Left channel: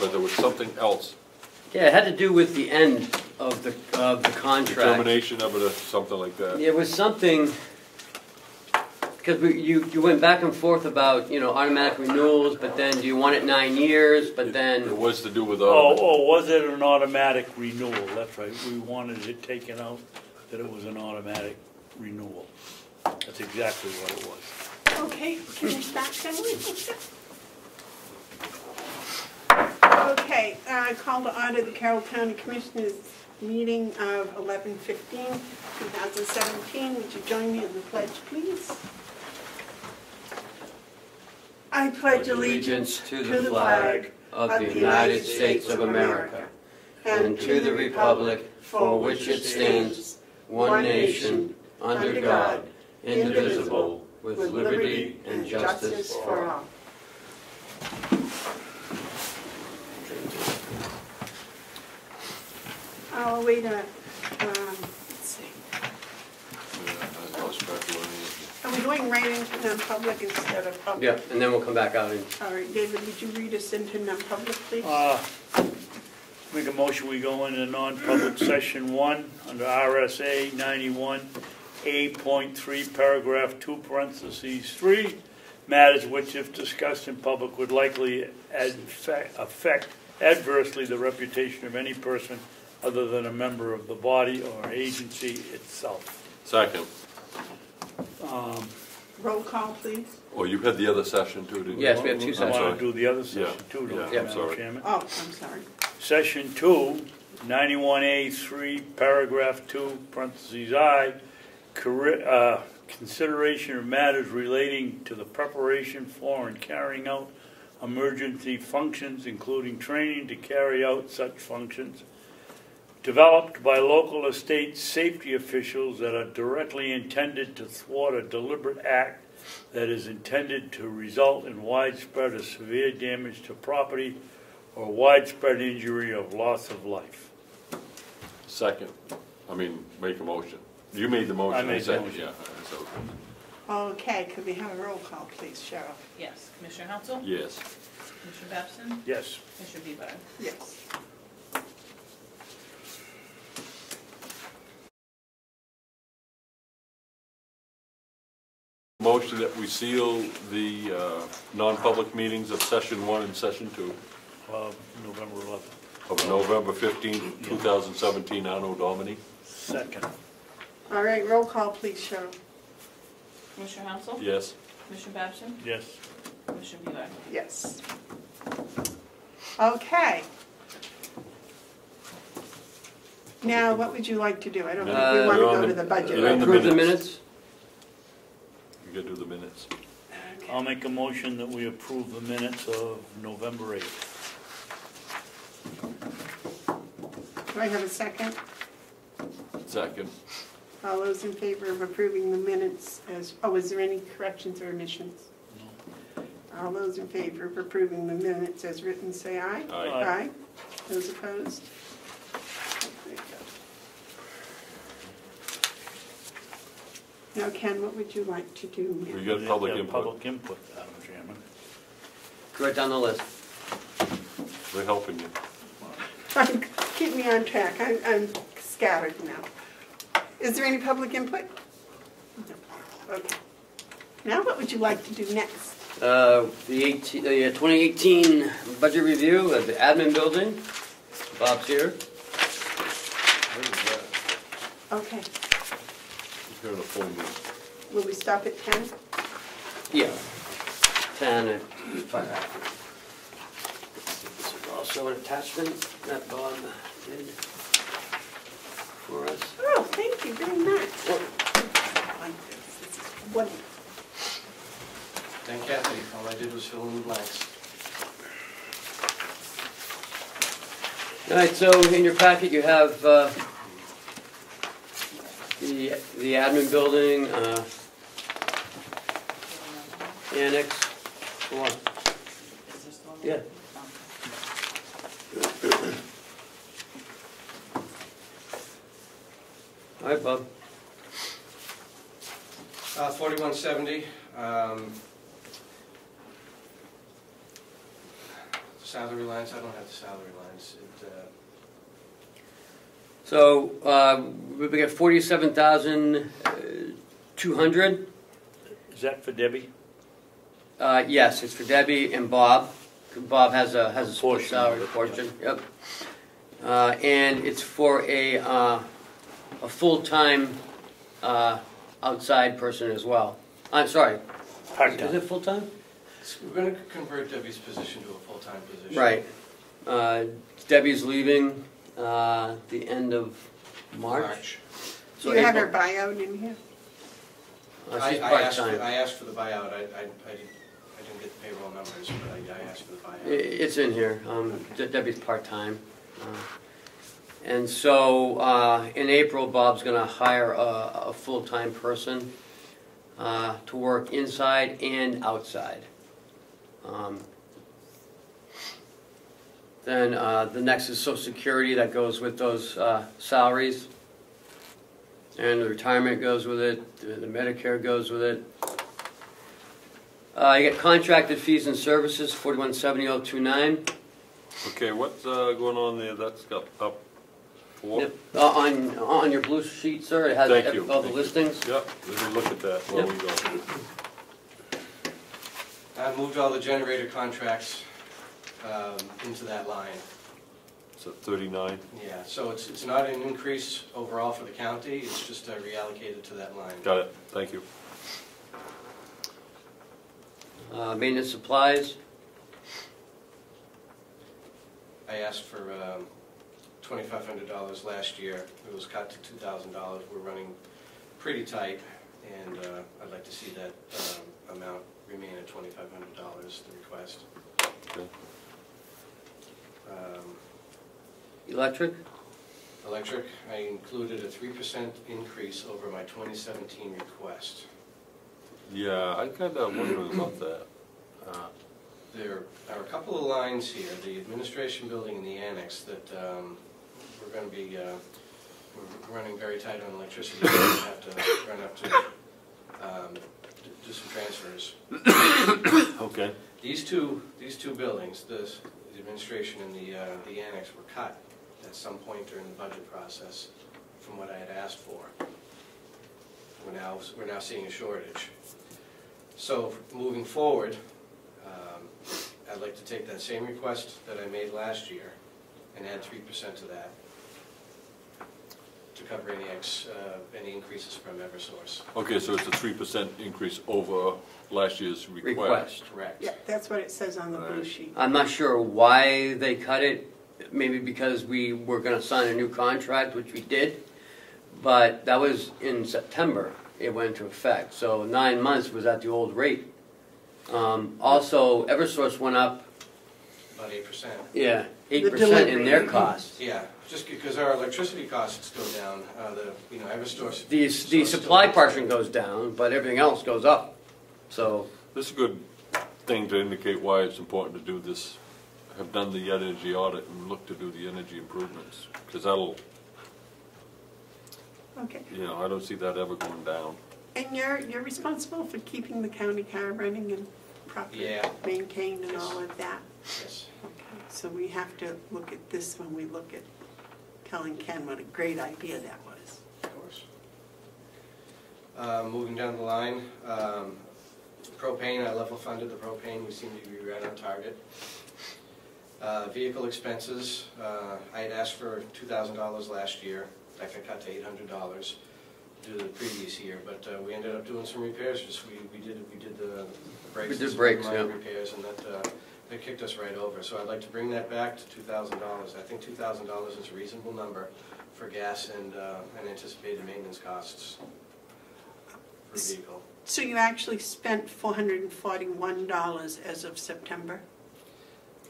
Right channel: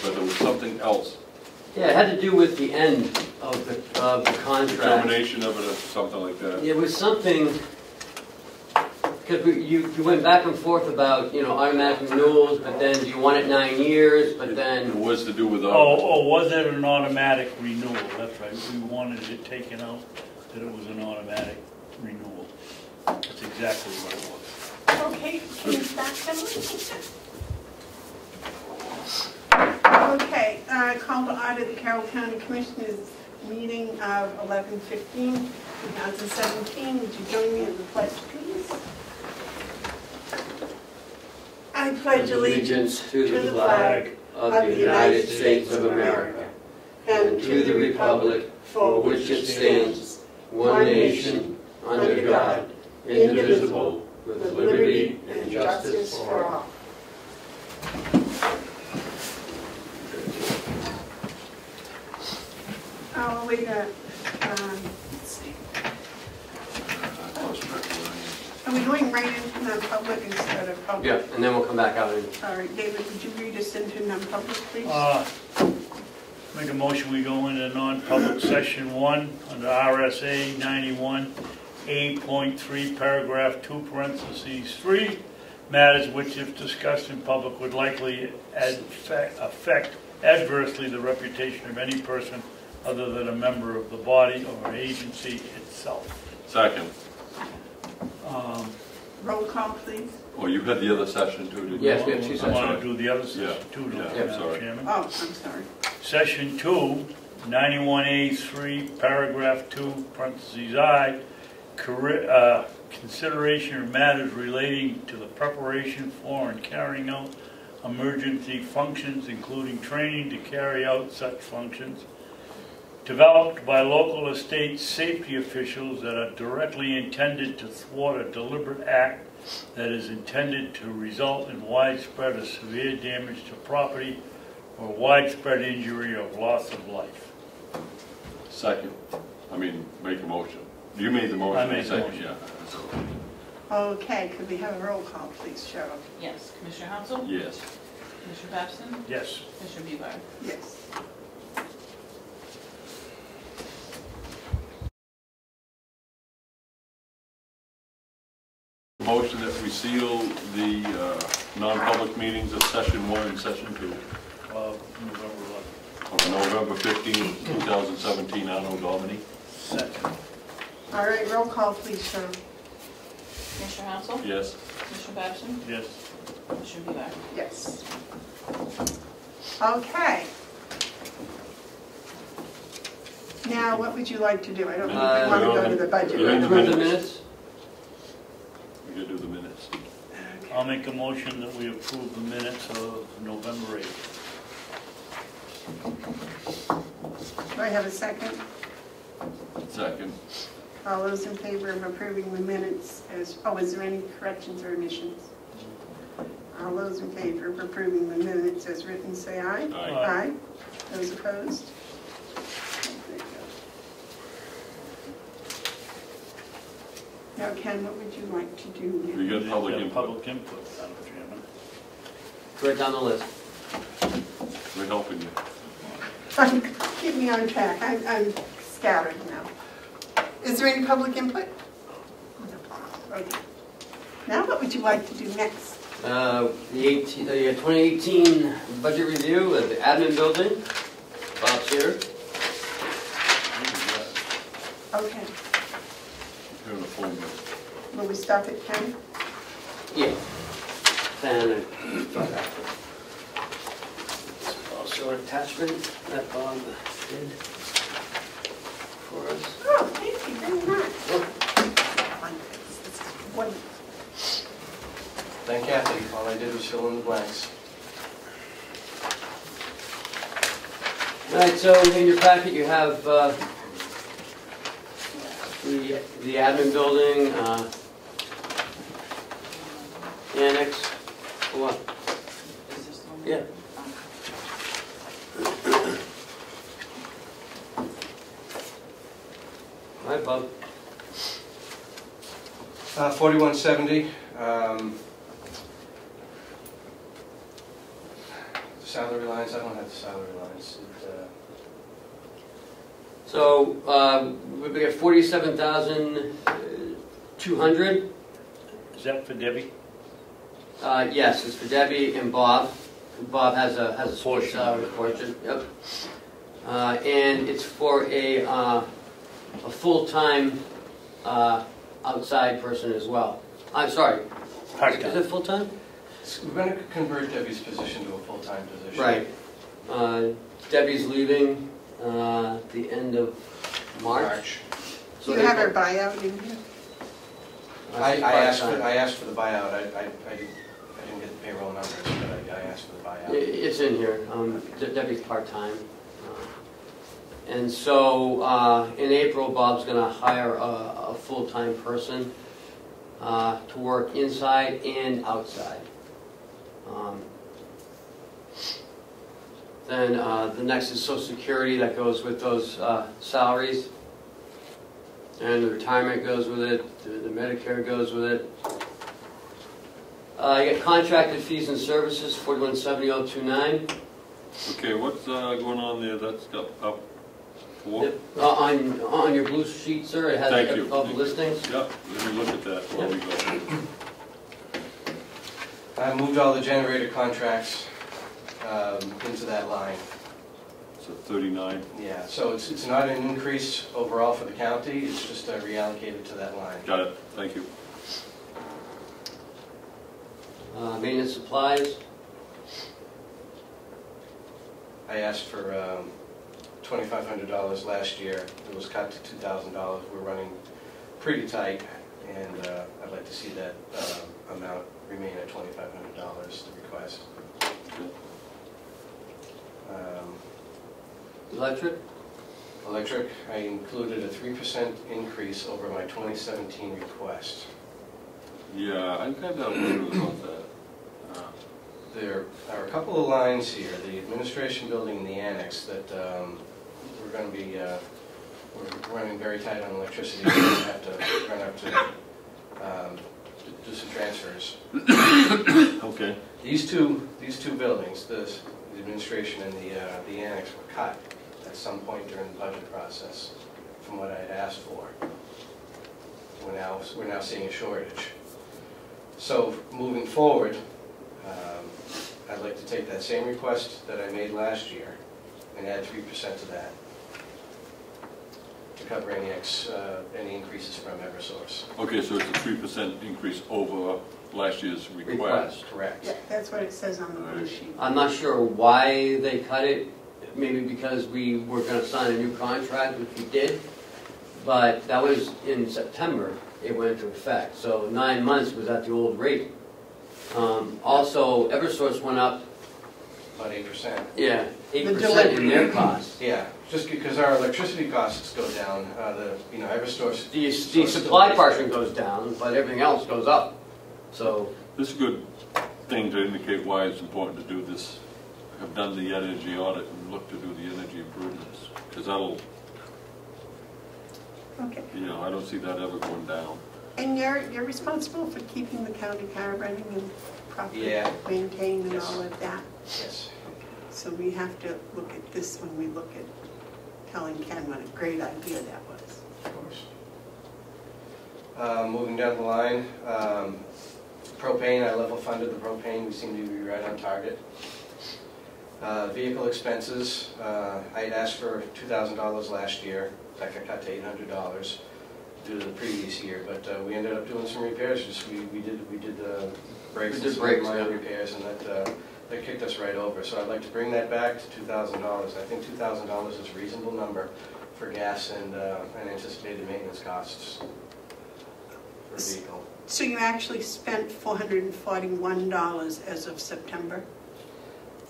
but there was something else. Yeah, it had to do with the end of the contract. Termination of it or something like that. Yeah, it was something, because you went back and forth about, you know, automatic renewals, but then do you want it 9 years, but then... It was to do with... was it an automatic renewal? That's right, we wanted it taken out, that it was an automatic renewal. That's exactly what it was. Okay, can you back that one? Okay, call to order the Carroll County Commissioners meeting of 11/15/2017. Would you join me in the pledge, please? I pledge allegiance to the flag of the United States of America and to the republic for which it stands, one nation, under God, indivisible, with liberty and justice for all. Oh, wait a minute. Let's see. Are we doing right into non-public instead of public? Yeah, and then we'll come back out and... All right, David, would you read us into non-public, please? Make a motion, we go into non-public session 1 under RSA 91A.3, paragraph 2, parentheses 3, matters which, if discussed in public, would likely affect adversely the reputation of any person other than a member of the body or agency itself. Second. Roll call, please. Well, you had the other session too, didn't you? Yes, we have 2 sessions. I want to do the other session too, don't Yeah, you, Madam sorry. Chairman? Oh, I'm sorry. Session 2, 91A3, paragraph 2, parentheses I, consideration of matters relating to the preparation for and carrying out emergency functions, including training to carry out such functions, developed by local or state safety officials that are directly intended to thwart a deliberate act that is intended to result in widespread or severe damage to property or widespread injury or loss of life. Second. Make a motion. You made the motion. I made the motion. Yeah. Okay, could we have a roll call, please, Cheryl? Yes. Commissioner Hounsell? Yes. Commissioner Babson? Yes. Commissioner Bevard? Yes. Motion that we seal the non-public meetings of session 1 and session 2 November 11th. of November 15, 2017, Arnold, Albany. Second. All right, roll call, please, Cheryl. Commissioner Hounsell? Yes. Commissioner Babson? Yes. Commissioner Bevard? Yes. Okay. Now, what would you like to do? I don't think we want to go to the budget. you're in the Approve the minutes. minutes? You gotta do the minutes. I'll make a motion that we approve the minutes of November 8th. Do I have a second? Second. All those in favor of approving the minutes as, is there any corrections or omissions? All those in favor of approving the minutes as written, say aye. Aye. Aye. Those opposed? Now, Ken, what would you like to do? We got public input. Public input, Madam Chairman. Go right down the list. They're helping you. Keep me on track. I'm scattered now. Is there any public input? Okay. Now, what would you like to do next? The 2018 budget review of the admin building. Bob's here. Okay. You're in a full minute. Will we stop at 10? Yeah. 10 and 5 after. Also an attachment that Bob did for us. Oh, thank you very much. Wonderful. Thank Kathy. All I did was fill in the blanks. All right, so in your packet you have the admin building, the annex. What? Yeah. All right, Bob. 4170. salary lines, I don't have the salary lines. So, we got 47,200. Is that for Debbie? Yes, it's for Debbie and Bob. Bob has a split Portion. salary portion. Yep. And it's for a full-time outside person as well. I'm sorry. Is it full-time? We're going to convert Debbie's position to a full-time position. Right. Debbie's leaving the end of March. Do you have her buyout in here? I asked for the buyout. I didn't get the payroll numbers, but I asked for the buyout. It's in here. Debbie's part-time. And so in April, Bob's going to hire a full-time person to work inside and outside. Then the next is Social Security that goes with those salaries. And the retirement goes with it, the Medicare goes with it. You get contracted fees and services, 417029. Okay, what's going on there? That's up 4? On your blue sheet, sir, it has Thank you. all the listings. Yep, let me look at that while we go. I moved all the generator contracts into that line. So 39. Yeah, so it's not an increase overall for the county, it's just reallocated to that line. Got it, thank you. Maintenance supplies, I asked for $2,500 last year. It was cut to $2,000. We're running pretty tight, and I'd like to see that amount remain at $2,500, the request. electric, Electric, I included a 3% increase over my 2017 request. Yeah, I kind of wondered about that. There are a couple of lines here, the administration building and the annex, that we're going to be we're running very tight on electricity. We're going to have to run up to do some transfers. Okay. These two buildings, the administration and the annex, were cut at some point during the budget process from what I had asked for. We're now seeing a shortage. So moving forward, I'd like to take that same request that I made last year and add 3% to that to cover any increases from Eversource. Okay, so it's a 3% increase over last year's request. Correct. Yeah, that's what it says on the blue sheet. I'm not sure why they cut it, maybe because we were going to sign a new contract, which we did, but that was in September, it went into effect, so 9 months was at the old rate. Also, Eversource went up, About 8%. yeah, 8% in their costs. Yeah, just because our electricity costs go down, Eversource. The supply portion goes down, but everything else goes up, so. This is a good thing to indicate why it's important to do this. Have done the energy audit and look to do the energy improvements, because that'll, Okay. I don't see that ever going down. And you're responsible for keeping the county car running and properly Yeah. maintained and all of that. Yes. So we have to look at this when we look at telling Ken what a great idea that was. Of course. Moving down the line, propane, I level funded the propane, we seem to be right on target. Vehicle expenses, I'd asked for $2,000 last year, that got cut to $800 due to the previous year, but we ended up doing some repairs. We did brakes and some minor repairs, and that kicked us right over. So I'd like to bring that back to $2,000. I think $2,000 is a reasonable number for gas and anticipated maintenance costs for the vehicle. So you actually spent $441 as of September?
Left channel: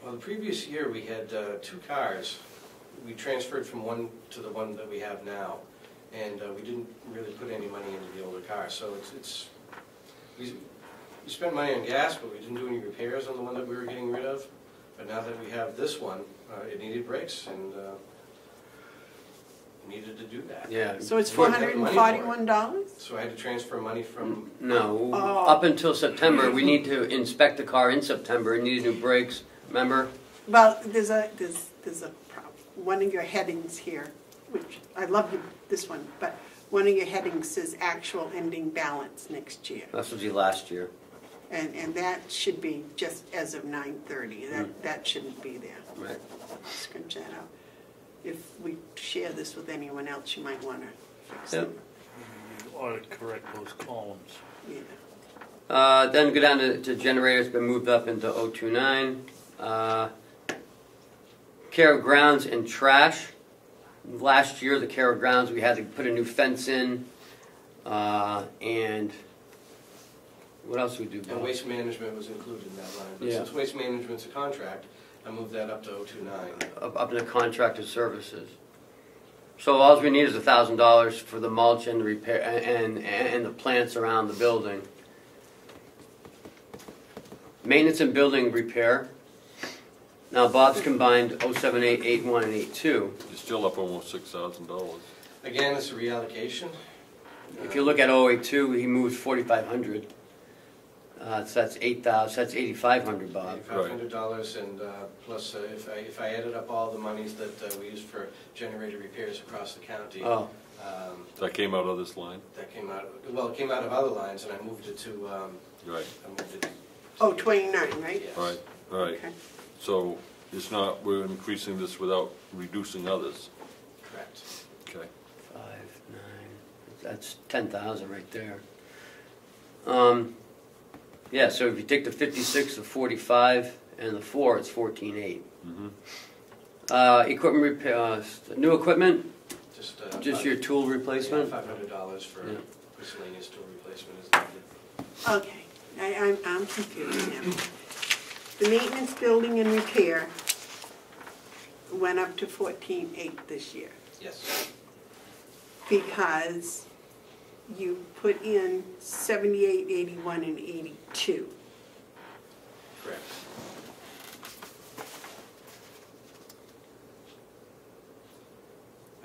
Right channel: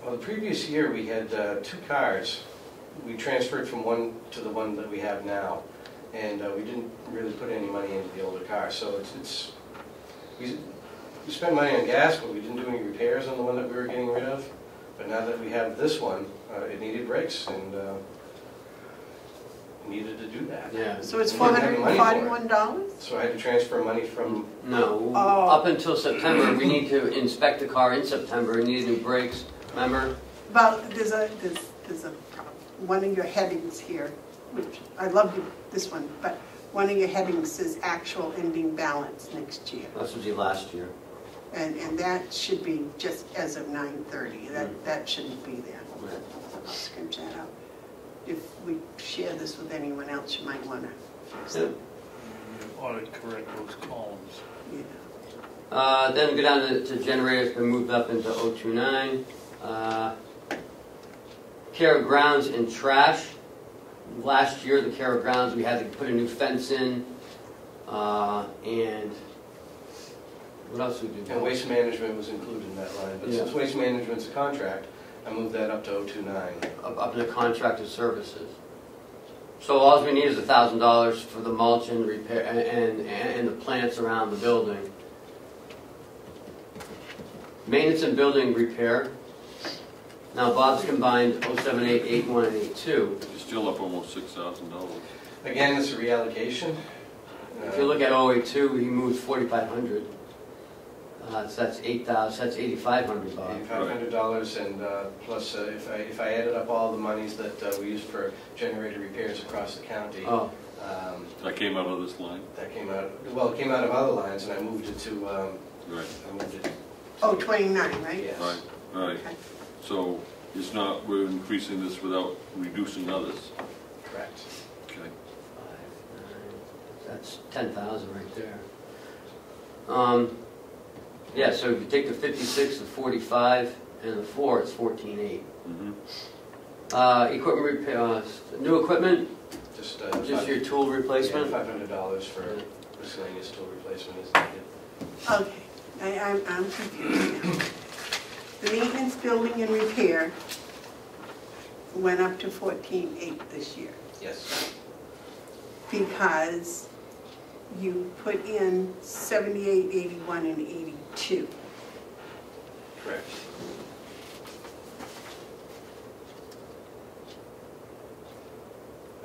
Well, the previous year we had 2 cars. We transferred from one to the one that we have now, and we didn't really put any money into the older car. So we spent money on gas, but we didn't do any repairs on the one that we were getting rid of. But now that we have this one, it needed brakes, and needed to do that. Yeah. So it's We didn't have the money for it. $441? So I had to transfer money from. No, Oh. up until September, we need to inspect the car in September and need new brakes, remember? Well, there's a problem. One of your headings here, which I love this one, but one of your headings says actual ending balance next year. That should be last year. And that should be just as of 9/30. That shouldn't be there. Right. I'll scratch that out. If we share this with anyone else, you might want to fix Yep. it. You ought to correct those columns. Yeah. Then go down to generators, got moved up into 029. Care of grounds and trash. Last year, the care of grounds, we had to put a new fence in, and what else we do? And waste management was included in that line. But Yeah. since waste management's a contract, I moved that up to 029. Up in the contracted services. So all we need is $1,000 for the mulch and repair and the plants around the building. Maintenance and building repair. Now Bob's combined 078, 81, and 82. You're still up almost $6,000. Again, it's a reallocation. If you look at 082, he moved 4,500. So that's 8,000. That's $8,500, Bob. $8,500, and plus if I added up all the monies that we used for generator repairs across the county, Oh, That came out of this line? that came out. Well, it came out of other lines, and I moved it to. Right. I moved it. Oh, 29, right? Yes. Right. Okay. So it's not, we're increasing this without reducing others. Correct. Okay. 5, 9. That's 10,000 right there. Yeah. So if you take the 56, the 45, and the 4, it's 14,800. Mm-hmm. Equipment repair. New equipment. Just Your tool replacement. $500 for miscellaneous tool replacement is needed. Okay, I'm confused now. The maintenance, building, and repair went up to 14,800 this year Yes. because you put in 78, 81, and 82. Correct.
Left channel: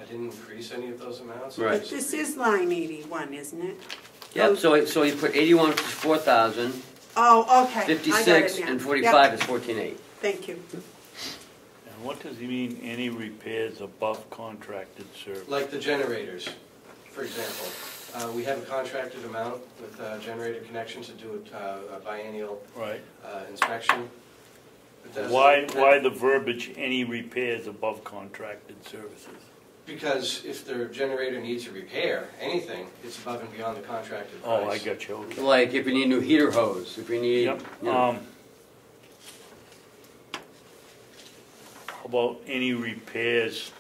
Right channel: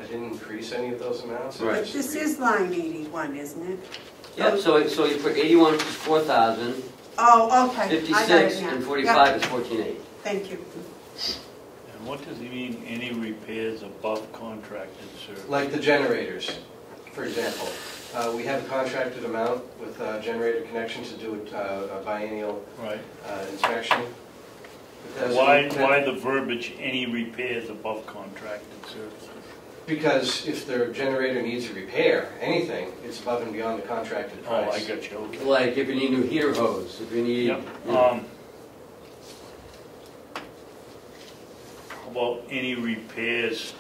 I didn't increase any of those amounts. Right. But this is line 81, isn't it? Yeah. So you put 81, which is 4,000. Oh, okay. I got it 56 now. and 45 is 14,800. Thank you. And what does he mean, any repairs above contracted service? Like the generators, for example. We have a contracted amount with generator connection to do a biennial Right. inspection. It does- Why the verbiage, any repairs above contracted services? Because if their generator needs a repair, anything, it's above and beyond the contracted price. Oh, I got you, okay. Like if you need new heater hose, if you need. Yep. Yeah. How about any repairs,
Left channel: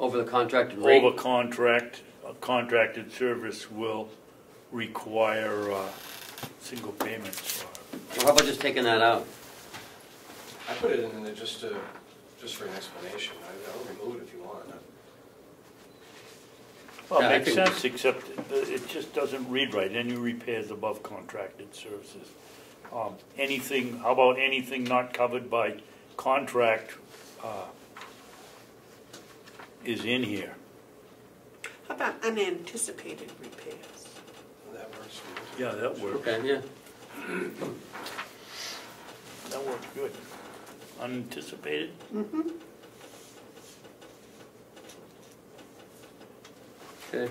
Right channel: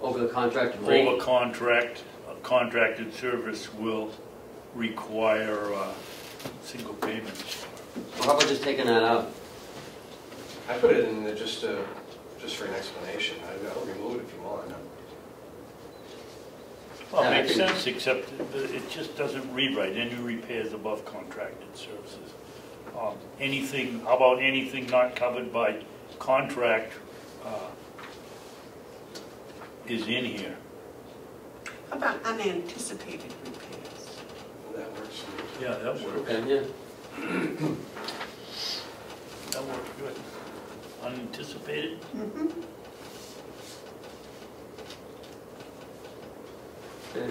Over the contracted rate. over a contracted service will require, single payments? Well, how about just taking that out? I put it in there just for an explanation. I'll remove it if you want. Well, Yeah, it makes I sense, except it just doesn't read right, any repairs above contracted services. Anything, how about anything not covered by contract is in here? How about unanticipated repairs? That works. Yeah, that works. Okay, yeah. That works good. Unanticipated? Mm-hmm. Okay.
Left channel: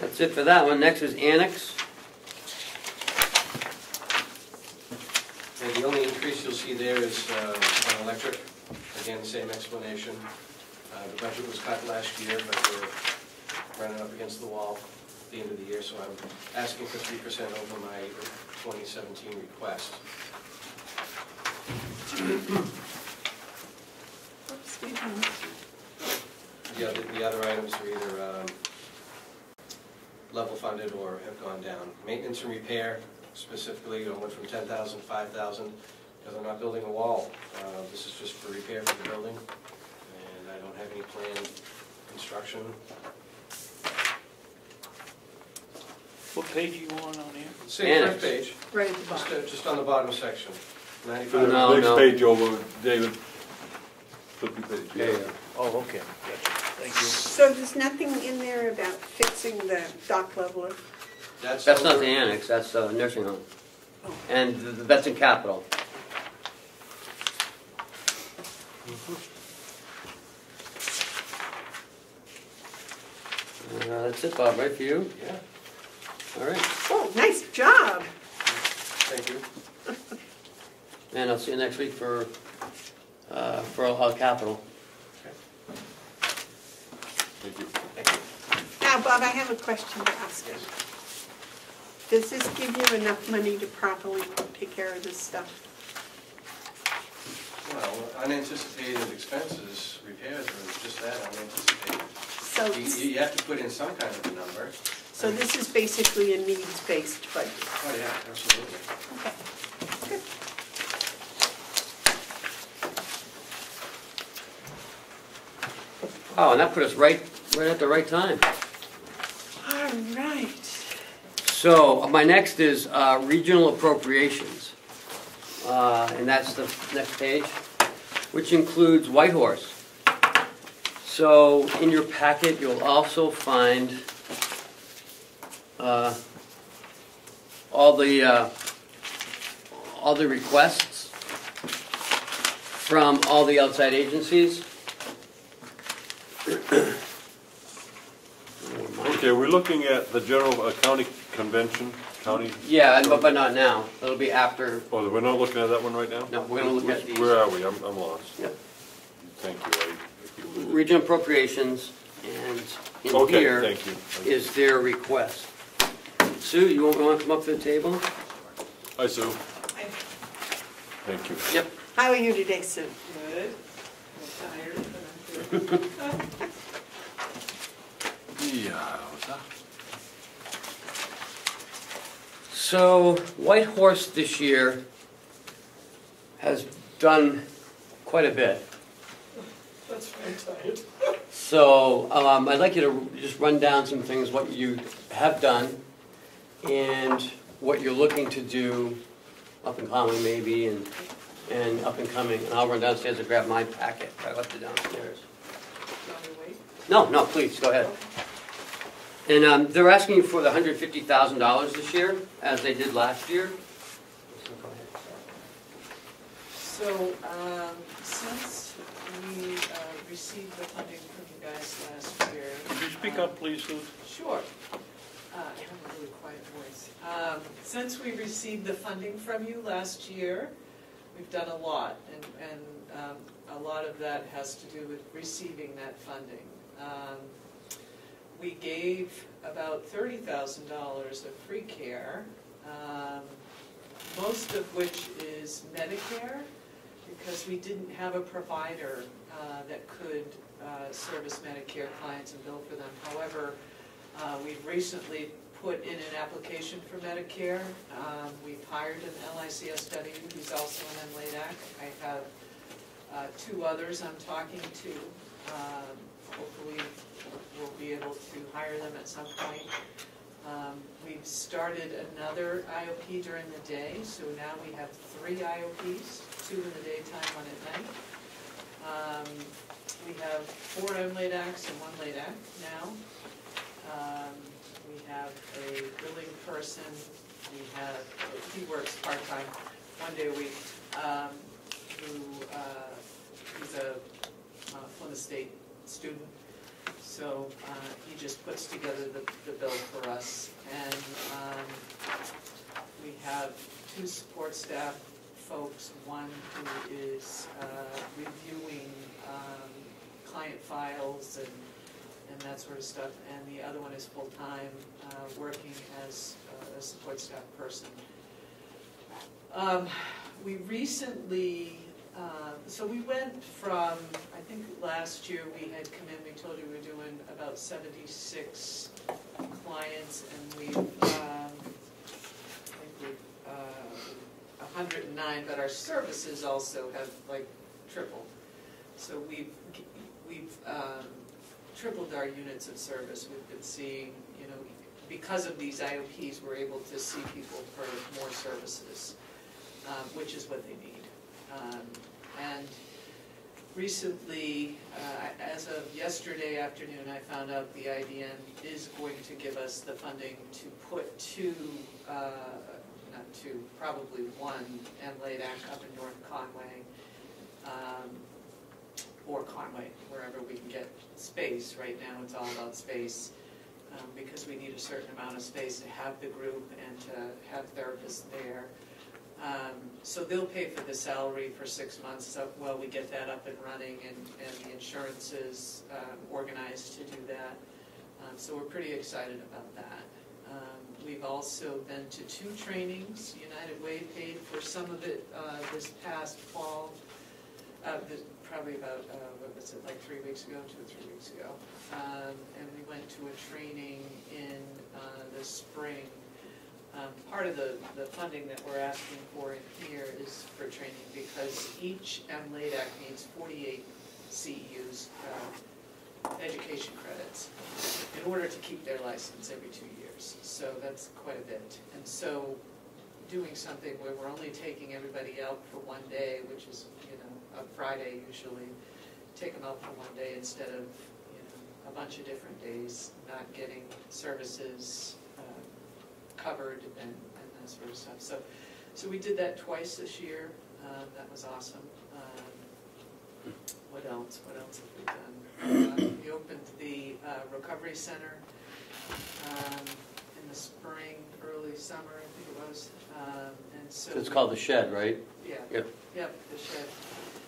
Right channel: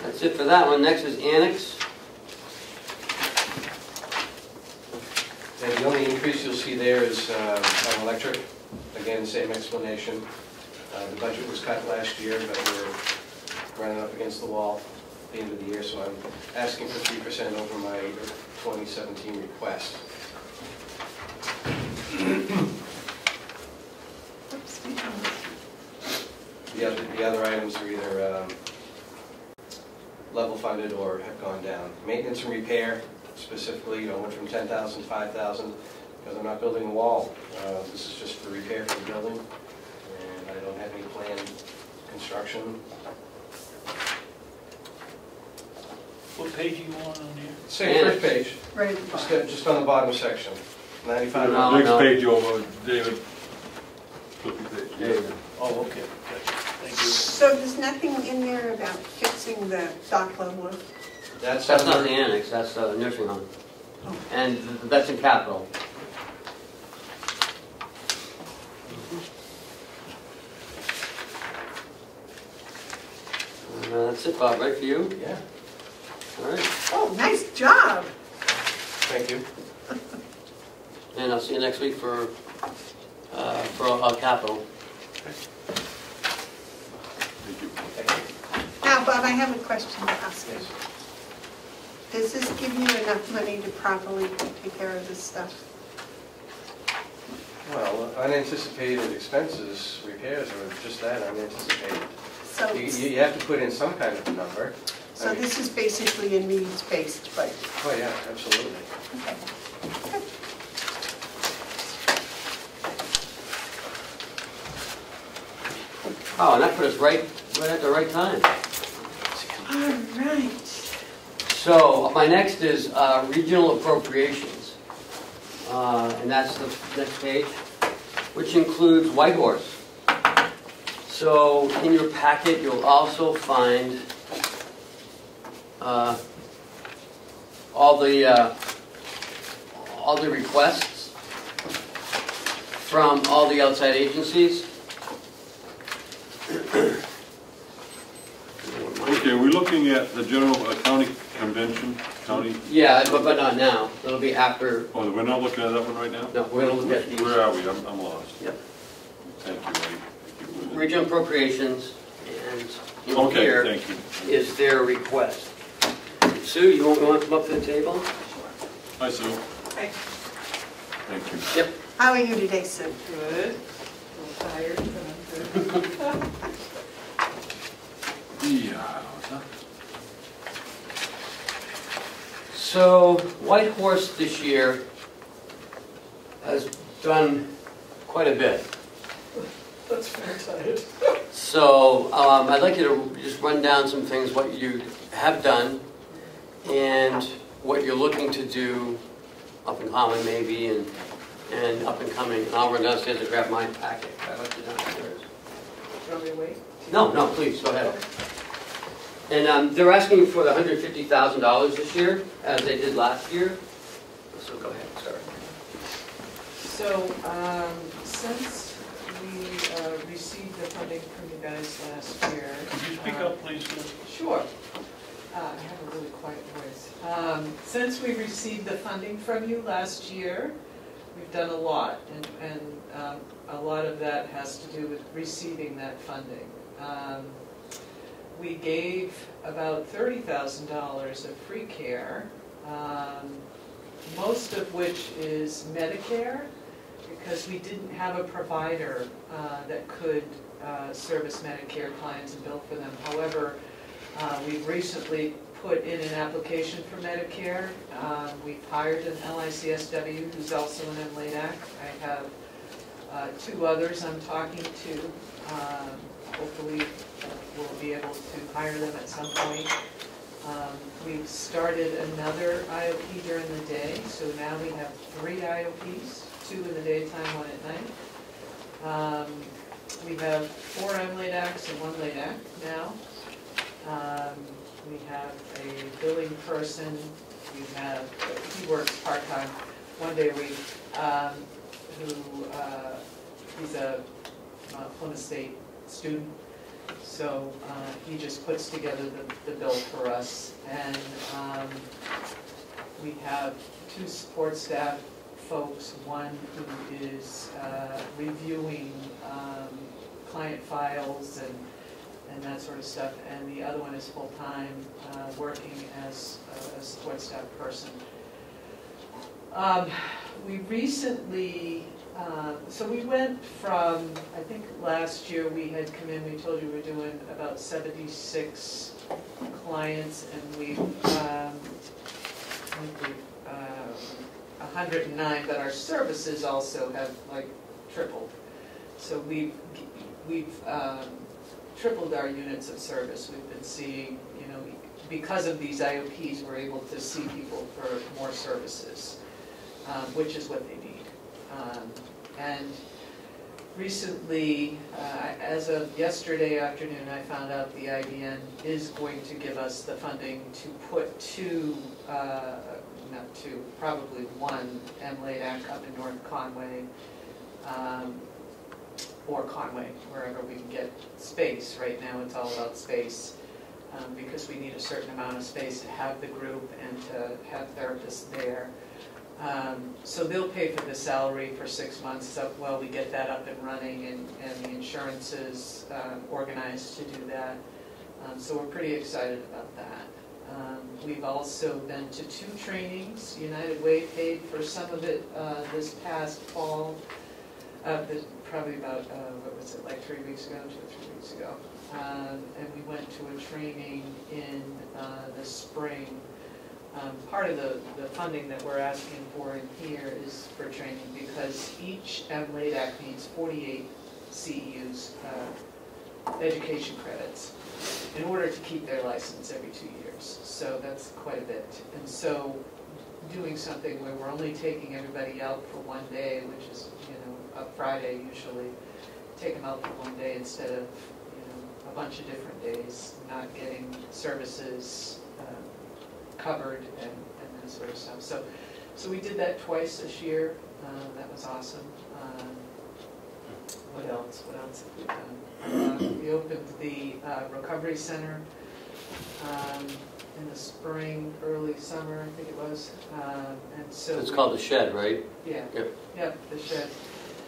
That's it for that one. Next is annex. And the only increase you'll see there is on electric. Again, the same explanation. The budget was cut last year, but we're running up against the wall at the end of the year, so I'm asking for 3% over my 2017 request. Oops, we don't- The other items are either level funded or have gone down. Maintenance and repair, specifically, went from 10,000 to 5,000 because I'm not building a wall. This is just for repair for the building, and I don't have any planned construction. What page you want on here? Same first page, Right at the bottom. just on the bottom section. 95. No. Next page over, David. Flip the page. Okay. Oh, okay, gotcha. Thank you. So there's nothing in there about fixing the dock leveler? That's That's not the annex, that's the nursing home. And that's in capital. That's it, Bob, right for you? Yeah, All right. Oh, nice job. thank you. And I'll see you next week for capital. Thank you. Now, Bob, I have a question to ask you. Does this give you enough money to properly take care of this stuff? Well, unanticipated expenses, repairs, or just that, unanticipated. So, You have to put in some kind of a number. so this is basically a needs-based budget. Oh, yeah, absolutely. Okay. Okay. Oh, and that put us right at the right time. All right. So my next is regional appropriations, and that's the next page, which includes Whitehorse. So in your packet, you'll also find all the requests from all the outside agencies. Okay, we're looking at the general county convention, county, Yeah, but not now. It'll be after. oh, we're not looking at that one right now? No, we'll look at these. Where are we? I'm lost. Yep. Thank you. Regional appropriations, and in Okay, here thank you. is their request. Sue, you want to come up to the table? Hi, Sue. Hi. Thank you. Yep. How are you today, Sue? Good. A little tired, but I'm good. Yeah. So Whitehorse this year has done quite a bit. That's very tired. So I'd like you to just run down some things, what you have done and what you're looking to do up and coming maybe and up and coming. I'll run downstairs and grab my packet. I left it downstairs. Do you want me to wait? No, please, go ahead. And they're asking for the $150,000 this year, as they did last year. So go ahead, Sarah. So, since we received the funding from you guys last year. Could you speak up, please, Sue? Sure. I have a really quiet voice. Since we received the funding from you last year, we've done a lot, and a lot of that has to do with receiving that funding. We gave about $30,000 of free care, most of which is Medicare, because we didn't have a provider that could service Medicare clients and bill for them. However, we've recently put in an application for Medicare. We've hired an LICSW who's also an MLADAC. I have two others I'm talking to. Hopefully we'll be able to hire them at some point. We've started another IOP during the day, so now we have 3 IOPs, 2 in the daytime, 1 at night. We have 4 MLADACs and 1 LADAC now. We have a billing person. We have, he works part-time, 1 day a week, he's a Plymouth State student. So he just puts together the bill for us. And we have 2 support staff folks, one who is reviewing client files and that sort of stuff, and the other one is full-time, working as a support staff person. We recently, so we went from, I think last year we had come in, we told you we were doing about 76 clients, and we've 109, but our services also have like tripled. So we've tripled our units of service. We've been seeing, you know, because of these IOPs, we're able to see people for more services, which is what they need. And recently, as of yesterday afternoon, I found out the IDN is going to give us the funding to put probably one MLADAC up in North Conway, or Conway, wherever we can get space. Right now it's all about space, because we need a certain amount of space to have the group and to have therapists there. So they'll pay for the salary for 6 months while we get that up and running, and the insurance is organized to do that. So we're pretty excited about that. We've also been to 2 trainings. United Way paid for some of it this past fall, probably about, what was it, like 3 weeks ago, 2 or 3 weeks ago. And we went to a training in the spring. Part of the funding that we're asking for in here is for training, because each MLADAC needs 48 CEUs, education credits, in order to keep their license every 2 years. So that's quite a bit. And so doing something where we're only taking everybody out for 1 day, which is, a Friday usually, take them out for 1 day instead of, a bunch of different days, not getting services covered and that sort of stuff. So we did that twice this year. That was awesome. What else have we done? We opened the recovery center in the spring, early summer, I think it was. And so It's called the Shed, right? Yeah. Yep. Yeah, the Shed.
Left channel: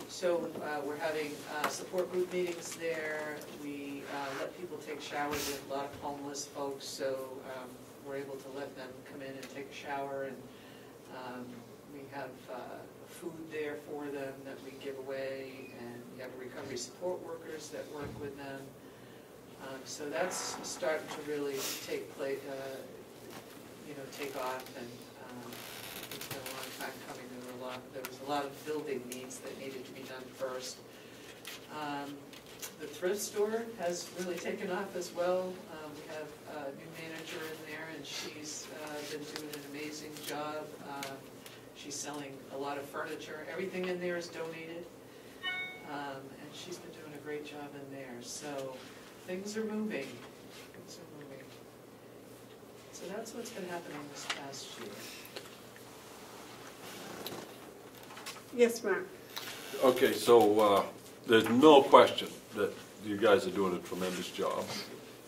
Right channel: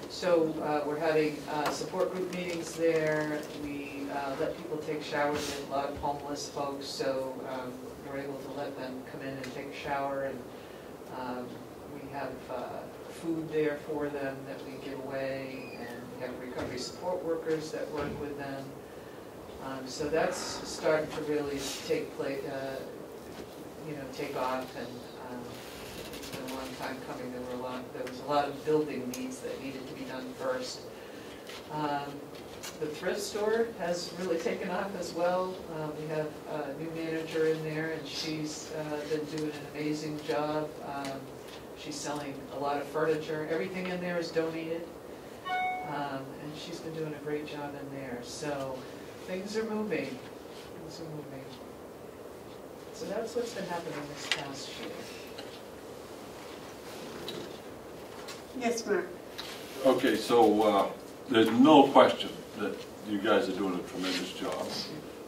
So we're having support group meetings there. We let people take showers. There's a lot of homeless folks, so we're able to let them come in and take a shower. And we have food there for them that we give away, and we have recovery support workers that work with them. So that's starting to really take off, and it's been a long time coming. There was a lot of building needs that needed to be done first. The thrift store has really taken off as well. We have a new manager in there, and she's been doing an amazing job. She's selling a lot of furniture. Everything in there is donated, and she's been doing a great job in there. So things are moving. So that's what's been happening this past year. Yes, Mark. Okay, so there's no question that you guys are doing a tremendous job,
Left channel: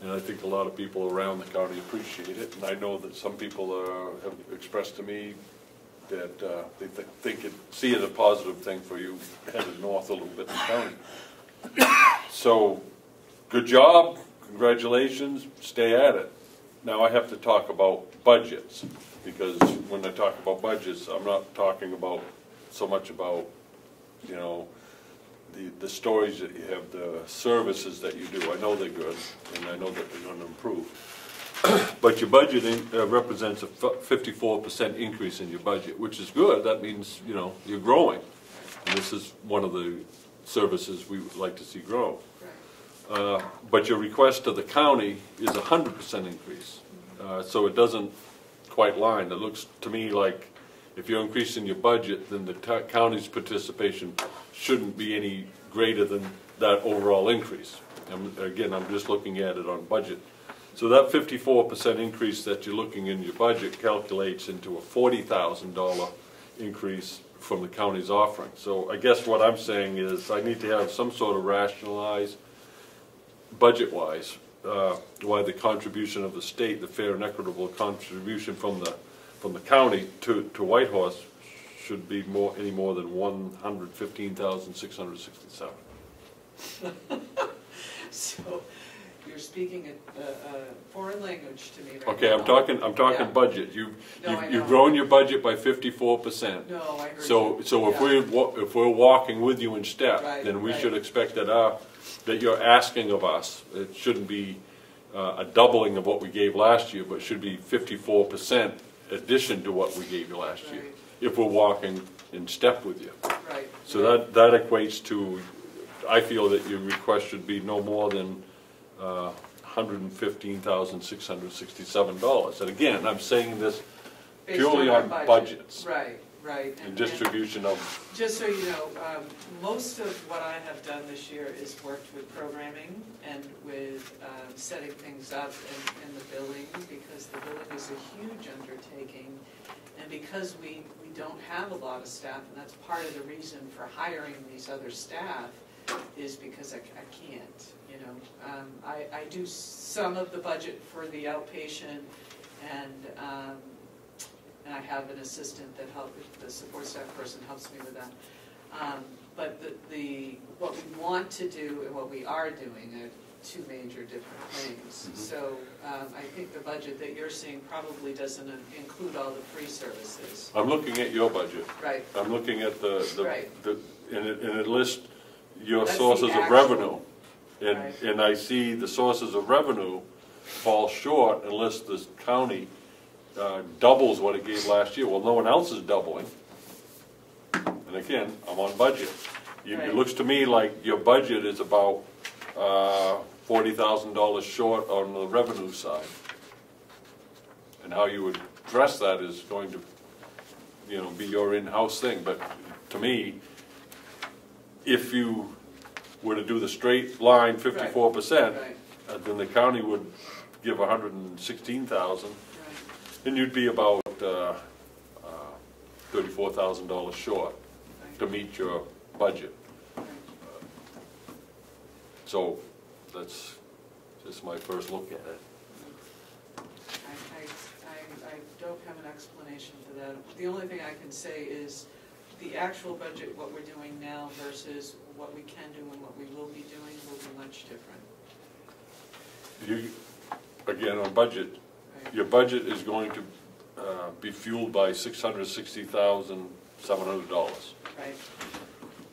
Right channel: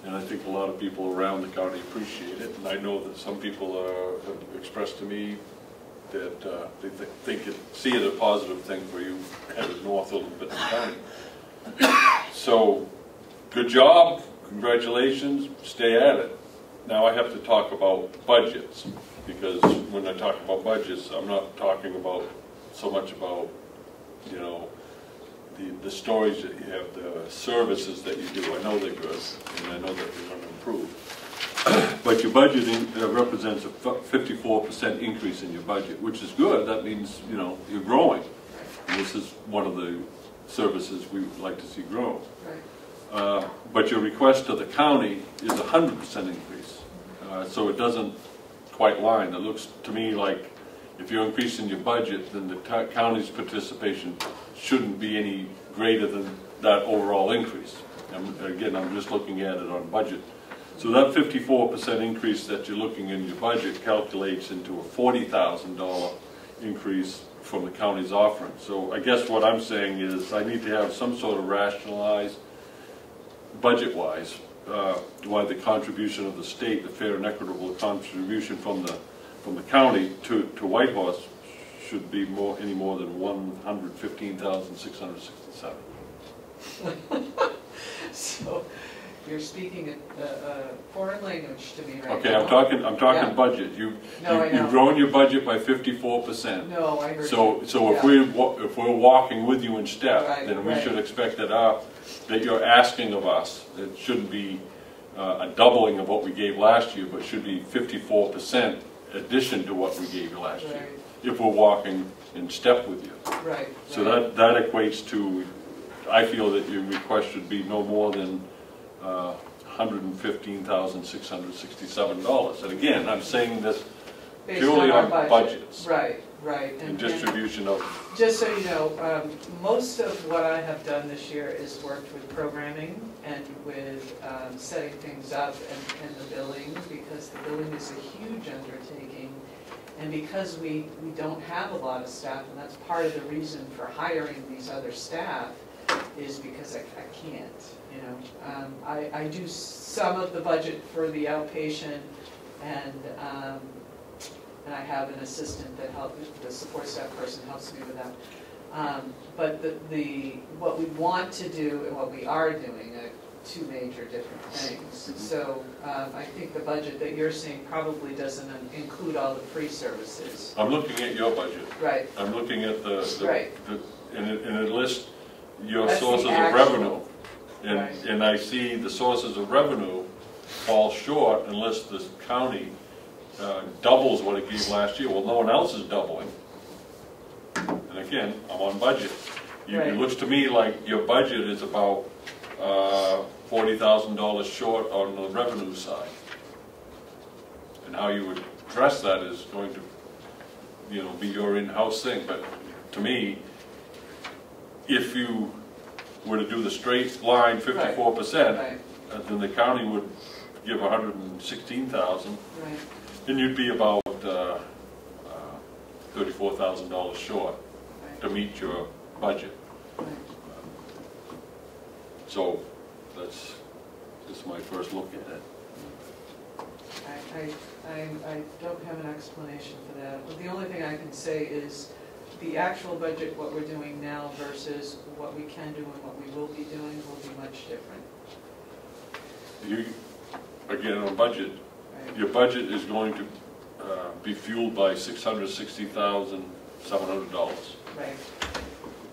and I think a lot of people around the county appreciate it. And I know that some people have expressed to me that they see it a positive thing for you headed north a little bit in the county. So, good job, congratulations, stay at it. Now I have to talk about budgets, because when I talk about budgets, I'm not talking about so much about, the stories that you have, the services that you do. I know they're good, and I know that they're going to improve. But your budgeting represents a 54% increase in your budget, which is good. That means, you're growing. And this is one of the services we would like to see grow. Right. But your request to the county is a 100% increase. So it doesn't quite line. It looks to me like if you're increasing your budget, then the county's participation shouldn't be any greater than that overall increase. Again, I'm just looking at it on budget. So that 54% increase that you're looking in your budget calculates into a $40,000 increase from the county's offering. So I guess what I'm saying is I need to have some sort of rationalized, budget-wise, why the contribution of the state, the fair and equitable contribution from the county to Whitehorse should be any more than $115,667. So you're speaking a foreign language to me right Okay, now. I'm talking Yeah. budget. No, I know. You've grown your budget by 54%. No, I heard So you. if we're walking with you in step, Right, then we right. should expect that you're asking of us. It shouldn't be a doubling of what we gave last year, but it should be 54% addition to what we gave last year, Right. if we're walking in step with you. Right. So right. that equates to, I feel that your request should be no more than $115,667. And again, I'm saying this Based purely our on budget. budgets. Right, Right. and distribution of. Just so you know, most of what I have done this year is worked with programming and with setting things up and the billing, because the billing is a huge undertaking. And because we don't have a lot of staff, and that's part of the reason for hiring these other staff, is because I can't, you know. I do some of the budget for the outpatient, and I have an assistant that the support staff person helps me with that. But what we want to do and what we are doing are two major different things. So I think the budget that you're seeing probably doesn't include all the free services. I'm looking at your budget. Right. I'm looking at Right. and it lists your That's sources the of actual. revenue. Right. And I see the sources of revenue fall short unless the county doubles what it gave last year. Well, no one else is doubling. And again, I'm on budget. Right. It looks to me like your budget is about $40,000 short on the revenue side. And how you would address that is going to, you know, be your in-house thing. But to me, if you were to do the straight line 54%, Right. then the county would give 116,000, Right. then you'd be about $34,000 short to meet your budget. Right. So that's just my first look at it. I don't have an explanation for that. But the only thing I can say is the actual budget, what we're doing now versus what we can do and what we will be doing will be much different. Again, on a budget, Right. your budget is going to be fueled by $660,700. Right,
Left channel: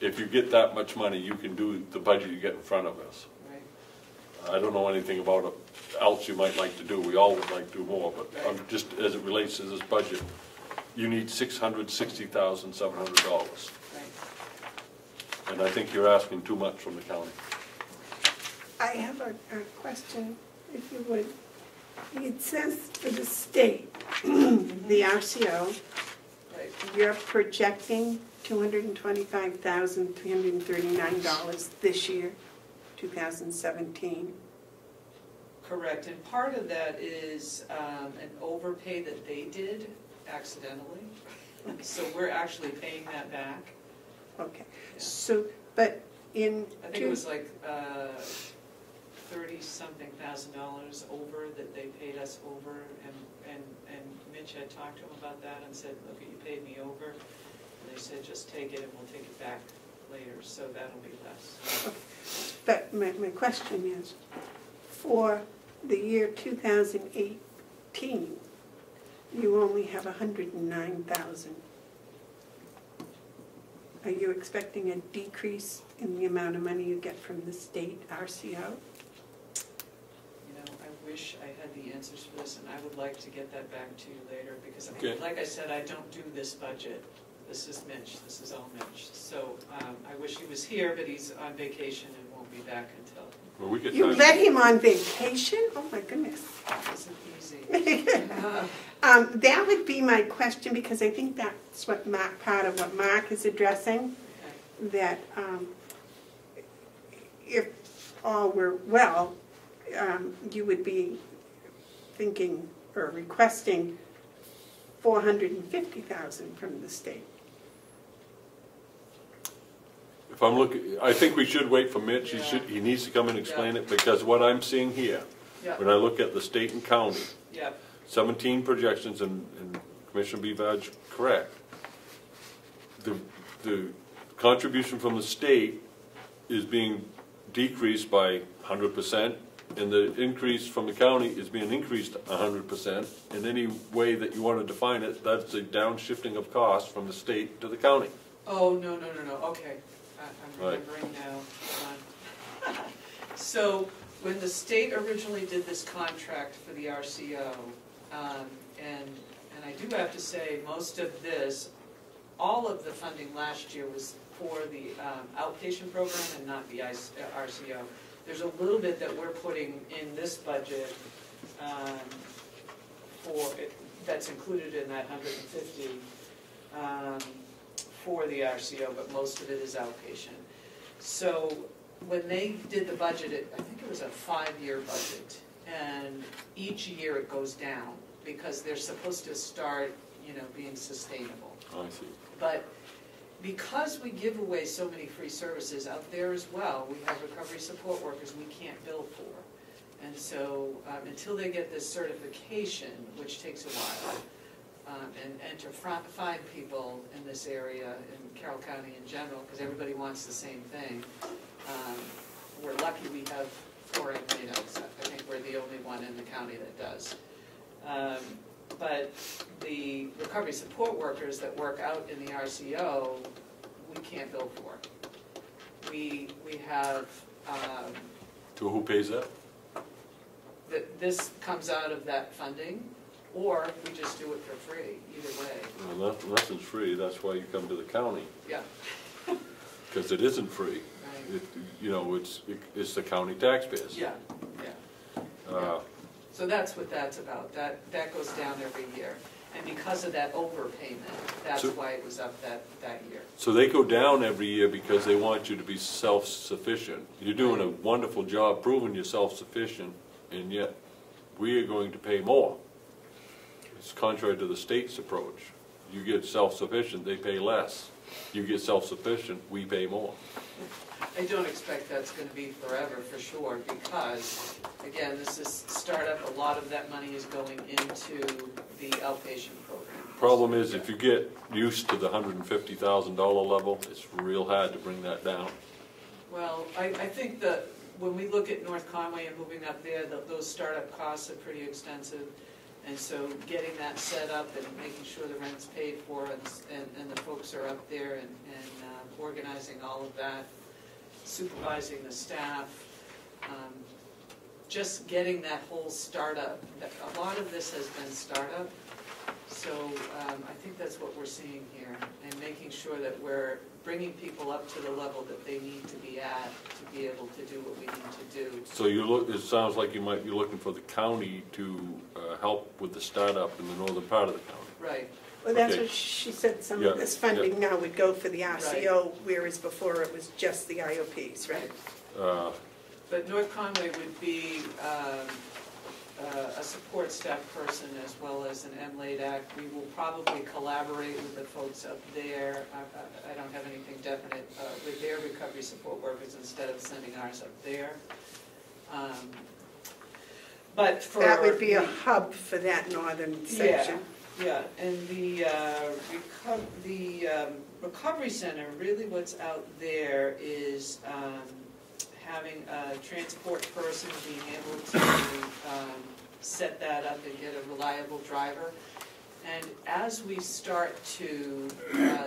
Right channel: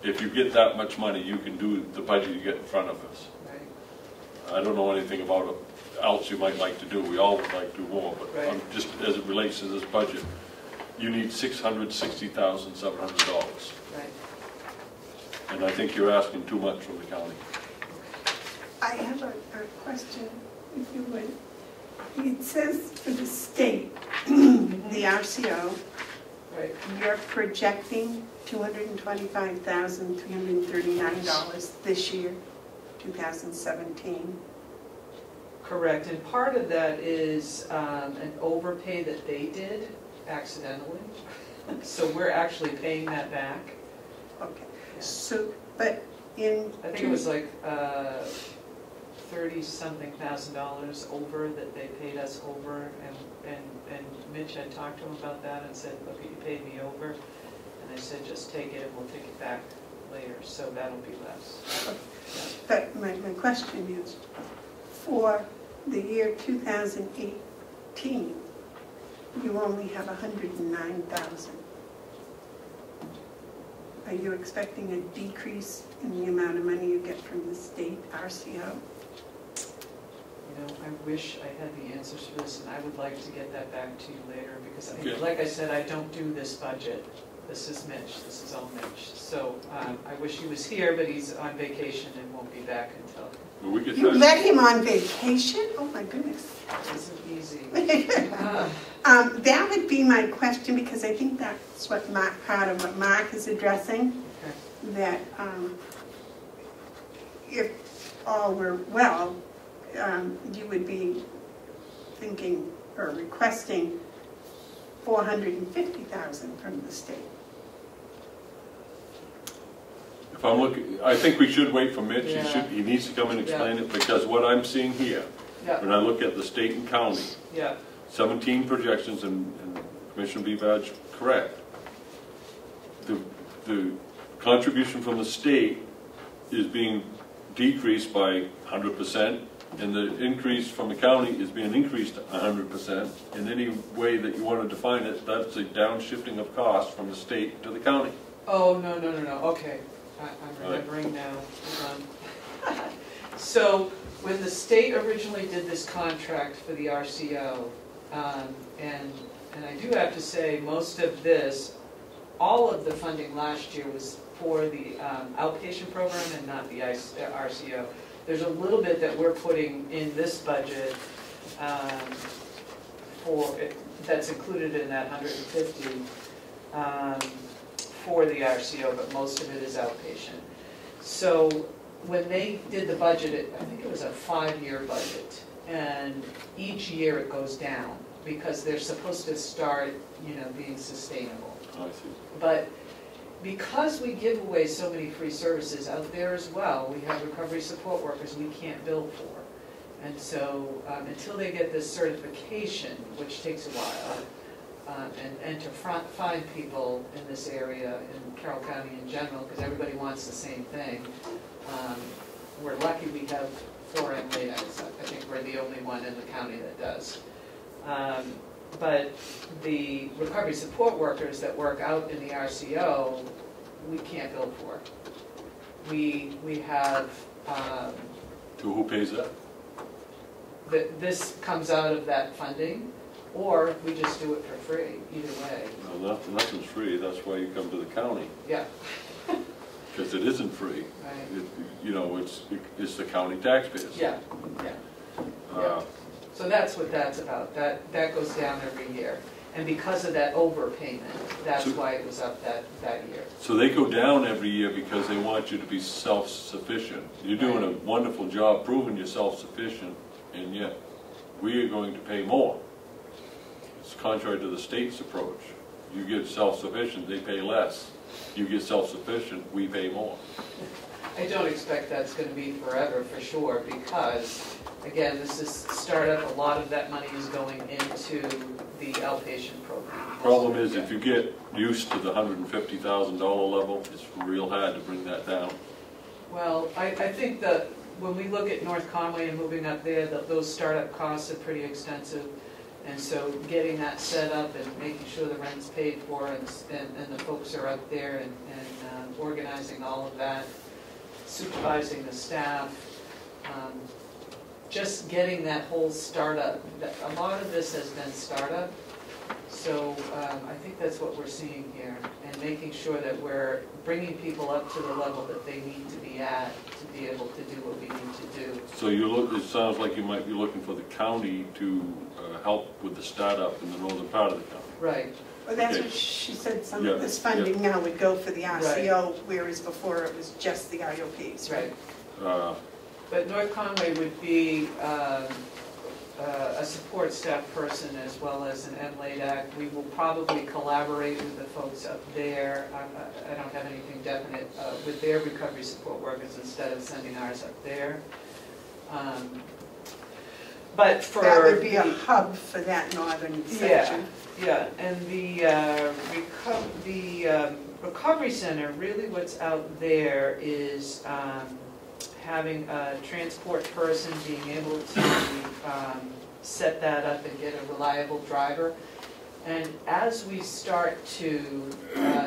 If you get that much money, you can do the budget you get in front of us. right. I don't know anything about it else you might like to do. We all would like to do more, but Right. just as it relates to this budget, you need $660,700. Right. And I think you're asking too much from the county. I have a question, if you would. It says for the state, the RCO, Right. you're projecting $225,339 this year, 2017. Correct, and part of that is an overpay that they did accidentally. So we're actually paying that back. Okay, so, but in... I think it was like $30-something thousand over that they paid us over, and Mitch had talked to him about that and said, look, you paid me over. And I said, just take it, and we'll take it back later, so that'll be less. But my question is, for the year 2018, you only have 109,000. Are you expecting a decrease in the amount of money you get from the state RCO? You know, I wish I had the answers for this, and I would like to get that back to you later, because, Okay. like I said, I don't do this budget. This is Mitch, this is all Mitch. So I wish he was here, but he's on vacation and won't be back until, Well, we could You try- let him on vacation? Oh my goodness. it isn't easy. That would be my question, because I think that's what part of what Mark is addressing, that if all were well, you would be thinking or requesting $450,000 from the state. If I'm looking, I think we should wait for Mitch. Yeah. He needs to come and explain it, because what I'm seeing here, Yeah, when I look at the state and county, yeah, 17 projections, and Commissioner Bevard's correct. The contribution from the state is being decreased by 100%, and the increase from the county is being increased 100%. In any way that you want to define it, that's a downshifting of costs from the state to the county. oh, no, okay. I'm Right. remembering now. So, when the state originally did this contract for the RCO, and I do have to say, most of this, all of the funding last year was for the outpatient program and not the RCO. There's a little bit that we're putting in this budget that's included in that 150. for the RCO, but most of it is outpatient. So when they did the budget, I think it was a 5-year budget, and each year it goes down because they're supposed to start, being sustainable. I see. But because we give away so many free services out there as well, we have recovery support workers we can't bill for. And so until they get this certification, which takes a while, and to find people in this area, in Carroll County in general, because everybody wants the same thing, we're lucky we have 4 MLAs. I think we're the only one in the county that does. But the recovery support workers that work out in the RCO, we can't bill for. We have... So who pays that? This comes out of that funding, or we just do it for free, either way. Well, nothing's free, that's why you come to the county. Yeah. Because it isn't free. Right. It's the county taxpayers. Yeah, yeah. So that's what that's about. That goes down every year. And because of that overpayment, that's why it was up that year. So they go down every year because they want you to be self-sufficient. You're doing a wonderful job proving you're self-sufficient, and yet we are going to pay more. It's contrary to the state's approach. You get self-sufficient, they pay less. You get self-sufficient, we pay more. I don't expect that's going to be forever, for sure, because, again, this is startup. A lot of that money is going into the outpatient program. Problem is, if you get used to the $150,000 level, it's real hard to bring that down. Well, I think that when we look at North Conway and moving up there, those startup costs are pretty extensive. And so getting that set up and making sure the rent's paid for and the folks are up there and organizing all of that, supervising the staff, just getting that whole startup. A lot of this has been startup, so I think that's what we're seeing here, and making sure that we're bringing people up to the level that they need to be at to be able to do what we need to do. So it sounds like you might be looking for the county to help with the startup in the northern part of the county. Right. Well, that's what she said, some of this funding now would go for the RCO, whereas before it was just the IOPs, right? But North Conway would be a support staff person as well as an MLADAC. We will probably collaborate with the folks up there. I don't have anything definite with their recovery support workers instead of sending ours up there. But for that would be a hub for that northern section. Yeah, and the recovery center, really what's out there is having a transport person being able to set that up and get a reliable driver. And as we start to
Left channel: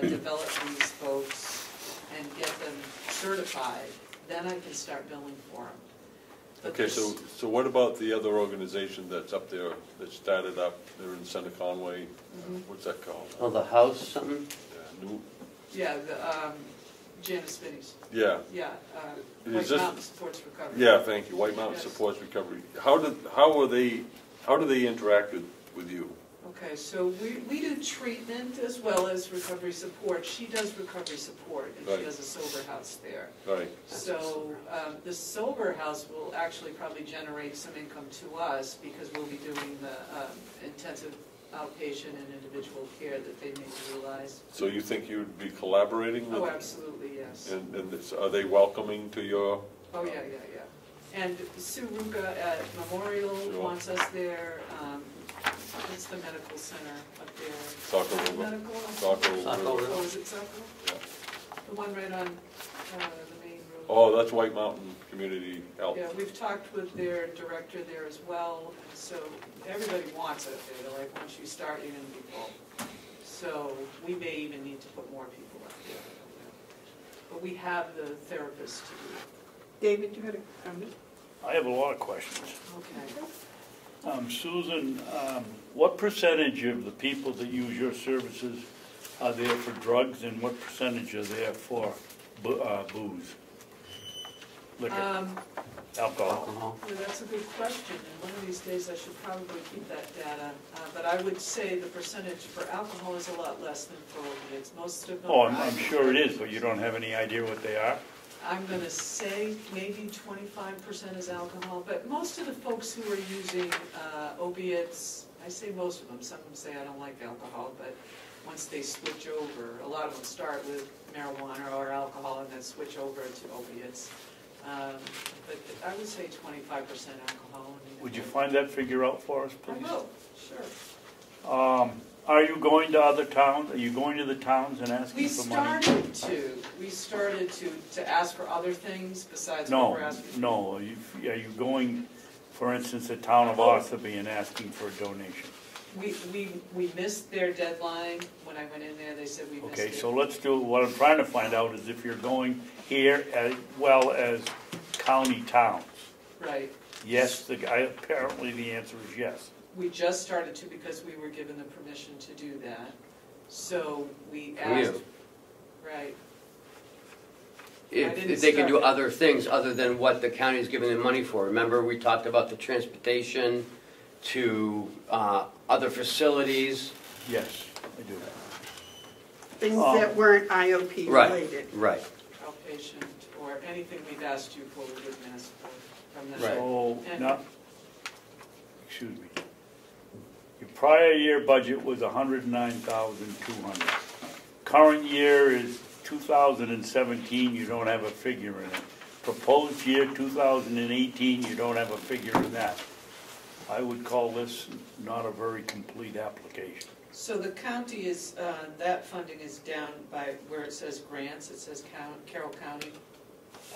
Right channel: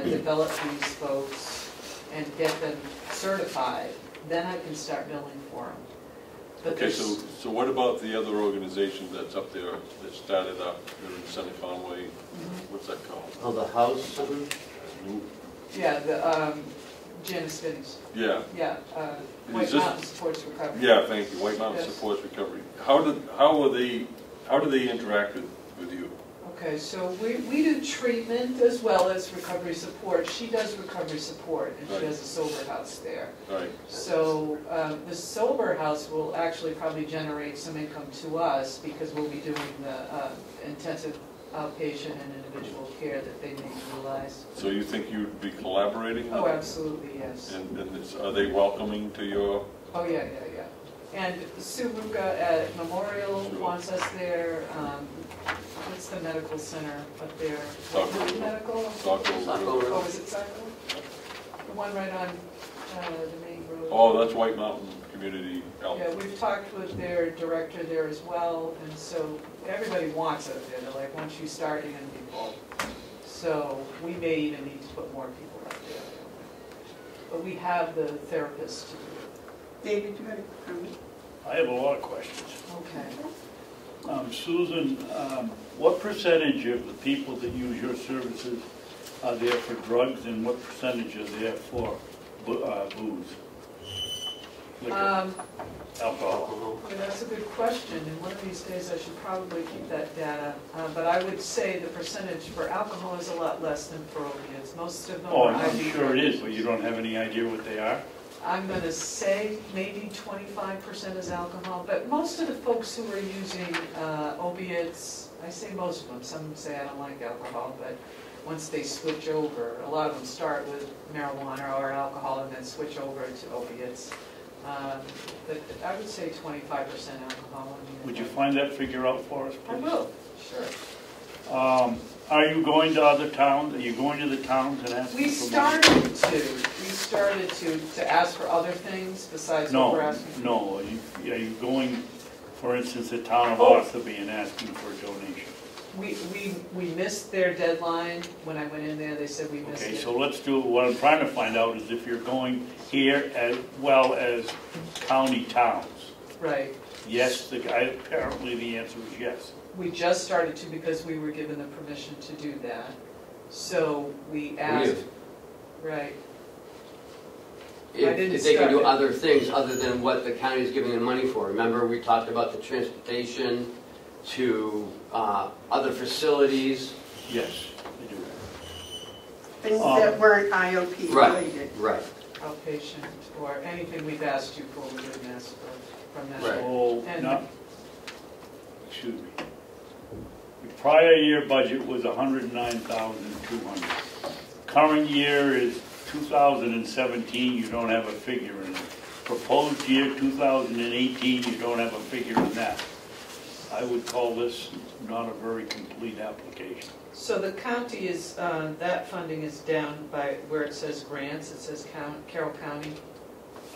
develop these folks and get them certified, then I can start billing for them. But okay, so what about the other organization that's up there that started up there in Center Conway? What's that called? Oh, the house something? Yeah, the Janice Finney's. Yeah. Yeah, White Mountain Supports Recovery. Yeah, thank you. White Mountain Supports Recovery. How do they interact with you? Okay, so we do treatment as well as recovery support. She does recovery support, and she has a sober house there. Right. So the sober house will actually probably generate some income to us because we'll be doing the intensive outpatient and individual care that they may utilize. So you think you'd be collaborating with them? Oh, absolutely, yes. And are they welcoming to your... Oh, yeah. And Sue Ruga at Memorial wants us there. What's the medical center up there? Medical? Oh, is it Saco? The one right on the main road. Oh, that's White Mountain Community Health. Yeah, we've talked with their director there as well, and so everybody wants it there. They're like, once you start, you're going to be full. So we may even need to put more people up there. But we have the therapists to do it. David, you had a comment? I have a lot of questions. Okay. Susan, what percentage of the people that use your services are there for drugs, and what percentage are there for booze? liquor, Um, alcohol? Alcohol. Yeah, that's a good question, and one of these days I should probably keep that data. But I would say the percentage for alcohol is a lot less than for opiates. Most of them Oh, are I'm IV. sure it is, but you don't have any idea what they are? I'm gonna say maybe 25% is alcohol, but most of the folks who are using opiates, I say most of them, some say I don't like alcohol, but once they switch over, a lot of them start with marijuana or alcohol and then switch over to opiates. But I would say 25% alcohol. Would you find that figure out for us, I please? will, sure. Are you going to other towns? Are you going to the towns and asking We for money? started to ask for other things besides what we're asking. No, are you going, for instance, the town of Oh. Ossipee and asking for a donation? We missed their deadline. When I went in there, they said we missed Okay, it. so let's do, what I'm trying to find out is if you're going here as well as county towns. Right. Yes, apparently the answer is yes. We just started to because we were given the permission to do that. So we asked, right, If they can do other things other than what the county is giving them money for. Remember, we talked about the transportation to other facilities. Yes, I do. Things that weren't IOP related. Right. outpatient, or anything we've asked you for, we wouldn't ask for from them. Right. So, And- not, excuse me. The prior year budget was 109,200. Current year is 2017, you don't have a figure in it. Proposed year 2018, you don't have a figure in that. I would call this not a very complete application. So the county is, that funding is down by where it says grants, it says Carroll County.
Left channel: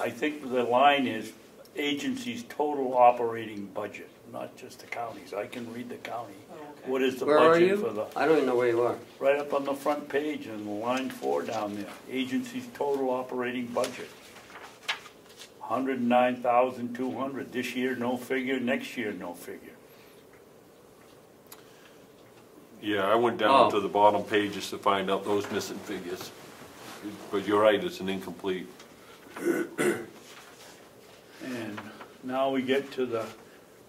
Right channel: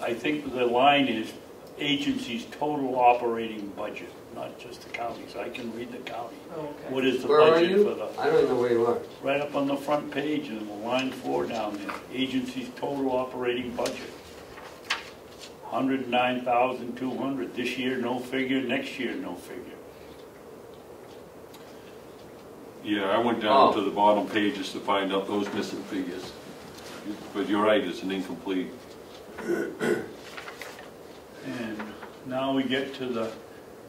I think the line is agency's total operating budget, not just the counties. I can read the county. Oh, okay. What is the Where are budget for you? the, I don't even know where you are. right up on the front page in line 4 down there, agency's total operating budget. 109,200. This year, no figure. Next year, no figure. Yeah, I went down to the bottom pages to find out those missing figures. But you're right, it's an incomplete. And now we get to the,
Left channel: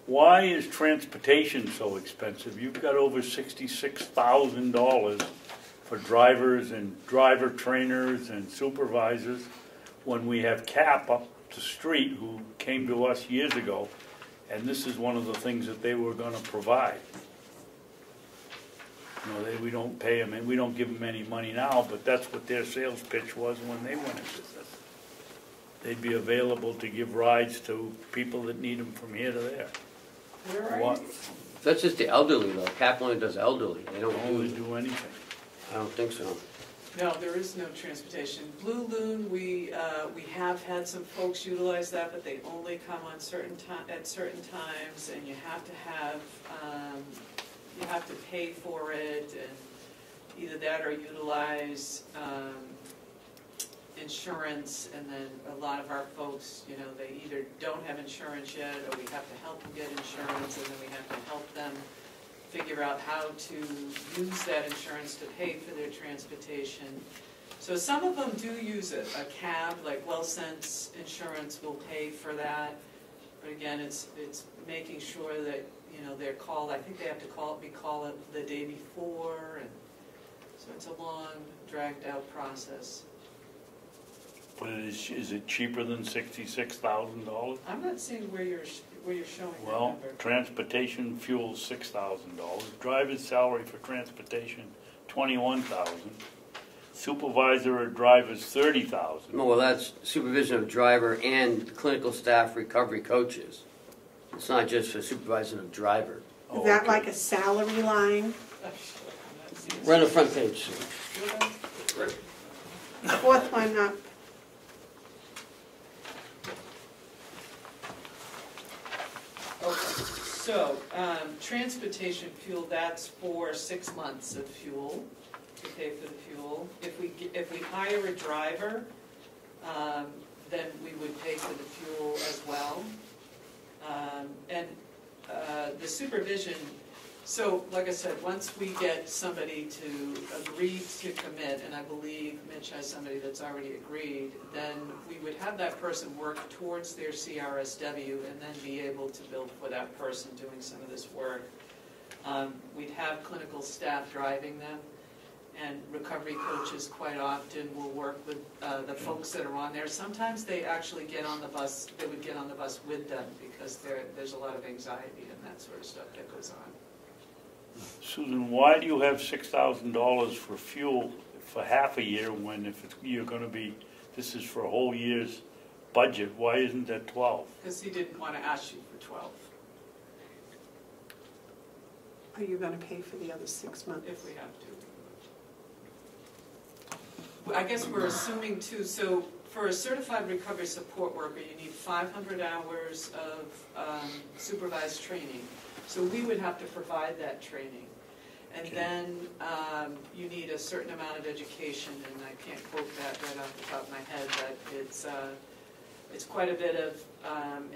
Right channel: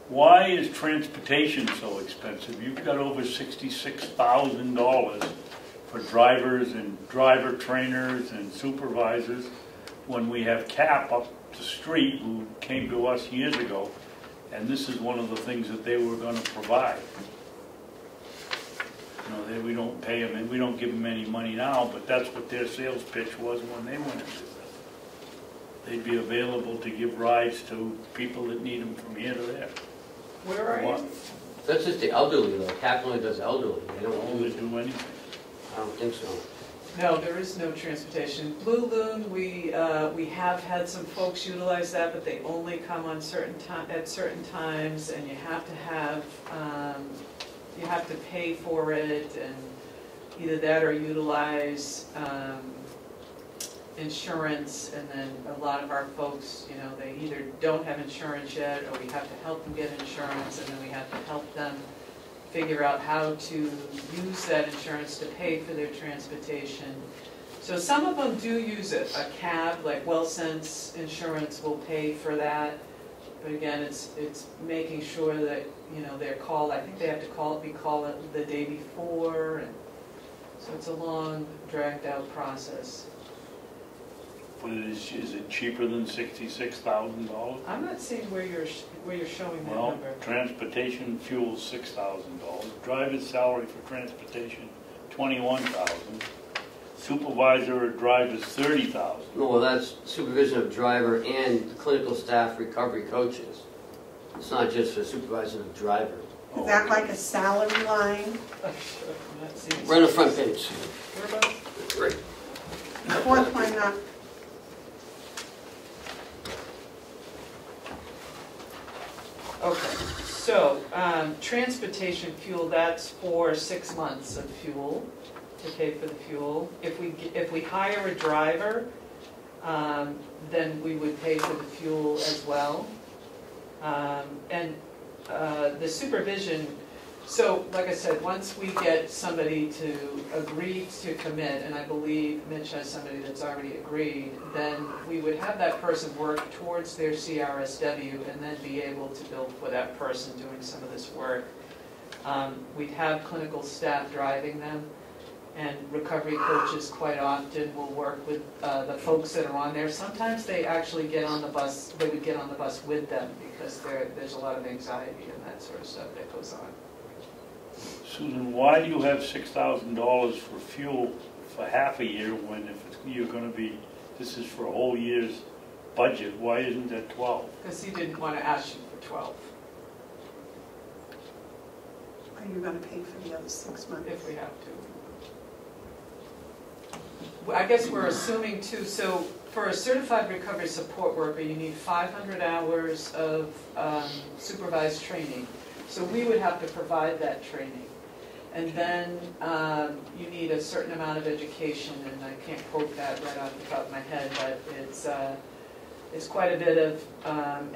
why is transportation so expensive? You've got over $66,000 for drivers and driver trainers and supervisors, when we have CAP up the street who came to us years ago, and this is one of the things that they were going to provide. You know, we don't pay them, and we don't give them any money now, but that's what their sales pitch was when they went into this. They'd be available to give rides to people that need them from here to there. Where are you? That's just the elderly though. CAP only does elderly. They don't Only do anything. I don't think so. No, there is no transportation. Blue Loon, we have had some folks utilize that, but they only come on at certain times, and you have to pay for it, and either that or utilize insurance. And then a lot of our folks, you know, they either don't have insurance yet, or we have to help them get insurance, and then we have to help them figure out how to use that insurance to pay for their transportation. So some of them do use it. A cab, like WellSense Insurance, will pay for that. But again, it's making sure that, you know, they're called, I think they have to call it the day before, and so it's a long, dragged out process. But is it cheaper than $66,000? I'm not seeing where you're showing that Well, number. transportation fuel $6,000. Driver's salary for transportation $21,000. Supervisor or driver's $30,000. Well, that's supervision of driver and the clinical staff recovery coaches. It's not just for supervising of driver. Is that like a salary line? I'm sure, I'm not seeing. We're on the front page. Right. Fourth one up. Okay, so, transportation fuel, that's for 6 months of fuel, to pay for the fuel. If we hire a driver, then we would pay for the fuel as well. And the supervision, So, like I said, once we get somebody to agree to commit, and I believe Mitch has somebody that's already agreed, then we would have that person work towards their CRSW and then be able to bill for that person doing some of this work. We'd have clinical staff driving them, and recovery coaches quite often will work with the folks that are on there. Sometimes they actually get on the bus, they would get on the bus with them because there's a lot of anxiety and that sort of stuff that goes on. Susan, why do you have $6,000 for fuel for half a year when if you're going to be, this is for a whole year's budget, why isn't that 12? Because he didn't want to ask you for 12 Are you going to pay for the other 6 months? if we have to. I guess we're assuming too, so for a certified recovery support worker, you need 500 hours of supervised training. So we would have to provide that training. And then you need a certain amount of education, and I can't quote that right off the top of my head, but it's quite a bit of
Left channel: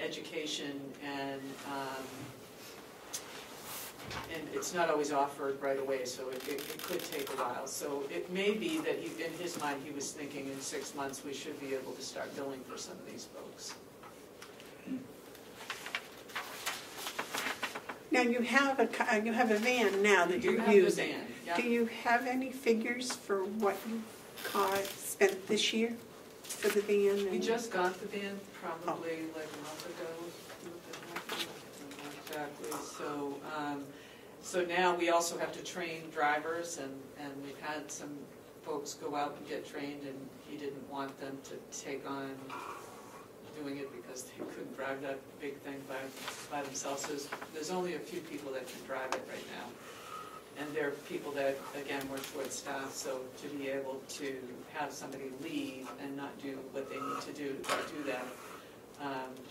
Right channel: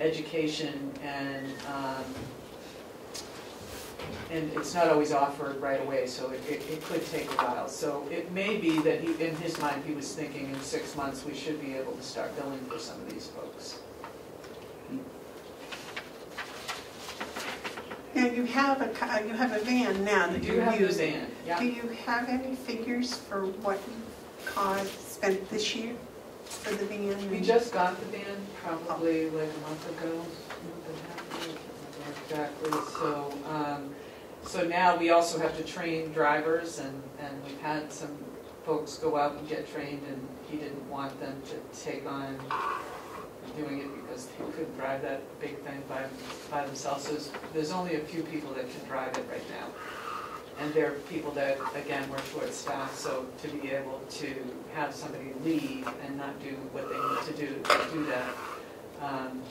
education, and it's not always offered right away, so it could take a while. So it may be that in his mind he was thinking in 6 months we should be able to start billing for some of these folks. Now, you have a van now that You you're have the using. van, yeah. Do you have any figures for what you spent this year for the van? We just got the van probably like a month ago, exactly. So now we also have to train drivers, and we've had some folks go out and get trained, and he didn't want them to take on doing it because he couldn't drive that big thing by themselves. So there's only a few people that can drive it right now. And they're people that, again, we're short-staffed, so to be able to have somebody leave and not do what they need to do that, and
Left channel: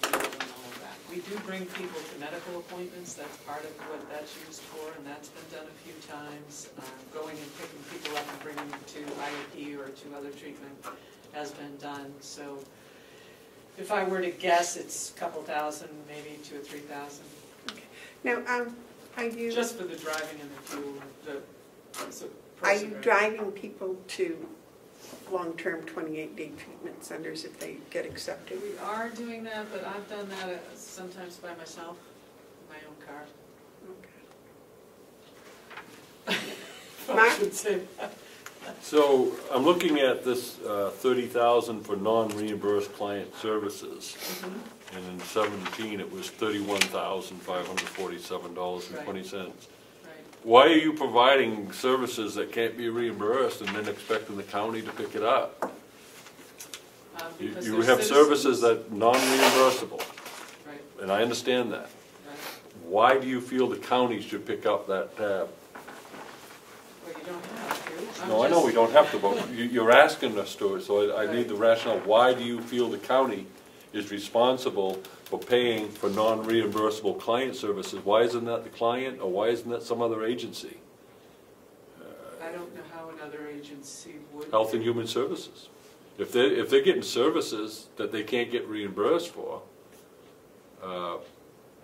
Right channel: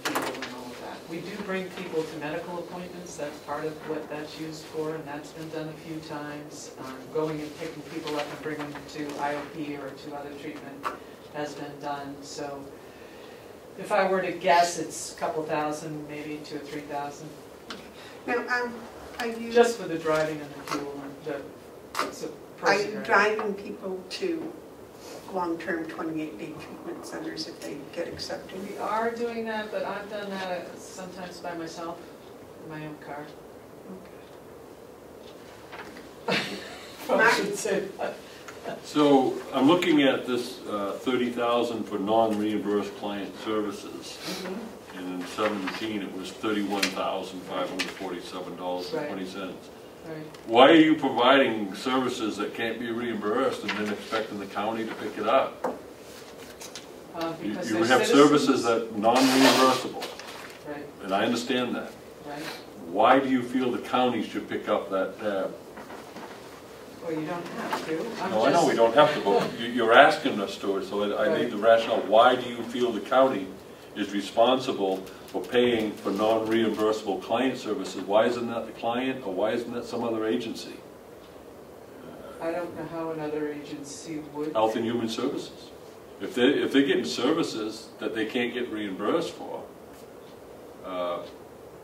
the people and all of that. We do bring people to medical appointments. That's part of what that's used for, and that's been done a few times. Going and picking people up and bringing them to IOP or to other treatment has been done. So if I were to guess, it's a couple thousand, maybe 2,000 or 3,000. Now, are you Just for the driving and the fuel, are you driving people to long-term 28-day treatment centers if they get accepted? We are doing that, but I've done that sometimes by myself in my own car. Okay. I should say that. So I'm looking at this $30,000 for non-reimbursed client services, and in 17 it was $31,547.20. Right. Why are you providing services that can't be reimbursed and then expecting the county to pick it up? Because You they're have citizens. services that are non-reimbursable, Right, and I understand that. right. Why do you feel the county should pick up that tab? Well, you don't have to. No, I know we don't have to, but you're asking us to, so I Right. need the rationale. Why do you feel the county is responsible for paying for non-reimbursable client services? Why isn't that the client, or why isn't that some other agency? I don't know how another agency would. Health and Human Services. If they're getting services that they can't get reimbursed for, I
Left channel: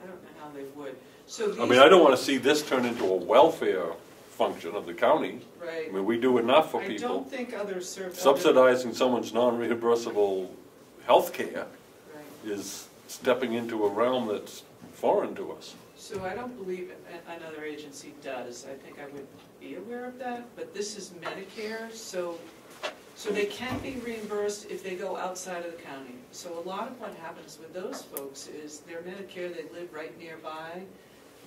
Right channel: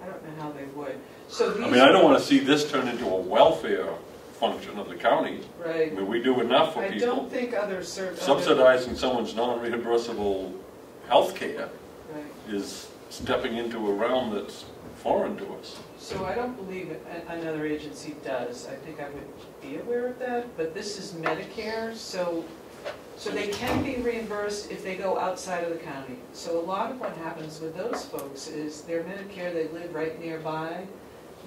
don't know how they would. So these. I mean, I don't want to see this turn into a welfare function of the county. Right. I mean, we do enough for I people. don't think other services. Subsidizing someone's non-reimbursable health care Right. is stepping into a realm that's foreign to us. So I don't believe another agency does. I think I would be aware of that, but this is Medicare, so they can be reimbursed if they go outside of the county. So a lot of what happens with those folks is they're Medicare, they live right nearby.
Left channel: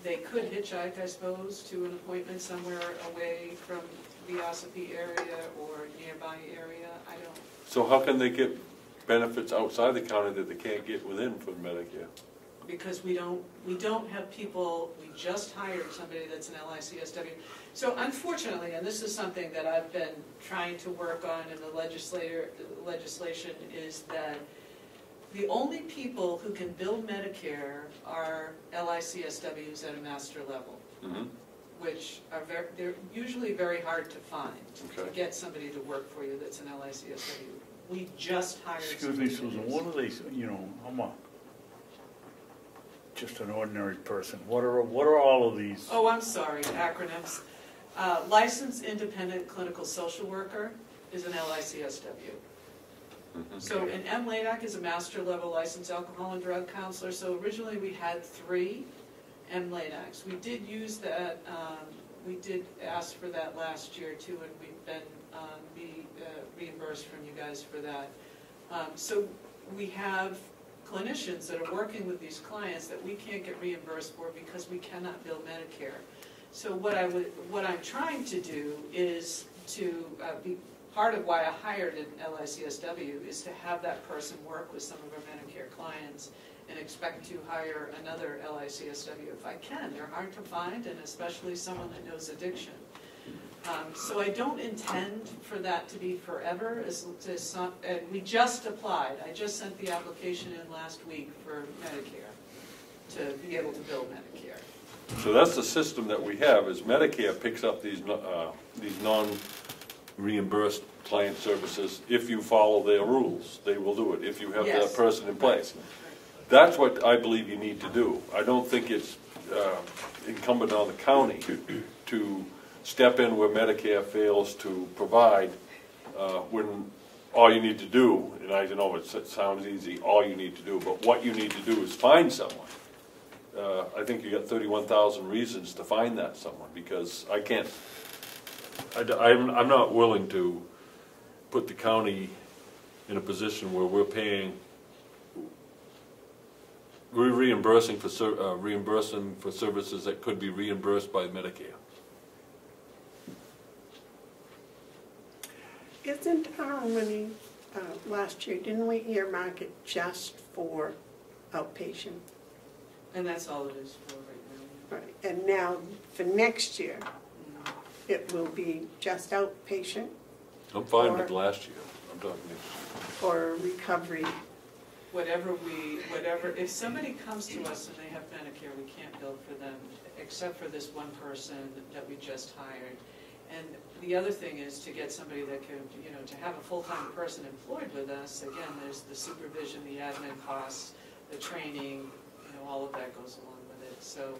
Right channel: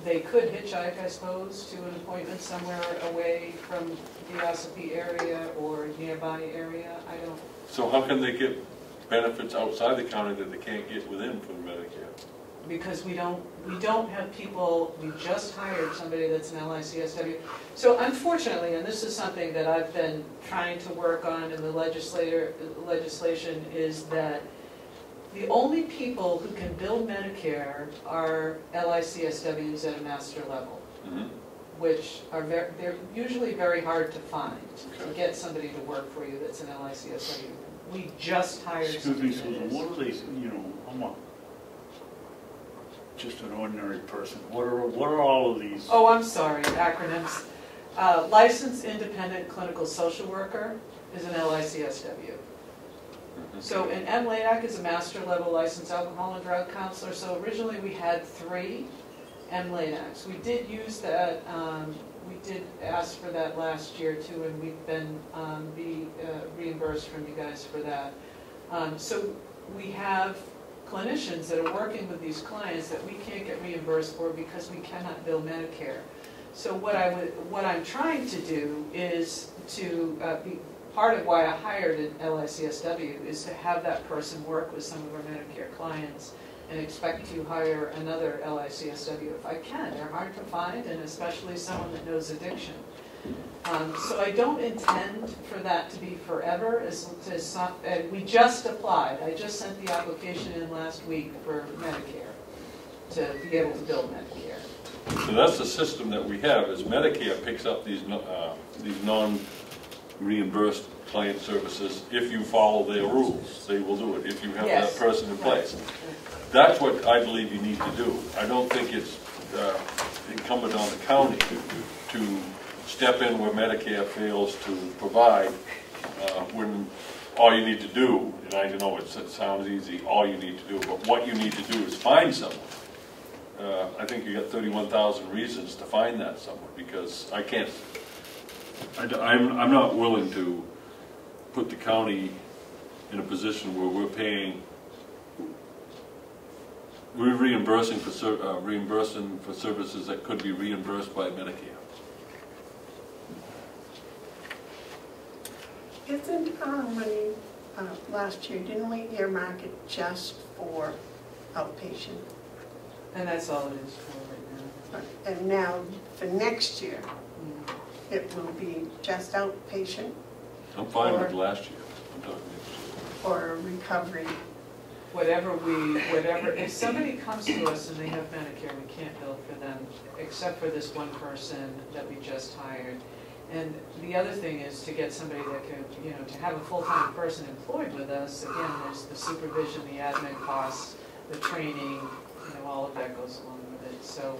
They could hitchhike, I suppose, to an appointment somewhere away from the Ossipee area or nearby area. I don't. So how can they get benefits outside the county that they can't get within from Medicare? Because we don't have people, we just hired somebody that's an LICSW. So unfortunately, and this is something that I've been trying to work on in the legislation, is that the only people who can bill Medicare are LICSWs at a master level, which are they're usually very hard to find, to get somebody to work for you that's an LICSW. We just hired Excuse me, somebody that Susan, is. what do they, hold on. just an ordinary person? What are all of these? Oh, I'm sorry, acronyms. Licensed Independent Clinical Social Worker is an LICSW. So an MLADAC is a master level licensed alcohol and drug counselor. So originally we had 3 MLADACs. We did use that, we did ask for that last year too, and we've been reimbursed from you guys for that. So we have clinicians that are working with these clients that we can't get reimbursed for because we cannot bill Medicare. So what I'm trying to do is to be part of why I hired an LICSW is to have that person work with some of our Medicare clients and expect to hire another LICSW if I can. They're hard to find, and especially someone that knows addiction. So I don't intend for that to be forever. We just applied. I just sent the application in last week for Medicare to be able to bill Medicare. So that's the system that we have, is Medicare picks up these non-reimbursed client services. If you follow their rules, they will do it, if you have that person in place. That's what I believe you need to do. I don't think it's incumbent on the county to step in where Medicare fails to provide when all you need to do, and I know it sounds easy, all you need to do, but what you need to do is find someone. I think you got 31,000 reasons to find that someone, because I can't, I'm not willing to put the county in a position where we're reimbursing for services that could be reimbursed by Medicare. Isn't our money last year, didn't we earmark it just for outpatient? And that's all it is for right now. And now, for next year, it will be just outpatient? I'm fine with last year. I'm talking or recovery? Whatever, if somebody comes to us and they have Medicare, we can't bill for them, except for this one person that we just hired. And the other thing is to get somebody that can, to have a full-time person employed with us. Again, there's the supervision, the admin costs, the training, all of that goes along with it. So,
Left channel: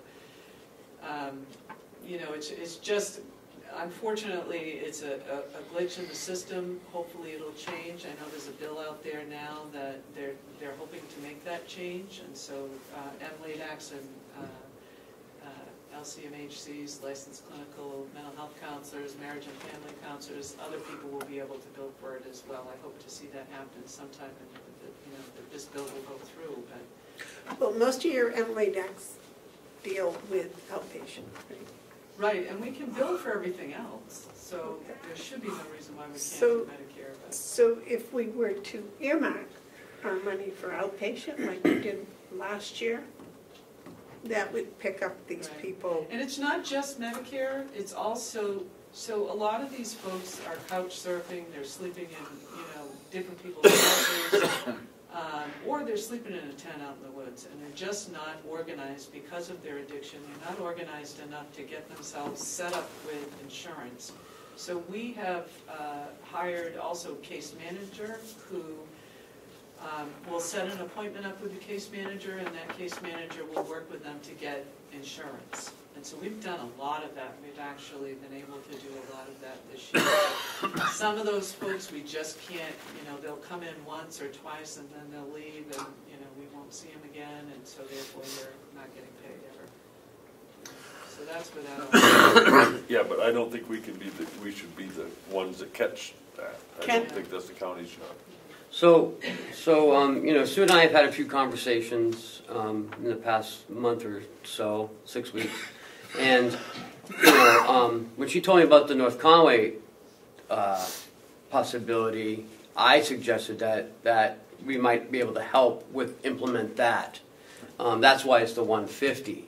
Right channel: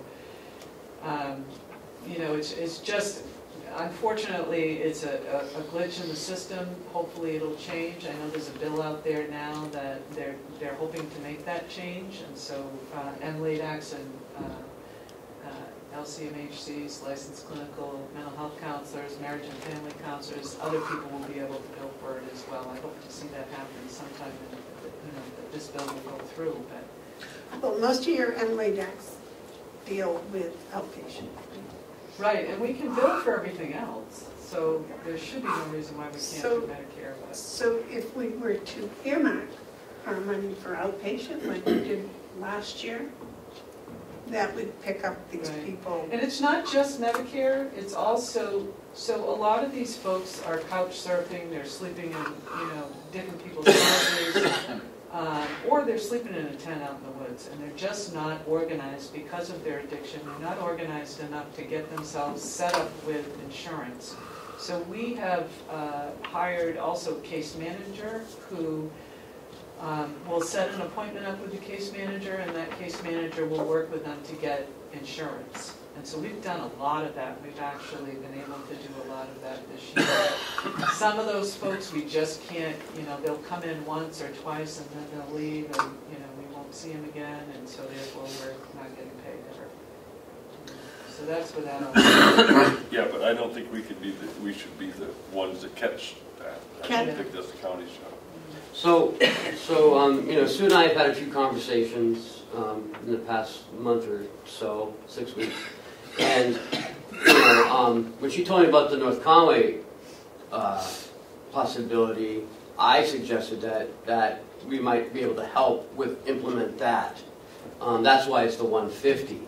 it's just, unfortunately, it's a glitch in the system. Hopefully it'll change. I know there's a bill out there now that they're hoping to make that change. And so MLADACs and LCMHCs, licensed clinical mental health counselors, marriage and family counselors, other people will be able to bill for it as well. I hope to see that happen sometime, that this bill will go through. But well, most of your MLADACs deal with outpatient. right, and we can bill for everything else, so there should be no reason why we can't do Medicare. But so if we were to earmark our money for outpatient, like we did last year, that would pick up these people. And it's not just Medicare, it's also, so a lot of these folks are couch surfing, they're sleeping in, different people's houses, or they're sleeping in a tent out in the woods, and they're just not organized because of their addiction. They're not organized enough to get themselves set up with insurance. So we have hired also a case manager who will set an appointment up with the case manager, and that case manager will work with them to get insurance. And so we've done a lot of that. We've actually been able to do a lot of that this year. Some of those folks we just can't, they'll come in once or twice and then they'll leave, and we won't see them again, and so therefore we're not getting paid ever. So that's without. Yeah, but I don't think we should be the ones that catch that. I don't think that's the county's job. So Sue and I have had a few conversations in the past month or so, 6 weeks, and when she told me about the North Conway possibility, I suggested that we might be able to help implement that. That's why it's the 150,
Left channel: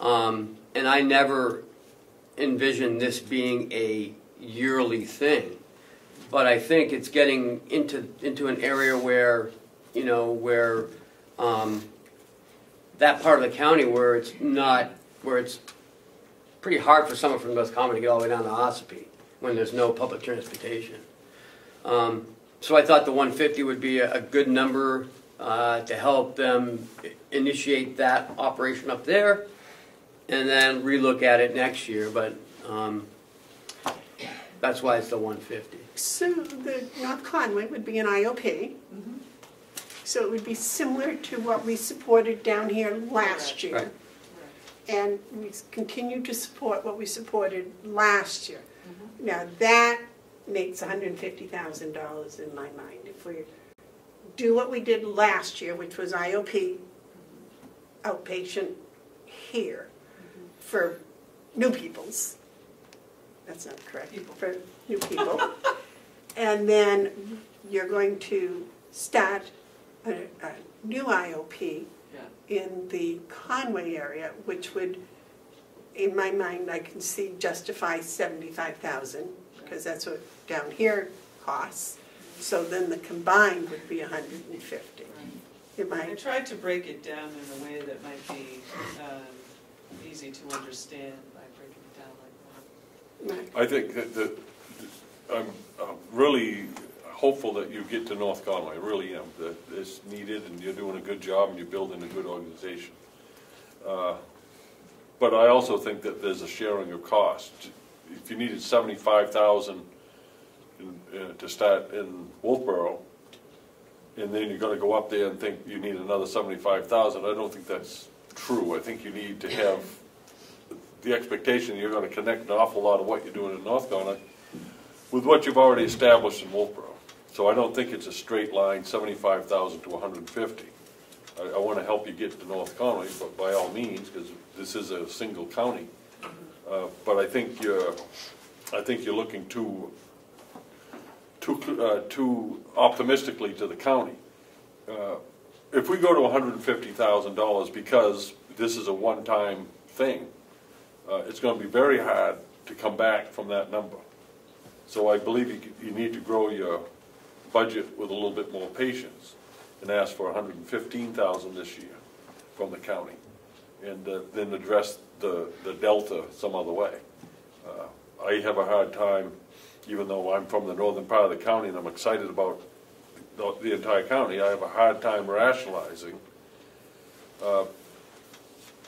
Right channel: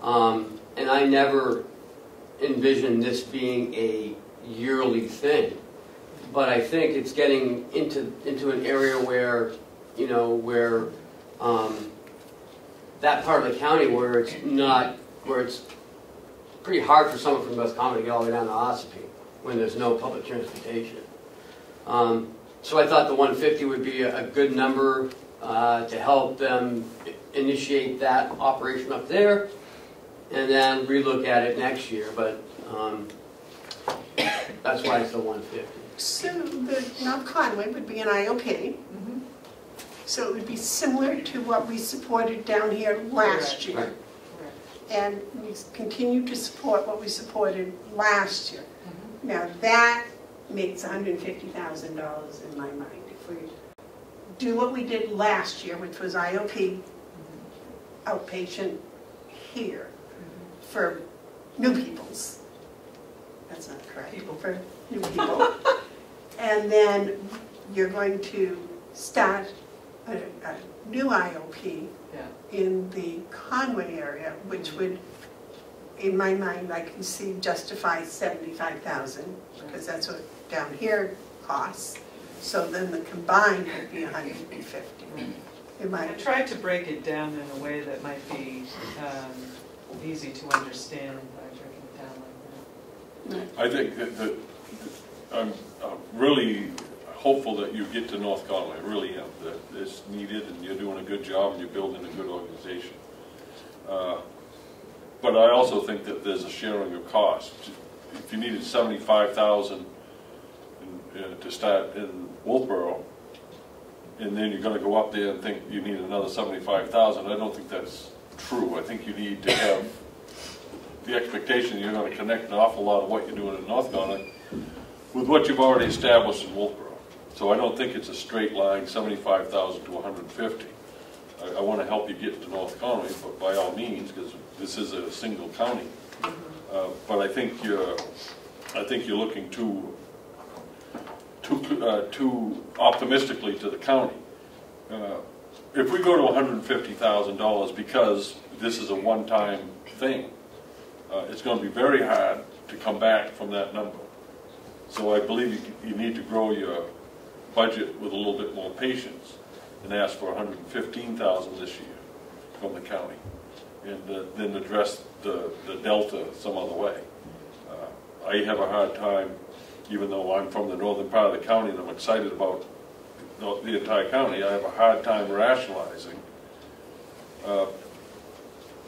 and I never envisioned this being a yearly thing. But I think it's getting into an area where, that part of the county where it's pretty hard for someone from North Common to get all the way down to Ossipee when there's no public transportation. So I thought the 150 would be a good number to help them initiate that operation up there, and then relook at it next year, but that's why it's the 150. So the North Conway would be an IOP. So it would be similar to what we supported down here last year. Right. And we continue to support what we supported last year. Now that makes $150,000 in my mind. If we do what we did last year, which was IOP, outpatient here, for new peoples. That's not correct. People. For new people. And then you're going to start a new IOP in the Conway area, which would, in my mind, I can see justify $75,000, because that's what down here costs. So then the combined would be $150. I tried to break it down in a way that might be easy to understand by breaking it down like that. I think that I'm really hopeful that you get to North Conway. I really am. That it's needed, and you're doing a good job, and you're building a good organization. But I also think that there's a sharing of cost. If you needed $75,000 to start in Wolfboro, and then you're going to go up there and think you need another $75,000, I don't think that's true. I think you need to have the expectation you're going to connect an awful lot of what you're doing in North Conway with what you've already established in Wolfboro. So I don't think it's a straight line, 75,000 to 150. I want to help you get to North Conway, but by all means, because this is a single county. But I think you're looking too optimistically to the county. If we go to $150,000 because this is a one-time thing, it's going to be very hard to come back from that number. So I believe you need to grow your budget with a little bit more patience and ask for $115,000 this year from the county, and then address the delta some other way. I have a hard time, even though I'm from the northern part of the county and I'm excited about the entire county, I have a hard time rationalizing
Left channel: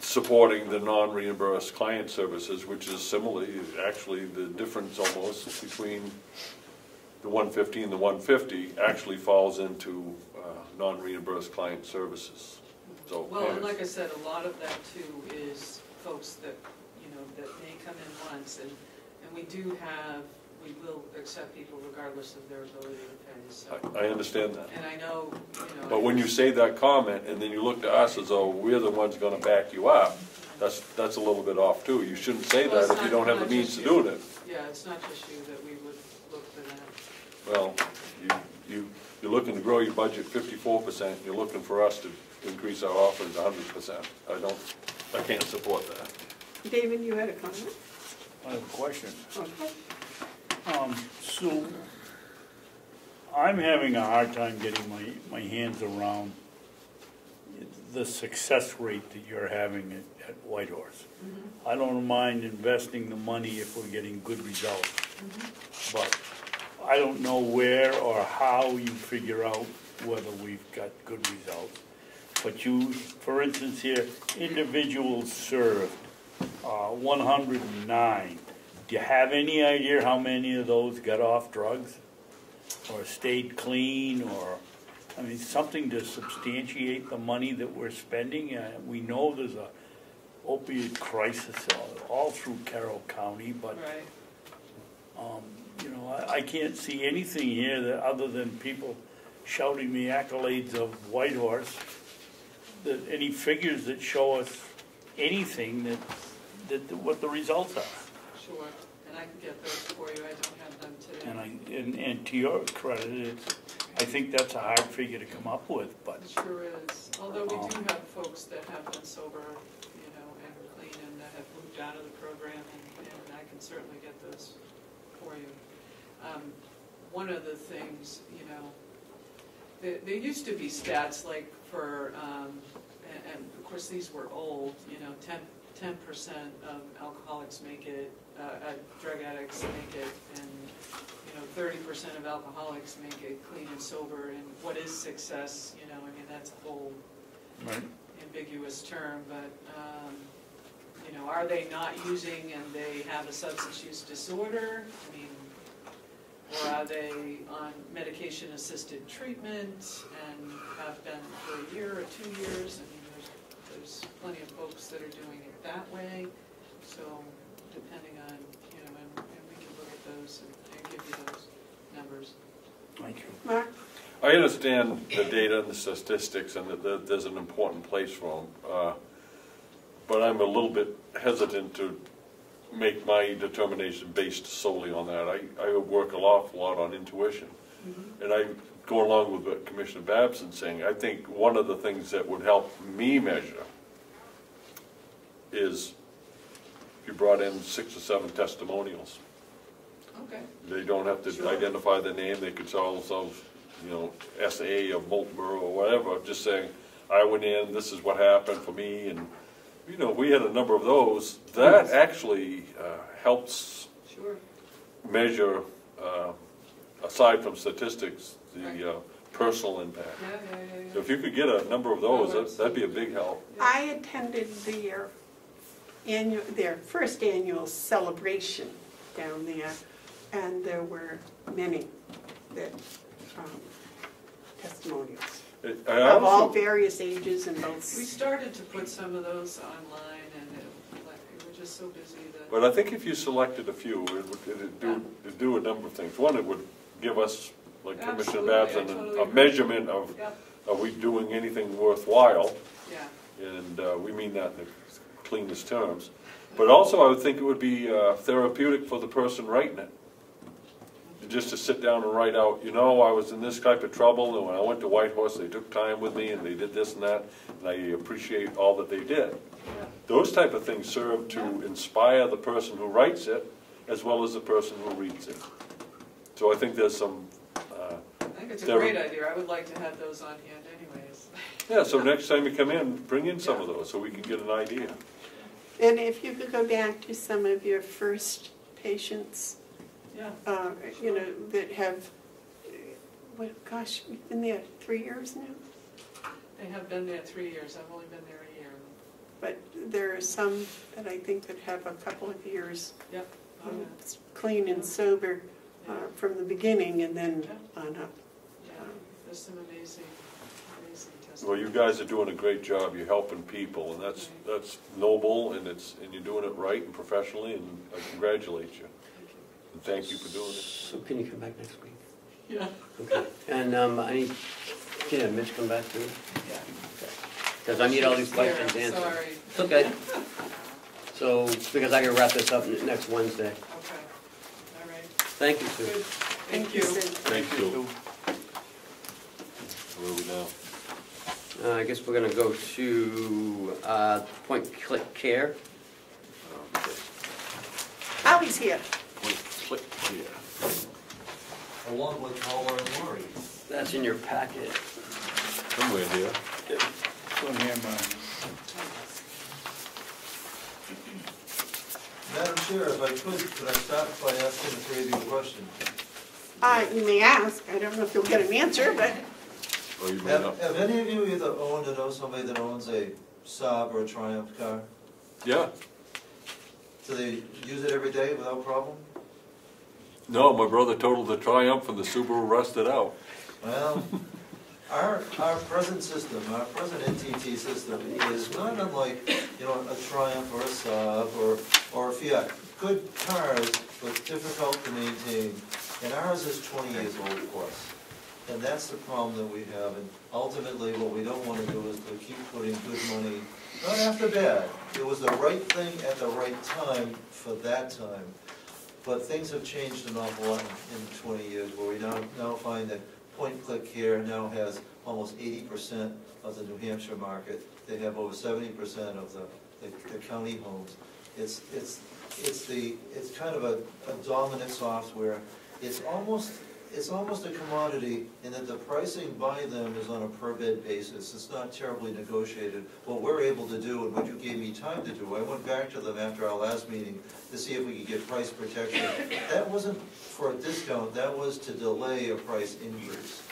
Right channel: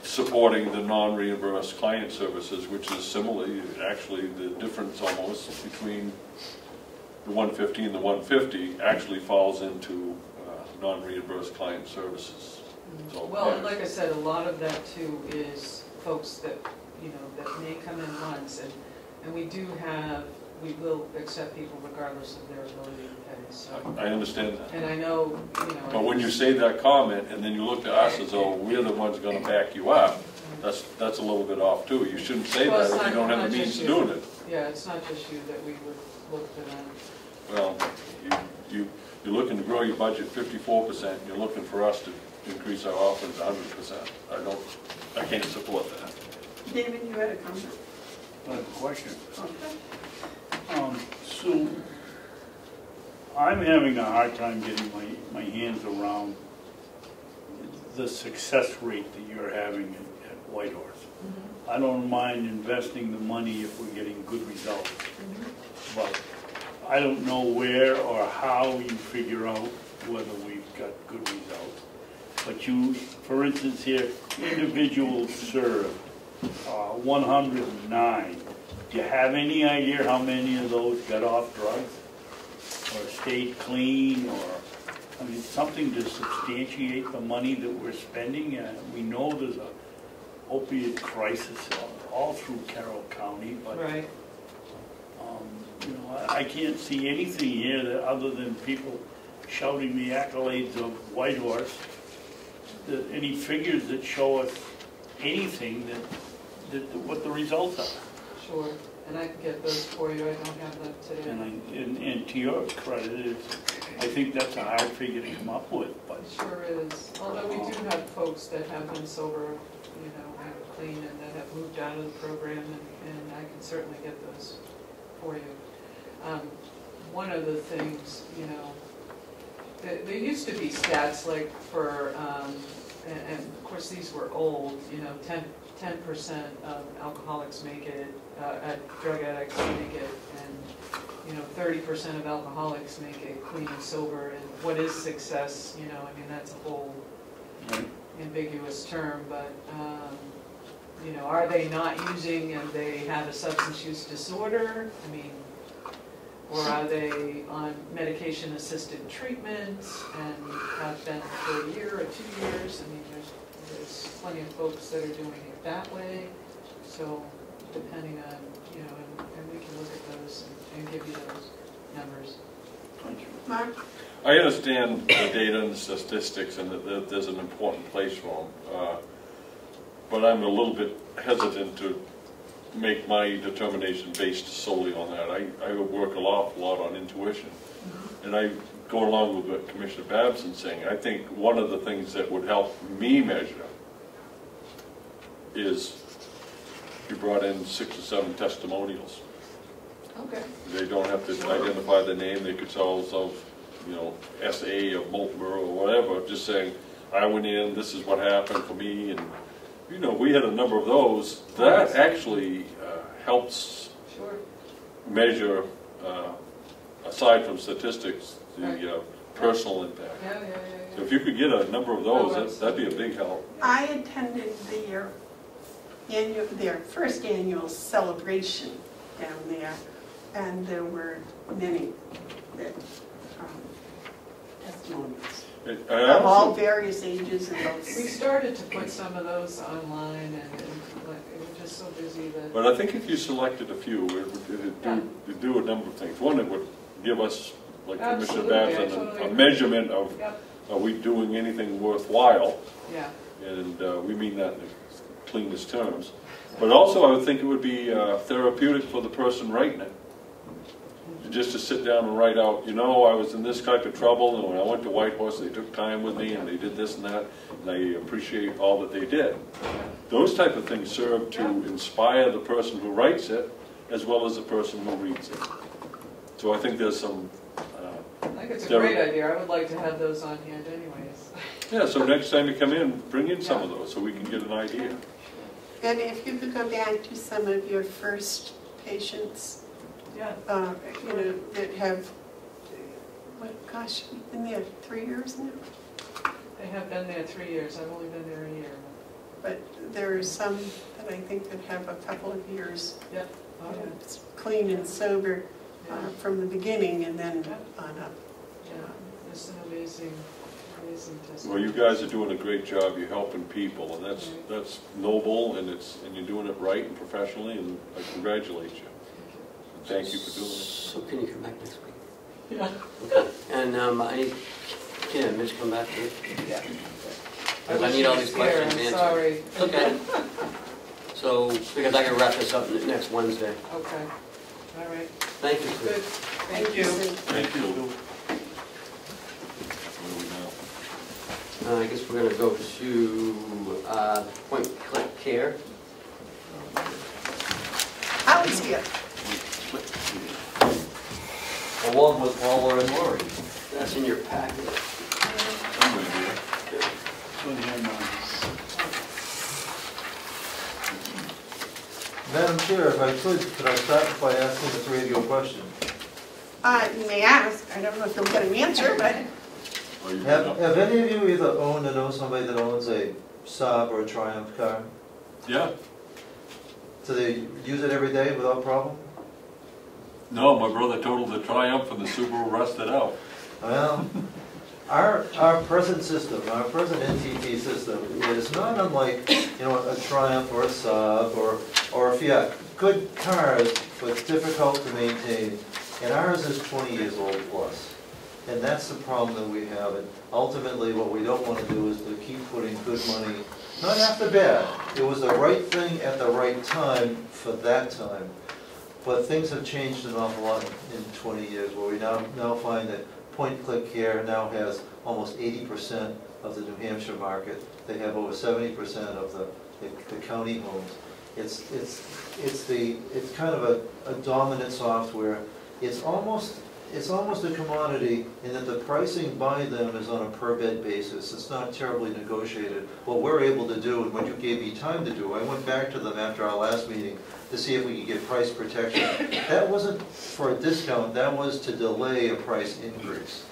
supporting the non-reimbursed client services, which is similarly, actually the difference almost between the 150 and the 150 actually falls into non-reimbursed client services. So, well, and like I said, a lot of that too is folks that, that may come in once, and we will accept people regardless of their ability to pay. So. I understand that. And I know, But when you say that comment and then you look to us as though we're the ones going to back you up, that's a little bit off too. You shouldn't say that if you don't have the means of doing it. Yeah, it's not just you that we would look for that. Well, you're looking to grow your budget 54%. You're looking for us to increase our offerings 100%. I can't support that. David, you had a comment? I have a question. Okay. So, I'm having a hard time getting my hands around the success rate that you're having at Whitehorse. I don't mind investing the money if we're getting good results, but I don't know where or how you figure out whether we've got good results. But you, for instance here, individuals served, 109. Do you have any idea how many of those got off drugs? Or stayed clean, or, something to substantiate the money that we're spending? We know there's a opiate crisis all through Carroll County, but right. I can't see anything here that other than people shouting the accolades of Whitehorse, any figures that show us anything that what the results are. Sure, and I can get those for you. I don't have them today. And to your credit, I think that's a hard figure to come up with. But it sure is. Although we do have folks that have been sober, and clean, and that have moved out of the program, and I can certainly get those for you. One of the things, there used to be stats like for, and of course these were old, 10% of alcoholics make it, drug addicts make it, and 30% of alcoholics make it clean and sober. And what is success? That's a whole ambiguous term, but, you know, are they not using and they have a substance use disorder? I mean, or are they on medication-assisted treatment and have been for a year or 2 years? I mean, there's plenty of folks that are doing it that way. So depending on, you know, and we can look at those and give you those numbers. Thank you. Mark? I understand the data and the statistics, and that there's an important place for them. But I'm a little bit hesitant to make my determination based solely on that. I work an awful lot on intuition. And I go along with what Commissioner Babson's saying. I think one of the things that would help me measure is if you brought in 6 or 7 testimonials. Okay. They don't have to identify the name. They could tell themselves, you know, SA of Boltonboro or whatever, just saying, I went in, this is what happened for me, and you know, we had a number of those. That actually helps measure, aside from statistics, the personal impact. So if you could get a number of those, that'd be a big help. I attended their first annual celebration down there, and there were many testimonials. Of all various ages and both. We started to put some of those online, and like, it was just so busy that. But I think if you selected a few, it'd do a number of things. One, it would give us, like Commissioner Babson, a measurement of, are we doing anything worthwhile? Yeah. And we mean that in the cleanest terms. But also, I would think it would be therapeutic for the person writing it. Just to sit down and write out, you know, I was in this type of trouble, and when I went to Whitehorse, they took time with me, and they did this and that, and I appreciate all that they did. Those type of things serve to inspire the person who writes it, as well as the person who reads it. So I think there's some... I think it's a great idea. I would like to have those on hand anyways. Yeah, so next time you come in, bring in some of those, so we can get an idea. And if you could go back to some of your first patients, you know, that have, gosh, you've been there 3 years now? They have been there 3 years. I've only been there a year. But there are some that I think that have a couple of years clean and sober from the beginning and then on up. Yeah, there's some amazing testimonies. Well, you guys are doing a great job. You're helping people, and that's noble, and you're doing it right and professionally, and I congratulate you. Thank you for doing it. So can you come back next week? Yeah. Okay. And I need, Mitch come back too? Yeah. Because I need all these questions answered. Sorry. Okay. So, because I can wrap this up next Wednesday. Okay. All right. Thank you, Sue. Good. Thank you. Thank you. Where are we now? I guess we're going to go to point-click care. Alex here. Along with Paula and Lori. That's in your packet. Somewhere here. Madam Chair, if I could I start by asking the three of you a question? You may ask. I don't know if you'll get an answer, but... Have any of you either owned or know somebody that owns a Saab or a Triumph car? Yeah. Do they use it every day without problem? No, my brother totaled the Triumph and the Subaru rusted out. Well, our present system, our present NTT system is not unlike, you know, a Triumph or a Saab or a Fiat. Good cars, but difficult to maintain. And ours is 20 years old plus. And that's the problem that we have. And ultimately what we don't want to do is to keep putting good money, not after bad. It was the right thing at the right time for that time. But things have changed an awful lot in 20 years, where we now find that point-click care now has almost 80% of the New Hampshire market. They have over 70% of the county homes. It's kind of a dominant software. It's almost it's almost a commodity in that the pricing by them is on a per bed basis. It's not terribly negotiated. What we're able to do, and what you gave me time to do, I went back to them after our last meeting to see if we could get price protection. That wasn't for a discount, that was to delay a price increase.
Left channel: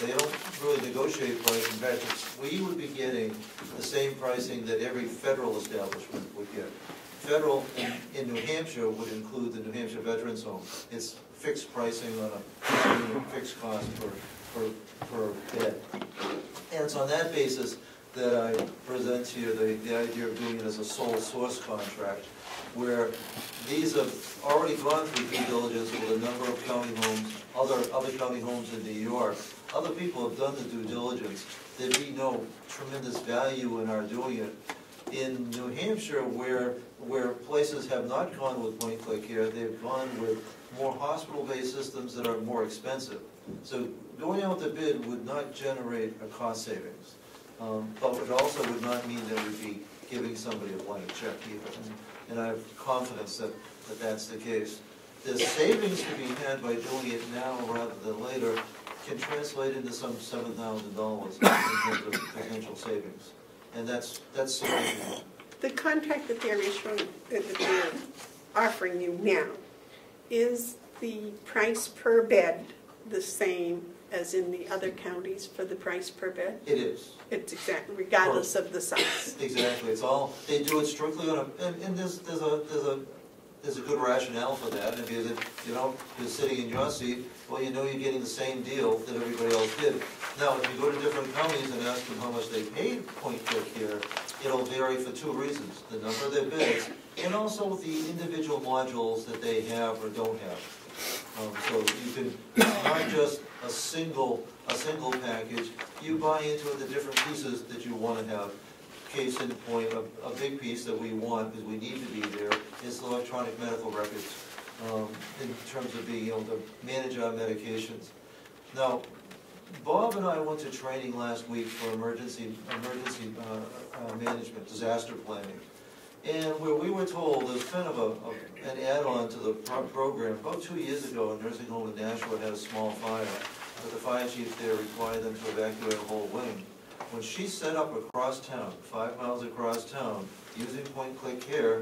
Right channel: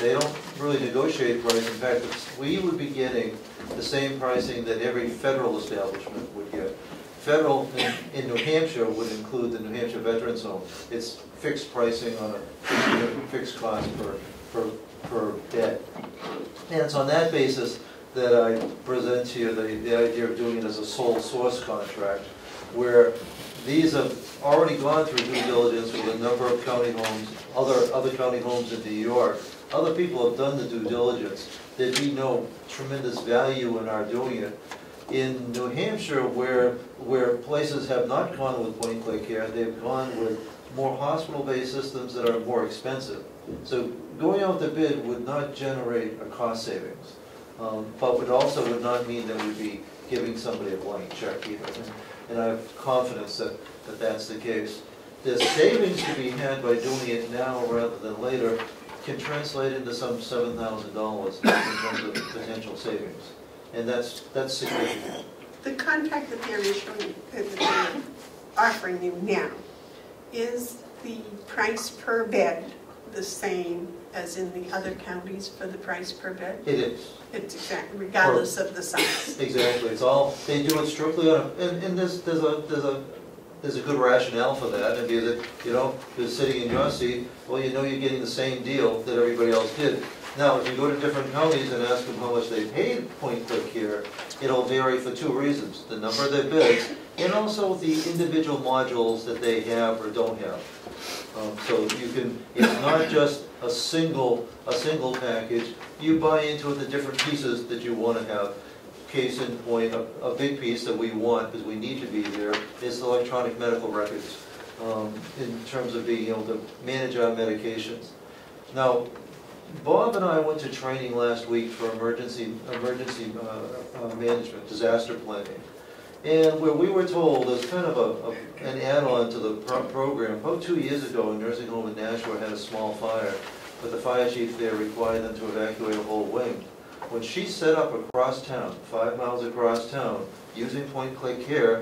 They don't really negotiate price. In fact, we would be getting the same pricing that every federal establishment would get. Federal in New Hampshire would include the New Hampshire Veterans Home. It's fixed pricing on a fixed cost per bed. And it's on that basis that I present to you the idea of doing it as a sole source contract, where these have already gone through due diligence with a number of county homes, other county homes in New York. Other people have done the due diligence. There'd be no tremendous value in our doing it. In New Hampshire, where places have not gone with point-click care, they've gone with more hospital-based systems that are more expensive. So going out to bid would not generate a cost savings, but would not mean that we'd be giving somebody a blank check either. And I have confidence that that's the case. The savings to be had by doing it now rather than later can translate into some $7,000 in terms of potential savings. And that's significant. The contract that they're issuing, that they're offering you now, is the price per bed the same as in the other counties for the price per bed? It is. It's exactly, regardless of the size. Exactly. It's all, they do it strictly on a, and there's a good rationale for that. And because you're sitting in your seat, well, you know you're getting the same deal that everybody else did. Now, if you go to different counties and ask them how much they paid point-click care, it'll vary for two reasons: the number of their bids, and also the individual modules that they have or don't have. So you can, it's not just a single package. You buy into it the different pieces that you want to have. Case in point, a big piece that we want, because we need to be there, is the electronic medical records, in terms of being able to manage our medications. Now, Bob and I went to training last week for emergency management, disaster planning. And where we were told, as kind of an add-on to the program, about 2 years ago, a nursing home in Nashua had a small fire, but the fire chief there required them to evacuate a whole wing. When she set up across town, 5 miles across town, using point-click care,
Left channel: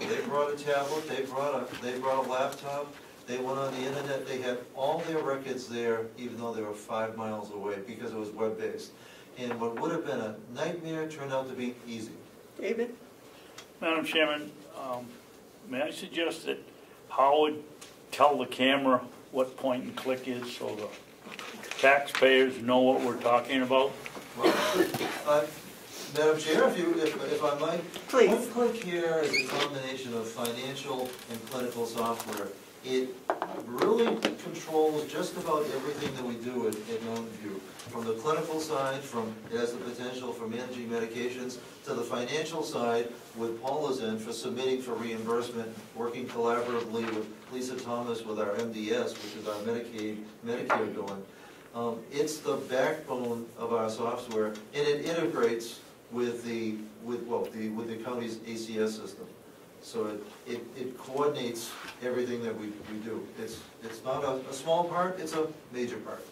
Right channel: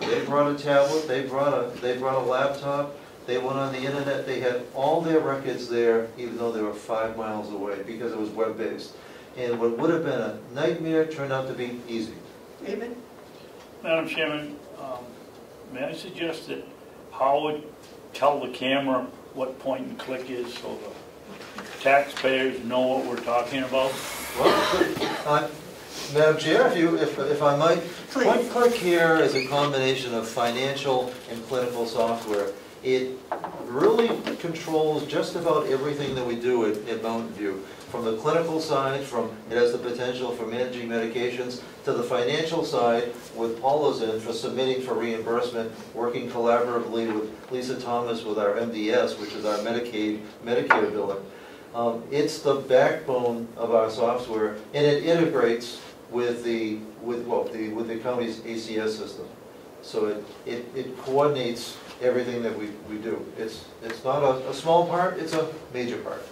they brought a tablet, they brought a laptop, they went on the internet, they had all their records there, even though they were 5 miles away, because it was web-based. And what would have been a nightmare turned out to be easy. David? Madam Chairman, may I suggest that Howard tell the camera what point and click is so the taxpayers know what we're talking about? Well, Madam Chair, if I might, point-click care is a combination of financial and clinical software. It really controls just about everything that we do at Mountain View. From the clinical side, it has the potential for managing medications, to the financial side, with all those in for submitting for reimbursement, working collaboratively with Lisa Thomas with our MDS, which is our Medicare billing. It's the backbone of our software, and it integrates with the county's ACS system. So it coordinates everything that we do. It's not a small part, it's a major part.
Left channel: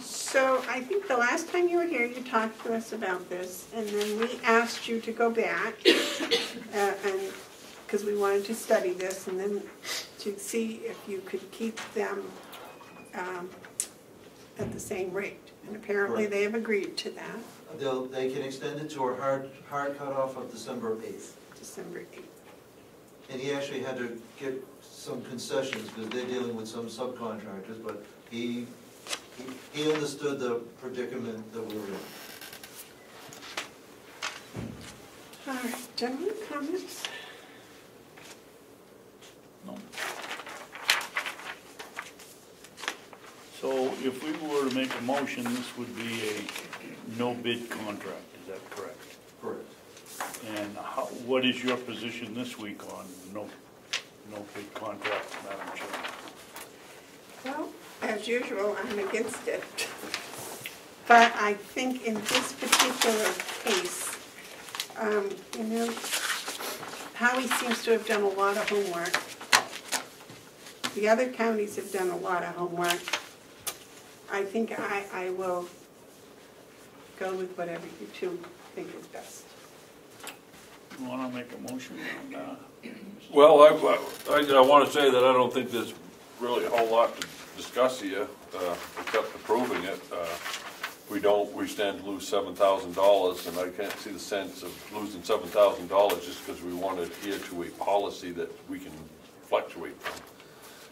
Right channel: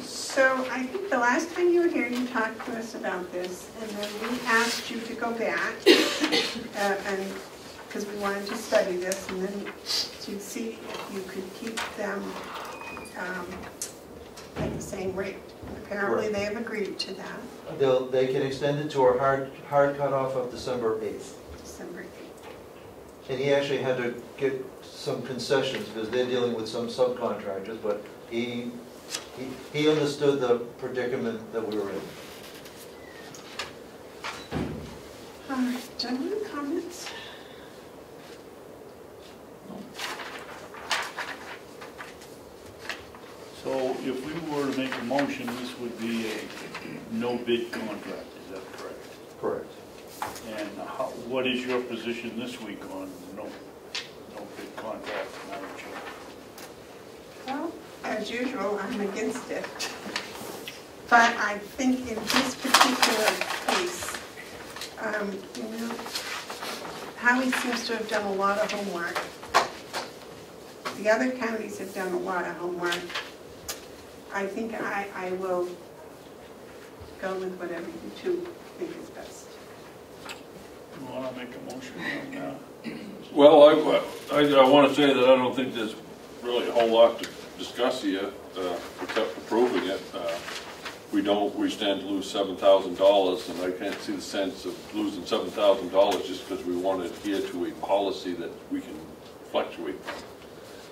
So I think the last time you were here, you talked to us about this, and then we asked you to go back, and because we wanted to study this, and then to see if you could keep them at the same rate. And apparently they have agreed to that. They can extend it to a hard cutoff of December 8th. December 8th. And he actually had to get some concessions because they're dealing with some subcontractors, but he understood the predicament that we were in. All right, gentlemen, comments? So if we were to make a motion, this would be a no-bid contract, is that correct? Correct. And what is your position this week on no-bid contract, Madam Chair? Well, as usual, I'm against it. But I think in this particular case, you know, Howie seems to have done a lot of homework. The other counties have done a lot of homework. I think I will go with whatever you two think is best. You want to make a motion on that? Well, I want to say that I don't think there's really a whole lot to discuss here, except approving it. We stand to lose $7,000, and I can't see the sense of losing $7,000 just because we want to adhere to a policy that we can fluctuate from.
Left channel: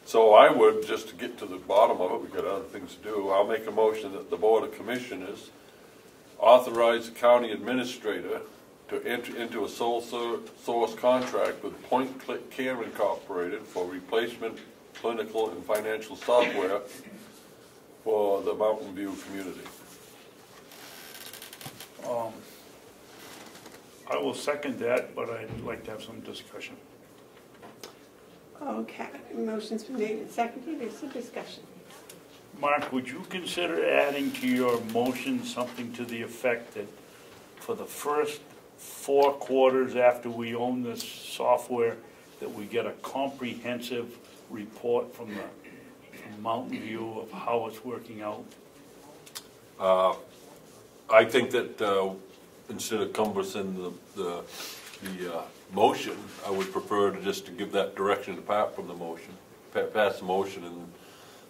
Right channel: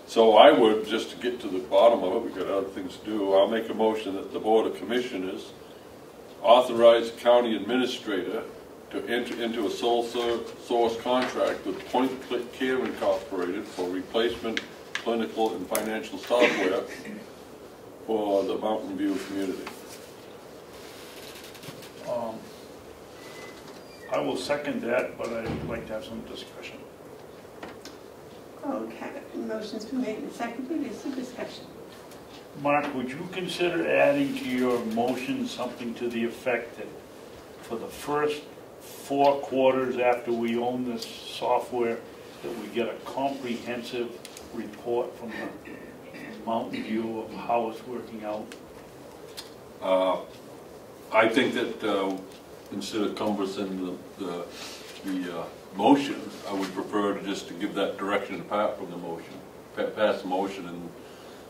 So I would, just to get to the bottom of it, we've got other things to do, I'll make a motion that the Board of Commissioners authorize the county administrator to enter into a sole source contract with Point Click Care Incorporated for replacement clinical and financial software for the Mountain View community. I will second that, but I'd like to have some discussion. Okay, motion's been made and seconded, is some discussion. Mark, would you consider adding to your motion something to the effect that for the first 4 quarters after we own this software, that we get a comprehensive report from the Mountain View of how it's working out? I think that instead of cumbersome the motion, I would prefer to just to give that direction apart from the motion, pass the motion, and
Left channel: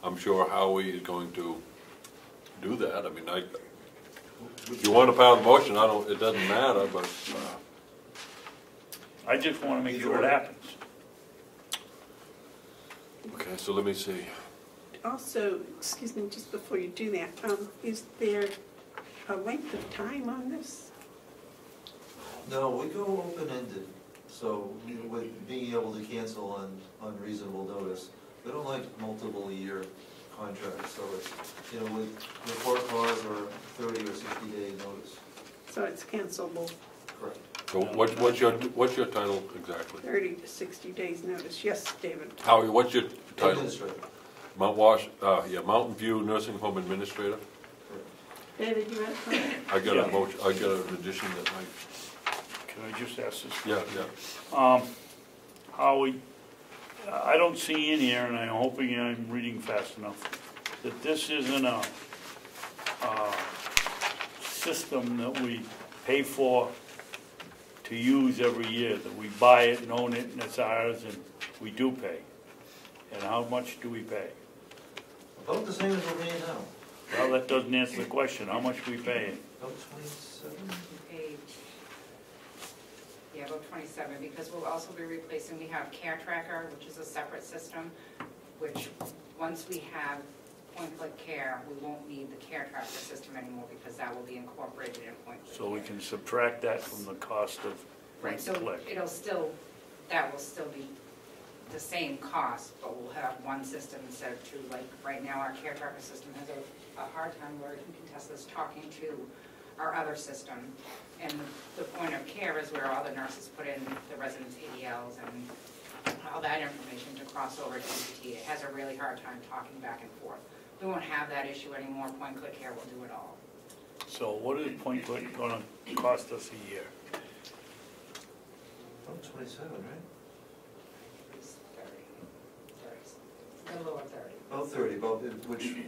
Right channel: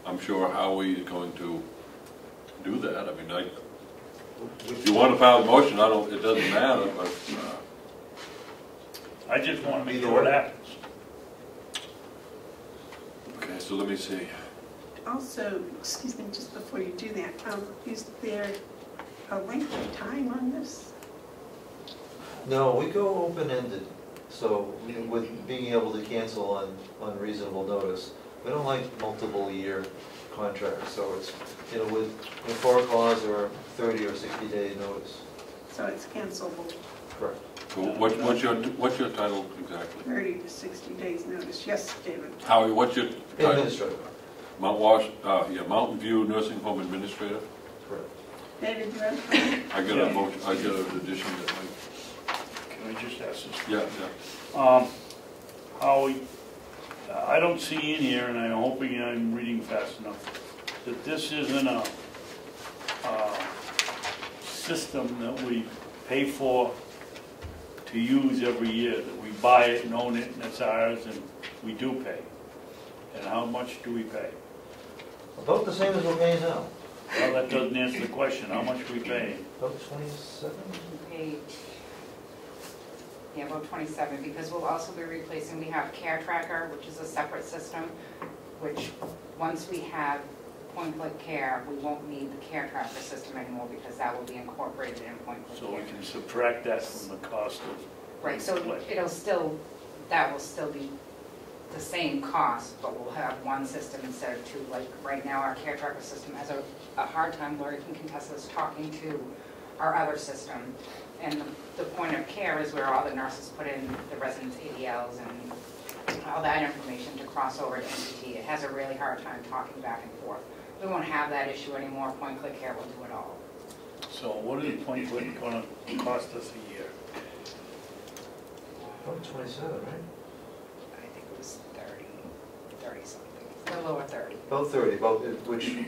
I'm sure Howie is going to do that. I mean, if you want to pass the motion, it doesn't matter, but. I just want to make sure it happens. Okay, so let me see. Also, excuse me, just before you do that, is there a length of time on this? No, we go open-ended, so with being able to cancel on reasonable notice. We don't like multiple-year contracts, so it's, you know, with for a clause or 30 or 60-day notice. So it's cancelable Correct. So what's your title exactly? 30 to 60 days notice. Yes, David? Howie, what's your title? Administrator. Mountain View Nursing Home Administrator? Correct. David, you have a comment? I got a motion, I got an addition that Can I just ask this? yeah. Howie, I don't see in here, and I'm hoping I'm reading fast enough, that this isn't a system that we pay for to use every year, that we buy it and own it and it's ours and we do pay. And how much do we pay? About the same as we're paying now. Well, that doesn't answer the question. How much are we paying? About 27? Yeah, about 27, because we'll also be replacing, we have Care Tracker, which is a separate system, which once we have Point Click Care, we won't need the Care Tracker system anymore because that will be incorporated in Point Click So Care. we can subtract that from the cost of Right, so Click. that will still be the same cost, but we'll have one system instead of two. Like right now, our Care Tracker system has a hard time, Lori can contest this, talking to our other system. And the point of care is where all the nurses put in the residents' ADLs and all that information to cross over to NTT. It has a really hard time talking back and forth. We won't have that issue anymore. Point Click Care will do it all. So what is Point Click going to cost us a year? About 27, right? I think it was 30 something, a little over 30. About 30,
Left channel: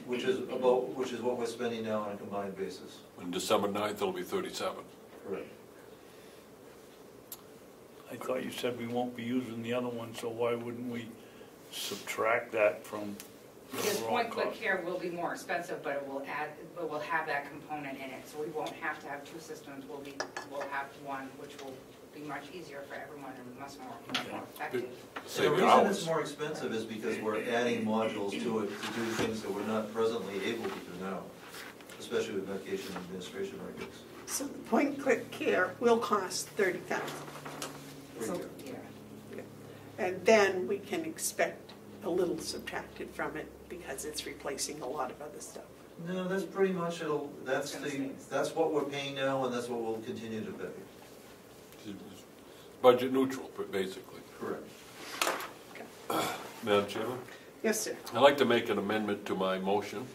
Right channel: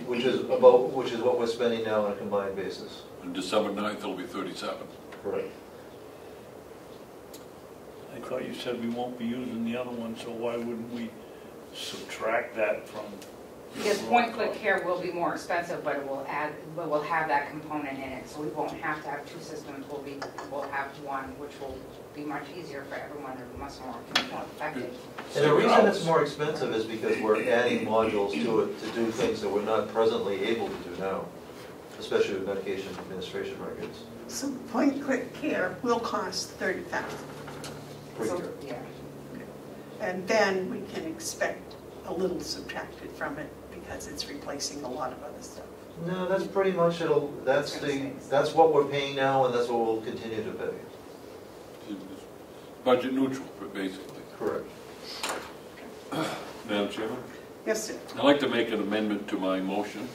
which is what we're spending now on a combined basis. On December 9th, it'll be 37. Correct. I thought you said we won't be using the other one, so why wouldn't we subtract that from the Because overall Point Click cost? Care will be more expensive, but we'll have that component in it, so we won't have to have two systems. We'll have one, which will be much easier for everyone and much more effective. And the reason it's more expensive is because we're adding modules to it to do things that we're not presently able to do now, especially with medication administration records. So Point Click Care will cost $30,000. per So, year. yeah. And then we can expect a little subtracted from it because it's replacing a lot of other stuff. No, that's pretty much that's what we're paying now, and that's what we'll continue to pay. It's budget neutral, basically. Correct. Madam Chairman? Yes, sir. I'd like to make an amendment to my motion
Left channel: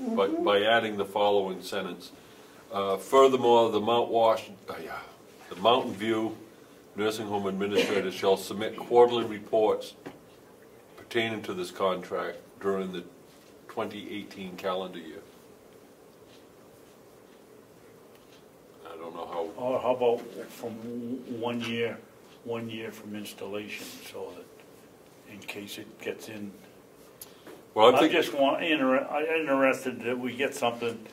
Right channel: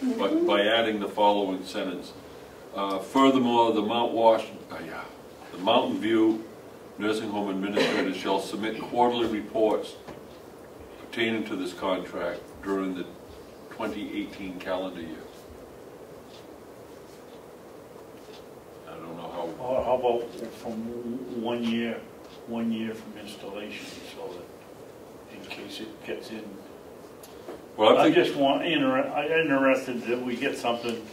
but by adding the following sentence. Furthermore, the Mountain View Nursing Home Administrator shall submit quarterly reports pertaining to this contract during the 2018 calendar year. I don't know how. Or how about from 1 year from installation, so that in case it gets in. Well, I I'm think, just interested that we get something.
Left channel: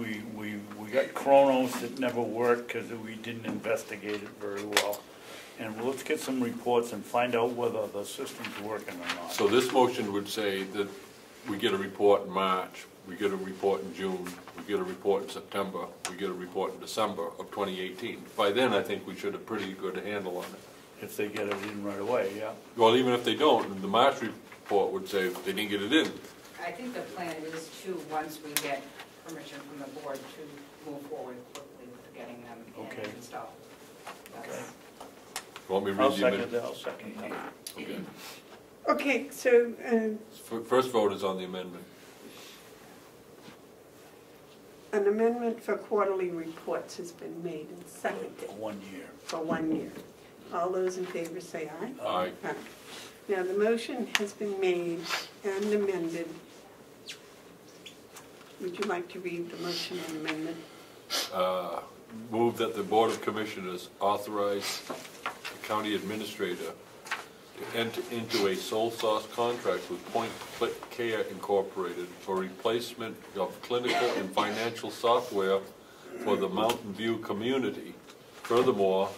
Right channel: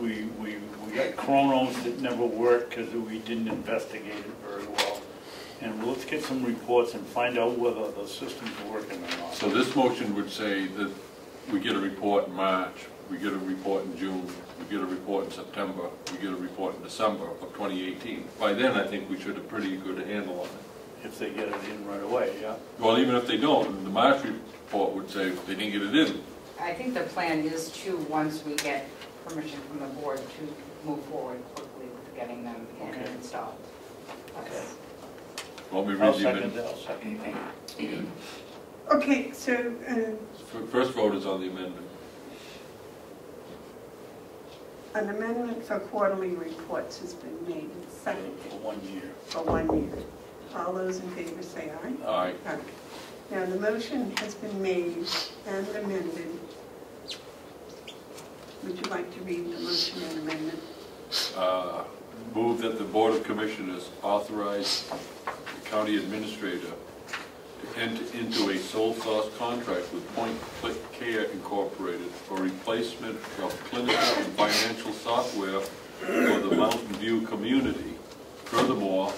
We got chronos that never worked because we didn't investigate it very well. And let's get some reports and find out whether the system's working or not. so this motion would say that we get a report in March, we get a report in June, we get a report in September, we get a report in December of 2018. By then, I think we should have pretty good handle on it. If they get it in right away, yeah. Well, even if they don't, the March report would say they didn't get it in. I think the plan is to, once we get permission from the board, to move forward quickly with getting them in Okay. and installed. That's- Want me to I'll read second it? that, I'll second that. Okay, so, First vote is on the amendment. an amendment for quarterly reports has been made and seconded For 1 year. for 1 year. All those in favor say aye. Aye. Aye. Now, the motion has been made and amended. Would you like to read the motion and amendment? Move that the Board of Commissioners authorize the county administrator to enter into a sole source contract with Point Click Care Incorporated for replacement of clinical and financial software for the Mountain View community. Furthermore,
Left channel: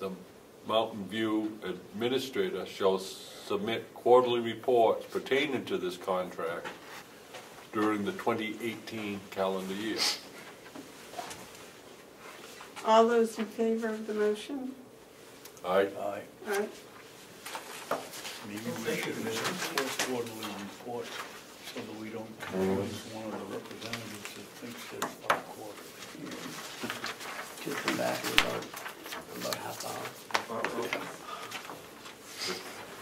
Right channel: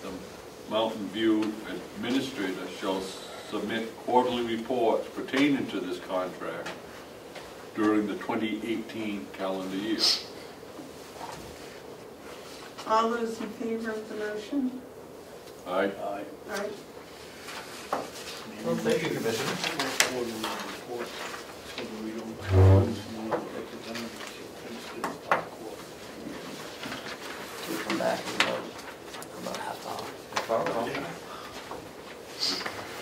the Mountain View administrator shall submit quarterly reports pertaining to this contract during the 2018 calendar year. All those in favor of the motion? Aye. Aye. Aye. Well, thank you, Commissioner. Quarterly report, so that we don't lose one of the representatives that thinks that it's not quarterly. Come back in about half hour.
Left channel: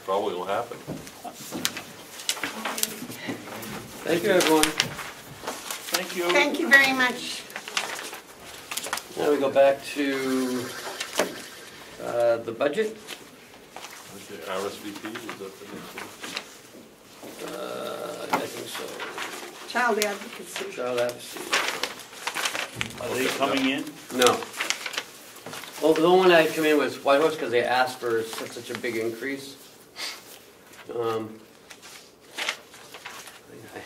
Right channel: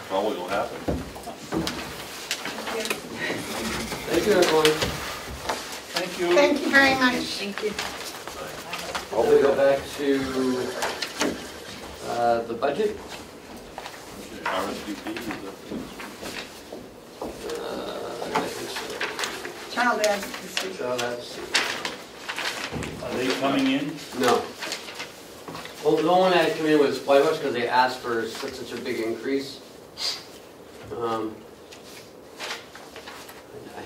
Probably will happen. Thank you, everyone. Thank you. Thank you very much. Thank you. Now we go back to the budget. RSVP is I think so. Child advocacy. Child advocacy. Are they coming in? No. Well, the one that came in was White Horse because they asked for such a big increase. I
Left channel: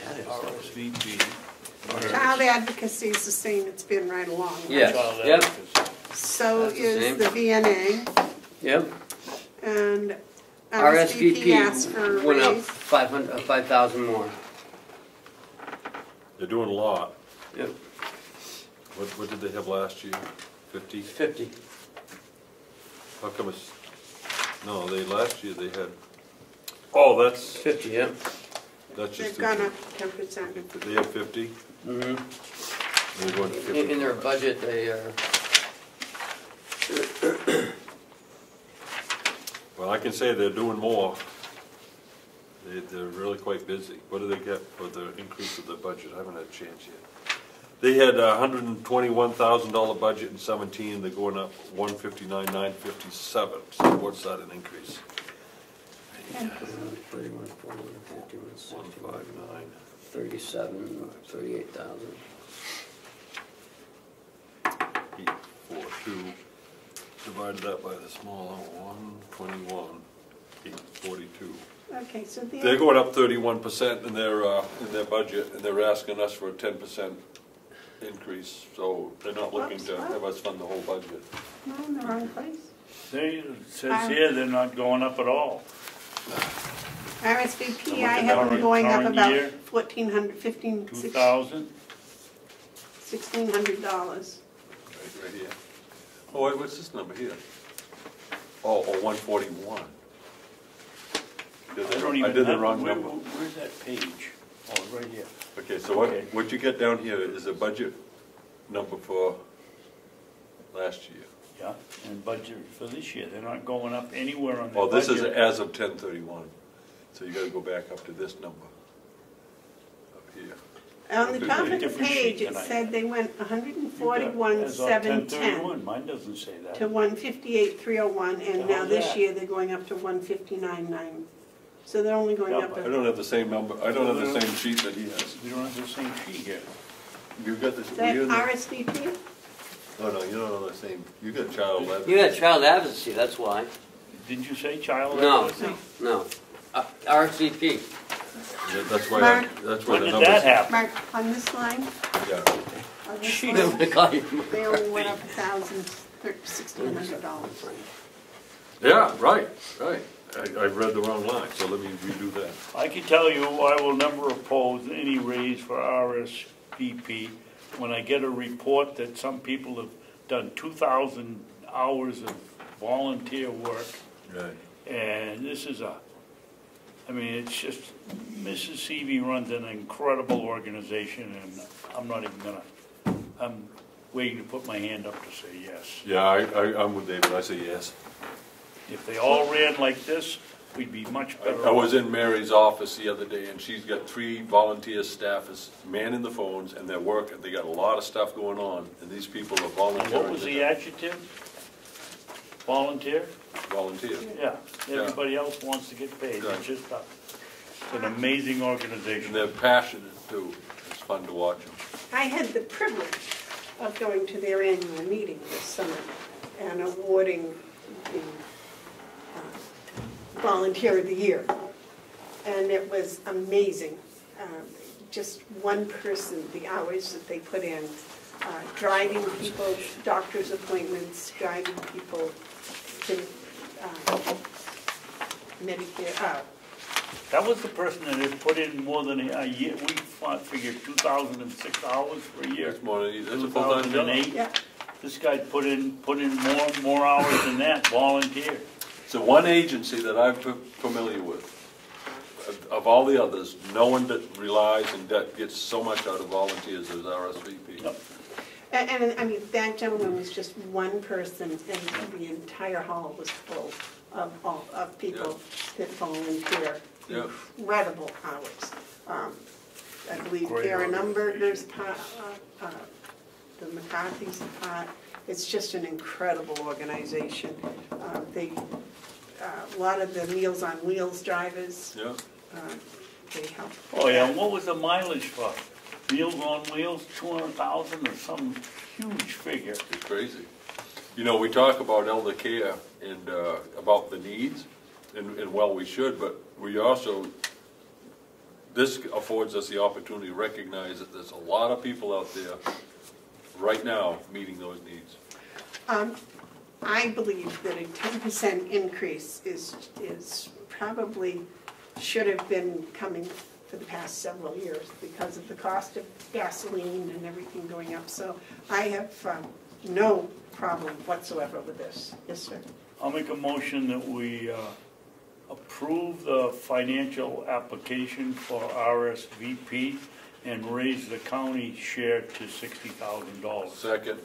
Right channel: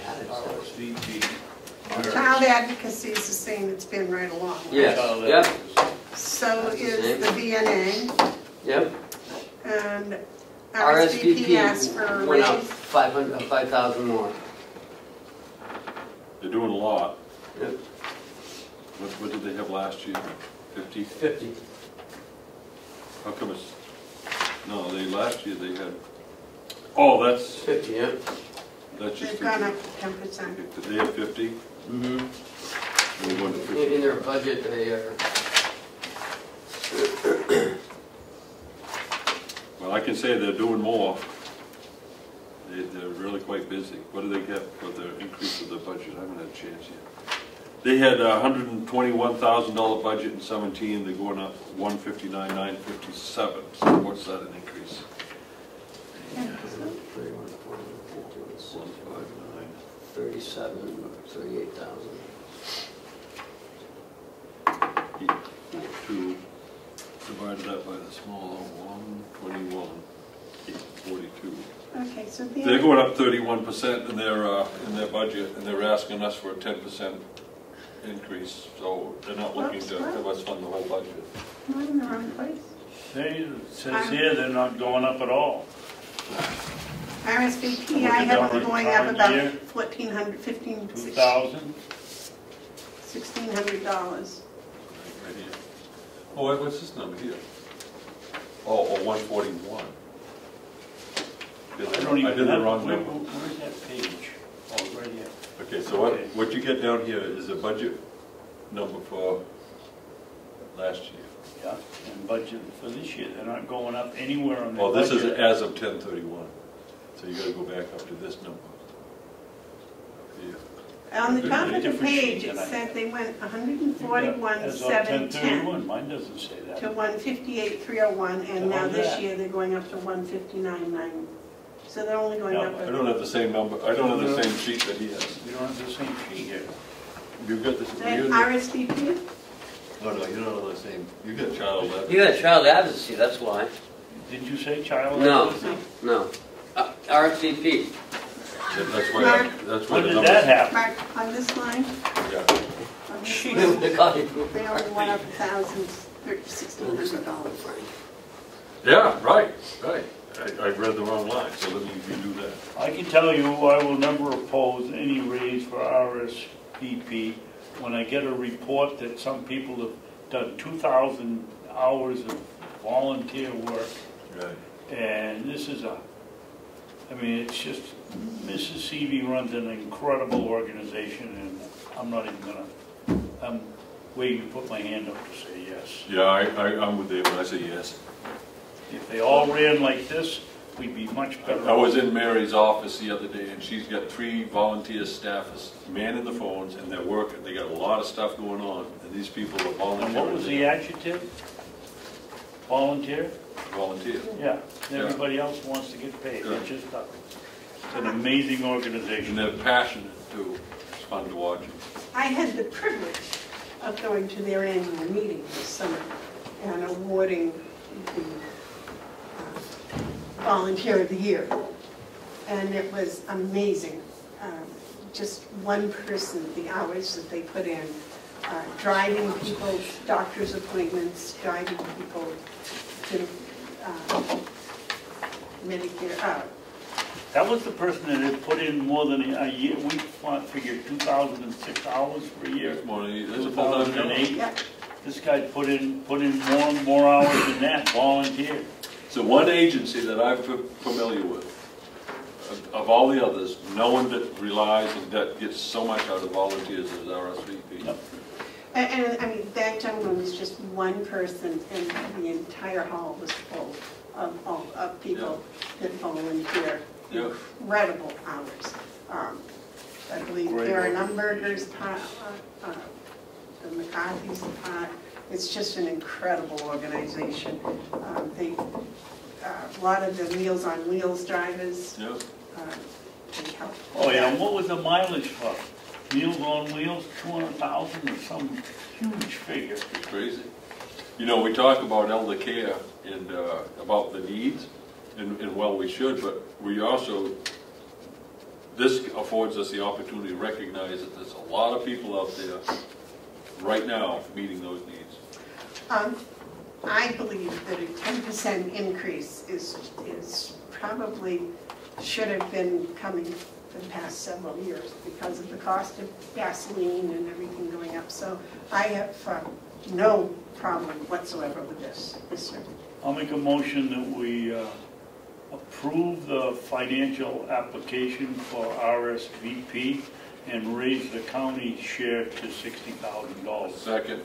had it. RSVP. Child advocacy is the same it's been right along. right? Yes, yep, So That's the is same. the VNA, yep. and RSVP asked for a RSVP went up raise. 5,000 more. They're doing a lot. Yep. What did they have last year? 50? 50. How come it's, no, last year they had, oh, that's 50, yep. just. They've gone up 10%. Did they have 50? Mm-hmm. They went to 50. In their budget, they are. Well, I can say they're doing more. They're really quite busy. What do they get for the increase of the budget? I haven't had a chance yet. They had a $121,000 budget in 17. They're going up $159,957. So what's that an increase? 159. 37, 38,000. 842. Divide that by the smaller 121. 842. Okay, so They're going up 31% in their budget, and they're asking us for a 10% increase. So they're not looking to have us fund the whole budget. I'm in the wrong place. It says here they're not going up at all. RSVP, I have them going up Current about year? $1,400, $1,500, 2,000? $1,600. Right here. Oh, what's this number here? Oh, 141. I don't even I did the have- wrong where- number. Where's that page? Oh, right here. Okay, so Okay. what you get down here is a budget number for last year. Yeah, and budget for this year, they're not going up anywhere on their Well, this is budget. as of 10/31, so you gotta go back up to this number. Up here. On the Could top be a of the different sheet page, it than I said have. they went As of 141,710 10/31, mine doesn't say that. to 158,301, and now How's this that? year they're going up to 159,900. So they're only going No, up. I don't have the same number, I don't have the same sheet that he has. You don't have the same sheet here. You got this, That you, RSVP? oh no, you don't have the same, you got child letter. You got child advocacy, that's why. Did you say child? No. advocacy? No. RSVP. Yeah, that's why, Mark. that's why When the did numbers. that happen? Mark, on this line, Yeah, on this Jeez. line, Jeez. they only went up $1,600. yeah, right. I read the wrong line, so let me redo that. I can tell you, I will never oppose any raise for RSVP when I get a report that some people have done 2,000 hours of volunteer work. Right. And this is I mean, it's just, Mrs. Seavey runs an incredible organization, and I'm not even I'm waiting to put my hand up to say yes. Yeah, I'm with David, I say yes. If they all ran like this, we'd be much better. I was in Mary's office the other day, and she's got 3 volunteer staffers manning the phones, and they're working, they got a lot of stuff going on, and these people are And volunteering. what was the adjective? Volunteer? Volunteer. Yeah, Yeah. everybody else wants to get paid, Right. it's just it's an amazing And organization. they're passionate too, it's fun to watch. I had the privilege of going to their annual meeting this summer and awarding the Volunteer of the Year. And it was amazing. Just one person, the hours that they put in, driving people's doctor's appointments, guiding people to Medicare. That was the person that had put in more than a year, we figured 2,006 hours per year. It's more than, it's a full-time job. 2008. Yeah, This guy put in more and more hours than that, volunteer. So one agency that I'm familiar with, of all the others, no one that relies and that gets so much out of volunteers as RSVP. Yep. and I mean, that gentleman was just one person, and the entire hall was full of people that volunteer. Yeah. Incredible hours. I believe Great Karen organization. Umberger's part, the McCarthy's part. It's just an incredible organization. A lot of the Meals on Wheels drivers, Yeah. they help. Oh yeah, and what was the mileage for? Meals on Wheels, 200,000 or some huge figure. It's crazy. You know, we talk about elder care and about the needs, and well, we should, but we also, this affords us the opportunity to recognize that there's a lot of people out there right now meeting those needs. I believe that a 10% increase is probably, should have been coming for the past several years because of the cost of gasoline and everything going up. So I have no problem whatsoever with this. Yes, sir. I'll make a motion that we approve the financial application for RSVP and raise the county share to $60,000. Second.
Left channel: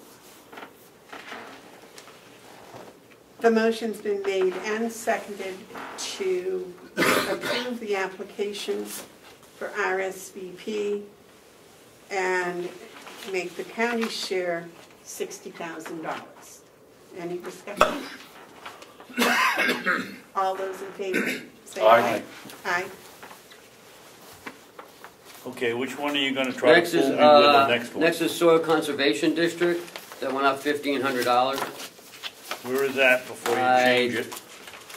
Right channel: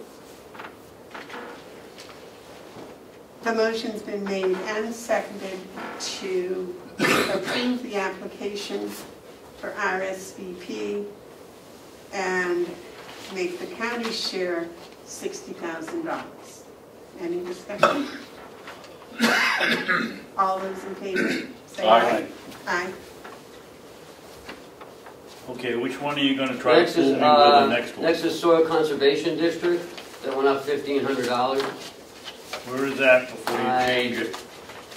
The motion's been made and seconded to approve the application for RSVP and make the county share $60,000. Any discussion? All those in favor? Say Aye. Aye. Okay, which one are you gonna try Next to is, pull me with the next one? next is Soil Conservation District, that went up $1,500. Where is that before you change it?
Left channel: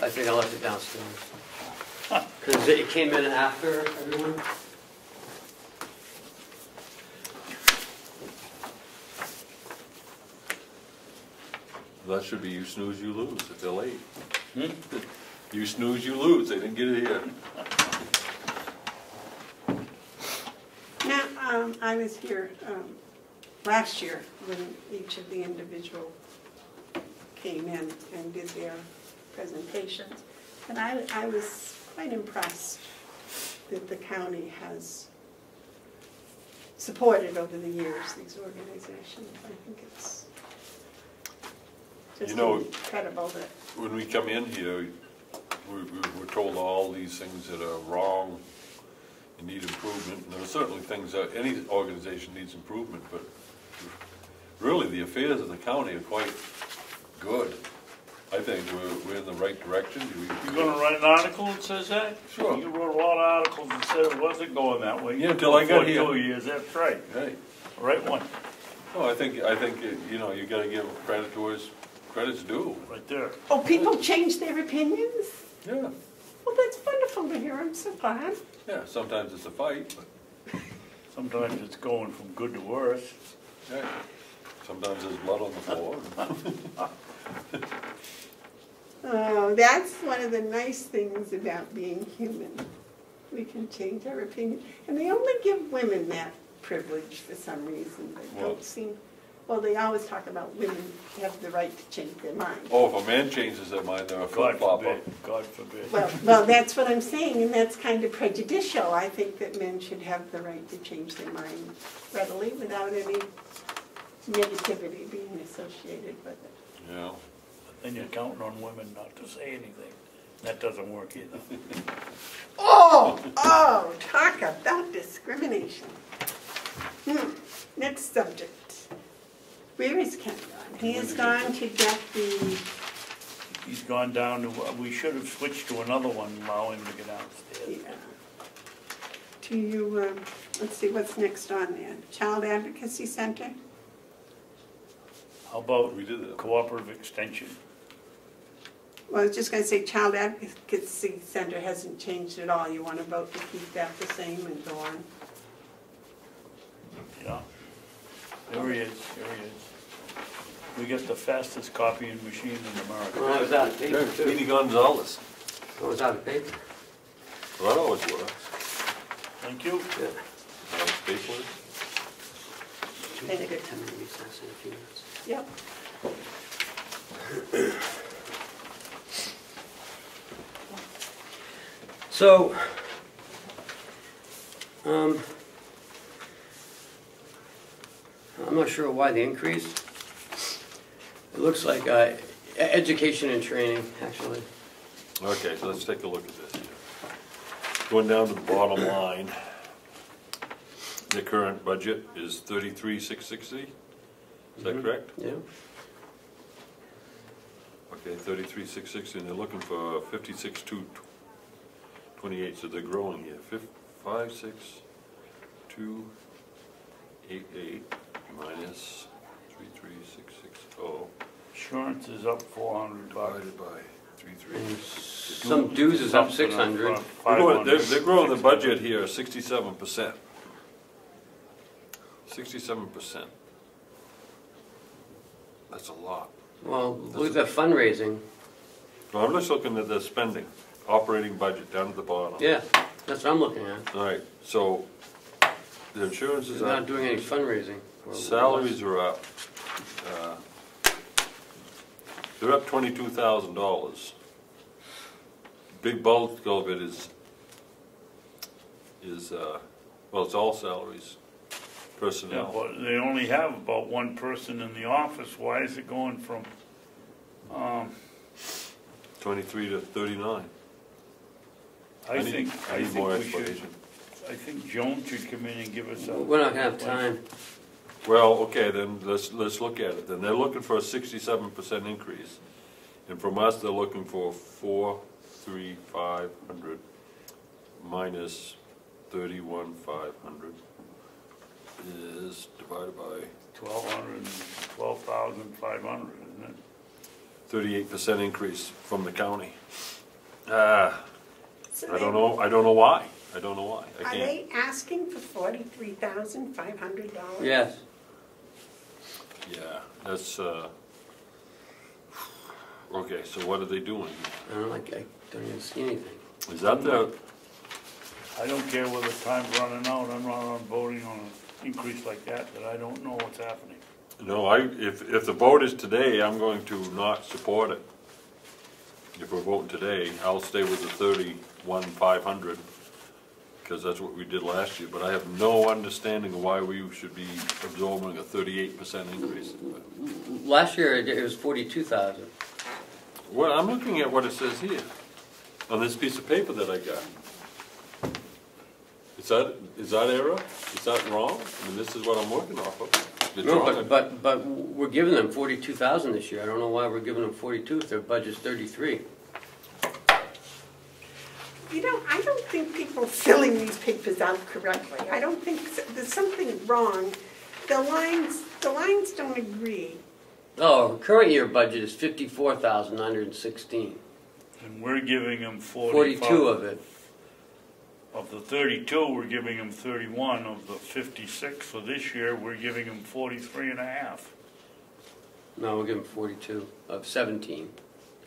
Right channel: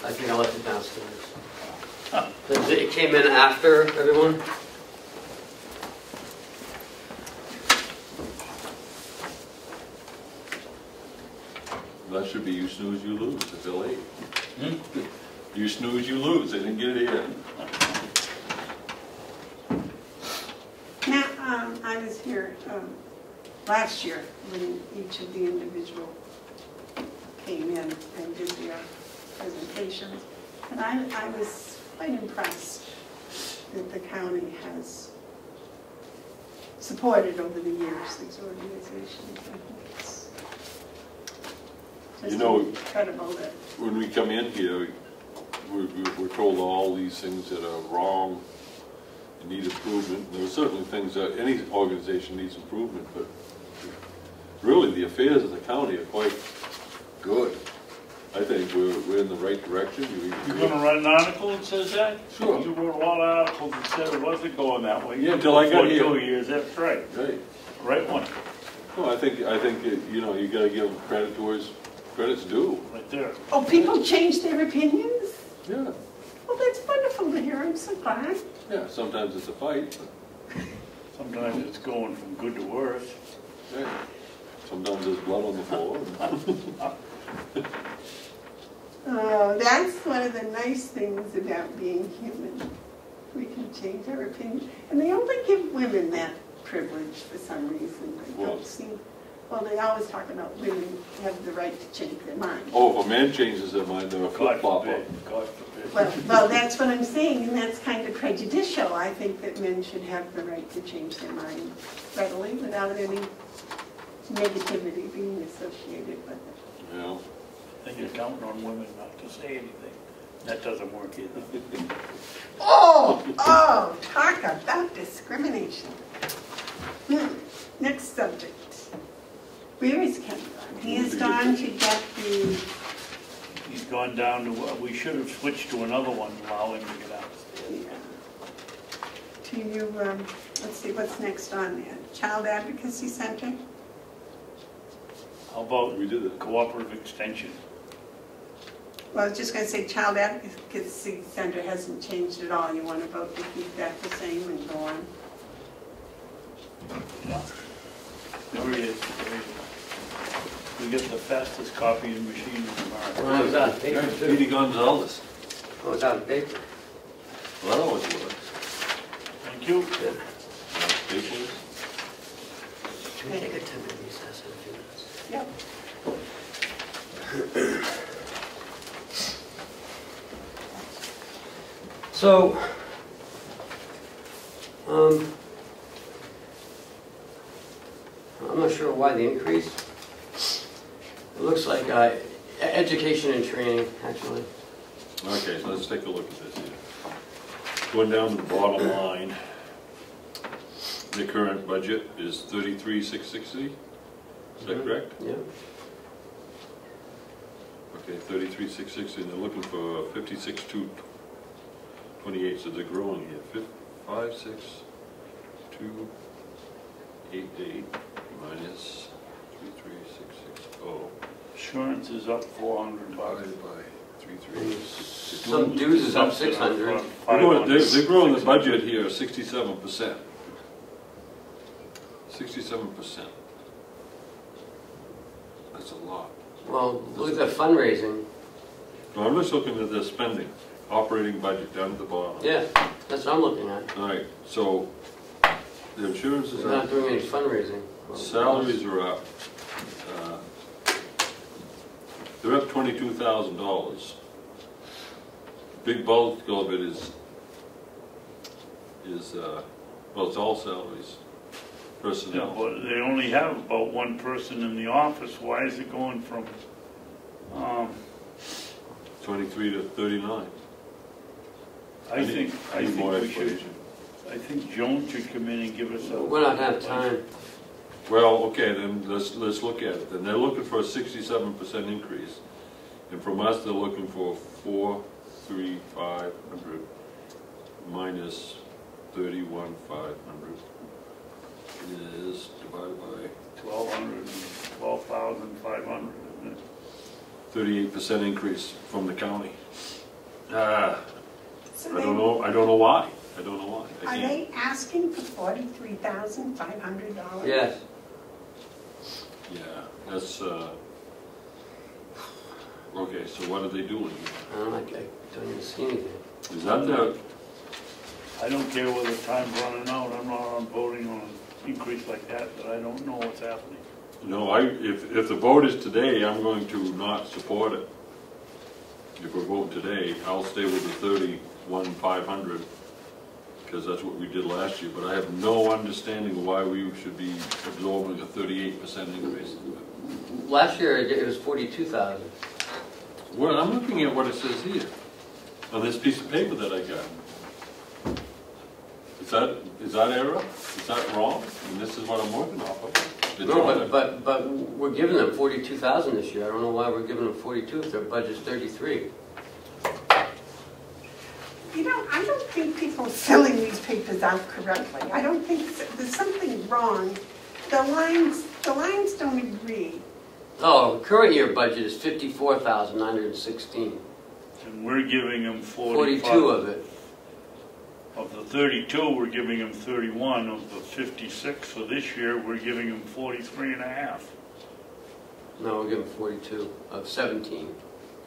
I think I left it downstairs. Because it came in after everyone. That should be you snooze, you lose, if they're late. Hmm? You snooze, you lose, they didn't get it here. Now, I was here last year when each of the individual came in and did their presentations. And I was quite impressed that the county has supported over the years these organizations. I think it's just You know, incredible that, when we come in here, we're told all these things that are wrong you need improvement. There are certainly things that any organization needs improvement, but really the affairs of the county are quite good. I think we're in the right direction. You're gonna write an article that says that? Sure. You wrote a lot of articles that said it wasn't going that way. Yeah, till I got here. 2 years, that's right. Hey, Right one, well, I think you know, you gotta give credit where credit's due. right there. Oh, people change their opinions? Yeah. Well, that's wonderful to hear, I'm so glad. Yeah, sometimes it's a fight, Sometimes it's going from good to worse. but hey, sometimes there's blood on the floor. Oh, that's one of the nice things about being human. We can change our opinion. And they only give women that privilege for some reason. I Well- don't see, well, they always talk about women have the right to change their mind. Oh, if a man changes their mind, they're a God flip-flopper. forbid, God forbid. Well, that's what I'm saying, and that's kind of prejudicial. I think that men should have the right to change their mind readily without any negativity being associated with it. You know? And you're counting on women not to say anything. That doesn't work either. Oh, talk about discrimination. Next subject. Where is Ken gone? He has gone to get the, He's gone down to, we should have switched to another one, allow him to get upstairs. to you, let's see, what's next on there? Child Advocacy Center? How about We did it. cooperative extension? Well, I was just gonna say, Child Advocacy Center hasn't changed at all. You want to vote to keep that the same and go on? Yeah. There he is, there he is. We get the fastest copying machine in America. Well, I was out of paper too. Speedy Gonzalez. I was out of paper. Well, that always works. Thank you. Good. Patience. Can we take a 10-minute recess in a few minutes? Yep. So, I'm not sure why the increase. It looks like education and training, actually. Okay, so let's take a look at this here. Going down to the bottom line, the current budget is 33,660. Is that correct? Yeah. Okay, 33,660, and they're looking for 56,228, so they're growing here. 56288 minus 33660 Insurance is up $400. divided by 33660. Some dues is up 600. They're growing the budget here 67%. 67%. That's a lot. Well, look at the fundraising. Well, I'm just looking at the spending, operating budget down at the bottom. Yeah, that's what I'm looking at. All right, so the insurance is We're not up, doing any fundraising. salaries are up. They're up $22,000. Big bulk of it is well, it's all salaries, Yeah, personnel. well, they only have about one person in the office. Why is it going from, 23 to 39. I think more we should, explanation. I think Joan should come in and give us a. We're not gonna have time. Well, okay, then let's look at it. Then they're looking for a 67% increase. And from us, they're looking for 4,3,500 minus 31,500 is divided by 12,500, isn't it? 38% increase from the county. I So don't know why. I don't know why. I Are can't. they asking for $43,500? Yes. Yeah, that's, okay, so what are they doing? I don't even see anything. Is that the, I don't care whether time's running out. I'm not on voting on an increase like that, but I don't know what's happening. no, if the vote is today, I'm going to not support it. If we vote today, I'll stay with the 31,500, because that's what we did last year, but I have no understanding of why we should be absorbing a 38% increase. Last year it was 42,000. Well, I'm looking at what it says here, on this piece of paper that I got. Is that error? Is that wrong? And this is what I'm working off of. No, but we're giving them 42,000 this year. I don't know why we're giving them 42 if their budget's 33. You know, I don't think people filling these papers out correctly. I don't think, there's something wrong. The lines don't agree. Oh, current year budget is 54,916. And we're giving them 42 of it. Of the 32, we're giving them 31. Of the 56 for this year, we're giving them 43 and a half. No, we're giving 42 of 17.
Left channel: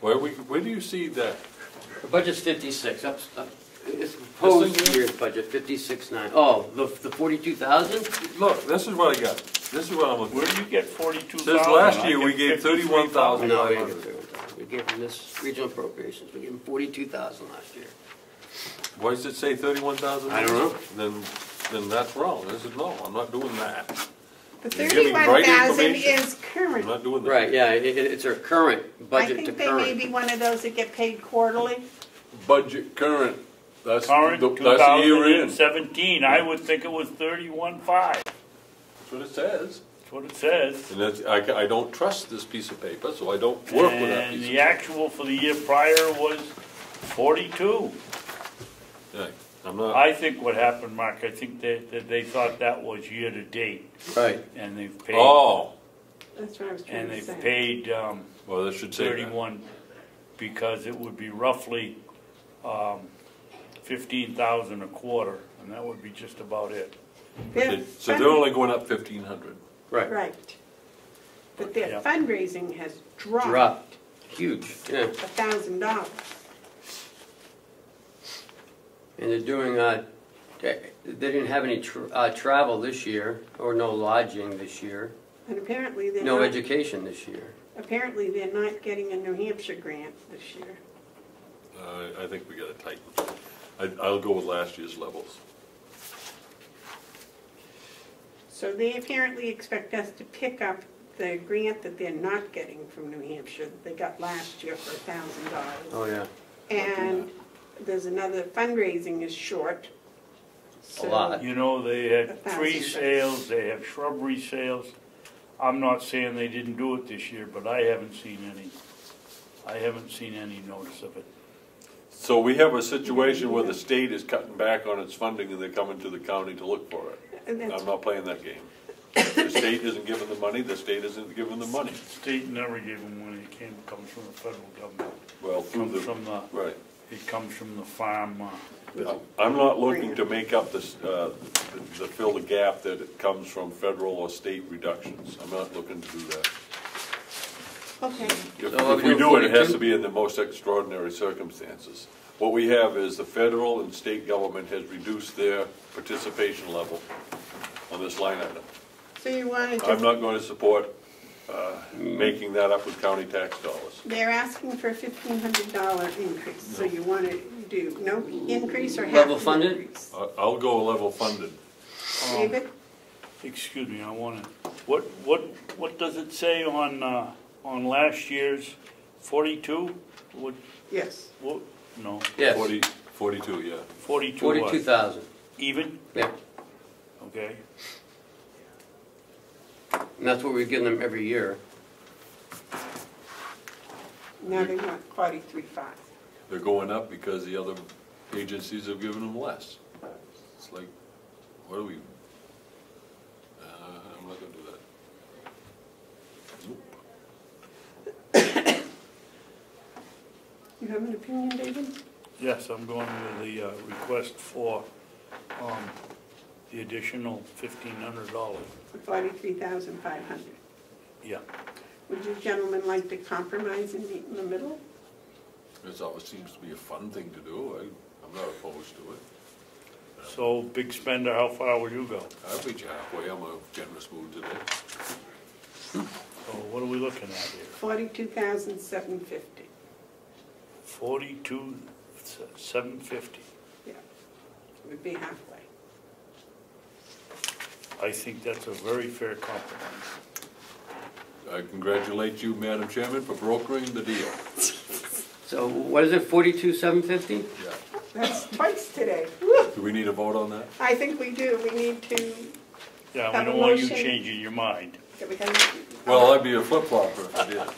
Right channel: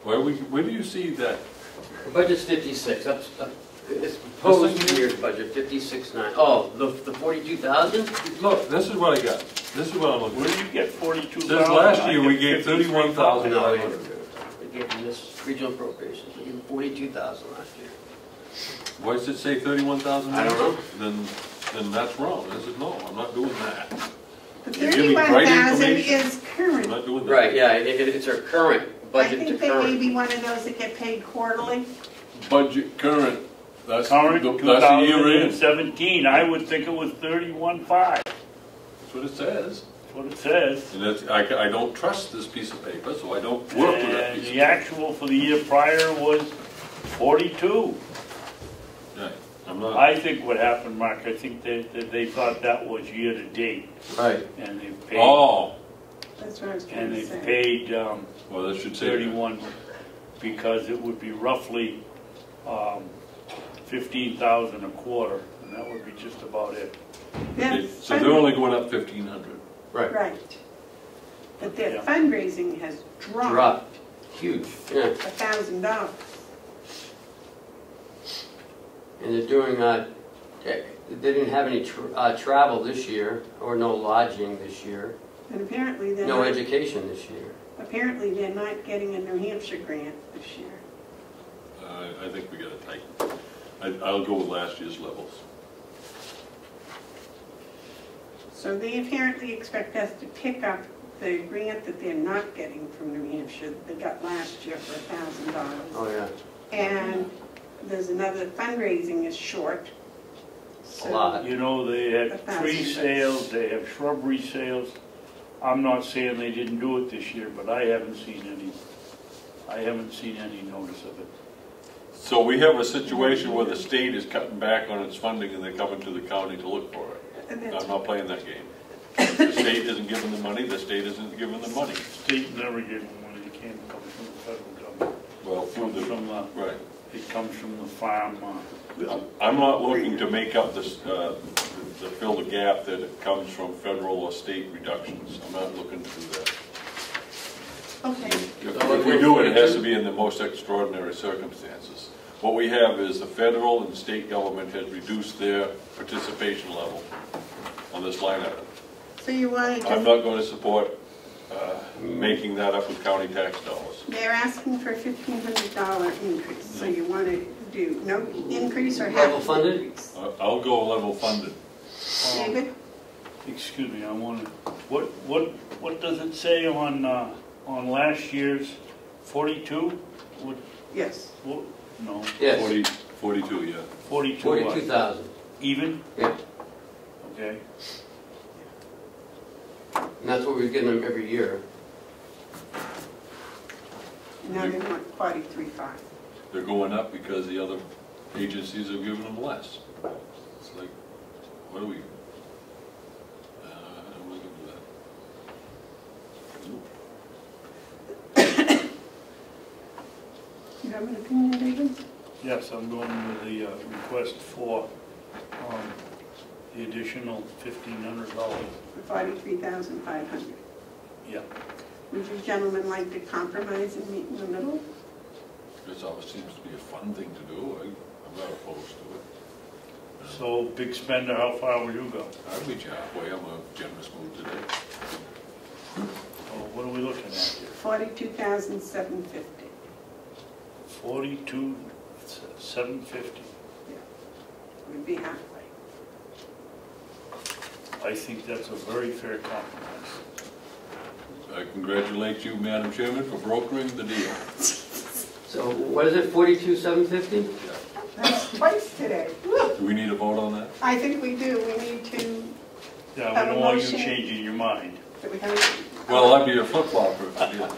Where do you see that? The budget's 56. It's proposed year's budget, 56,900. Oh, the 42,000? Look, this is what I got. This is what I'm looking Where at. do you get 42,000? This last year, we gave 31,000. No, we gave them this regional appropriations. We gave them 42,000 last year. Why does it say 31,000? I don't know. Then that's wrong. I said, no, I'm not doing that. The You're giving right 31,000 information. is current. I'm not doing that. Right, yeah, it's our current I budget to think they may current. be one of those that get paid quarterly. Budget current. That's Current the year in. 2017, I would think it was 31.5. That's That's what it says. what it says. And that's, I don't trust this piece of paper, so I don't work with that And piece. the actual for the year prior was 42. Yeah, I'm not. I think what happened, Mark, I think that they thought that was year to date, Right. and they've paid, Oh, That's what I was trying and to they've say. paid well, that should say that. 31, because it would be roughly 15,000 a quarter, and that would be just about it. Their So they're only going up 1,500. Right. Right. But their Yeah. fundraising has dropped Dropped. Huge. Yeah. $1,000. And they're doing, they didn't have any travel this year, or no lodging this year, And apparently they're no not, education this year. apparently they're not getting a New Hampshire grant this year. I think we got to tighten. I'll go with last year's levels. So they apparently expect us to pick up the grant that they're not getting from New Hampshire that they got last year for $1,000. Oh, yeah. And there's another, fundraising is short. A lot. You know, they had 1,000. tree sales, they have shrubbery sales. I'm not saying they didn't do it this year, but I haven't seen any notice of it. So we have a situation where the state is cutting back on its funding and they're coming to the county to look for it. And that's I'm not playing that game. The state isn't giving the money, the state isn't giving the money. State never gave them when it came, comes from the federal government. Well, It through comes the, from the, right. it comes from the farm. I'm not looking to make up this, to fill the gap that it comes from federal or state reductions. I'm not looking to do that. okay. If we do it, it has to be in the most extraordinary circumstances. What we have is the federal and state government has reduced their participation level on this line item. So you wanted I'm to, not going to support making that up with county tax dollars. they're asking for a $1,500 increase. So you want to do no increase or half? Level funded? increase? I'll go level funded. David? Excuse me, I want to, what does it say on last year's 42? What, Yes. what, no, Yes. 42, yeah. 42 what? 42,000. Even? Yeah. Okay. And that's what we're getting them every year. Now they want 43.5. They're going up because the other agencies are giving them less. It's like, what are we? I don't want to do that. Nope. You have an opinion, David? Yes, I'm going with the request for the additional $1,500. For $43,500. Yeah. Would you gentlemen like to compromise and meet in the middle? It always seems to be a fun thing to do. I'm not opposed to it. So, big spender, how far would you go? I'd reach halfway. I'm a generous mood today. So what are we looking at here? $42,750. 42,750. Would be halfway. I think that's a very fair compromise. I congratulate you, Madam Chairman, for brokering the deal. So what is it, 42,750? That's twice today. Woo. Do we need a vote on that? I think we do. We need to, Yeah, Have we a don't want you motion. changing your mind. we gotta, Well, that'd be a flip-flopper if we did.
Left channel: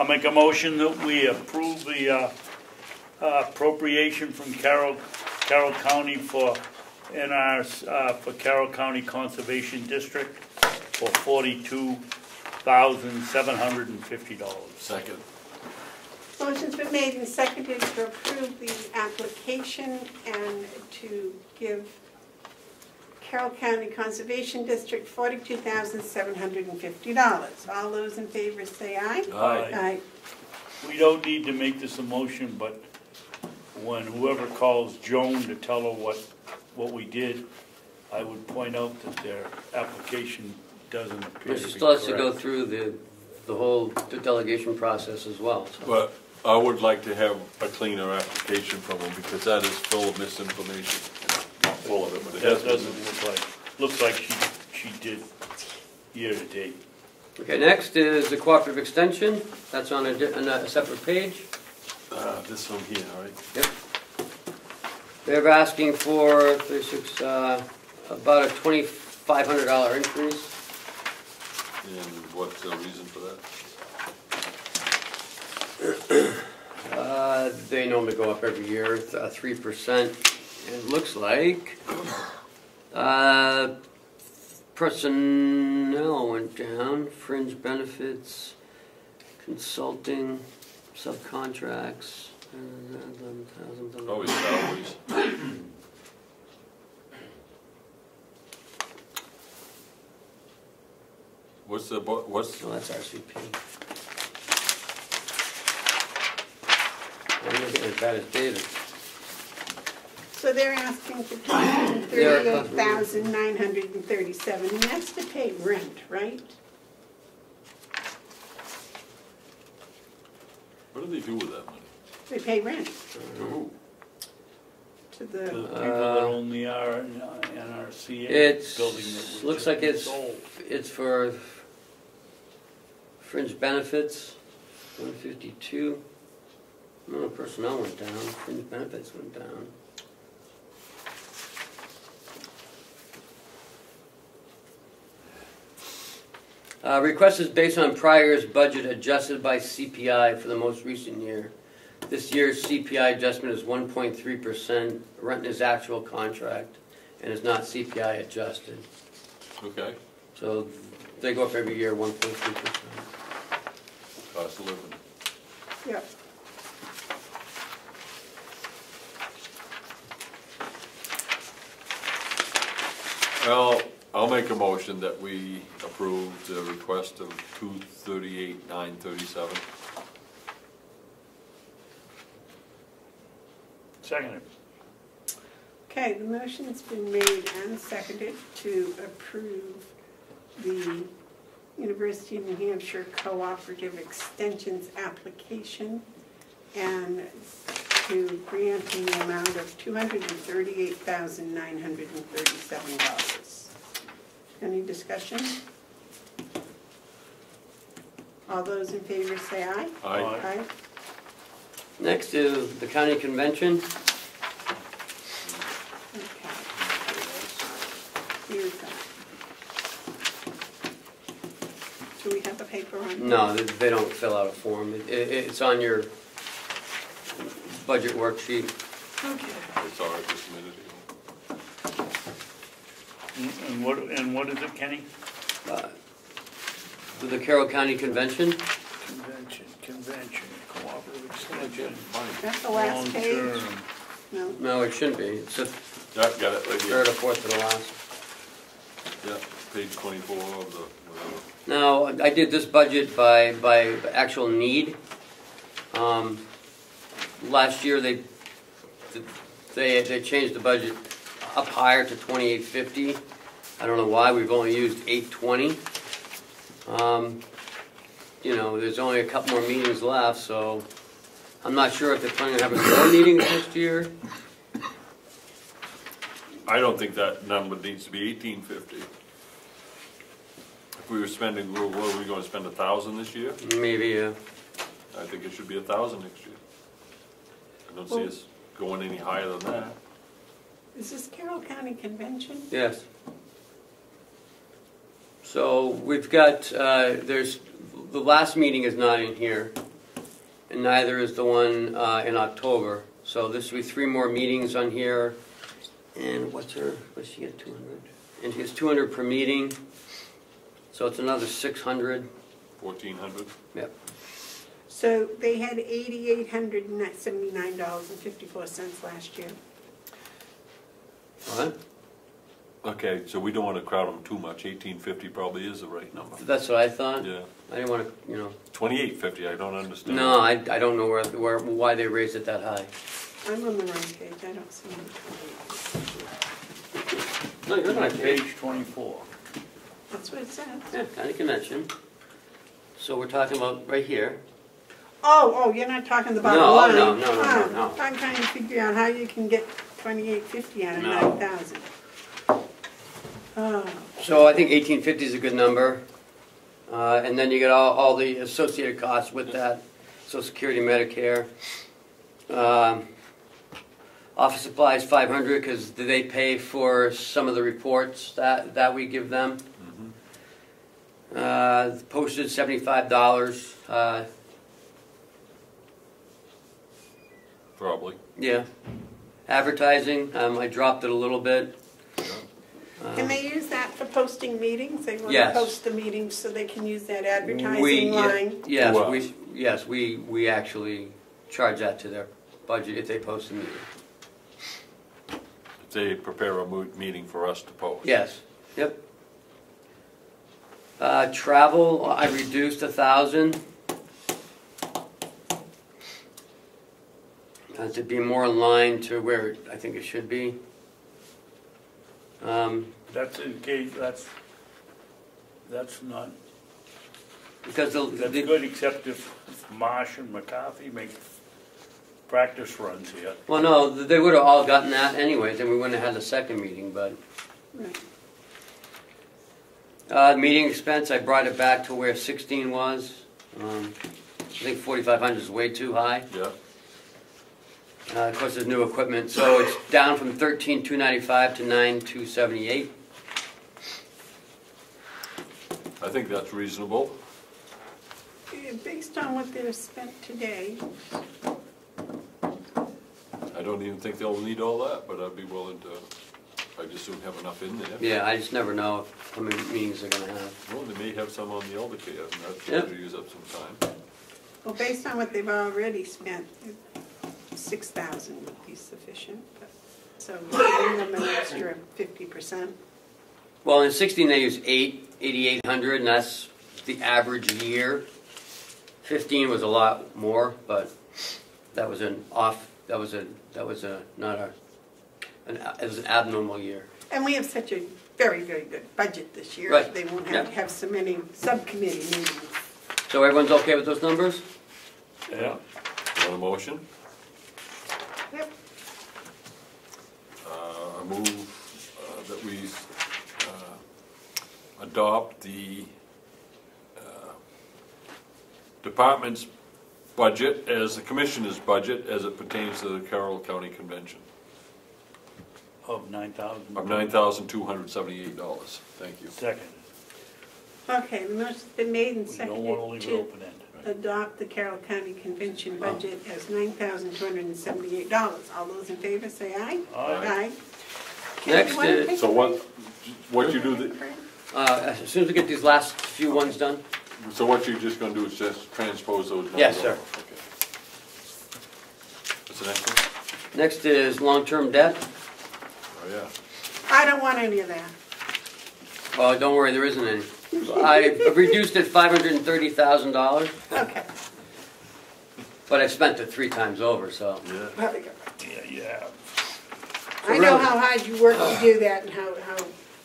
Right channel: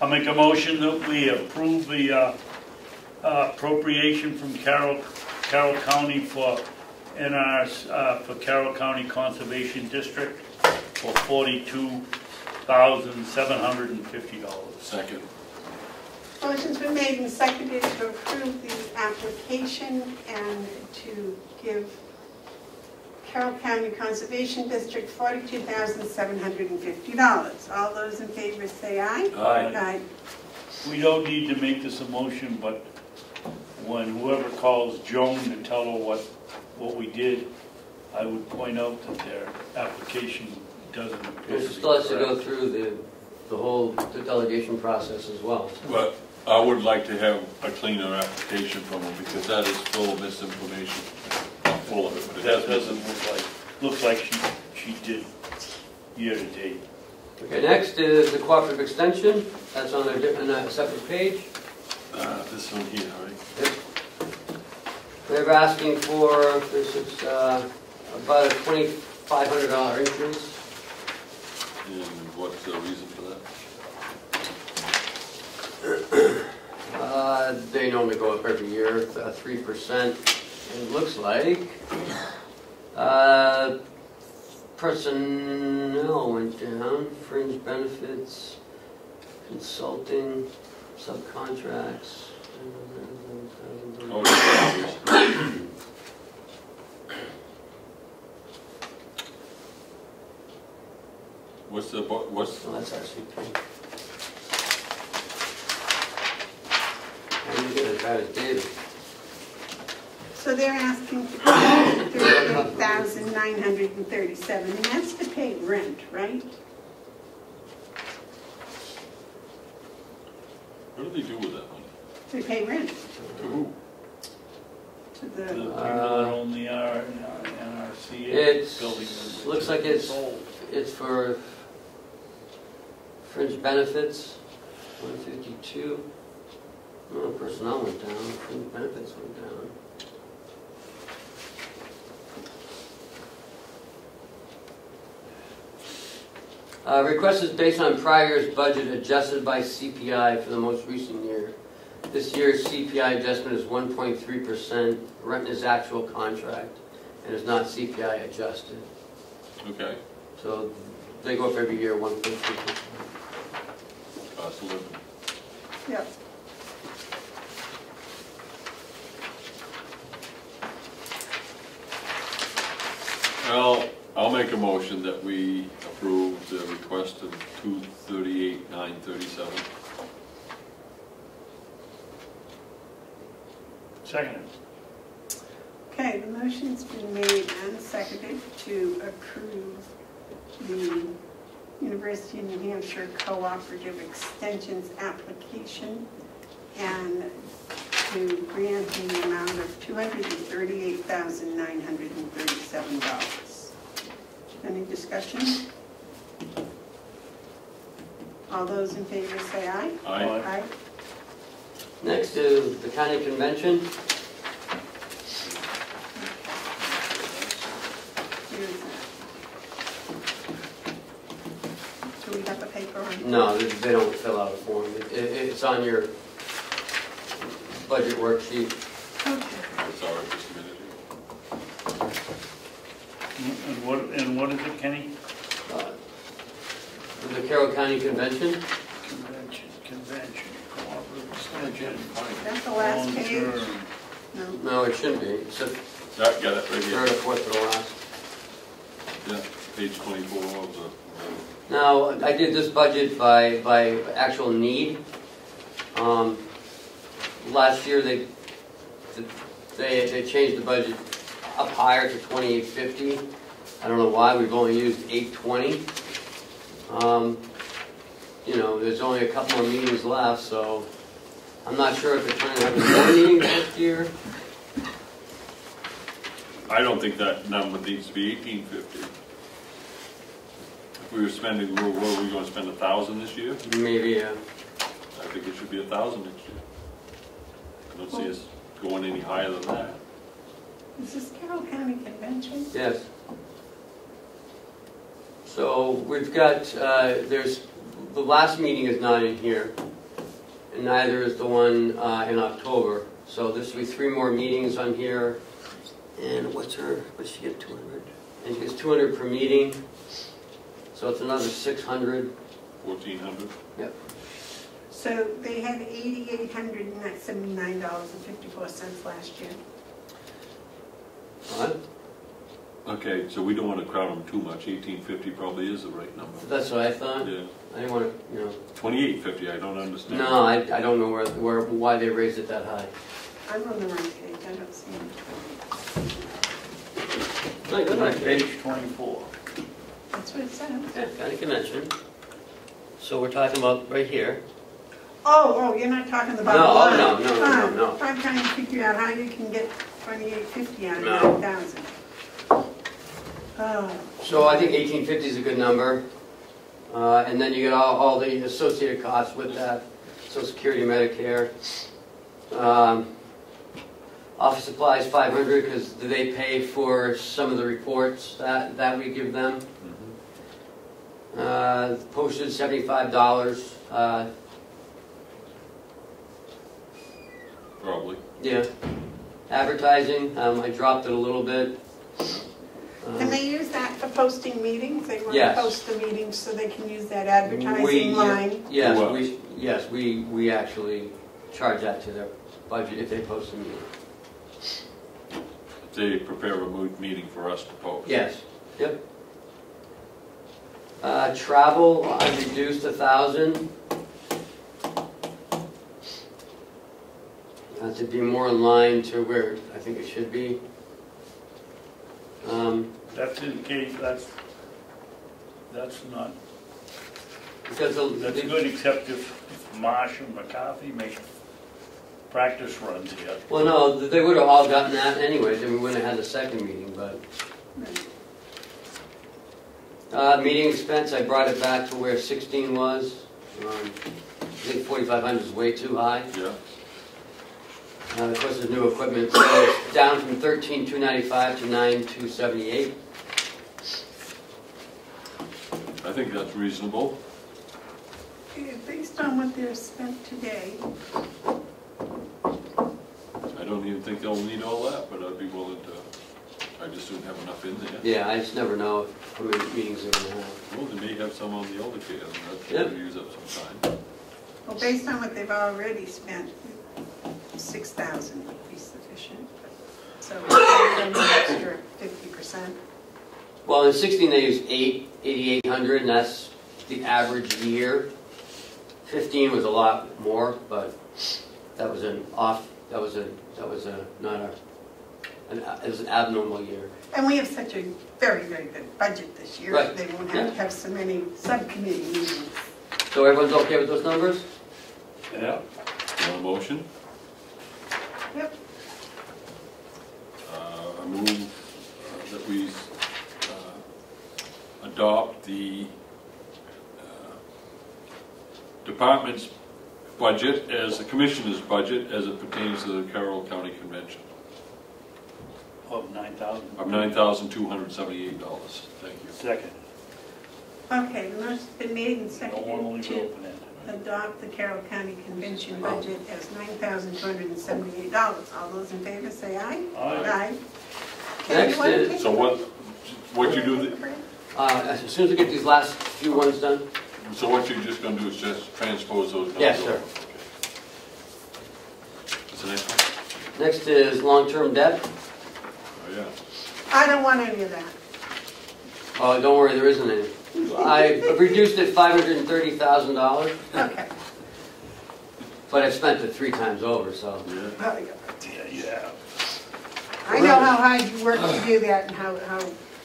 I'll make a motion that we approve the appropriation from Carroll County for for Carroll County Conservation District for $42,750. Second. motion's been made and seconded to approve the application and to give Carroll County Conservation District $42,750. All those in favor say aye. Aye. We don't need to make this a motion, but when whoever calls Joan to tell her what we did, I would point out that their application doesn't appear to She be still has to go correct. through the whole delegation process as well. So. But I would like to have a cleaner application from them because that is full of misinformation. Full of it. That doesn't looks like she did year to date. Okay, next is the cooperative extension. That's on a separate page. This one here, all right? Yep. They're asking for about a $2,500 increase. And what's the reason for that? They normally go up every year, 3%. And it looks like personnel went down, fringe benefits, consulting, subcontracts. Oh, yeah. What's the, what's, Oh, that's RCP. I'm looking at that as David. So they're asking for $38,937, and that's to pay rent, right? what do they do with that money? They pay rent To who? to To the, the people that own the NRCA It's, building. looks like it's for fringe benefits, 152. No, personnel went down, fringe benefits went down. Request is based on prior year's budget adjusted by CPI for the most recent year. This year's CPI adjustment is 1.3%. Rent is actual contract and is not CPI adjusted. Okay. So they go up every year, 1.3%. Cost of living. yep. Well, I'll make a motion that we approve the request of $238,937. Second. Okay, the motion's been made and seconded to approve the University of New Hampshire Cooperative Extensions application and to grant in the amount of $238,937. Any discussion? All those in favor say aye. Aye. Aye. Next is the county convention. Here's that. Do we have a paper on? No, they don't fill out a form. It's on your budget worksheet. Okay. I saw it just a minute ago. And what is it, Kenny? The Carroll County Convention. Convention, cooperative extension. That's the last page? Long-term. No. No, it shouldn't be. It's the Got it right third here. or fourth to the last. Yeah, page 24 of the, Now, I did this budget by actual need. Last year they changed the budget up higher to 2850. I don't know why. We've only used 820. You know, there's only a couple more meetings left, so I'm not sure if they're planning to have more meetings next year. I don't think that number needs to be 1850. If we were spending, what are we going to spend, 1,000 this year? Maybe. I think it should be 1,000 next year. I don't see us going any higher than that. Is this Carroll County Convention? Yes. So we've got, there's, the last meeting is not in here, and neither is the one in October. So there should be 3 more meetings on here. And what's she get, 200? And she gets 200 per meeting. So it's another 600. 1,400. Yep. So they had $879.54 last year. What? Okay, so we don't want to crowd them too much. 1,850 probably is the right number. That's what I thought. Yeah. I didn't want to, 2,850, I don't understand. No, I don't know why they raised it that high. I'm on the wrong page, I don't see it. No, you're on Page 24. That's what it says. Yeah, County Convention. So we're talking about right here. Oh, you're not talking about No, the line. no. I'm trying to figure out how you can get 2,850 out of No. 9,000. Oh. So I think 1,850 is a good number. And then you get all the associated costs with that. Social Security, Medicare. Office supplies 500 because they pay for some of the reports that we give them. Postage $75. Probably. Yeah. Advertising, I dropped it a little bit. Can they use that for posting meetings? They want Yes. to post the meetings so they can use that advertising line? Yes, What? we actually charge that to their budget if they post a meeting. They prepare a meeting for us to post. Yes, yep. Travel, I reduced 1,000. To be more in line to where I think it should be. That's in case, that's not, Because that's good, except if Marsh and McCarthy make practice runs here. well, no, they would have all gotten that anyways, and we wouldn't have had the second meeting, but. Meeting expense, I brought it back to where 16 was. I think 4,500 is way too high. Yeah. Of course, there's new equipment, so it's down from 13,295 to 9,278. Uh, I think that's reasonable. Based on what they're spent today, I don't even think they'll need all that, but I'd be willing to, I just didn't have enough in there. Yeah, I just never know how many meetings they're going to have. Well, they may have some on the older kids, and that's Yeah. going to use up some time. well, based on what they've already spent, 6,000 would be sufficient. So give them an extra 50%. Well, in 16 they use 8,800, and that's the average year. 15 was a lot more, but that was an abnormal year. And we have such a very, very good budget this year. Right. They won't have to have so many subcommittee meetings. So everyone's okay with those numbers? Yeah. Want a motion? Yep. I move that we adopt the department's budget as the commissioner's budget as it pertains to the Carroll County Convention Of 9,000. of $9,278. Thank you. Second. Okay, the motion's been made and No one seconded will leave it to open ended. adopt the Carroll County Convention budget as $9,278. All those in favor say aye. Aye. Next is- So what you do, As soon as we get these last few ones done. so what you're just going to do is just transpose those? Yes, sir. What's the next one? Next is long-term debt. Oh, yeah. I don't want any of that. Oh, don't worry, there isn't any. I reduced it $530,000, Okay. but I spent it 3 times over, so. Well, Yeah, yeah. I know how hard you work to do that and how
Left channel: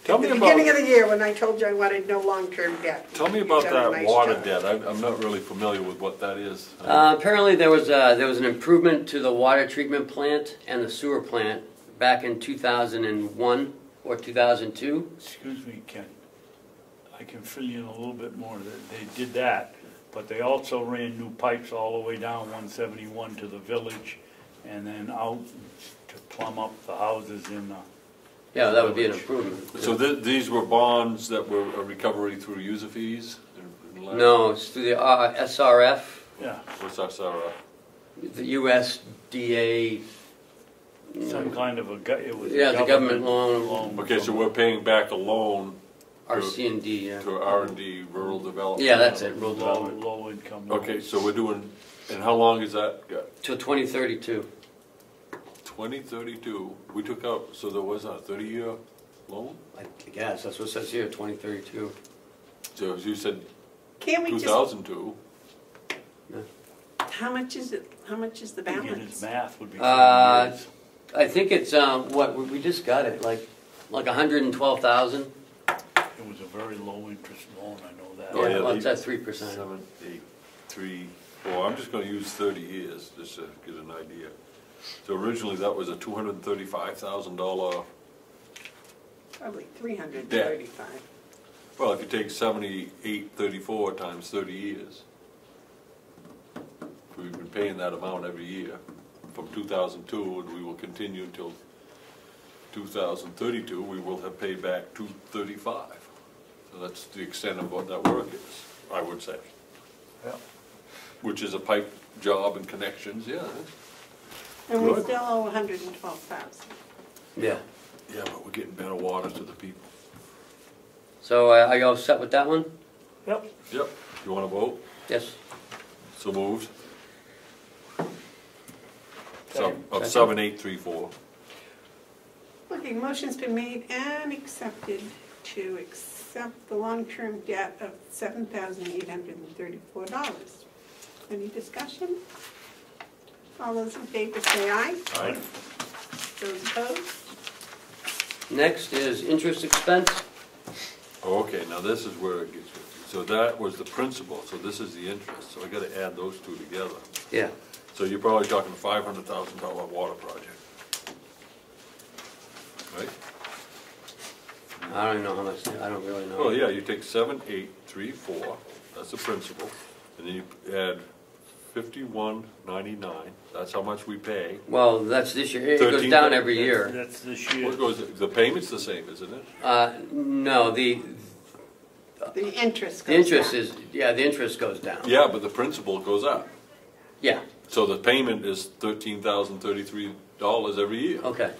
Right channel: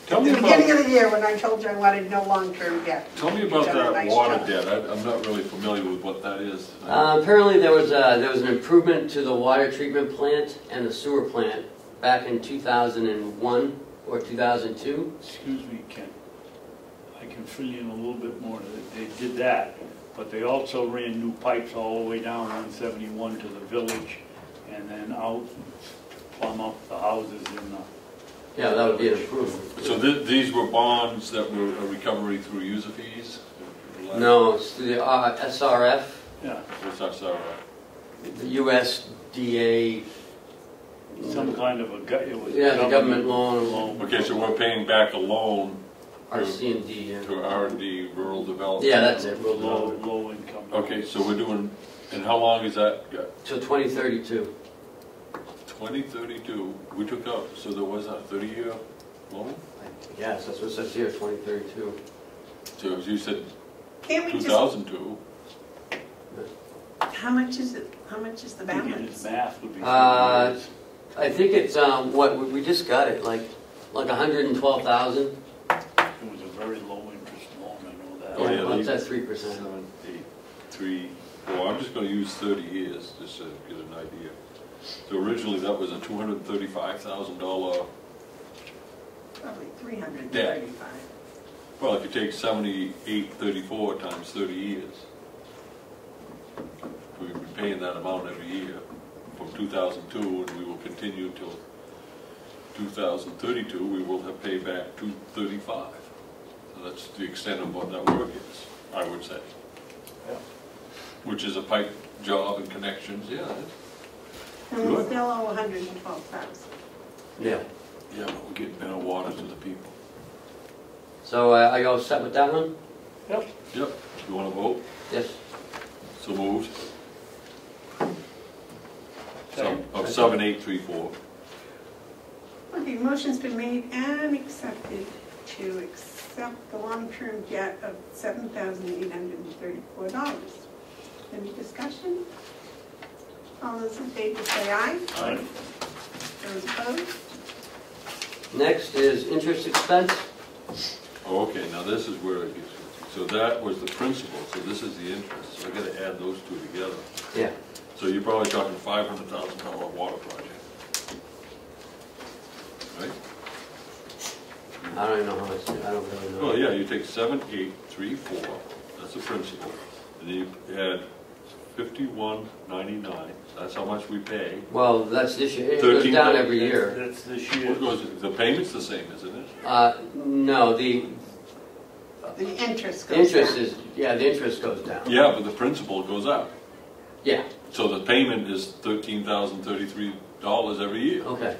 Tell at me the beginning about, of the year when I told you I wanted no long-term debt. tell me about You've done a that nice water job. debt. I'm not really familiar with what that is. Apparently there was an improvement to the water treatment plant and the sewer plant back in 2001 or 2002. Excuse me, Ken. I can fill you in a little bit more. They did that, but they also ran new pipes all the way down 171 to the village and then out to plumb up the houses in the. Yeah, that would be an improvement. So these were bonds that were a recovery through user fees? No, it's the SRF, Yeah, It's not so, the USDA. some kind of it was. Yeah, the government loan, okay, so we're paying back a loan RC&D, yeah. to R&D, rural development? Yeah, that's it, rural Low, development. low income. Okay, so we're doing, and how long is that? Yeah, Till 2032. 2032, we took out, so there was a 30-year loan? Yes, that's what it says here, 2032. So as you said, Can't we just, 2002, how much is it, how much is the Thinking balance? his math would be. I think it's, what, we just got it, like 112,000. It was a very low interest loan, I know that. Oh, yeah, Well, it's they- at 3%. 7, 8, 3, 4, I'm just gonna use 30 years, just to get an idea. So originally that was a $235,000, Probably 335. well, if you take 7834 times 30 years, we'll be paying that amount every year from 2002, and we will continue till 2032, we will have paid back 235. And that's the extent of what that work is, I would say. Yeah. Which is a pipe job and connections, yeah. And we Good. still owe 112,000. Yeah. Yeah, but we get better water to the people. So are you all set with that one? Yep. You wanna vote? Yes. So moved. Second. Of 7834. Okay, motion's been made and accepted to accept the long-term debt of $7,834. Any discussion? All those in favor say aye. Aye. Those opposed? Next is interest expense. Okay, now this is where it gets, so that was the principal, so this is the interest, so I gotta add those two together. Yeah. So you're probably talking $500,000 water project. Right? I don't know how much, I don't really know. Well, yeah, you take 7834, that's the principal, and then you add 5199, that's how much we pay. Well, that's this year. It goes down every year. That's this year. What goes, the payment's the same, isn't it? No, the The interest goes interest down. is, yeah, the interest goes down. Yeah, but the principal goes up. Yeah, So the payment is $13,033 every year. okay.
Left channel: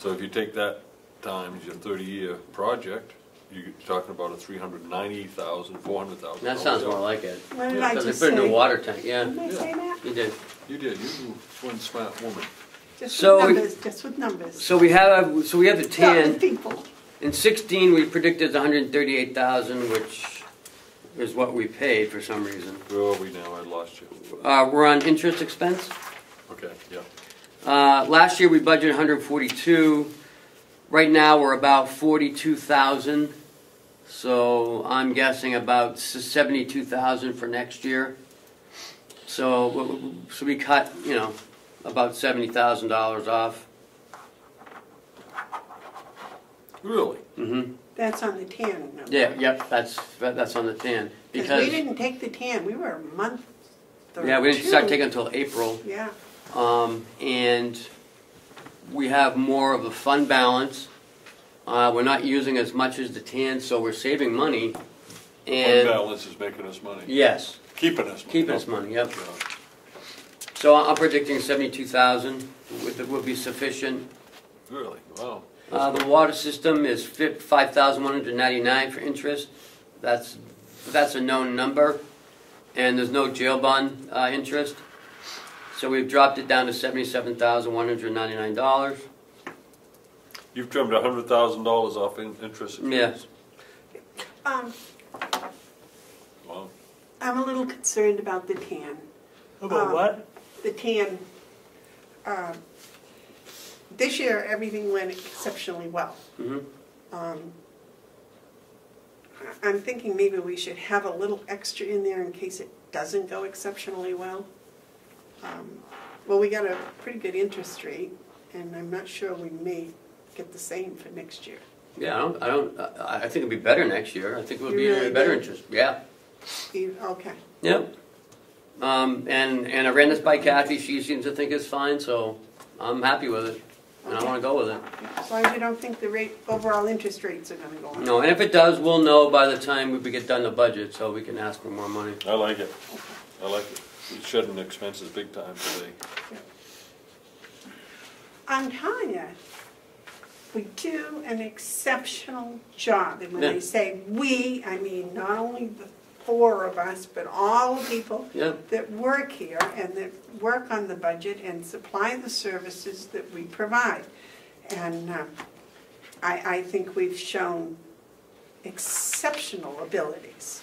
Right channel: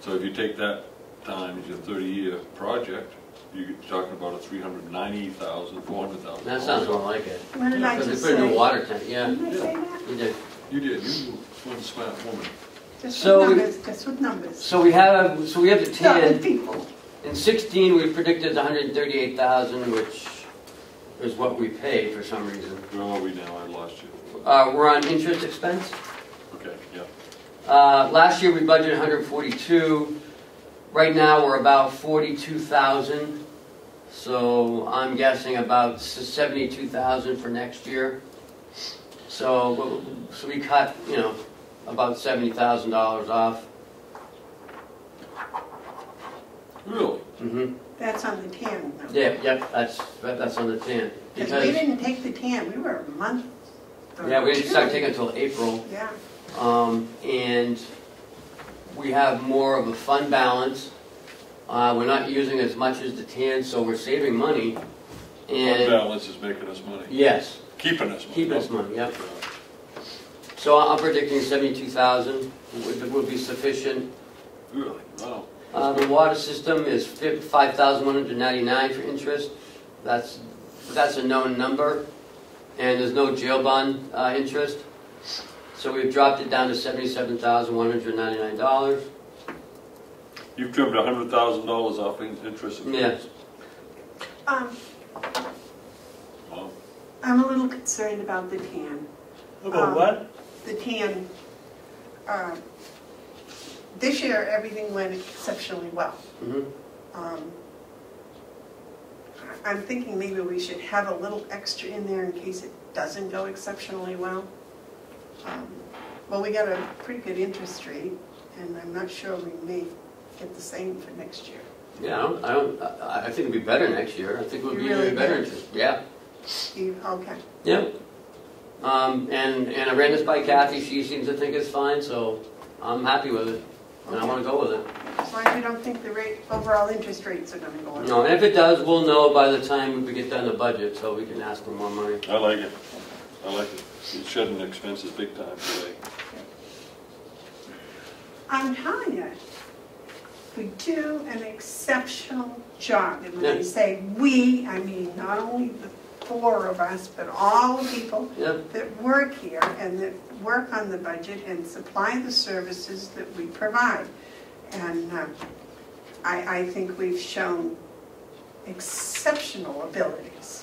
So if you take that times your 30-year project, you're talking about a $390,000, $400,000. That sounds more like it. What did I Because just they put a new say? water tank, yeah. Did I say that? You did. You did, you one smart woman. Just So with we- numbers, just with numbers. So we have the Tell the 10. people. In 16, we predicted 138,000, which is what we paid for some reason. Where are we now? I lost you. We're on interest expense. Okay, yeah. Last year we budgeted 142. Right now we're about 42,000. So I'm guessing about 72,000 for next year. So we cut, about $70,000 off. Really? Mm-hmm. That's on the TAN number. Yeah, yep, that's on the 10. Because we didn't take the TAN, we were a month or Yeah, we didn't two. start taking it until April. Yeah. And we have more of a fund balance. We're not using as much as the TAN, so we're saving money. Fund And balance is making us money. yes, Keeping us money. keep us money, yep. So I'm predicting 72,000 would be sufficient. Really? Wow. The water system is 5,199 for interest. That's a known number, and there's no jail bond interest. So we've dropped it down to $77,199. You've trimmed $100,000 off interest. Yeah. Wow. I'm a little concerned about the TAN. About what? The TAN, this year, everything went exceptionally well. Mm-hmm. I'm thinking maybe we should have a little extra in there in case it doesn't go exceptionally well. Well, we got a pretty good interest rate, and I'm not sure we may get the same for next year. Yeah, I think it'll be better next year. I think we'll You be really better do? interest. Yeah. Okay. Yep. And I ran this by Kathy. She seems to think it's fine. So I'm happy with it, and I wanna go with it. As long as you don't think the overall interest rates are gonna go up. No, and if it does, we'll know by the time we get done the budget, so we can ask for more money. I like it. I like it. It's shedding expenses big time, really. I'm telling you, we do an exceptional job. And when I say we, I mean not only the four of us, but all the people that work here and that work on the budget and supply the services that we provide. And I think we've shown exceptional abilities.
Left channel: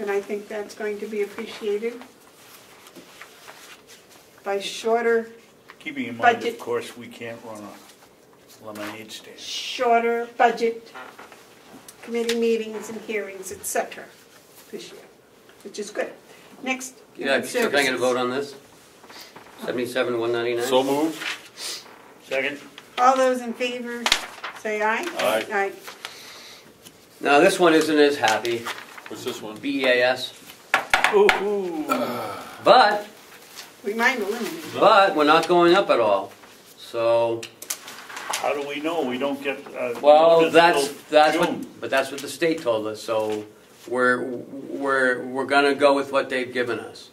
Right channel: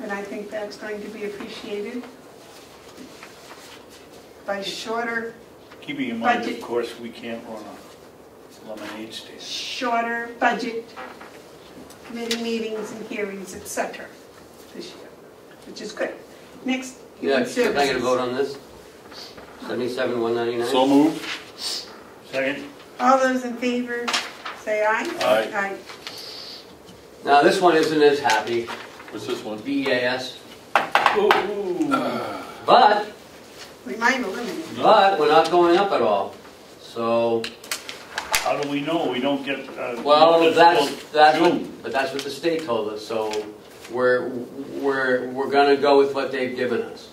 And I think that's going to be appreciated by shorter Keeping in mind, budget. of course, we can't run a lemonade stand. Shorter budget committee meetings and hearings, etc. this year, which is good. Next, Yeah, should I get a vote on this? 77,199. So moved. Second? all those in favor, say aye. Aye. Now, this one isn't as happy, What's this one? BEAS, Ooh. but We might eliminate. we're not going up at all. So, How do we know? We don't get, well, notice that's till what, June. but that's what the state told us, so we're gonna go with what they've given us.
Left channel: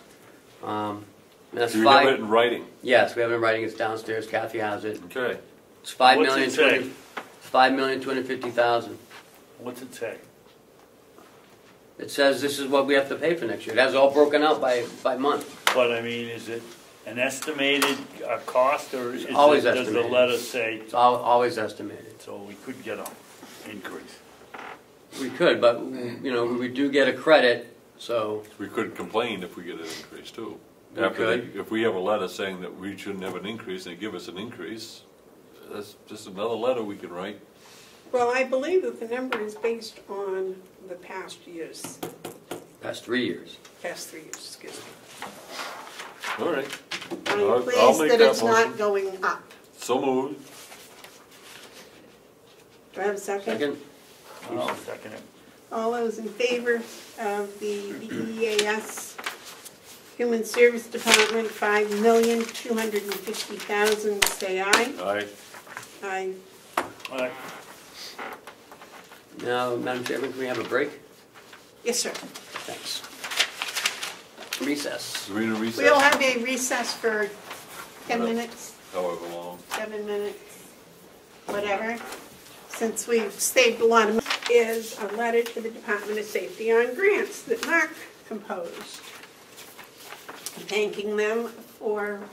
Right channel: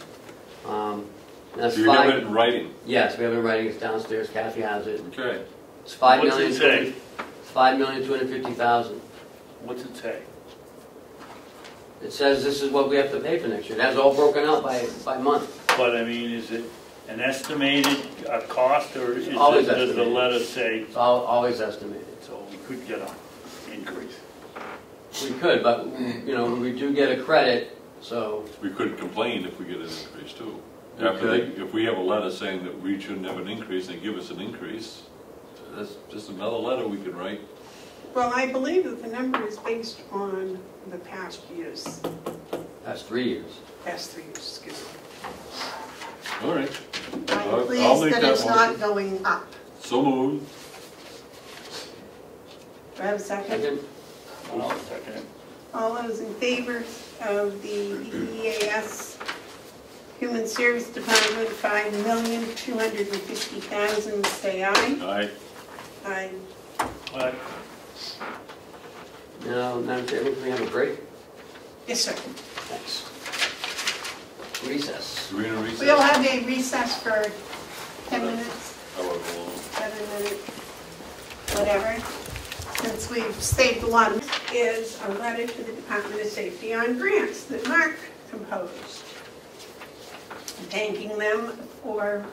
That's Do you have it five, in writing? yes, we have it in writing, it's downstairs, Kathy has it. Okay. It's 5 What's million, it say? 5,250,000. What's it say? It says this is what we have to pay for next year. That's all broken out by month. But I mean, is it an estimated cost, or is Always it, does the estimated. letter say, It's always estimated. so we could get an increase? We could, but, you know, we do get a credit, so, We could complain if we get an increase too. We If we have a letter saying that we shouldn't have an increase, and they give us an increase, that's just another letter we can write. Well, I believe that the number is based on the past years, past 3 years. past 3 years, excuse me. All right. I'm I'll pleased make that that it's motion. not going up. So moved. Do I have a second? Second? I'll second it. All those in favor of the EAS Human Service Department, $5,250,000, say aye. Aye. Aye. Alright, Now, Madam Chairman, can we have a break? Yes, sir. Thanks. Recess. Are we in a recess? We'll have a recess for 10 minutes, However long. 7 minutes, whatever. Since we've stayed one, is a letter to the Department of Safety on grants that Mark composed. Thanking them for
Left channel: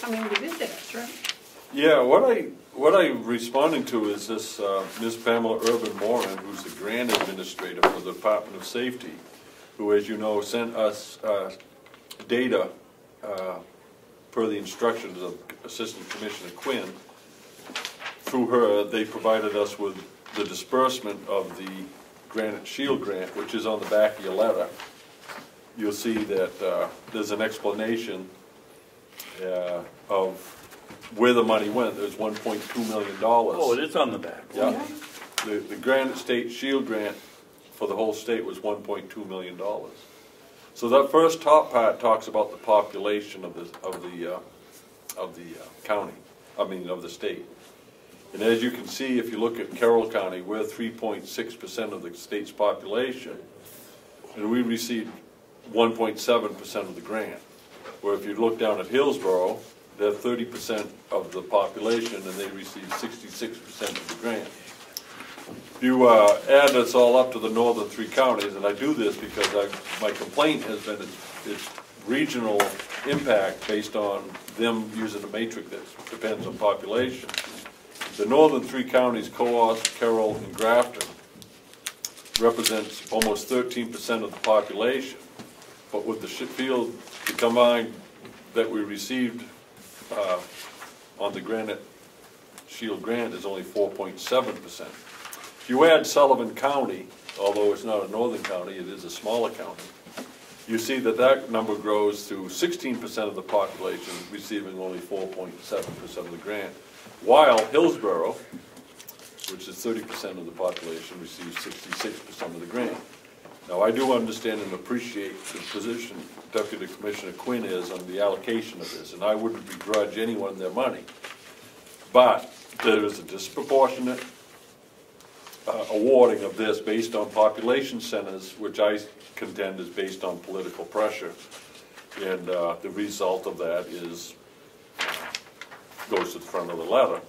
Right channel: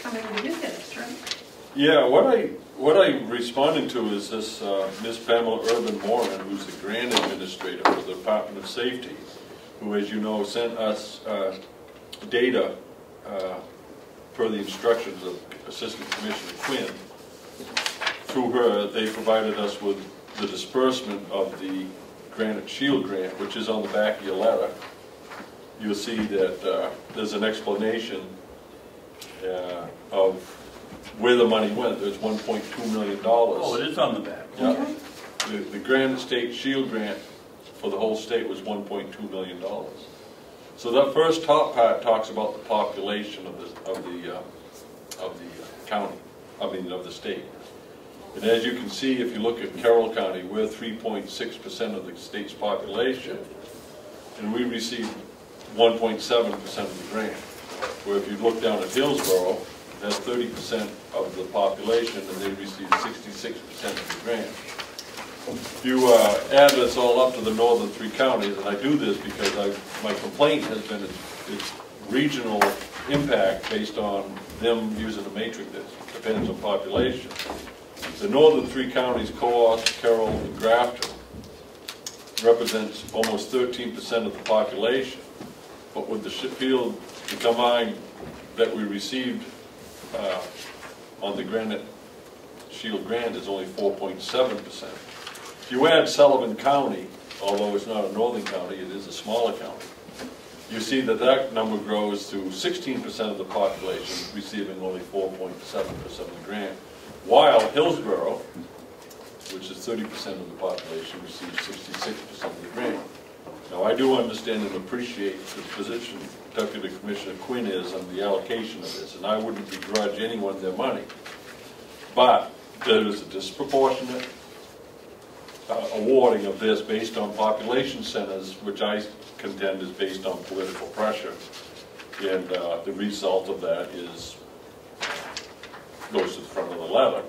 coming to visit us, right? Yeah, what I'm responding to is this Miss Pamela Urban Moran, who's the grant administrator for the Department of Safety, who, as you know, sent us data per the instructions of Assistant Commissioner Quinn. Through her, they provided us with the disbursement of the Granite Shield grant, which is on the back of your letter. You'll see that there's an explanation of where the money went. There's $1.2 million. oh, it is on the back. Yeah. The Granite State Shield grant for the whole state was $1.2 million. So that first top part talks about the population of the county, of the state. And as you can see, if you look at Carroll County, we're 3.6% of the state's population, and we received 1.7% of the grant. Where if you look down at Hillsborough, they're 30% of the population, and they receive 66% of the grant. If you add this all up to the northern three counties, and I do this because my complaint has been its regional impact based on them using a matrix that depends on population. The northern three counties, Comeau, Carroll, and Grafton, represents almost 13% of the population. But with the Sheffield, the combined that we received on the Granite Shield grant is only 4.7%. If you add Sullivan County, although it's not a northern county, it is a smaller county, you see that that number grows to 16% of the population receiving only 4.7% of the grant, while Hillsborough, which is 30% of the population, receives 66% of the grant. Now, I do understand and appreciate the position Deputy Commissioner Quinn is on the allocation of this, and I wouldn't begrudge anyone their money. But there is a disproportionate awarding of this based on population centers, which I contend is based on political pressure. And the result of that is, goes to the front of the letter.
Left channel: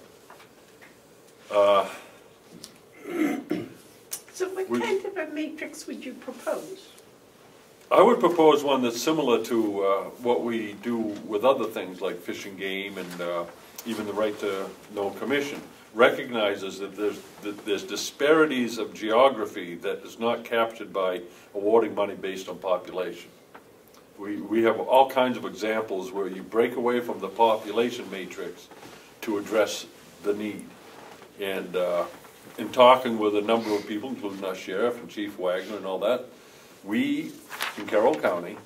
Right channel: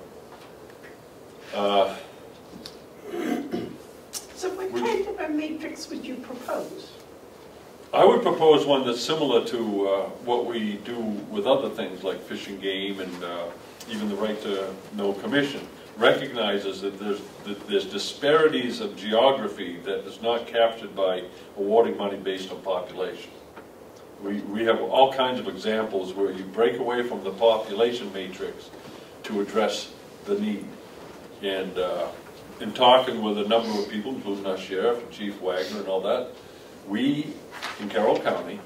So what kind of a matrix would you propose? I would propose one that's similar to what we do with other things like fish and game and even the right to know commission. Recognizes that there's disparities of geography that is not captured by awarding money based on population. We have all kinds of examples where you break away from the population matrix to address the need. And in talking with a number of people, including our sheriff and Chief Wagner and all that, we in Carroll County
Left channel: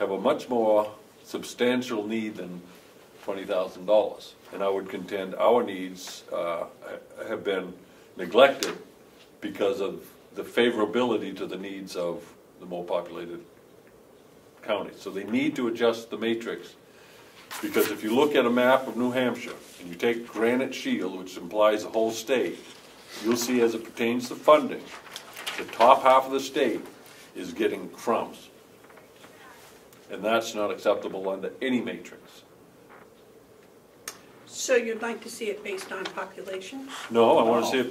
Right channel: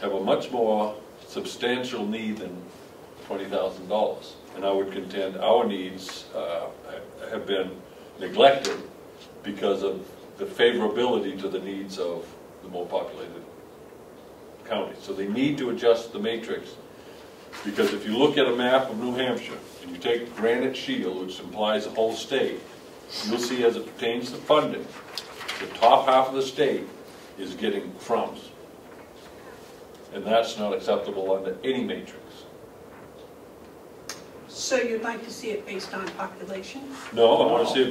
have a much more substantial need than $20,000. And I would contend our needs have been neglected because of the favorability to the needs of the more populated counties. So they need to adjust the matrix, because if you look at a map of New Hampshire and you take Granite Shield, which implies the whole state, you'll see as it pertains to funding, the top half of the state is getting crumbs. And that's not acceptable under any matrix. So you'd like to see it based on population? No, I want to see it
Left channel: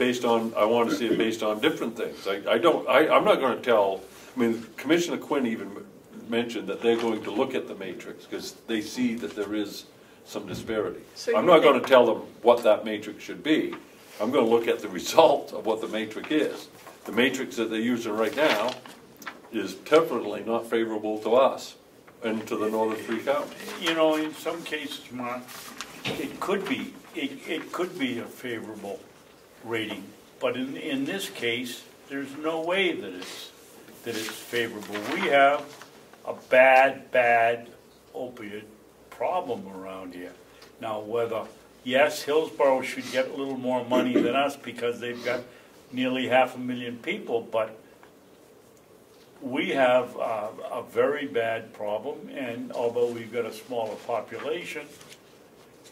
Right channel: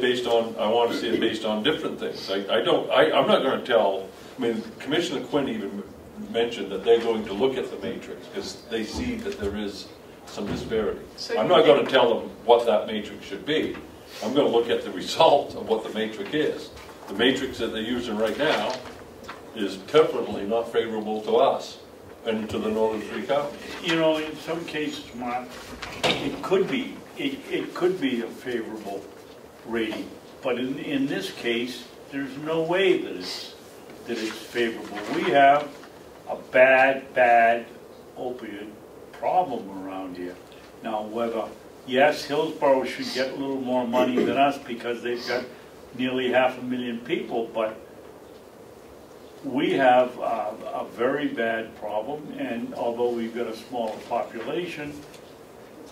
based on, different things. I'm not going to tell, I mean, Commissioner Quinn even mentioned that they're going to look at the matrix because they see that there is some disparity. So I'm not going to tell them what that matrix should be. I'm going to look at the result of what the matrix is. The matrix that they're using right now is definitely not favorable to us and to the northern three counties. You know, in some cases, Mark, it could be a favorable rating, but in this case, there's no way that it's favorable. We have a bad opiate problem around here. Now, whether, yes, Hillsborough should get a little more money than us because they've got nearly 500,000 people, but we have a very bad problem, and although we've got a smaller population,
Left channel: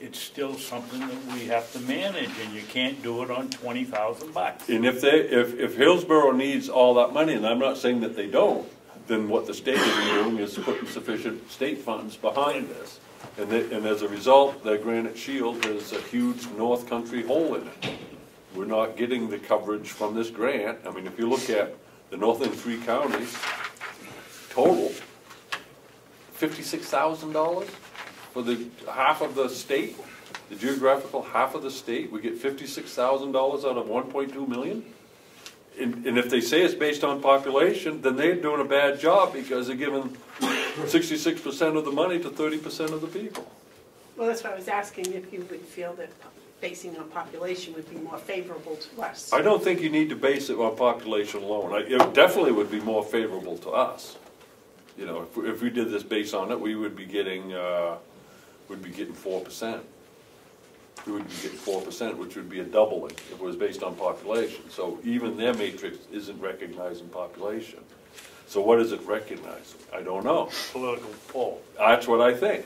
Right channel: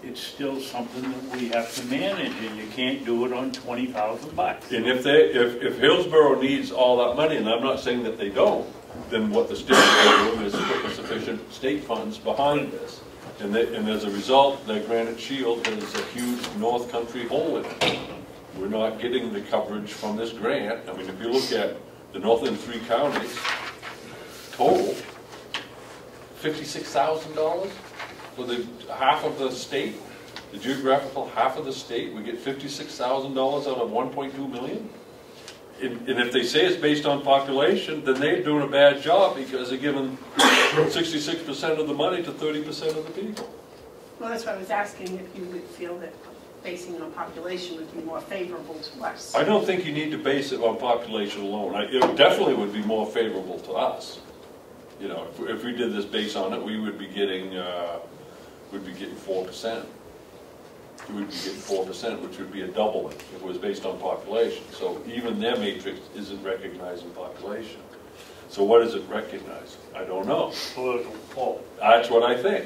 it's still something that we have to manage, and you can't do it on $20,000. And if Hillsborough needs all that money, and I'm not saying that they don't, then what the state is doing is putting sufficient state funds behind this. And as a result, that Granite Shield is a huge North Country hole in it. We're not getting the coverage from this grant. I mean, if you look at the northern three counties, total, $56,000 for the half of the state, the geographical half of the state. We get $56,000 out of 1.2 million. And if they say it's based on population, then they're doing a bad job because they're giving 66% of the money to 30% of the people. Well, that's what I was asking, if you would feel that basing on population would be more favorable to us. I don't think you need to base it on population alone. It definitely would be more favorable to us. You know, if we did this based on it, we would be getting 4%. We would be getting 4%, which would be a doubling if it was based on population. So even their matrix isn't recognizing population. So what does it recognize? I don't know. Political poll. That's what I think.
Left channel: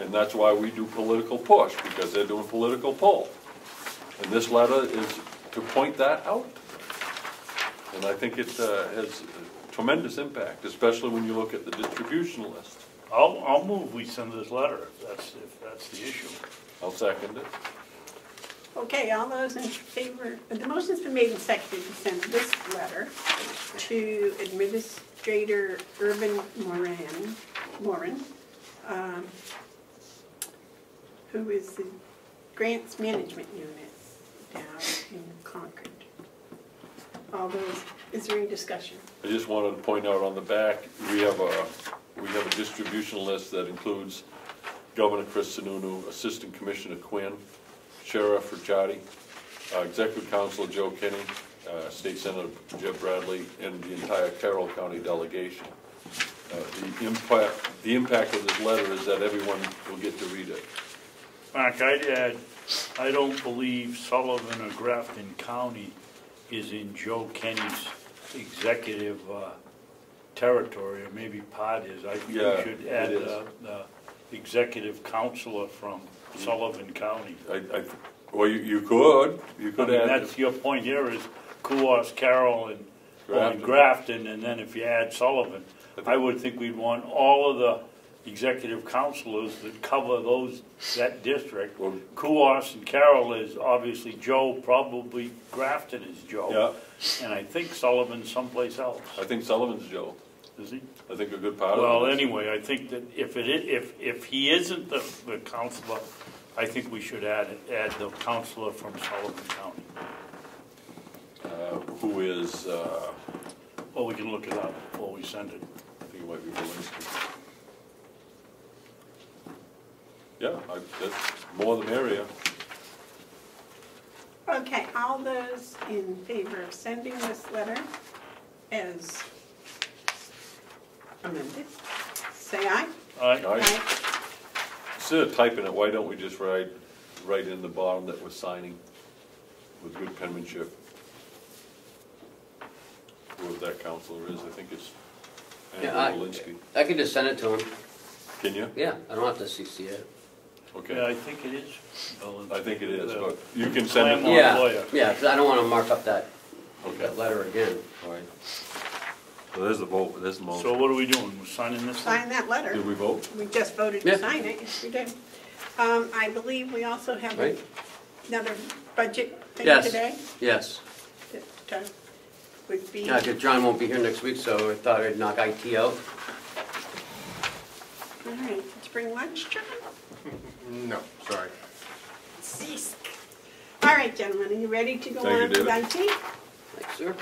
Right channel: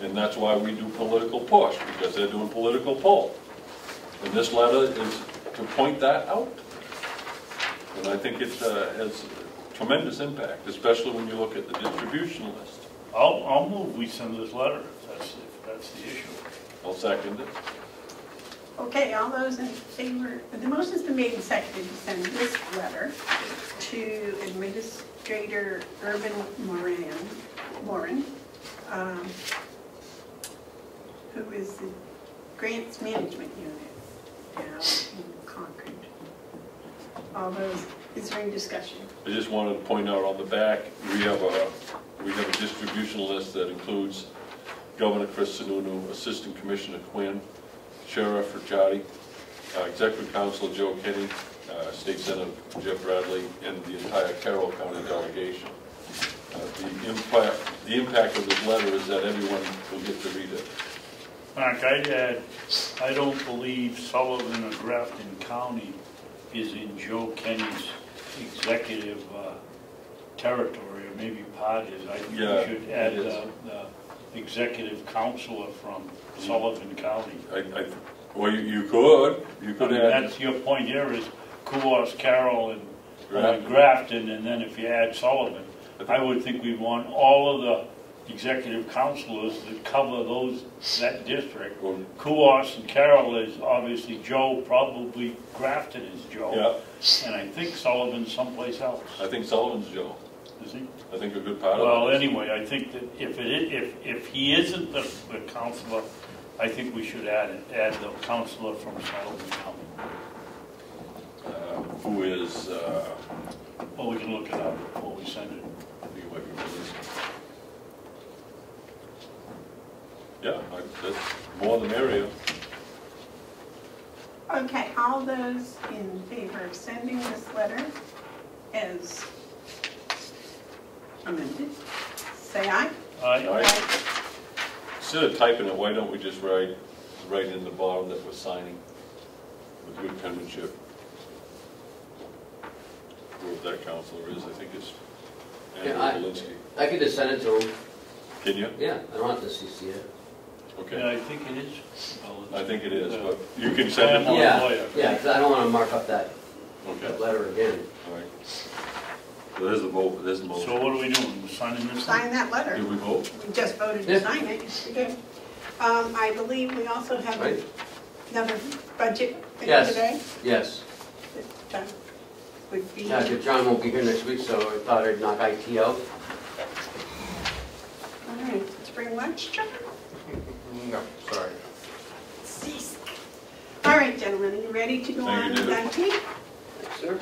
And that's why we do political push, because they're doing political poll. And this letter is to point that out. And I think it has tremendous impact, especially when you look at the distribution list. I'll move we send this letter if that's the issue. I'll second it. Okay, all those in favor, the motion's been made and seconded to send this letter to Administrator Urban Warren, who is the Grants Management Unit down in Concord. All those, is there any discussion? I just wanted to point out on the back, we have a distribution list that includes Governor Chris Sununu, Assistant Commissioner Quinn, Sheriff Ricciardi, Executive Councilor Joe Kinney, State Senator Jeff Bradley, and the entire Carroll County Delegation. The impact of this letter is that everyone will get to read it. Mark, I'd add, I don't believe Sullivan or Grafton County is in Joe Kenny's executive territory, or maybe part is. I think Yeah, we should add it is. the executive counselor from Sullivan County. Well, you could I mean, add that's your point here is Comeau, Carroll, and Grafton. Grafton, and then if you add Sullivan, I would think we'd want all of the executive counselors that cover that district. Well, Comeau and Carroll is obviously Joe, probably Grafton is Joe. yeah, And I think Sullivan's someplace else, I think Sullivan's Joe. is he? I think a good part of it. Well, anyway, I think that if he isn't the counselor, I think we should add the counselor from Sullivan County. Who is, Well, we can look it up before we send it. he might be doing this. Yeah, that's more than area. Okay, all those in favor of sending this letter as amended, say aye. Aye. Instead of typing it, why don't we just write in the bottom that we're signing with good penmanship? Who that counselor is, I think it's Andrew Walensky. I could just send it to him. Can you? Yeah, I don't have to CC it. Yeah, Okay, I think it is. I think it is, but you can send it. Yeah, lawyer. yeah, because I don't want to mark up that Okay, letter again. all right. Well, there's the vote, there's the motion. So what are we doing, signing this? Sign that letter. Did we vote? We just voted Yeah. to sign it, yes, we did. I believe we also have Right. another budget thing Yes. today. Yes. That would be, Yeah, because John won't be here next week, so I thought I'd knock IT out. all right, spring lunch, John? No, sorry. All right, gentlemen, are you ready to go Thank you, on with David. IT? Sir?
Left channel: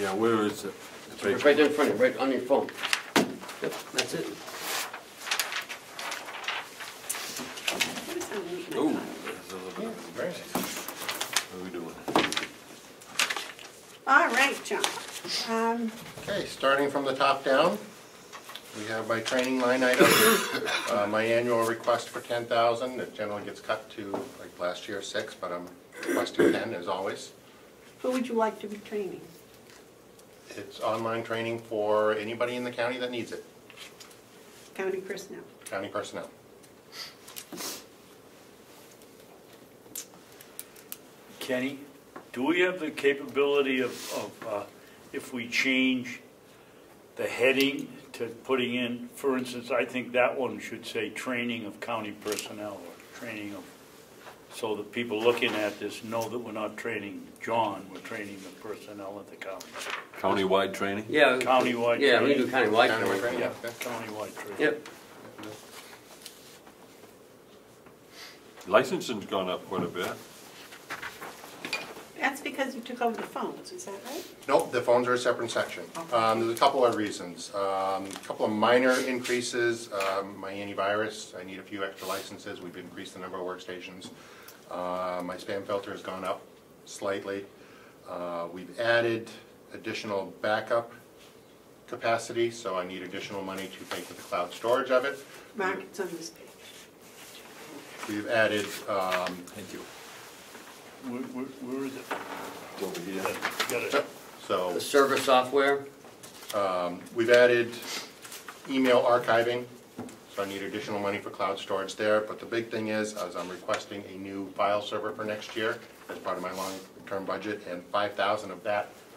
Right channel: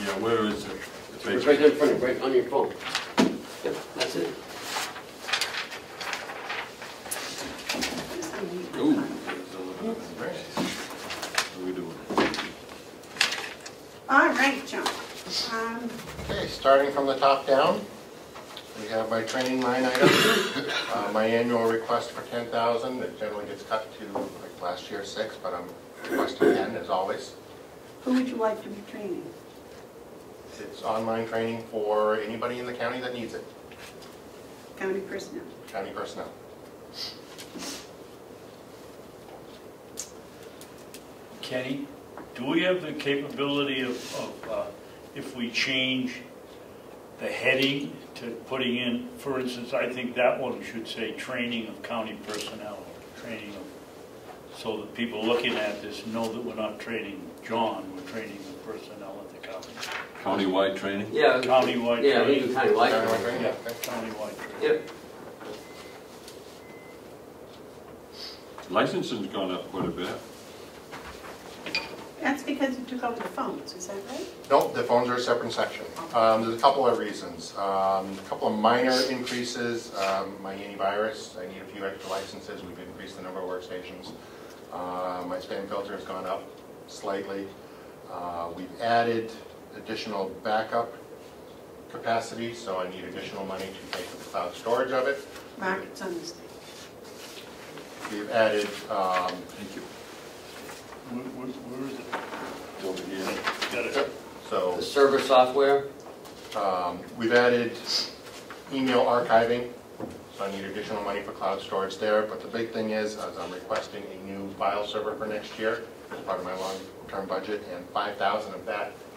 Yeah, where is it? It's Right right- there in front of you, right on your phone. Yep, that's it. Ooh. What are we doing? All right, John. Okay, starting from the top down, we have my training line item, my annual request for $10,000. It generally gets cut to, like last year, 6, but I'm requesting 10 as always. Who would you like to be training? It's online training for anybody in the county that needs it, County personnel. county personnel. Kenny, do we have the capability of if we change the heading to putting in, for instance, I think that one should say training of county personnel, or training of, so that people looking at this know that we're not training John, we're training the personnel at the county. Countywide training? Yeah, Countywide yeah, we training. do kind of like Countywide it. training, Yeah, that's countywide training. Yep. Licensing's gone up quite a bit. That's because you took over the phones, is that right? Nope, the phones are a separate section. There's a couple of reasons. A couple of minor increases. My antivirus, I need a few extra licenses. We've increased the number of workstations. My spam filter has gone up slightly. We've added additional backup capacity, so I need additional money to take the cloud storage of it. Mark, it's on this page. We've added, Thank you. Where is it? Over here. Got it. so The server software. we've added email archiving, so I need additional money for cloud storage there. But the big thing is I'm requesting a new file server for next year as part of my long-term budget, and 5,000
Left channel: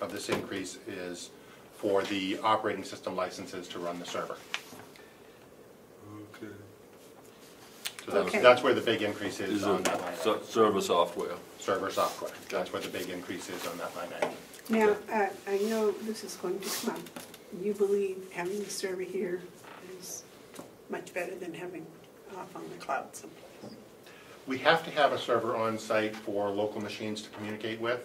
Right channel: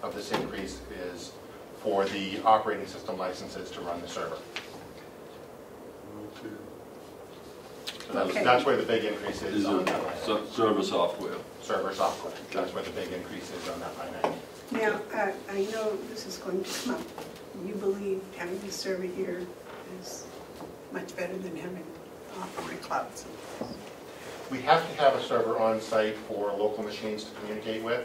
of this increase is for the operating system licenses to run the server. Okay. So Okay. that's where the big increase Is is on that line item. server software. Server software, that's where the big increase is on that line item. Now, I know this is going to come up. You believe having the server here is much better than having off on my cloud. We have to have a server on site for local machines to communicate with.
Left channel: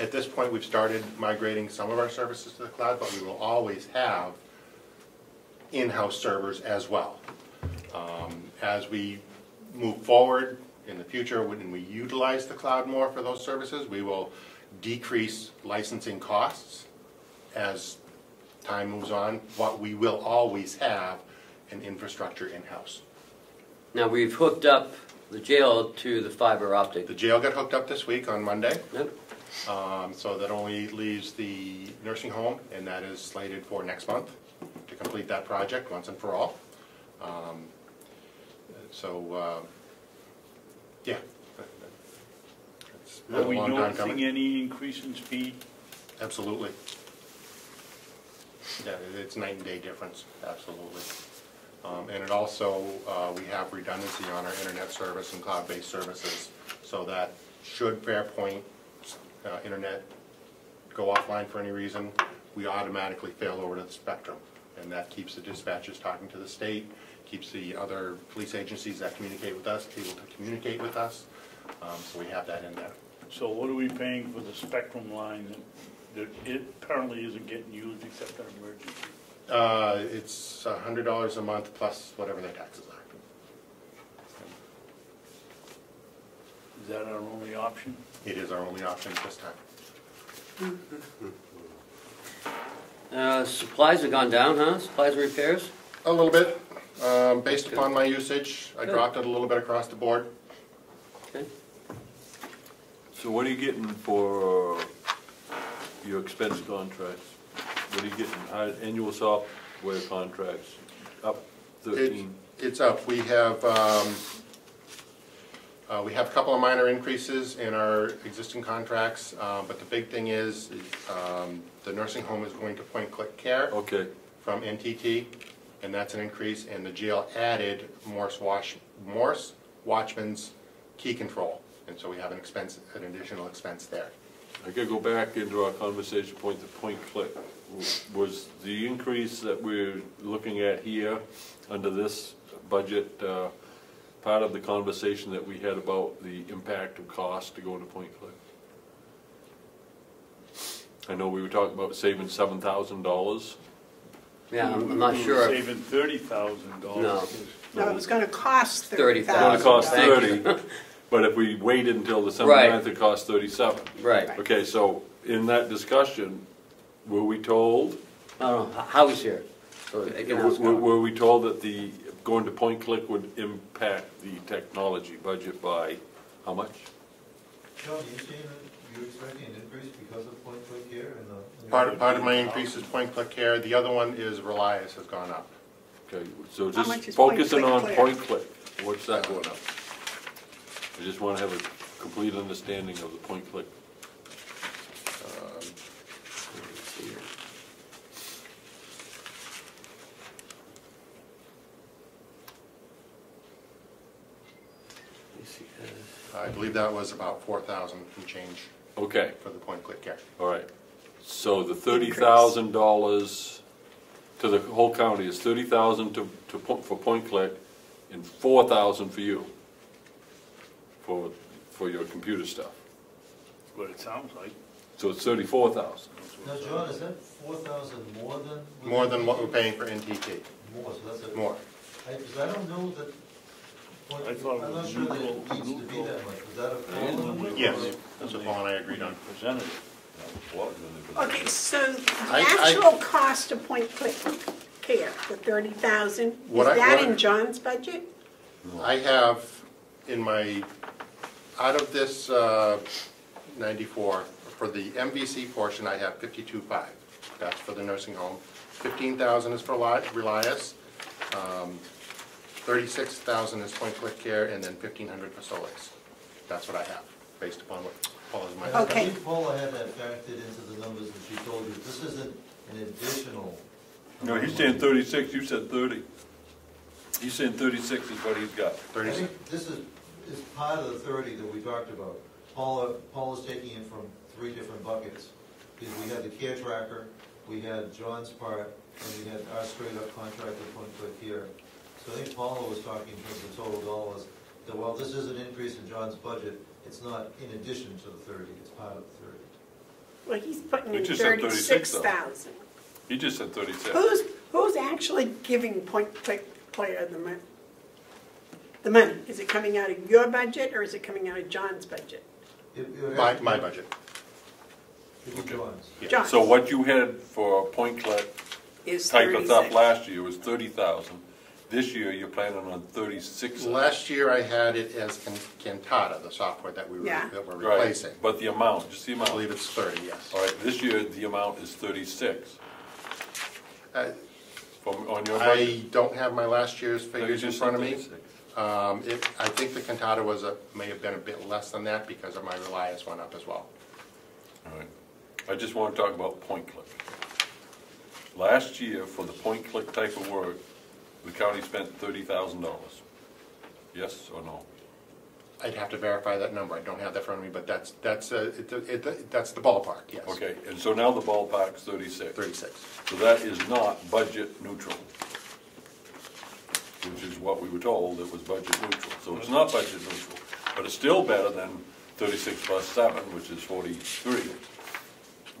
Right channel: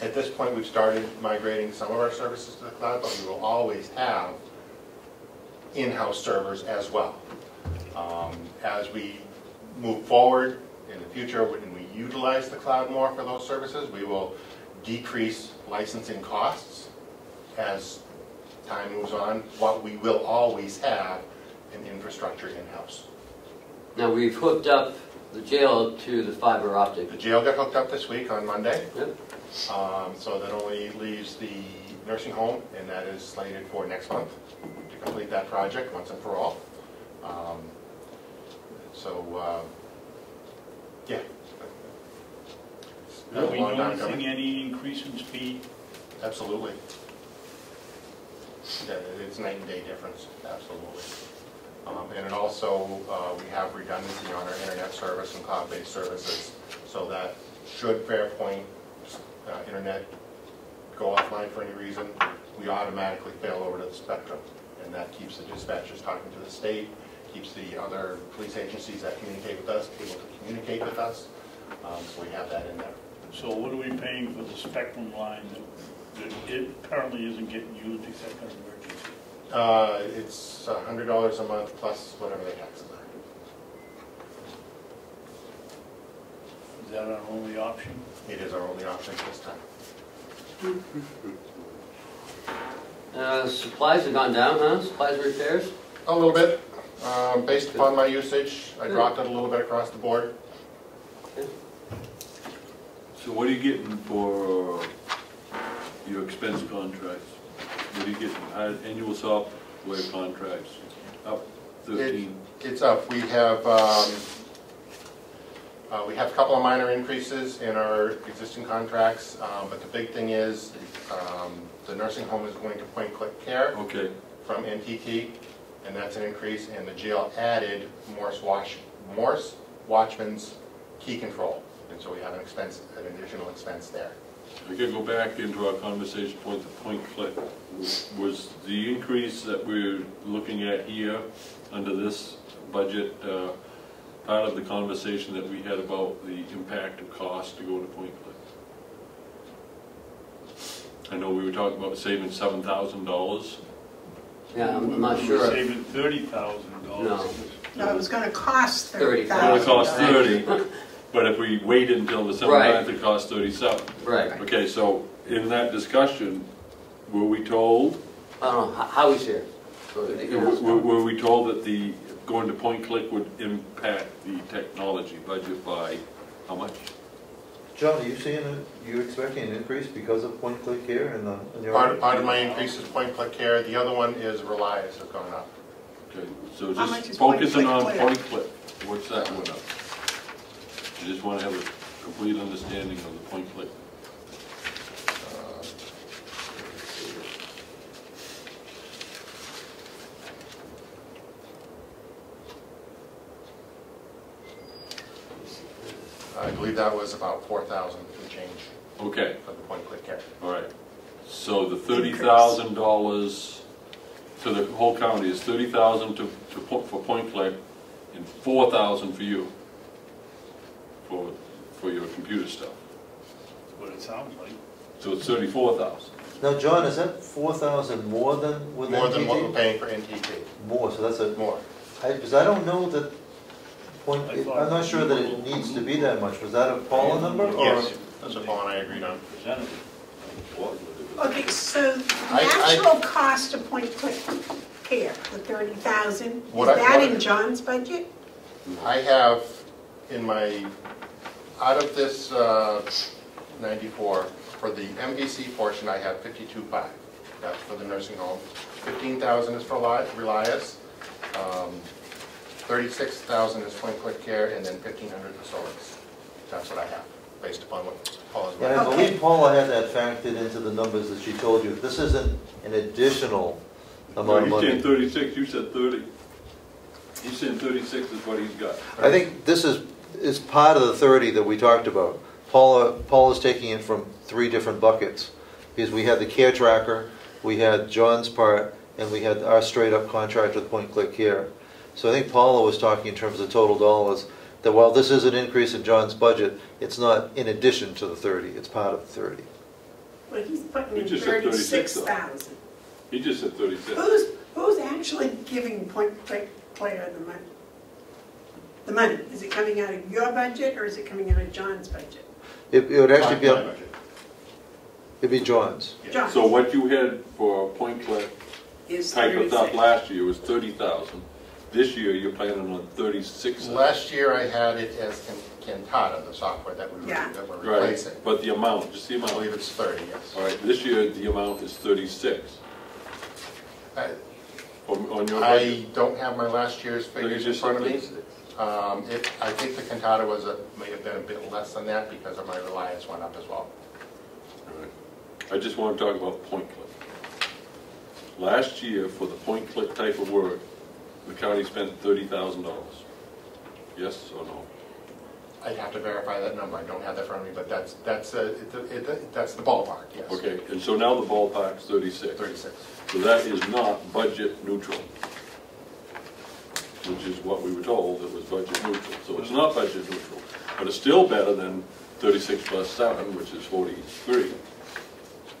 At this point, we've started migrating some of our services to the cloud, but we will always have in-house servers as well. As we move forward in the future, when we utilize the cloud more for those services, we will decrease licensing costs as time moves on, but we will always have an infrastructure in-house. Now, we've hooked up the jail to the fiber optic. The jail got hooked up this week on Monday. Yep. So that only leaves the nursing home, and that is slated for next month to complete that project once and for all. Yeah. It's been Are a we long time noticing coming. any increase in speed? Absolutely. Yeah, it's night and day difference, absolutely. And it also, we have redundancy on our internet service and cloud-based services, so that should Fairpoint internet go offline for any reason, we automatically fail over to the spectrum. And that keeps the dispatchers talking to the state, keeps the other police agencies that communicate with us able to communicate with us. So we have that in there. So what are we paying for the spectrum line that it currently isn't getting used except on emergency? It's $100 a month plus whatever the taxes are. Is that our only option? It is our only option at this time. Supplies have gone down, huh? Supplies and repairs? A little bit. Based upon my usage, I dropped it a little bit across the board. Okay. So what are you getting for your expense contracts? What are you getting, annual software contracts, up 13? It's up. We have a couple of minor increases in our existing contracts, but the big thing is the nursing home is going to point-click care Okay, from NTT, and that's an increase, and the jail added Morse Watchman's key control, and so we have an additional expense there. I gotta go back into our conversation point click. Was the increase that we're looking at here under this budget part of the conversation that we had about the impact of cost to go to point click? I know we were talking about saving $7,000. Yeah, I'm not sure. Saving $30,000. No. No, it was gonna cost It would $30,000. cost 30, but if we waited until December Right. 9th, it cost 37. Right. Okay, so in that discussion, were we told, I don't know, Howie's here. So you can ask him. were we told that the going to point click would impact the technology budget by how much? John, are you expecting an increase because of point click here in your? Part of my increase is point-click care. The other one is Relias has gone up. Okay, so How much just is focusing on point-click? point click, what's that one up? I just want to have a complete understanding of the point click. I believe that was about 4,000 and change Okay, for the point-click care. all right. So the $30,000 to the whole county is $30,000 for point click and $4,000 for you for your computer stuff. That's what it sounds like. So it's 34,000. Now, John, is that 4,000 more than with More than what we're NTT? paying for NTT. More, so that's a, More. because I don't know that, I thought I'm not sure that it needs to be that much. Was that a Paula number? or- Yes, that's what Paul and I agreed on. Presented. Okay, so the I- actual cost of point-click care, the $30,000, is What I- that what I- in John's budget? I have in my, out of this 94, for the MBC portion, I have 52.5. That's for the nursing home. 15,000 is for Relias. 36,000 is point-click care, and then 1,500 for Solis. That's what I have, based upon what Paula's But I mentioned. Okay. believe Paula had that factored into the numbers that she told you. This isn't an additional No, amount of he's money. saying 36, you said 30. He's saying 36 is what he's got. I think this is part of the 30 that we talked about. Paula's taking it from 3 different buckets. Because we had the care tracker, we had John's part, and we had our straight-up contract with Point Click Care. So I think Paula was talking in terms of total dollars, that while this is an increase in John's budget, it's not in addition to the 30, it's part of the 30. Well, he's putting in You just said 36, though. 36,000. He just said 36. Who's actually giving point-click care the money? Is it coming out of your budget, or is it coming out of John's budget? It would actually be, My budget. it'd be John's. Yeah. John's So what you had for point click is type of stuff 36. last year was 30,000. this year you're planning on 36. Last year I had it as Cantata, the software that we were Yeah. replacing. Right, but the amount, just the I amount. believe it's 30, yes. All right, this year the amount is 36. On your I budget. don't have my last year's You figures in just front of said me. 36. I think the Cantata was may have been a bit less than that because of my Reliance went up as well. All right. I just want to talk about point click. Last year, for the point click type of work, the county spent $30,000. Yes or no? I'd have to verify that number, I don't have that in front of me, but that's the ballpark, yes. Okay, and so now the ballpark's 36. 36. So that is not budget neutral, which is what we were told, it was budget neutral. So it's not budget neutral, but it's still better than 36 plus 7, which is 43.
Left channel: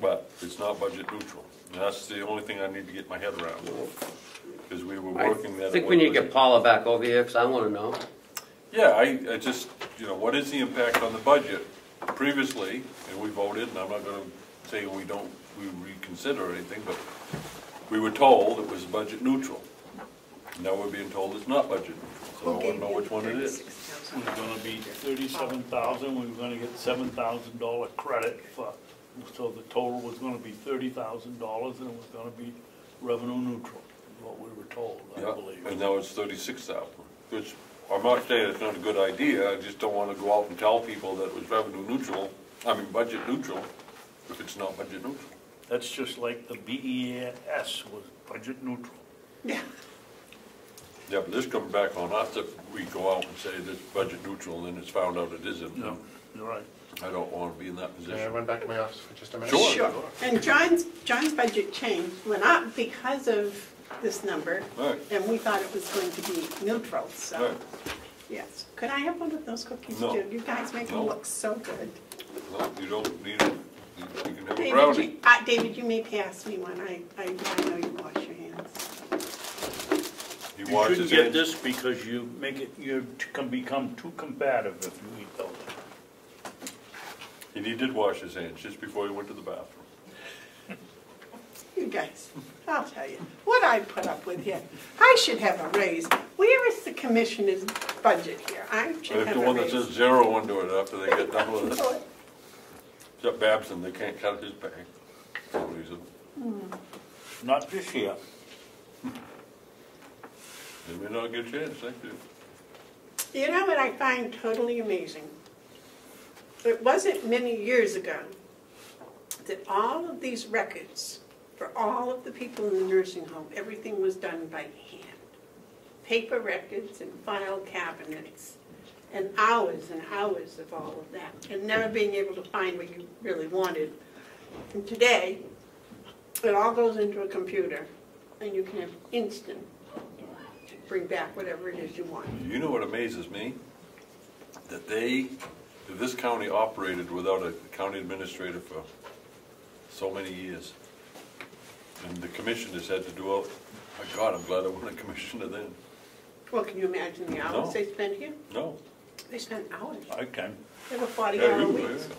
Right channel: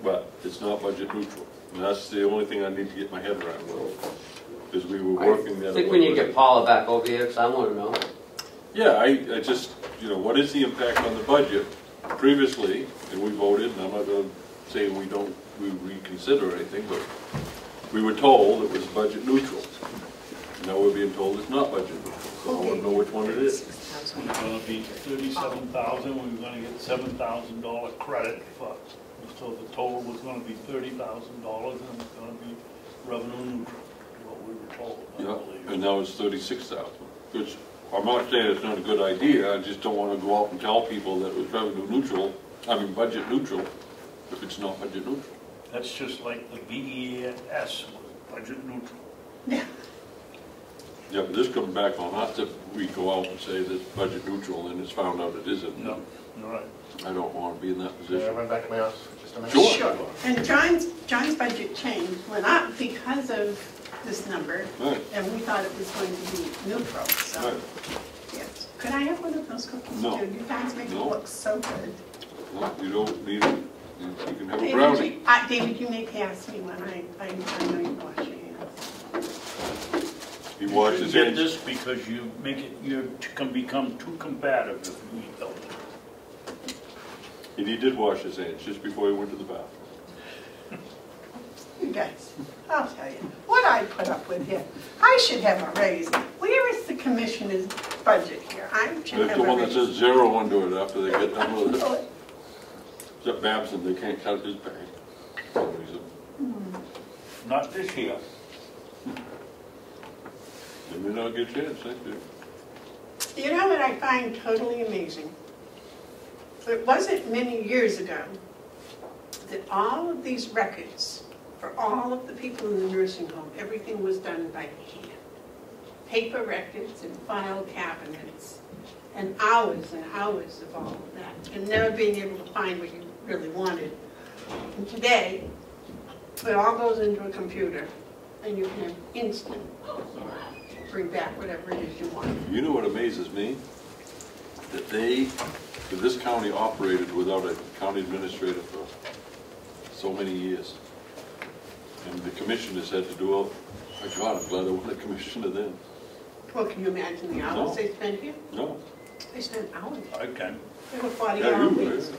But it's not budget neutral. And that's the only thing I need to get my head around, because we were working that. I think we need to get Paula back over here, because I want to know. Yeah, I just, what is the impact on the budget? Previously, and we voted, and I'm not going to say we reconsider anything, but we were told it was budget neutral. Now we're being told it's not budget neutral, so I want to know which one it is. It's gonna be 37,000, we were gonna get $7,000 credit for, so the total was gonna be $30,000 and it was gonna be revenue neutral, what we were told, I Yeah, believe. and now it's 36,000, which I'm not saying it's not a good idea, I just don't want to go out and tell people that it was revenue neutral, budget neutral, if it's not budget neutral. That's just like the BES was budget neutral. Yeah. Yeah, but this comes back on us if we go out and say that it's budget neutral and it's found out it isn't. No, you're right. I don't want to be in that I position. went back to my office for just a minute. Sure. And John's budget change went up because of this number, Right, and we thought it was going to be neutral, so, right. yes. Could I have one of those cookies No. too? You guys make them No. look so good. No, you don't need it. You can have a David, brownie. David, you may pass me one, I know you wash your hands. You wash should his get hands. this because you can become too combative if you eat those. And he did wash his hands just before he went to the bathroom. You guys, I'll tell you, what I put up with here. I should have a raise. Where is the commissioner's budget here? I should There's have the a one that raise. says 0 under it after they get done with it. Except Babson, they can't count his pay. For some reason. Not this year. They may not get a chance, thank you. You know what I find totally amazing? It wasn't many years ago that all of these records for all of the people in the nursing home, everything was done by hand. Paper records and file cabinets, and hours of all of that, and never being able to find what you really wanted. And today, it all goes into a computer, and you can instant bring back whatever it is you want. You know what amazes me? That this county operated without a county administrator for so many years. And the commissioners had to do it. My God, I'm glad I wasn't a commissioner then. Well, can you imagine the hours No. they spent here? No. They spent hours. I can. They were 40 Yeah, hour you weeks. were.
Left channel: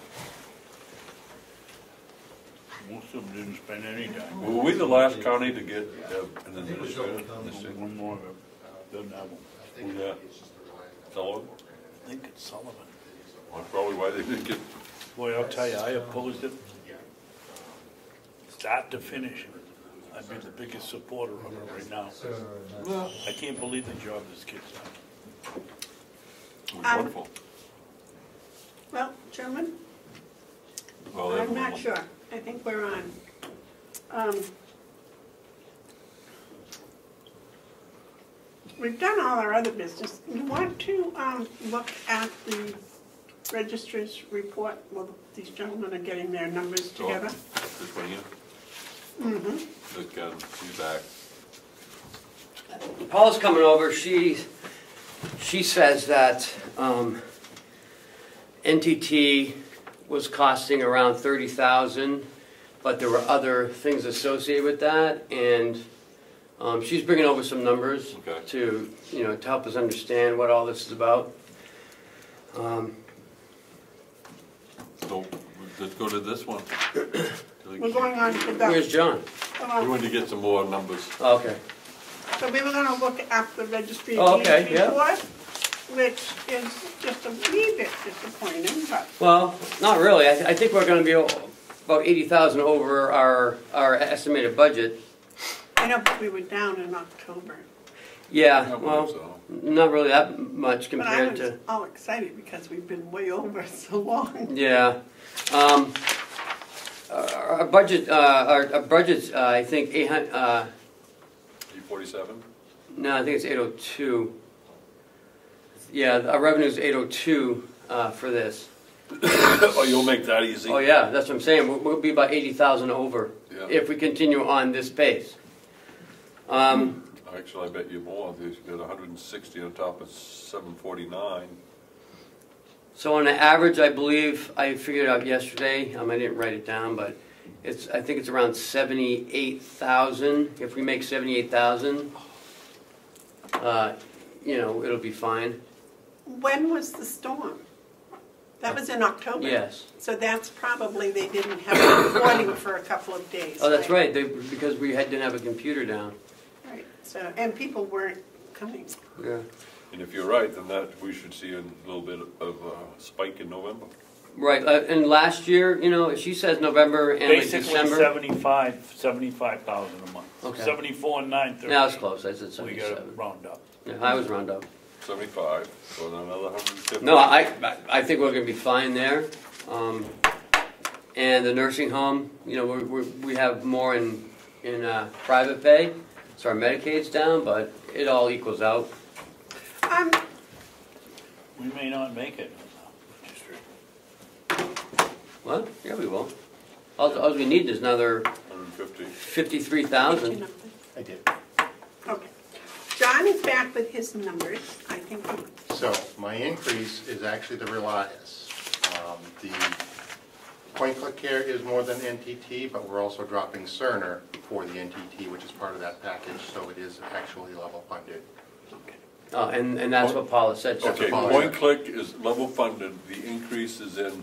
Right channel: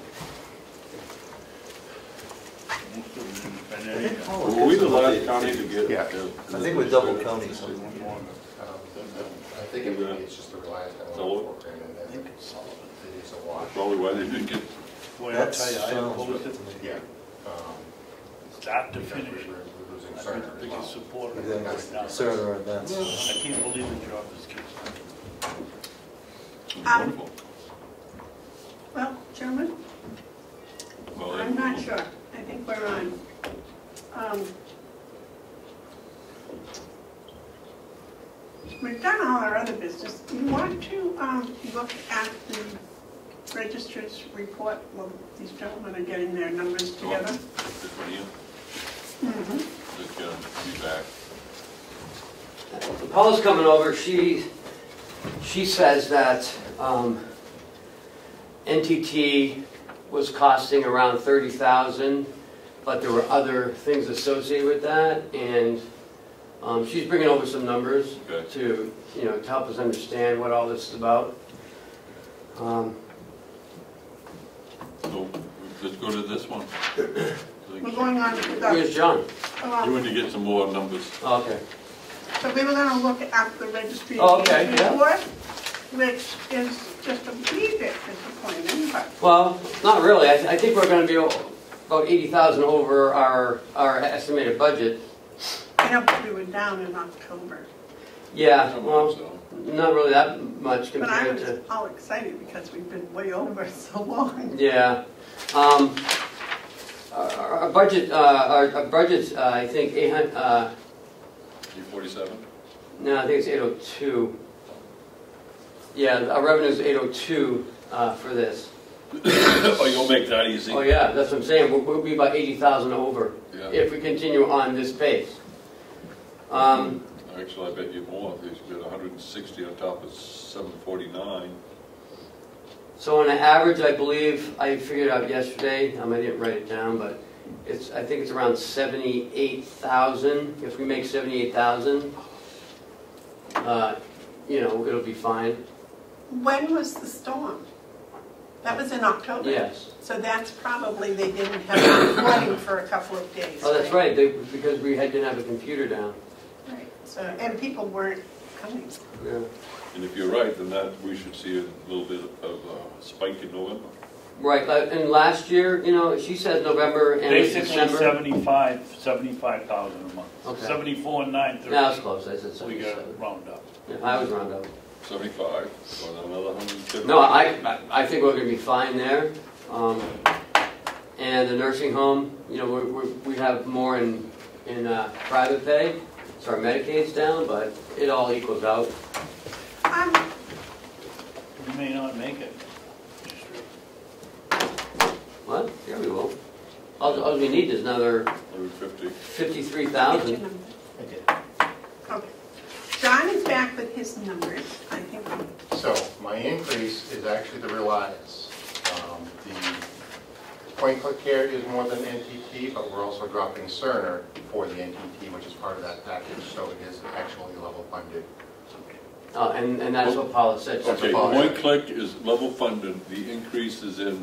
Most of them didn't spend any time. Were we the last county to get? Yeah. I think we're double counting. I think it's just the Reliance. So- I think it's Sullivan. It is a wash. Probably why they didn't get, Boy, I'll tell you, I opposed it, Yeah. start to finish. We're losing I'm Cerner the as biggest well. supporter of it right now. Cerner and that's. I can't believe the job this kid's done. wonderful. Well, Chairman, Well, I'm not sure. I think we're on. We've done all our other business. You want to look at the registrar's report? Well, these gentlemen are getting their numbers together. This one here, Mm-hmm. be back. Paula's coming over, she says that NTT was costing around $30,000, but there were other things associated with that, and she's bringing over some numbers Okay. to help us understand what all this is about. So let's go to this one. We're going on to Where's the, John? You want to get some more numbers. Okay. So we were gonna look at the registry of Oh, okay, deeds yeah. report, which is just a wee bit disappointing, but Well, not really. I think we're gonna be about 80,000 over our estimated budget. I know we were down in October. Yeah, well, not really that much But I compared was to, all excited because we've been way over so long. yeah. Our budget's, I think, 800, 47? no, I think it's 802. Yeah, our revenue's 802 for this. Oh, you'll make that easy. Oh, yeah, that's what I'm saying. We'll be about 80,000 over Yeah. if we continue on this pace. Actually, I bet you more, because you did 160 on top of 749. So on an average, I believe, I figured out yesterday, I didn't write it down, but I think it's around 78,000. If we make 78,000, it'll be fine. When was the storm? That was in October. Yes. So that's probably, they didn't have reporting for a couple of days. Oh, that's right, because we didn't have a computer down. Right, so, and people weren't coming. Yeah. And if you're right, then that, we should see a little bit of a spike in November. Right, and last year, she says November and Basically December. 75,000 a month. Okay. 74 and 930. Now it's close, I said We got 77. to round up. Yeah, I was round up. 75, so another 150. No, I think we're going to be fine there. And the nursing home, we have more in private pay, so our Medicaid's down, but it all equals out. You may not make it. What? Yeah, we will. All we need is another 150. 53,000. I did. Okay. John is back with his numbers, I think. So my increase is actually the Relias. The point-click care is more than NTT, but we're also dropping Cerner for the NTT, which is part of that package, so it is actually level funded. And that's what Paula said. Okay, point click is level funded, the increase is in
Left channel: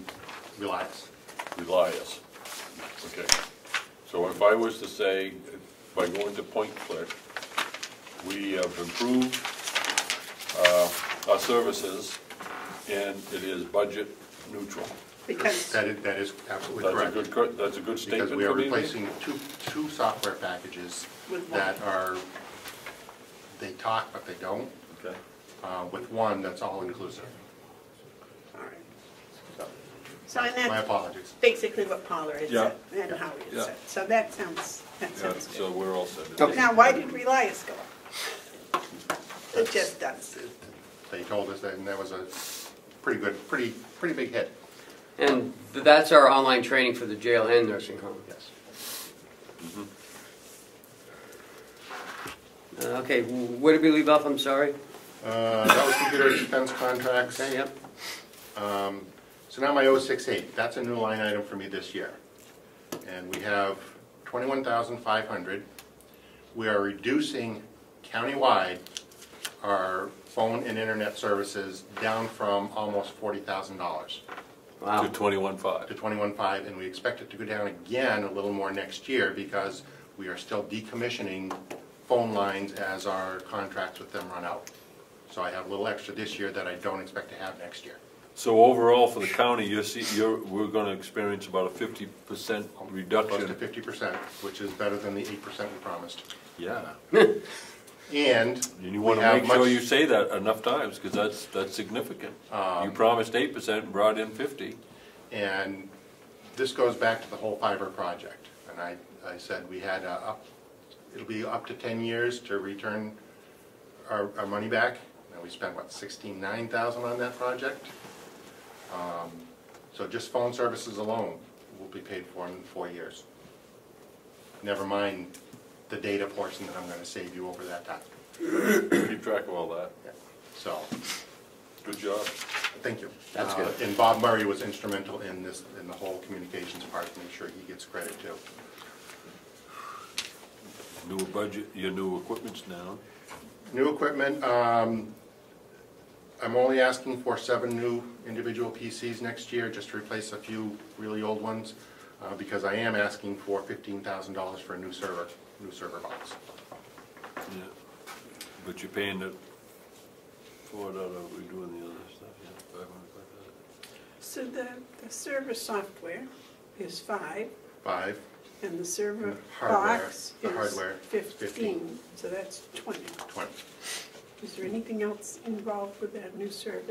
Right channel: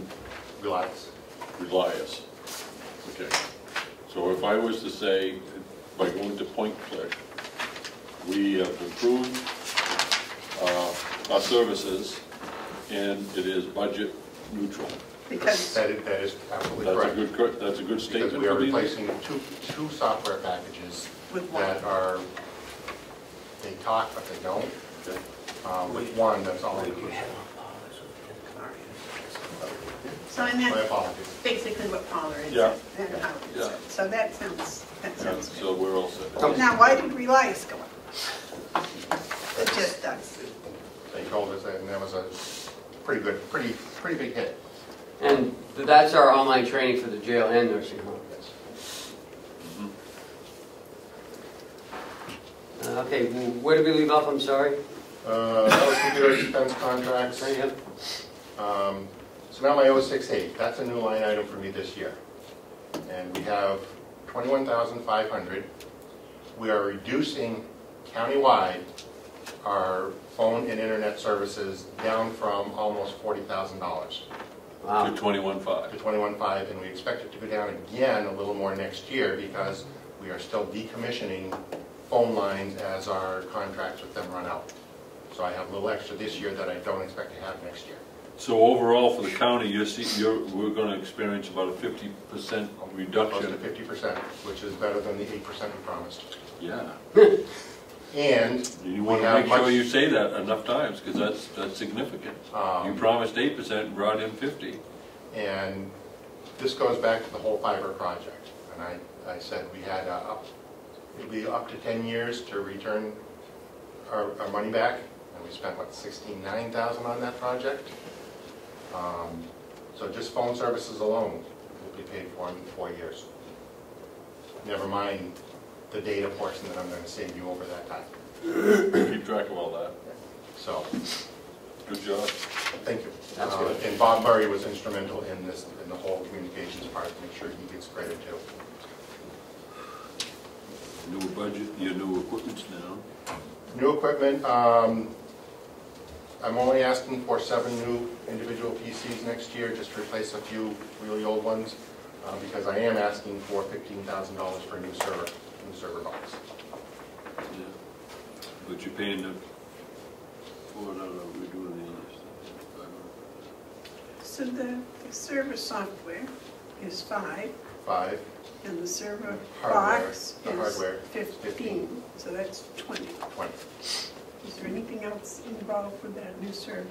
Relias. Relias. Okay, so if I was to say, by going to point click, we have improved our services, and it is budget neutral. Because That is absolutely correct. That's a good statement. Because we are replacing two software packages with that are, they talk but they don't. With one that's all inclusive. So and My that's apologies. basically what Paula is Yeah. and how it is. Yeah. So that sounds Yeah, good. so we're all set. Okay. Now, why did Relias go up? It just does. They told us that, and that was a pretty big hit. And that's our online training for the jail and nursing home. Yes. Okay, where did we leave off? I'm sorry. That was computer expense contracts. Okay, yep. So now my 068, that's a new line item for me this year. And we have 21,500. We are reducing countywide our phone and internet services down from almost $40,000 Wow. To 21.5. to 21,500, and we expect it to go down again a little more next year because we are still decommissioning phone lines as our contracts with them run out. So I have a little extra this year that I don't expect to have next year. So overall for the county, we're going to experience about a 50% Close to reduction. 50%, which is better than the 8% we promised. Yeah. And You want to make sure you say that enough times, because that's significant. You promised 8% and brought in 50. And this goes back to the whole fiber project. And I said we had it'll be up to 10 years to return our money back. And we spent, what, $69,000 on that project? So just phone services alone will be paid for in 4 years. Never mind the data portion that I'm going to save you over that time. Keep track of all that. So, Good job. thank you. That's good. And Bob Murray was instrumental in this, in the whole communications part, to make sure he gets credit too. New budget, your new equipment's now. New equipment, I'm only asking for 7 new individual PCs next year, just to replace a few really old ones, because I am asking for $15,000 for a new server box. Yeah. but you're paying the, what are we doing the other stuff? So the server software is 5, 5, and the server Hardware, box the is hardware, 15, so that's 20. 20. Is there anything else involved with that new server?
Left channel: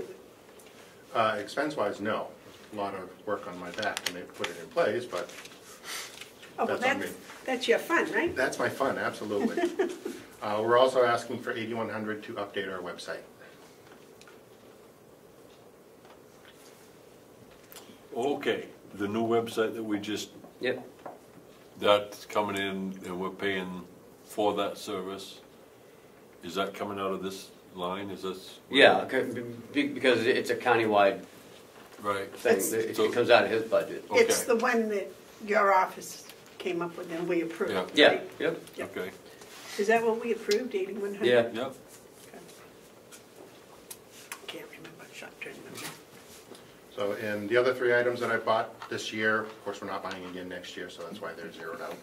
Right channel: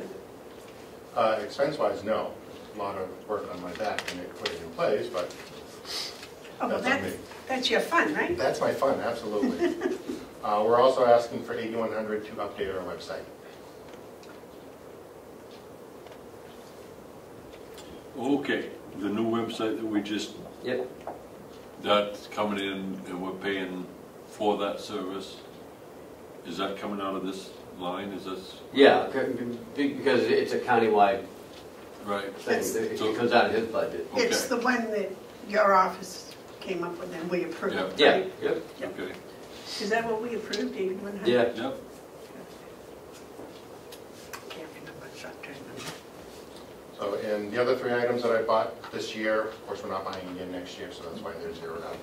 Expense-wise, no. A lot of work on my back to put it in place, but Oh, well, that's on me. that's your fun, right? That's my fun, absolutely. We're also asking for 8100 to update our website. Okay, the new website that we just, Yep. that's coming in, and we're paying for that service. Is that coming out of this line, is this? Yeah, because it's a countywide Right. thing, It's- it So- comes out of his budget. It's Okay. the one that your office came up with and we approved, Yeah. right? Yeah, yep, Okay, Is that what we approved, 8100? yeah. yep. Can't remember, short-term memory. So, and the other 3 items that I bought this year, of course, we're not buying again next year, so that's why they're zeroed out.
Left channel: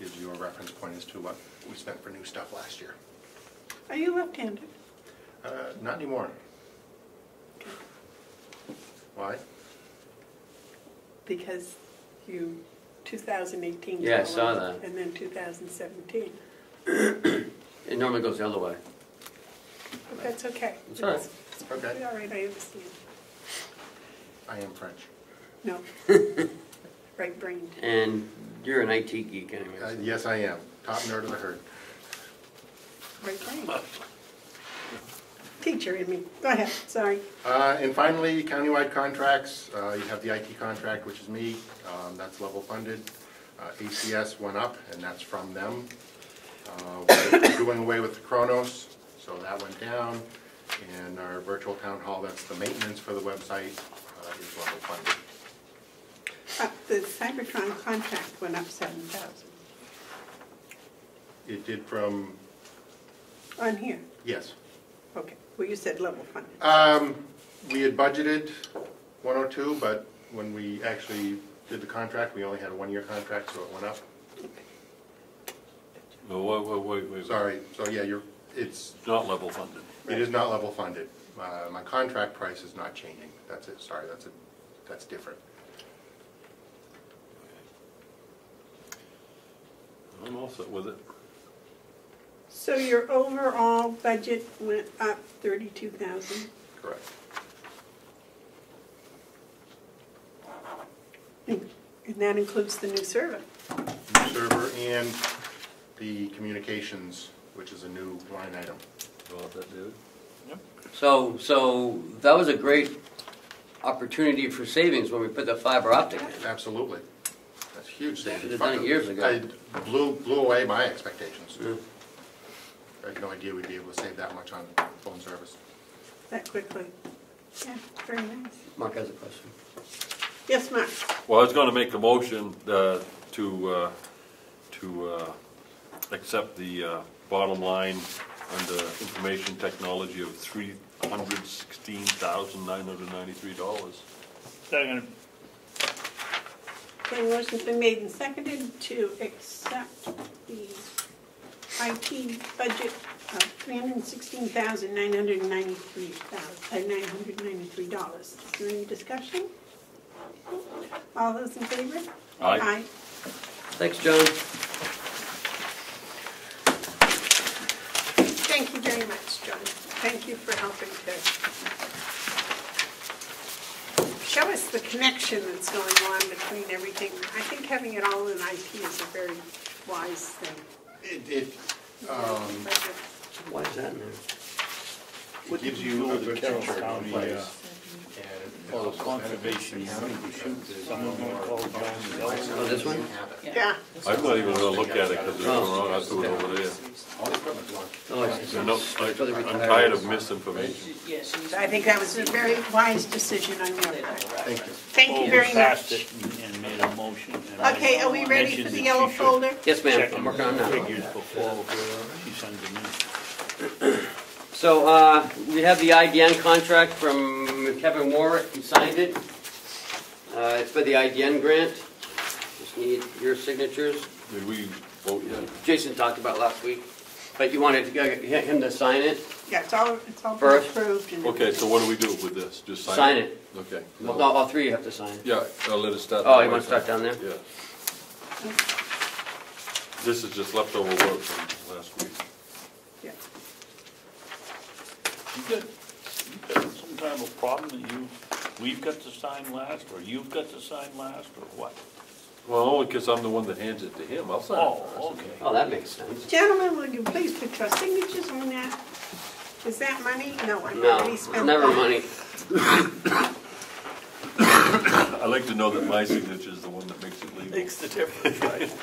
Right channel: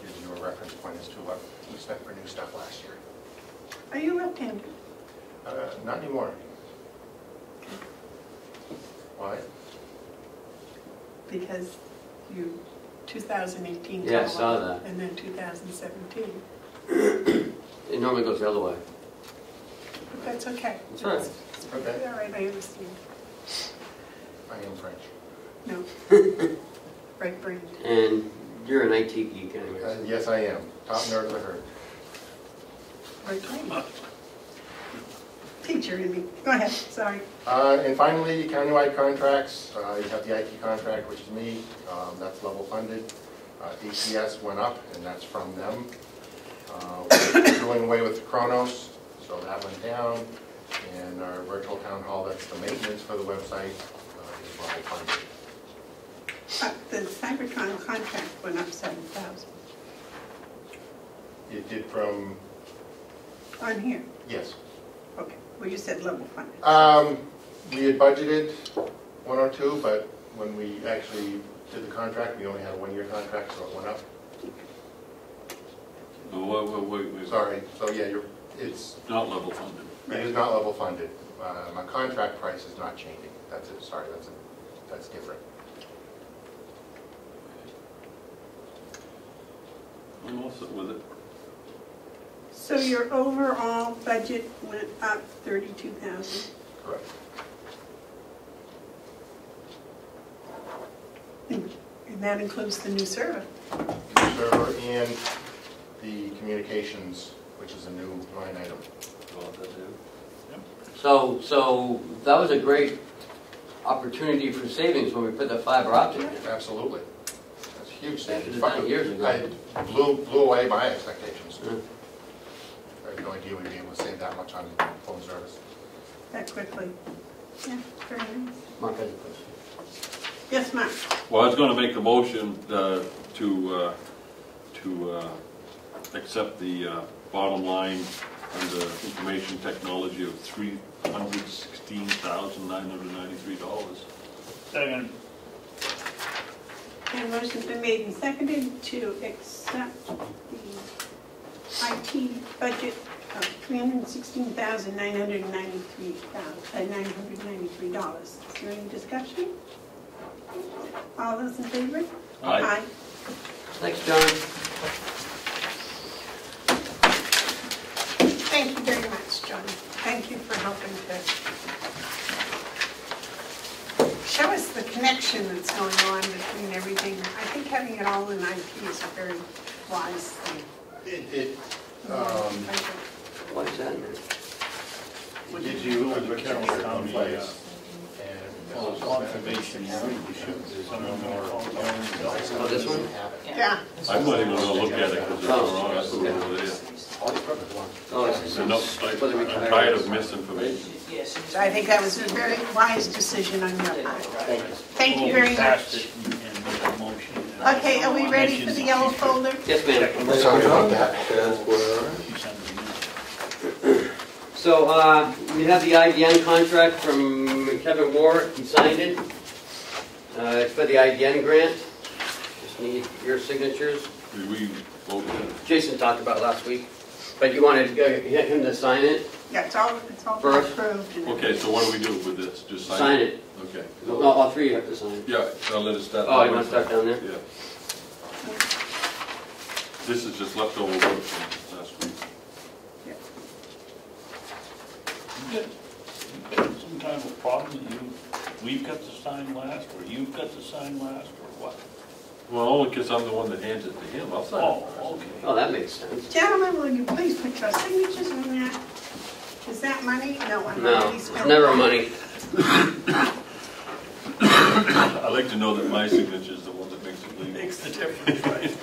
Gives you a reference point as to what we spent for new stuff last year. Are you left-handed? Not anymore. Why? Because you, 2018 Yeah, I came saw along, that. and then 2017. It normally goes the other way. But that's okay. It's all right. Okay. All right, I understand. I am French. No. Right brain. And you're an IT geek anyway. Yes, I am. Top nerd of the herd. Right brain. Teacher in me. Go ahead, sorry. And finally, countywide contracts. You have the IT contract, which is me. That's level funded. ACS went up, and that's from them. We're doing away with Kronos, so that went down. And our virtual town hall, that's the maintenance for the website, is level funded. The Cybertron contract went up 7,000 It did from, on here. yes. Okay, well, you said level funded. We had budgeted 102, but when we actually did the contract, we only had a 1-year contract, so it went up. Well, wait. Sorry, so yeah, it's, Not level funded. it is not level funded. My contract price is not changing. That's it, sorry, that's different. I'm all set with it. So your overall budget went up 32,000. Correct. And that includes the new server. New server and the communications, which is a new line item. So that was a great opportunity for savings when we put the fiber optic in. Absolutely. That's huge Should have savings. done it years ago. I blew away my expectations. Yeah. I had no idea we'd be able to save that much on phone service. That quickly. Yeah, very nice. Mark has a question. Yes, Mark? Well, I was gonna make a motion to accept the bottom line under information technology of $316,993. Second. The motion's been made and seconded to accept the IT budget of $316,993. Is there any discussion? All those in favor? Aye. Thanks, John. Thank you very much, John. Thank you for helping to show us the connection that's going on between everything. I think having it all in IT is a very wise thing. What is that? It gives you a good Carroll picture of County, place. conservation, Oh, this one? Yeah. I'm not even gonna look at it because it's wrong, that's what it is. Oh, it's I'm tired of misinformation. I think that was a very wise decision on your part. Thank you very passed much. it and made a motion. Okay, are we ready for the yellow folder? Yes, ma'am. Check. So, we have the IBM contract from Kevin Warwick, he signed it. It's for the IBM grant. Just need your signatures. We voted. Jason talked about it last week. But you wanted him to sign it? Yeah, it's all been First. approved. and- Okay, so what do we do with this? Just sign Sign it? it. Okay. Well, no, all three you have to sign. Yeah, I'll let it start. Oh, you want to start down there? Yeah. This is just leftover work from last week. Some kind of problem that we've got to sign last, or you've got to sign last, or what? Well, only because I'm the one that hands it to him. I'll sign it. Oh, okay. Oh, that makes sense. Gentlemen, will you please put your signatures on that? Is that money? No, I'm No, not. it's never money. I like to know that my signature is the one that makes it legal. Makes the difference, right?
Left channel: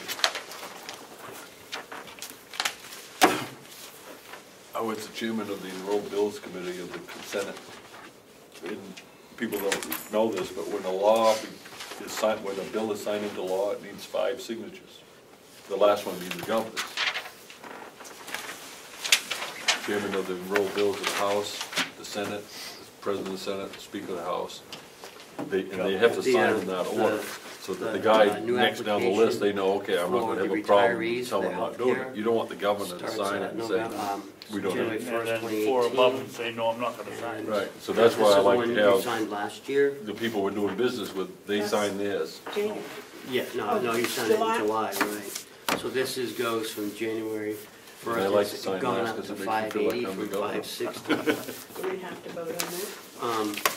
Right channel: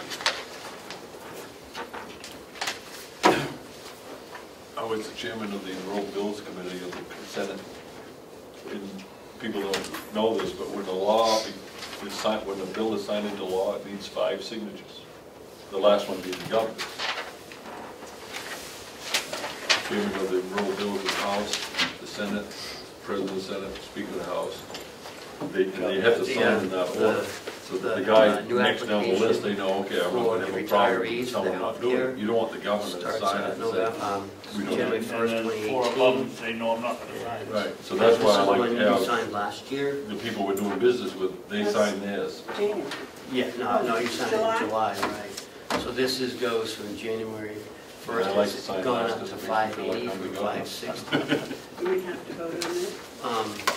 I was the chairman of the Enrolled Bills Committee of the Senate. And people don't know this, but when a law is signed, when a bill is signed into law, it needs 5 signatures. The last one being the governor. Chairman of the Enrolled Bills House, the Senate, President of the Senate, Speaker of the House. They have to sign in that order. So the guy next down the list, they know, okay, I'm not gonna have a problem with someone not doing it. You don't want the governor to sign it and say, we don't January have. 1st, And then 2018. 4/11 say, no, I'm not gonna sign. Right, so that's why I This is the like one to you have signed last year? the people we're doing business with, they sign theirs. Jamie. Yeah, no, you signed it in July, right. So this goes from January I 1st, like to it's sign gone this up just to to make sure 580 like from we go. 560. We have to vote on it.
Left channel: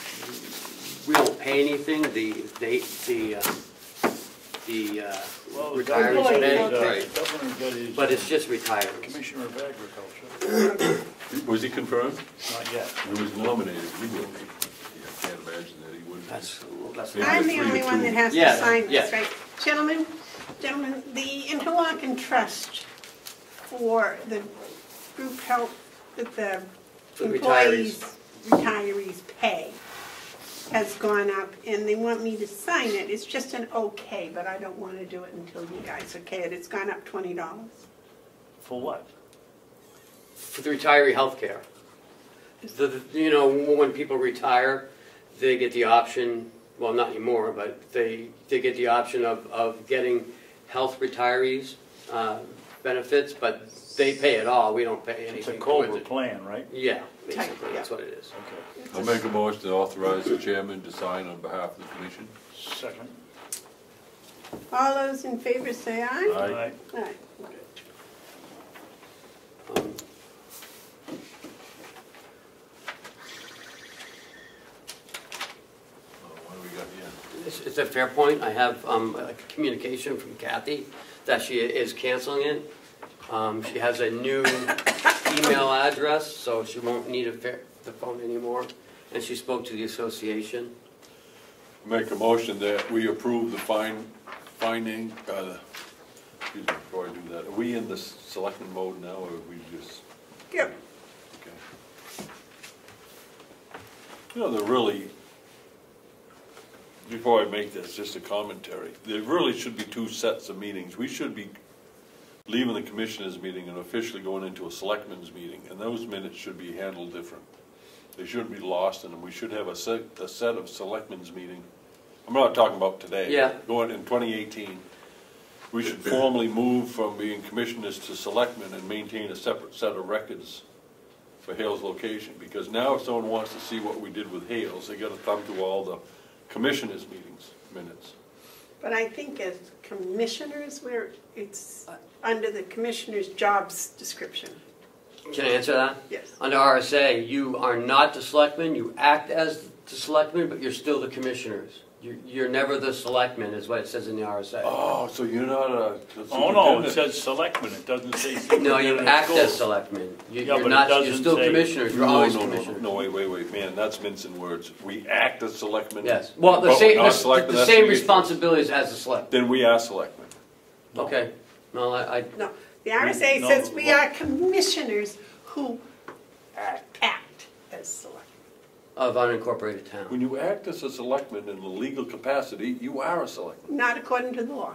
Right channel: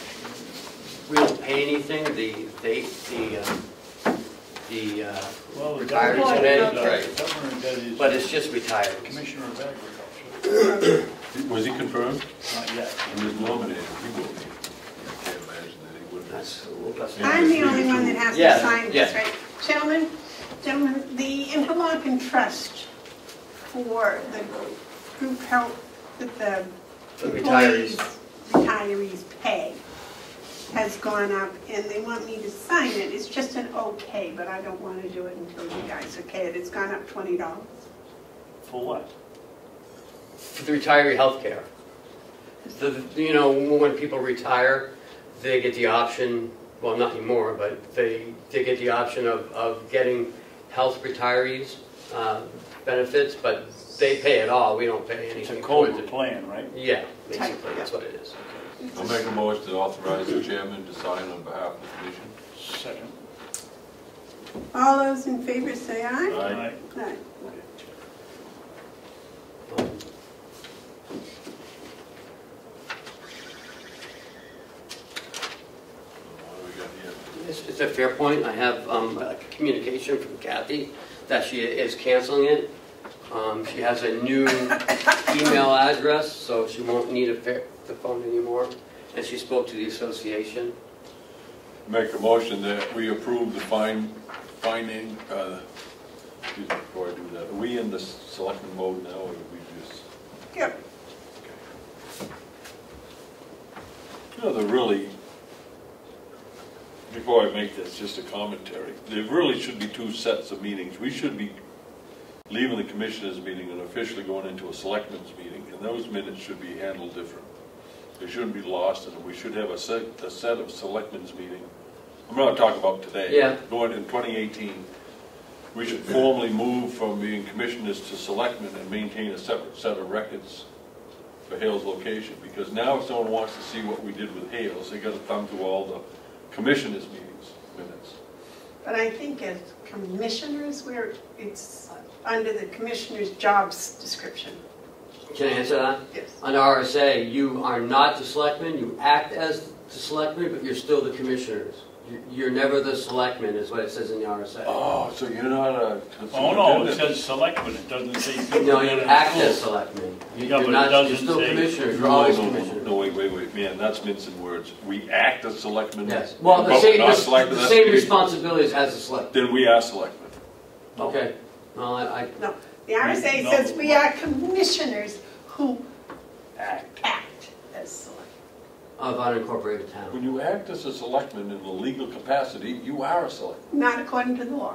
We don't pay anything, Well, the Retired governor- today, the right. governor got his, but it's just retired. Commissioner of Agriculture, Was he confirmed? not yet. He was eliminated. He wouldn't be. I can't imagine that he would. That's I'm the only one that has Yeah, to sign this, yeah. right? Gentlemen, the interlocking trust for the group health that the The employees, retirees. retirees pay has gone up, and they want me to sign it. It's just an okay, but I don't want to do it until you guys okay it. It's gone up $20. For what? For the retiree healthcare. You know, when people retire, they get the option, well, not anymore, but they get the option of getting health retirees benefits, but they pay it all, we don't pay It's a anything COBRA towards it. plan, right? Yeah, basically, that's what it is. I'll make a motion to authorize the chairman to sign on behalf of the commission. Second. All those in favor say aye. Aye. Aye. What do we got here? It's a fair point. I have a communication from Kathy that she is canceling it. She has a new email address, so she won't need the phone anymore. And she spoke to the association. Make a motion that we approve the finding, excuse me, before I do that, are we in the selectman mode now, or are we just? Yep. Okay. You know, before I make this, just a commentary, there really should be 2 sets of meetings. We should be leaving the commissioners' meeting and officially going into a selectmen's meeting, and those minutes should be handled different. They shouldn't be lost, and we should have a set of selectmen's meeting. I'm not talking about today. Yeah. Going in 2018, we should formally move from being commissioners to selectmen and maintain a separate set of records for Hale's location, because now if someone wants to see what we did with Hale's, they gotta thumb through all the commissioners' meetings, minutes. But I think as commissioners, it's under the commissioner's jobs description. Can I answer that? Yes. Under RSA, you are not the selectman, you act as the selectman, but you're still the commissioners. You're never the selectman, is what it says in the RSA. Oh, so you're not a. Oh, no, it says selectmen, it doesn't say. No, you act as selectman. Yeah, You're but it not, you're doesn't still say- commissioners, you're always No, commissioners. no, wait, man, that's mincing words. We act as selectmen. Yes, well, the Well, same, not selectmen, the that's same the- responsibilities as a selectman. Then we are selectmen. Okay, no, I, No, the RSA No, says we are commissioners who act as select. of unincorporated town. When you act as a selectman in a legal capacity, you are a selectman. Not according to the law.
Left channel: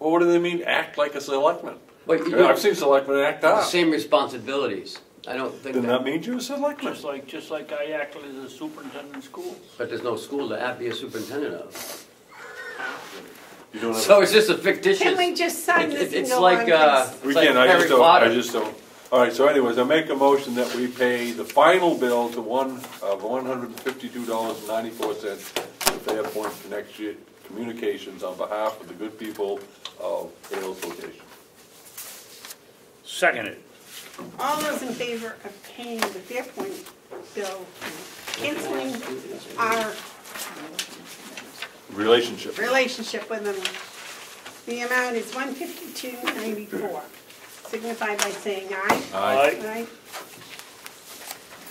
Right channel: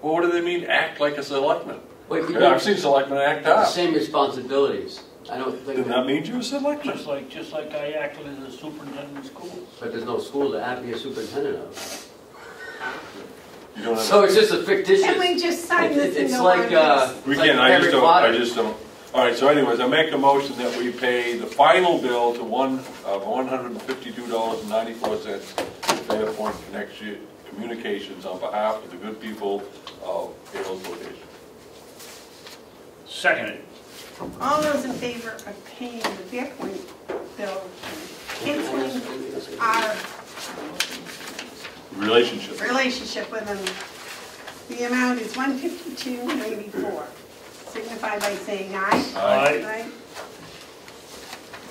Well, what do they mean, act like a selectman? But you I've seen selectmen act the out. same responsibilities. I don't think, Then that means you're a selectman. Just like I acted as a superintendent of schools. but there's no school to be a superintendent of. You don't So have, it's just a fictitious. Can we just sign this and It's go like, on? 'Cause we like can't, I Harry just don't, Potter. I just don't. All right, so anyways, I make a motion that we pay the final bill to $152.94 to Fairpoint Connection Communications on behalf of the good people of Carroll Location. Seconded. All those in favor of paying the Fairpoint bill, canceling our Relationship. relationship with them, the amount is $152.94. Signify by saying aye. Aye. Aye.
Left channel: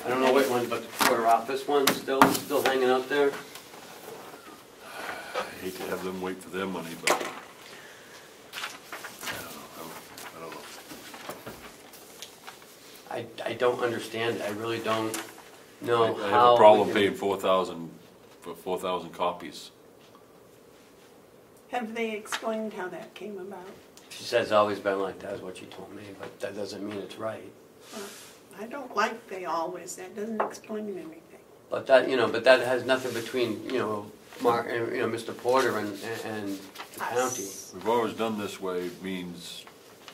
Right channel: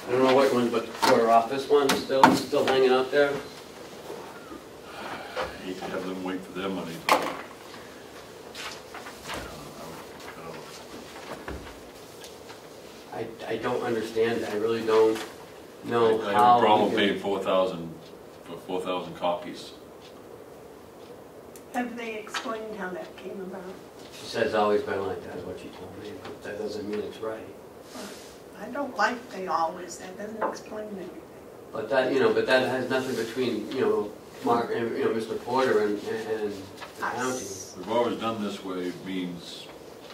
I don't know what one, but our office one is still hanging out there. I hate to have them wait for their money, but I don't know. I don't understand, I really don't know I have how. a problem paying 4,000 for 4,000 copies. Have they explained how that came about? She says it's always been like that, is what she told me, but that doesn't mean it's right. I don't like they always, that doesn't explain anything. But that, but that has nothing between, Mark and, Mr. Porter and county. Us. We've always done this way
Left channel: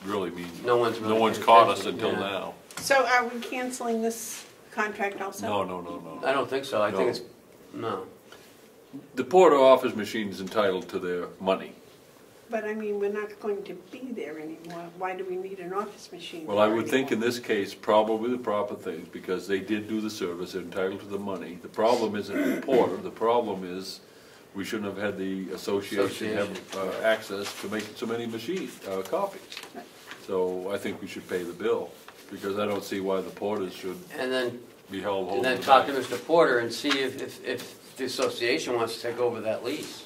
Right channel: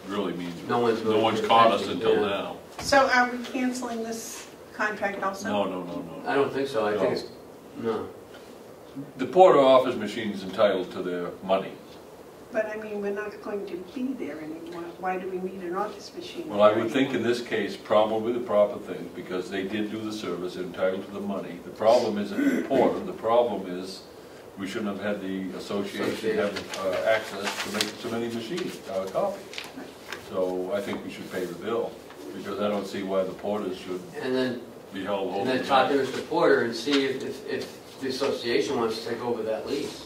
really means, No one's no really one's caught us protecting, until yeah. now. So are we canceling this contract also? No. I don't think so, I think it's, no. The Porter office machine's entitled to their money. But I mean, we're not going to be there anymore. Why do we need an office machine? Well, I would think in this case, probably the proper thing, because they did do the service, they're entitled to the money. The problem isn't the Porter, the problem is we shouldn't have had the association have access to make so many machines, copies. So I think we should pay the bill, because I don't see why the Porters should And then, be held and then over. talk to Mr. Porter and see if the association wants to take over that lease.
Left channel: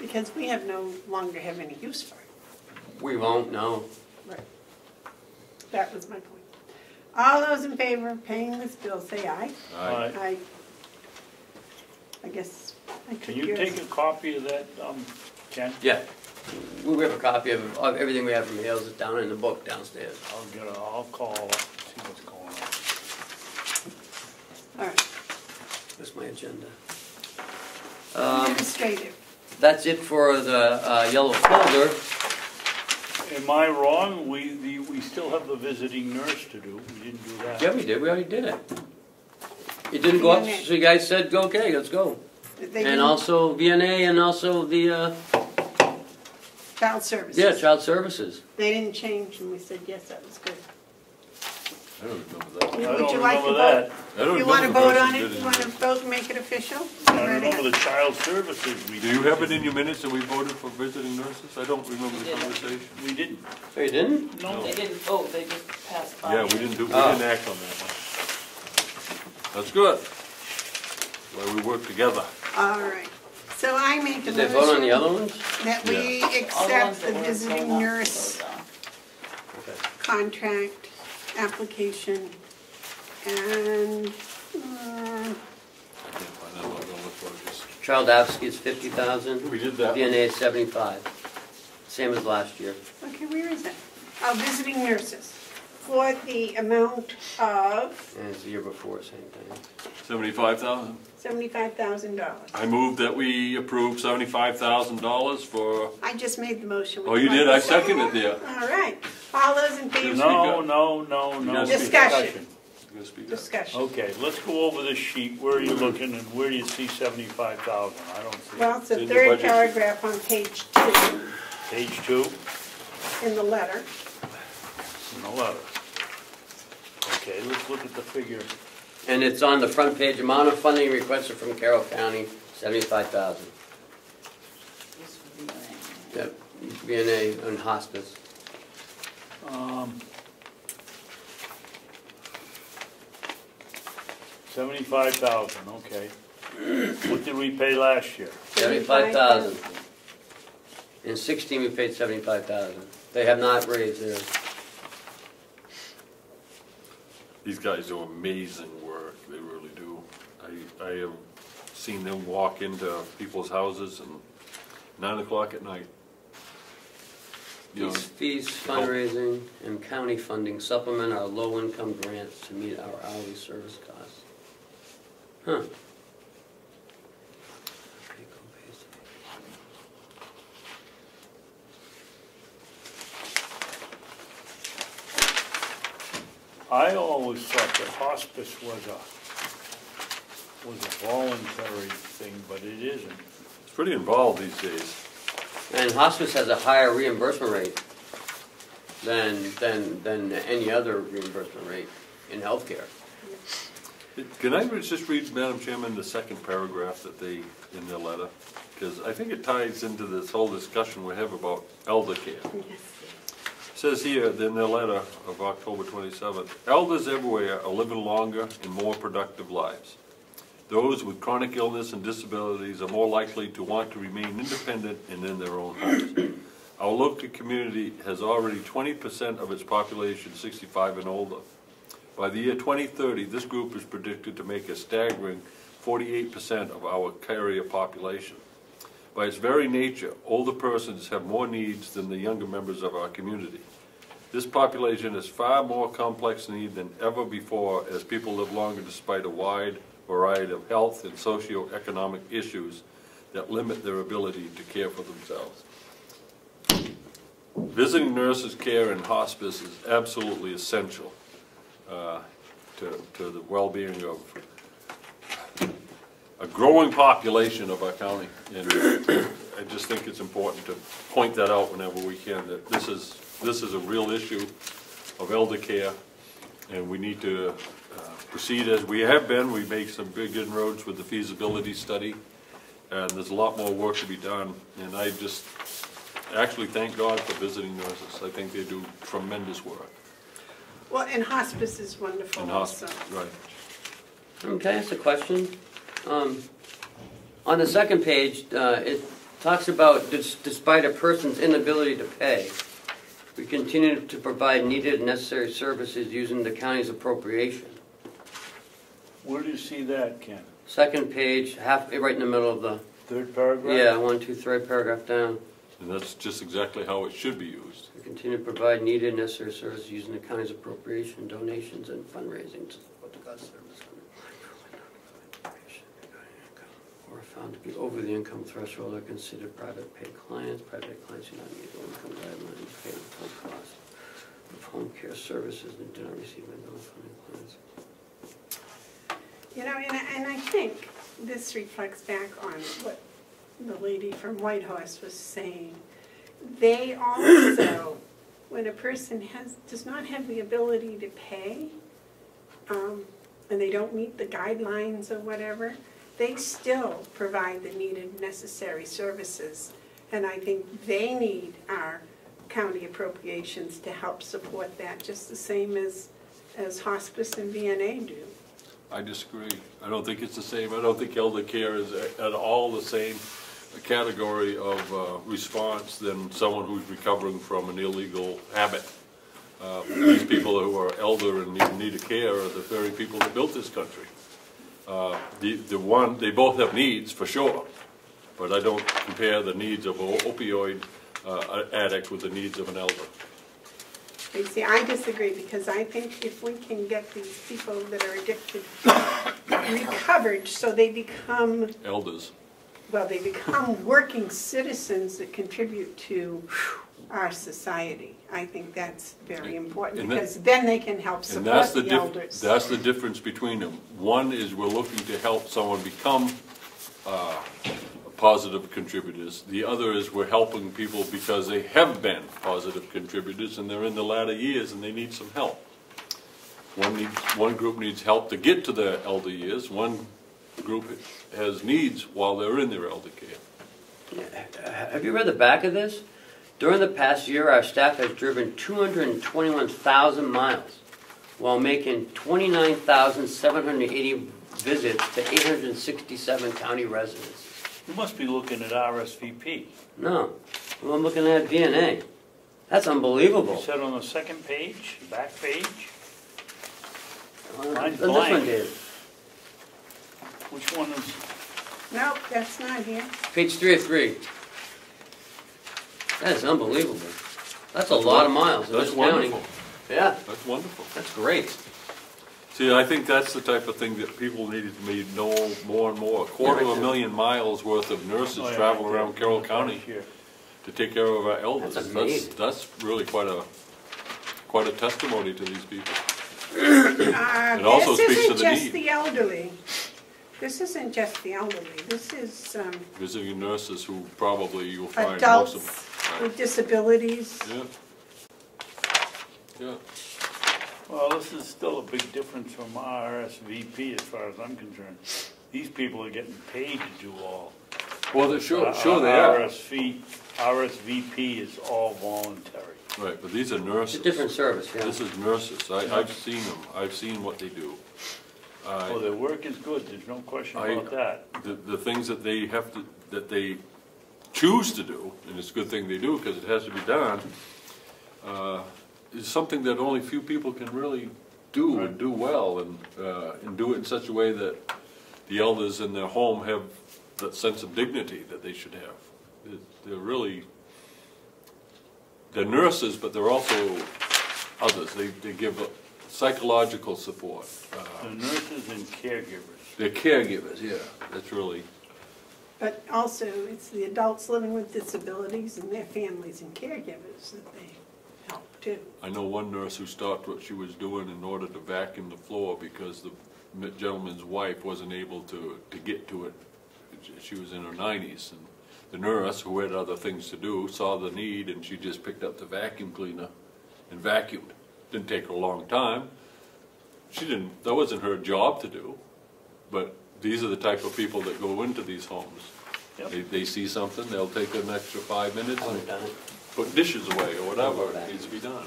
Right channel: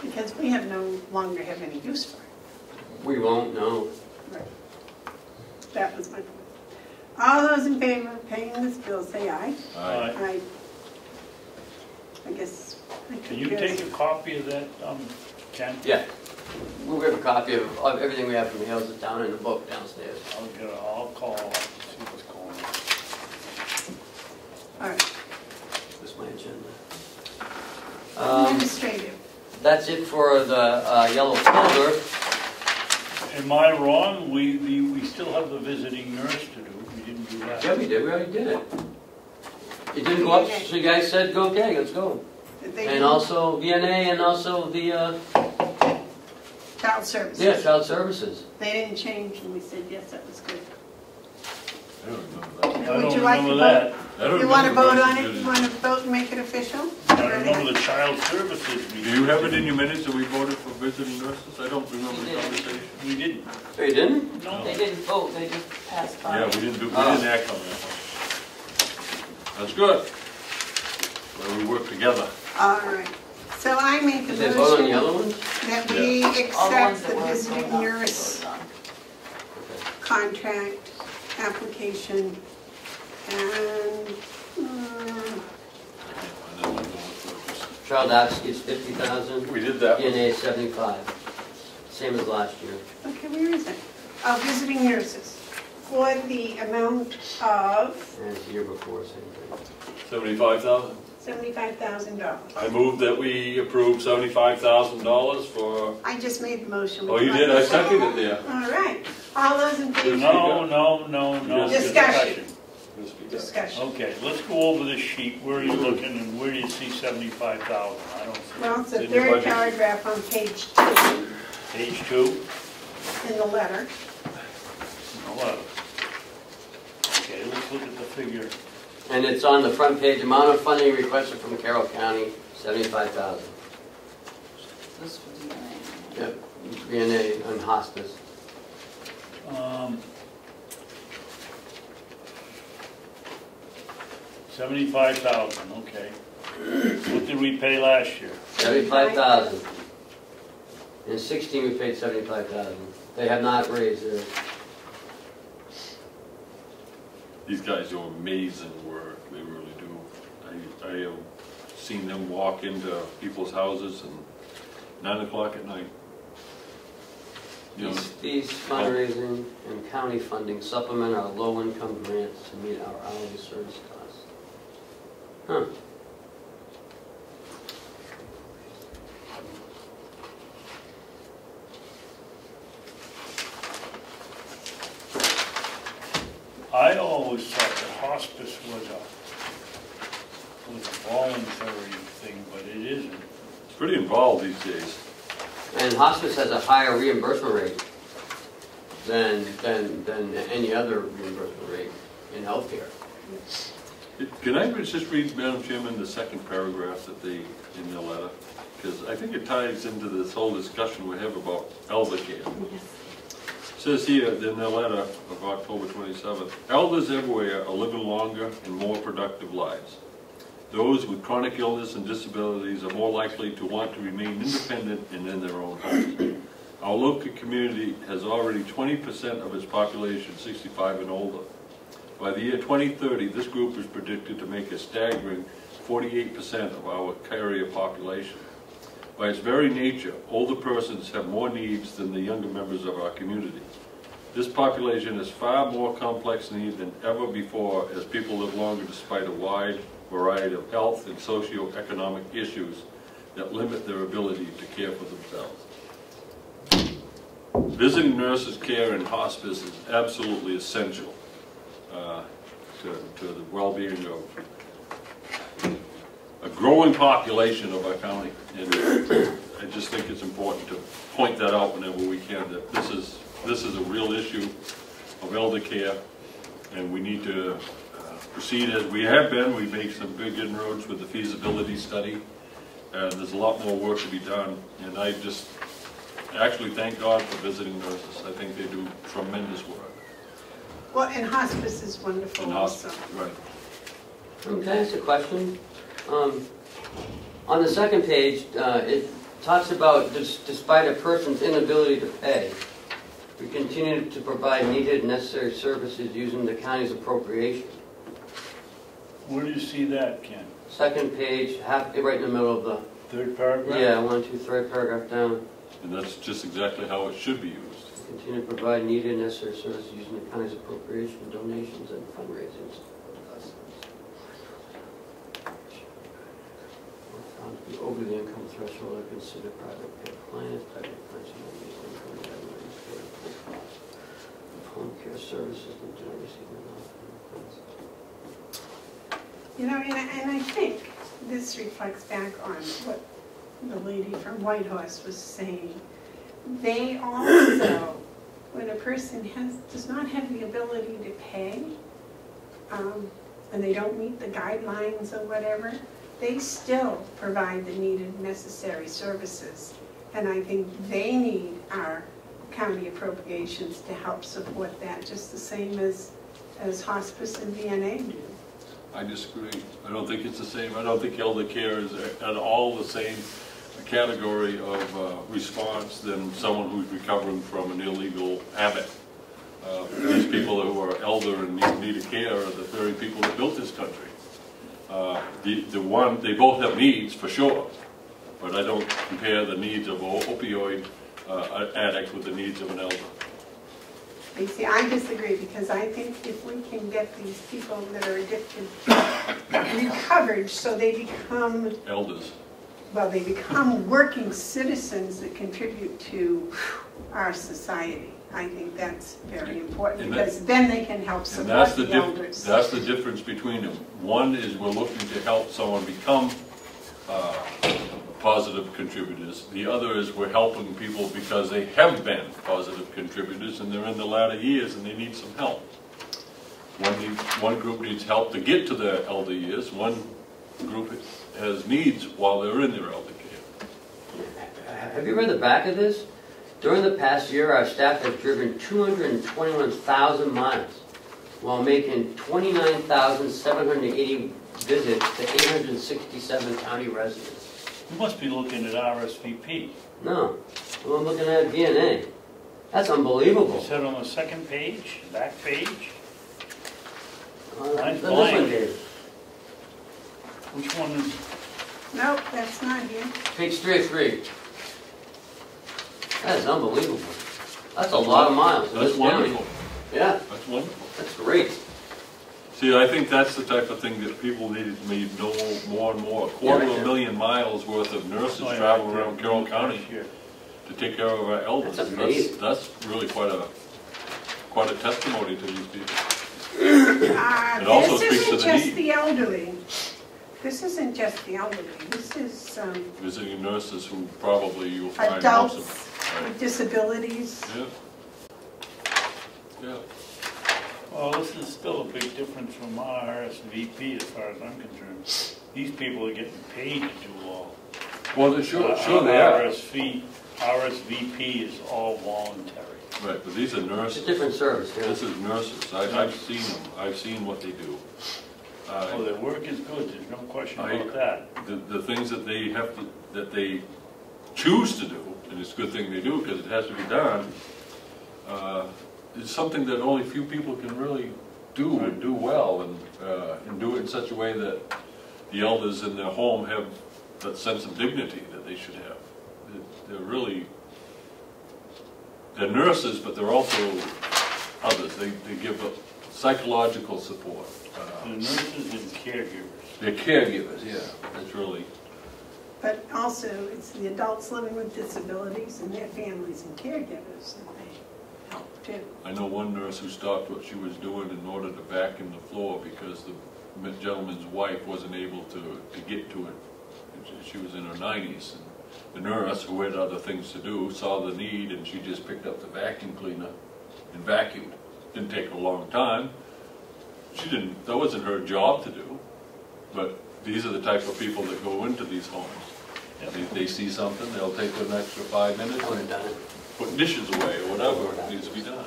Because we have no longer have any use for it. We won't know. That was my point. All those in favor of paying this bill, say aye. Aye. Aye. I guess I Can took you yours. take a copy of that, Ken? Yeah. We have a copy of everything we have in mails is down in the book downstairs. I'll call, see what's going on. All right, That's my agenda. administrative. That's it for the yellow folder. Am I wrong? We still have a visiting nurse to do. We didn't do that. Yeah, we did. We already did it. You didn't go up, so you guys said, go, okay, let's go. Did they And do also VNA and also the, child services? yeah, child services. They didn't change and we said, yes, that was good. I don't remember I that. Would don't you like to remember that. I don't You want to remember vote on who it? did You want to vote, make it official? I remember the child services Do meeting. you have it in your minutes that we voted for visiting nurses? I don't remember the conversation. We didn't. So you didn't? No. They didn't vote, they just passed by. Yeah, we didn't act on that. That's good. So we work together. All right. So I make a Did they vote on the motion other ones? that we All the accept ones the that were visiting going up, nurse voted on. contract application and, Child advocacy is 50,000. We did that. VNA 75. Same as last year. okay, where is it? Visiting nurses for the amount of And it's the year before, same thing. 75,000. $75,000. I move that we approve $75,000 for, I just made the motion. oh, you did, I seconded it, yeah. All right. All those in favor? No. Discussion. Discussion. Discussion. Okay, let's go over this sheet. Where are you looking and where do you see 75,000? I don't see. Well, it's In the the third budget. paragraph on page 2 Page 2. in the letter. No letter. Okay, let's look at the figure. And it's on the front page, amount of funding requested from Carroll County, 75,000. This was the name. Yep, VNA and hospice. 75,000, okay. What did we pay last year? 75,000. In 16, we paid 75,000. They have not raised their, These guys do amazing work, they really do. I have seen them walk into people's houses and 9 o'clock at night. You know, fees, fundraising, and county funding supplement our low-income grants to meet our hourly service costs. Huh. always thought that hospice was a voluntary thing, but it isn't. It's pretty involved these days. And hospice has a higher reimbursement rate than any other reimbursement rate in healthcare. Can I just read, Madam Chairman, the second paragraph that they, in the letter? Because I think it ties into this whole discussion we have about elder care. It says here in the letter of October 27th, elders everywhere are living longer and more productive lives. Those with chronic illness and disabilities are more likely to want to remain independent and in their own homes. Our local community has already 20% of its population 65 and older. By the year 2030, this group is predicted to make a staggering 48% of our carrier population. By its very nature, older persons have more needs than the younger members of our community. This population has far more complex needs than ever before as people live longer despite a wide variety of health and socio-economic issues that limit their ability to care for themselves. Visiting nurses' care in hospice is absolutely essential to the well-being of a growing population of our county. And I just think it's important to point that out whenever we can, that this is a real issue of elder care, and we need to proceed as we have been. We've made some big inroads with the feasibility study. There's a lot more work to be done, and I just actually thank God for visiting nurses. I think they do tremendous work. Well, and hospice is wonderful And also. right. Can I ask a question? On the second page, it talks about despite a person's inability to pay, we continue to provide needed and necessary services using the county's appropriation. Where do you see that, Ken? Second page, halfway right in the middle of the... Third paragraph? Yeah, 1, 2, 3 paragraph down. And that's just exactly how it should be used. Continue to provide needed and necessary services using the county's appropriation, donations, and fundraising support to that service. Or found to be over the income threshold are considered private pay clients. Private clients are not using income to pay the full cost of home care services and do not receive enough. You know, and I think this reflects back on what the lady from Whitehorse was saying. They also, when a person does not have the ability to pay, and they don't meet the guidelines or whatever, they still provide the needed necessary services. And I think they need our county appropriations to help support that, just the same as hospice and VNA do. I disagree. I don't think it's the same. I don't think elder care is at all the same category of response than someone who's recovering from an illegal habit. These people who are elder and need care are the very people that built this country. They both have needs for sure, but I don't compare the needs of an opioid addict with the needs of an elder. You see, I disagree, because I think if we can get these people that are addicted recovered so they become Elders. Well, they become working citizens that contribute to our society. I think that's very important, because then they can help support the elders. That's the difference between them. One is we're looking to help someone become positive contributors. The other is we're helping people because they have been positive contributors and they're in the latter years and they need some help. One group needs help to get to their elder years. One group has needs while they're in their elder care. Have you read the back of this? During the past year, our staff has driven 221,000 miles while making 29,780 visits to 867 county residents. You must be looking at RSVP. No, well, I'm looking at DNA. That's unbelievable. Is that on the second page, back page? This one, Dave. Which one is? No, that's not here. Page 3 of 3. That is unbelievable. That's a lot of miles. That's wonderful. Yeah. That's wonderful. That's great. See, I think that's the type of thing that people need to know more and more. 250,000 miles worth of nurses travel around Carroll County to take care of our elders. That's amazing. That's really quite a testimony to these people. It also This speaks to isn't the just need. the elderly. This isn't just the elderly. This is Visiting nurses who probably you'll find also. adults with disabilities. Yeah. Yeah. Well, this is still a big difference from RSVP as far as I'm concerned. These people are getting paid to do all. Well, they're sure they are. RSVP is all voluntary. Right, but these are It's a nurses. different service, yeah. This is nurses. I've seen them. I've seen what they do. Oh, their work is good, there's no question about that. The things that they have to, that they choose to do, and it's a good thing they do because it has to be done, is something that only few people can really do and do well, and do it in such a way that the elders in their home have that sense of dignity that they should have. They're really, they're nurses, but they're also others. They give a psychological support. The nurses and caregivers. They're caregivers, yeah. That's really. But also, it's the adults living with disabilities and their families and caregivers that they help too. I know one nurse who stopped what she was doing in order to vacuum the floor because the gentleman's wife wasn't able to get to it. She was in her 90s. And the nurse, who had other things to do, saw the need and she just picked up the vacuum cleaner and vacuumed. Didn't take her a long time. That wasn't her job to do. But these are the type of people that go into these homes. Yep. If they see something, they'll take an extra 5 minutes I would and have done it. put dishes away or whatever needs to be done.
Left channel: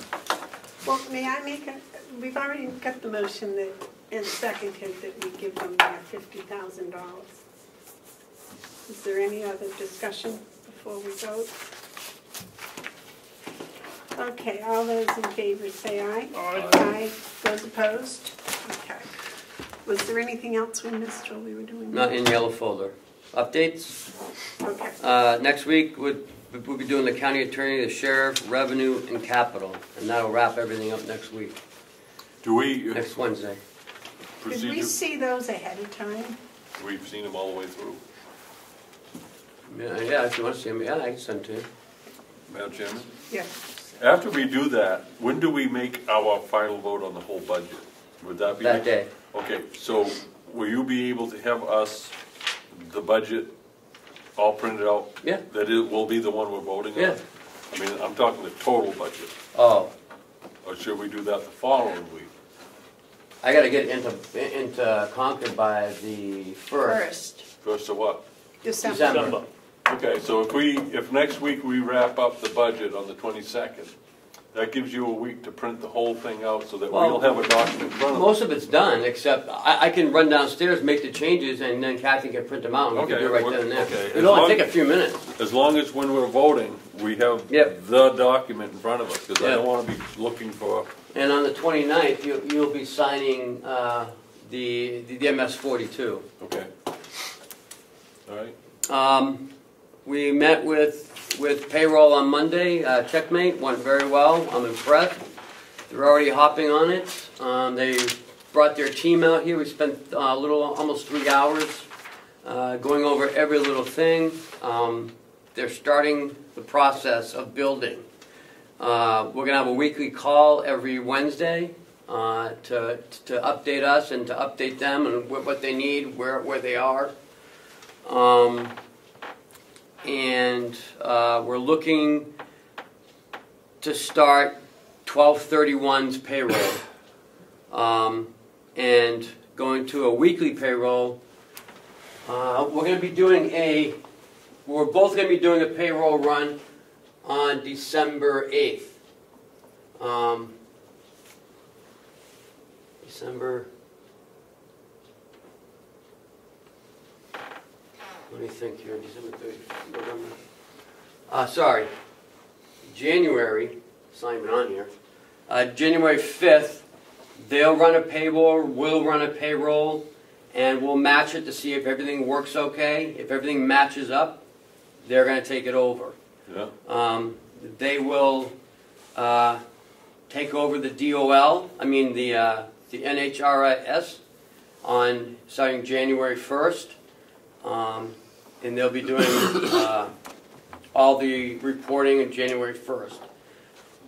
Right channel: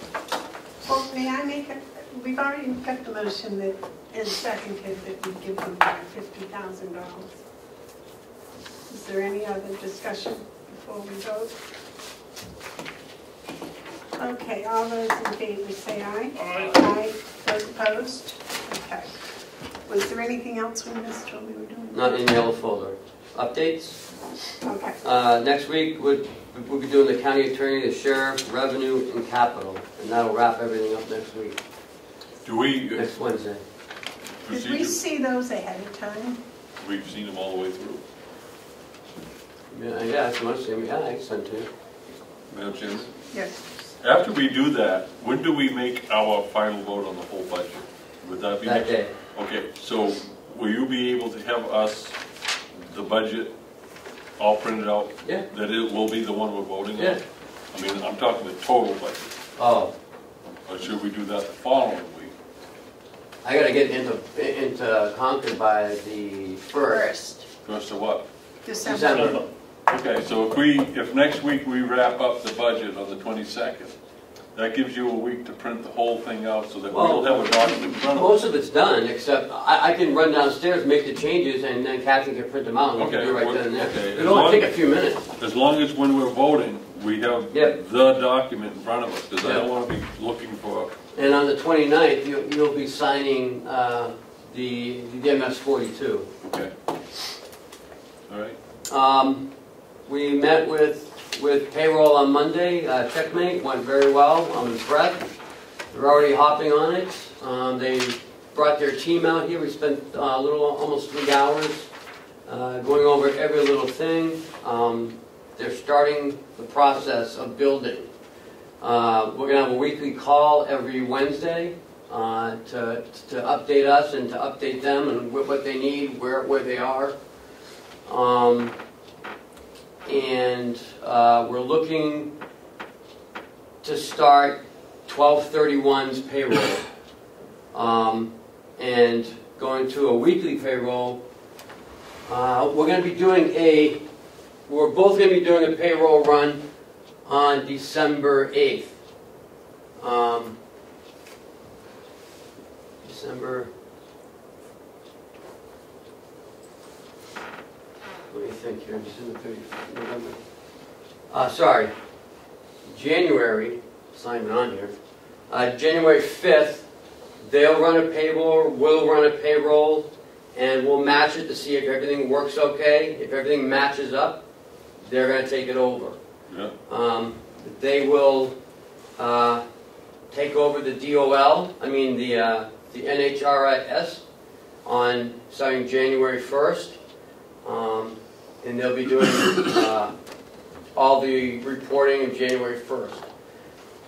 Well, may I make a, we've already got the motion that is seconded that we give them back $50,000. Is there any other discussion before we vote? Okay, all those in favor say aye. Aye. Aye. Those opposed? Okay. Was there anything we missed while we were doing that? Not in yellow folder. Updates? Okay. Next week, we'll be doing the county attorney, the sheriff, revenue, and capital. And that'll wrap everything up next week, Do we next Wednesday. Did we see those ahead of time? We've seen them all the way through. Yeah, if you want to see them, yeah, I can send them to you. Madam Chairman? Yes. After we do that, when do we make our final vote on the whole budget? Would that be? That day. Okay, so will you be able to have us, the budget, all printed out? Yeah. That it will be the one we're voting on? Yeah. I mean, I'm talking the total budget. Oh, Or should we do that the following week? I gotta get into Concord by the 1st. First of what? December. Okay, so if next week we wrap up the budget on the 22nd, that gives you a week to print the whole thing out so that we'll have a document in front of us. Most of it's done, except I can run downstairs, make the changes, and then Kathy can print them out, and we can Okay, do it right then and there. okay. It'll only take a few minutes. As long as when we're voting, we have Yep. the document in front of us, because I Yep. don't want to be looking for, And on the 29th, you'll be signing the MS 42. okay. All right. We met with payroll on Monday, checkmate, went very well, I'm impressed. They're already hopping on it. They brought their team out here, we spent almost 3 hours going over every little thing. They're starting the process of building. We're going to have a weekly call every Wednesday to update us and to update them and what they need, where they are. And we're looking to start 12/31's payroll and going to a weekly payroll. We're both going to be doing a payroll run on December 8th. What do you think here? December 30th, November. January, it's not even on here. January 5th, they'll run a payroll, we'll run a payroll, and we'll match it to see if everything works okay. If everything matches up, they're going to take it over. Yeah. They will take over the DOL, the NHRIS, starting January 1st. And they'll be doing all the reporting on January 1st.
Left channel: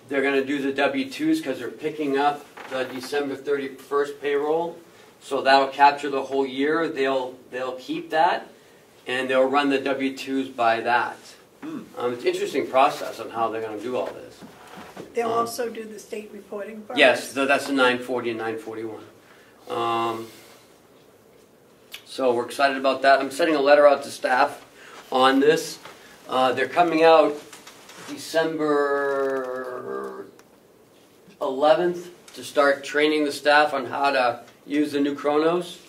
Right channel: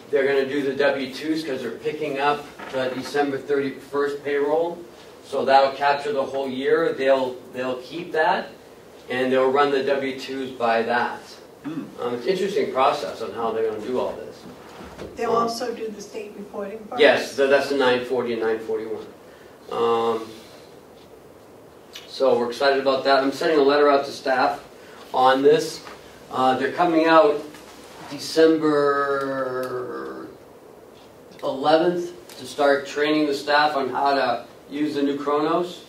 They're gonna do the W-2s because they're picking up December 31st payroll. So that'll capture the whole year. They'll keep that, and they'll run the W-2s by that. It's an interesting process on how they're gonna do all this. They'll also do the state reporting part? Yes, that's the 940 and 941. So we're excited about that. I'm sending a letter out to staff on this. They're coming out December 11th to start training the staff on how to use the new Chronos,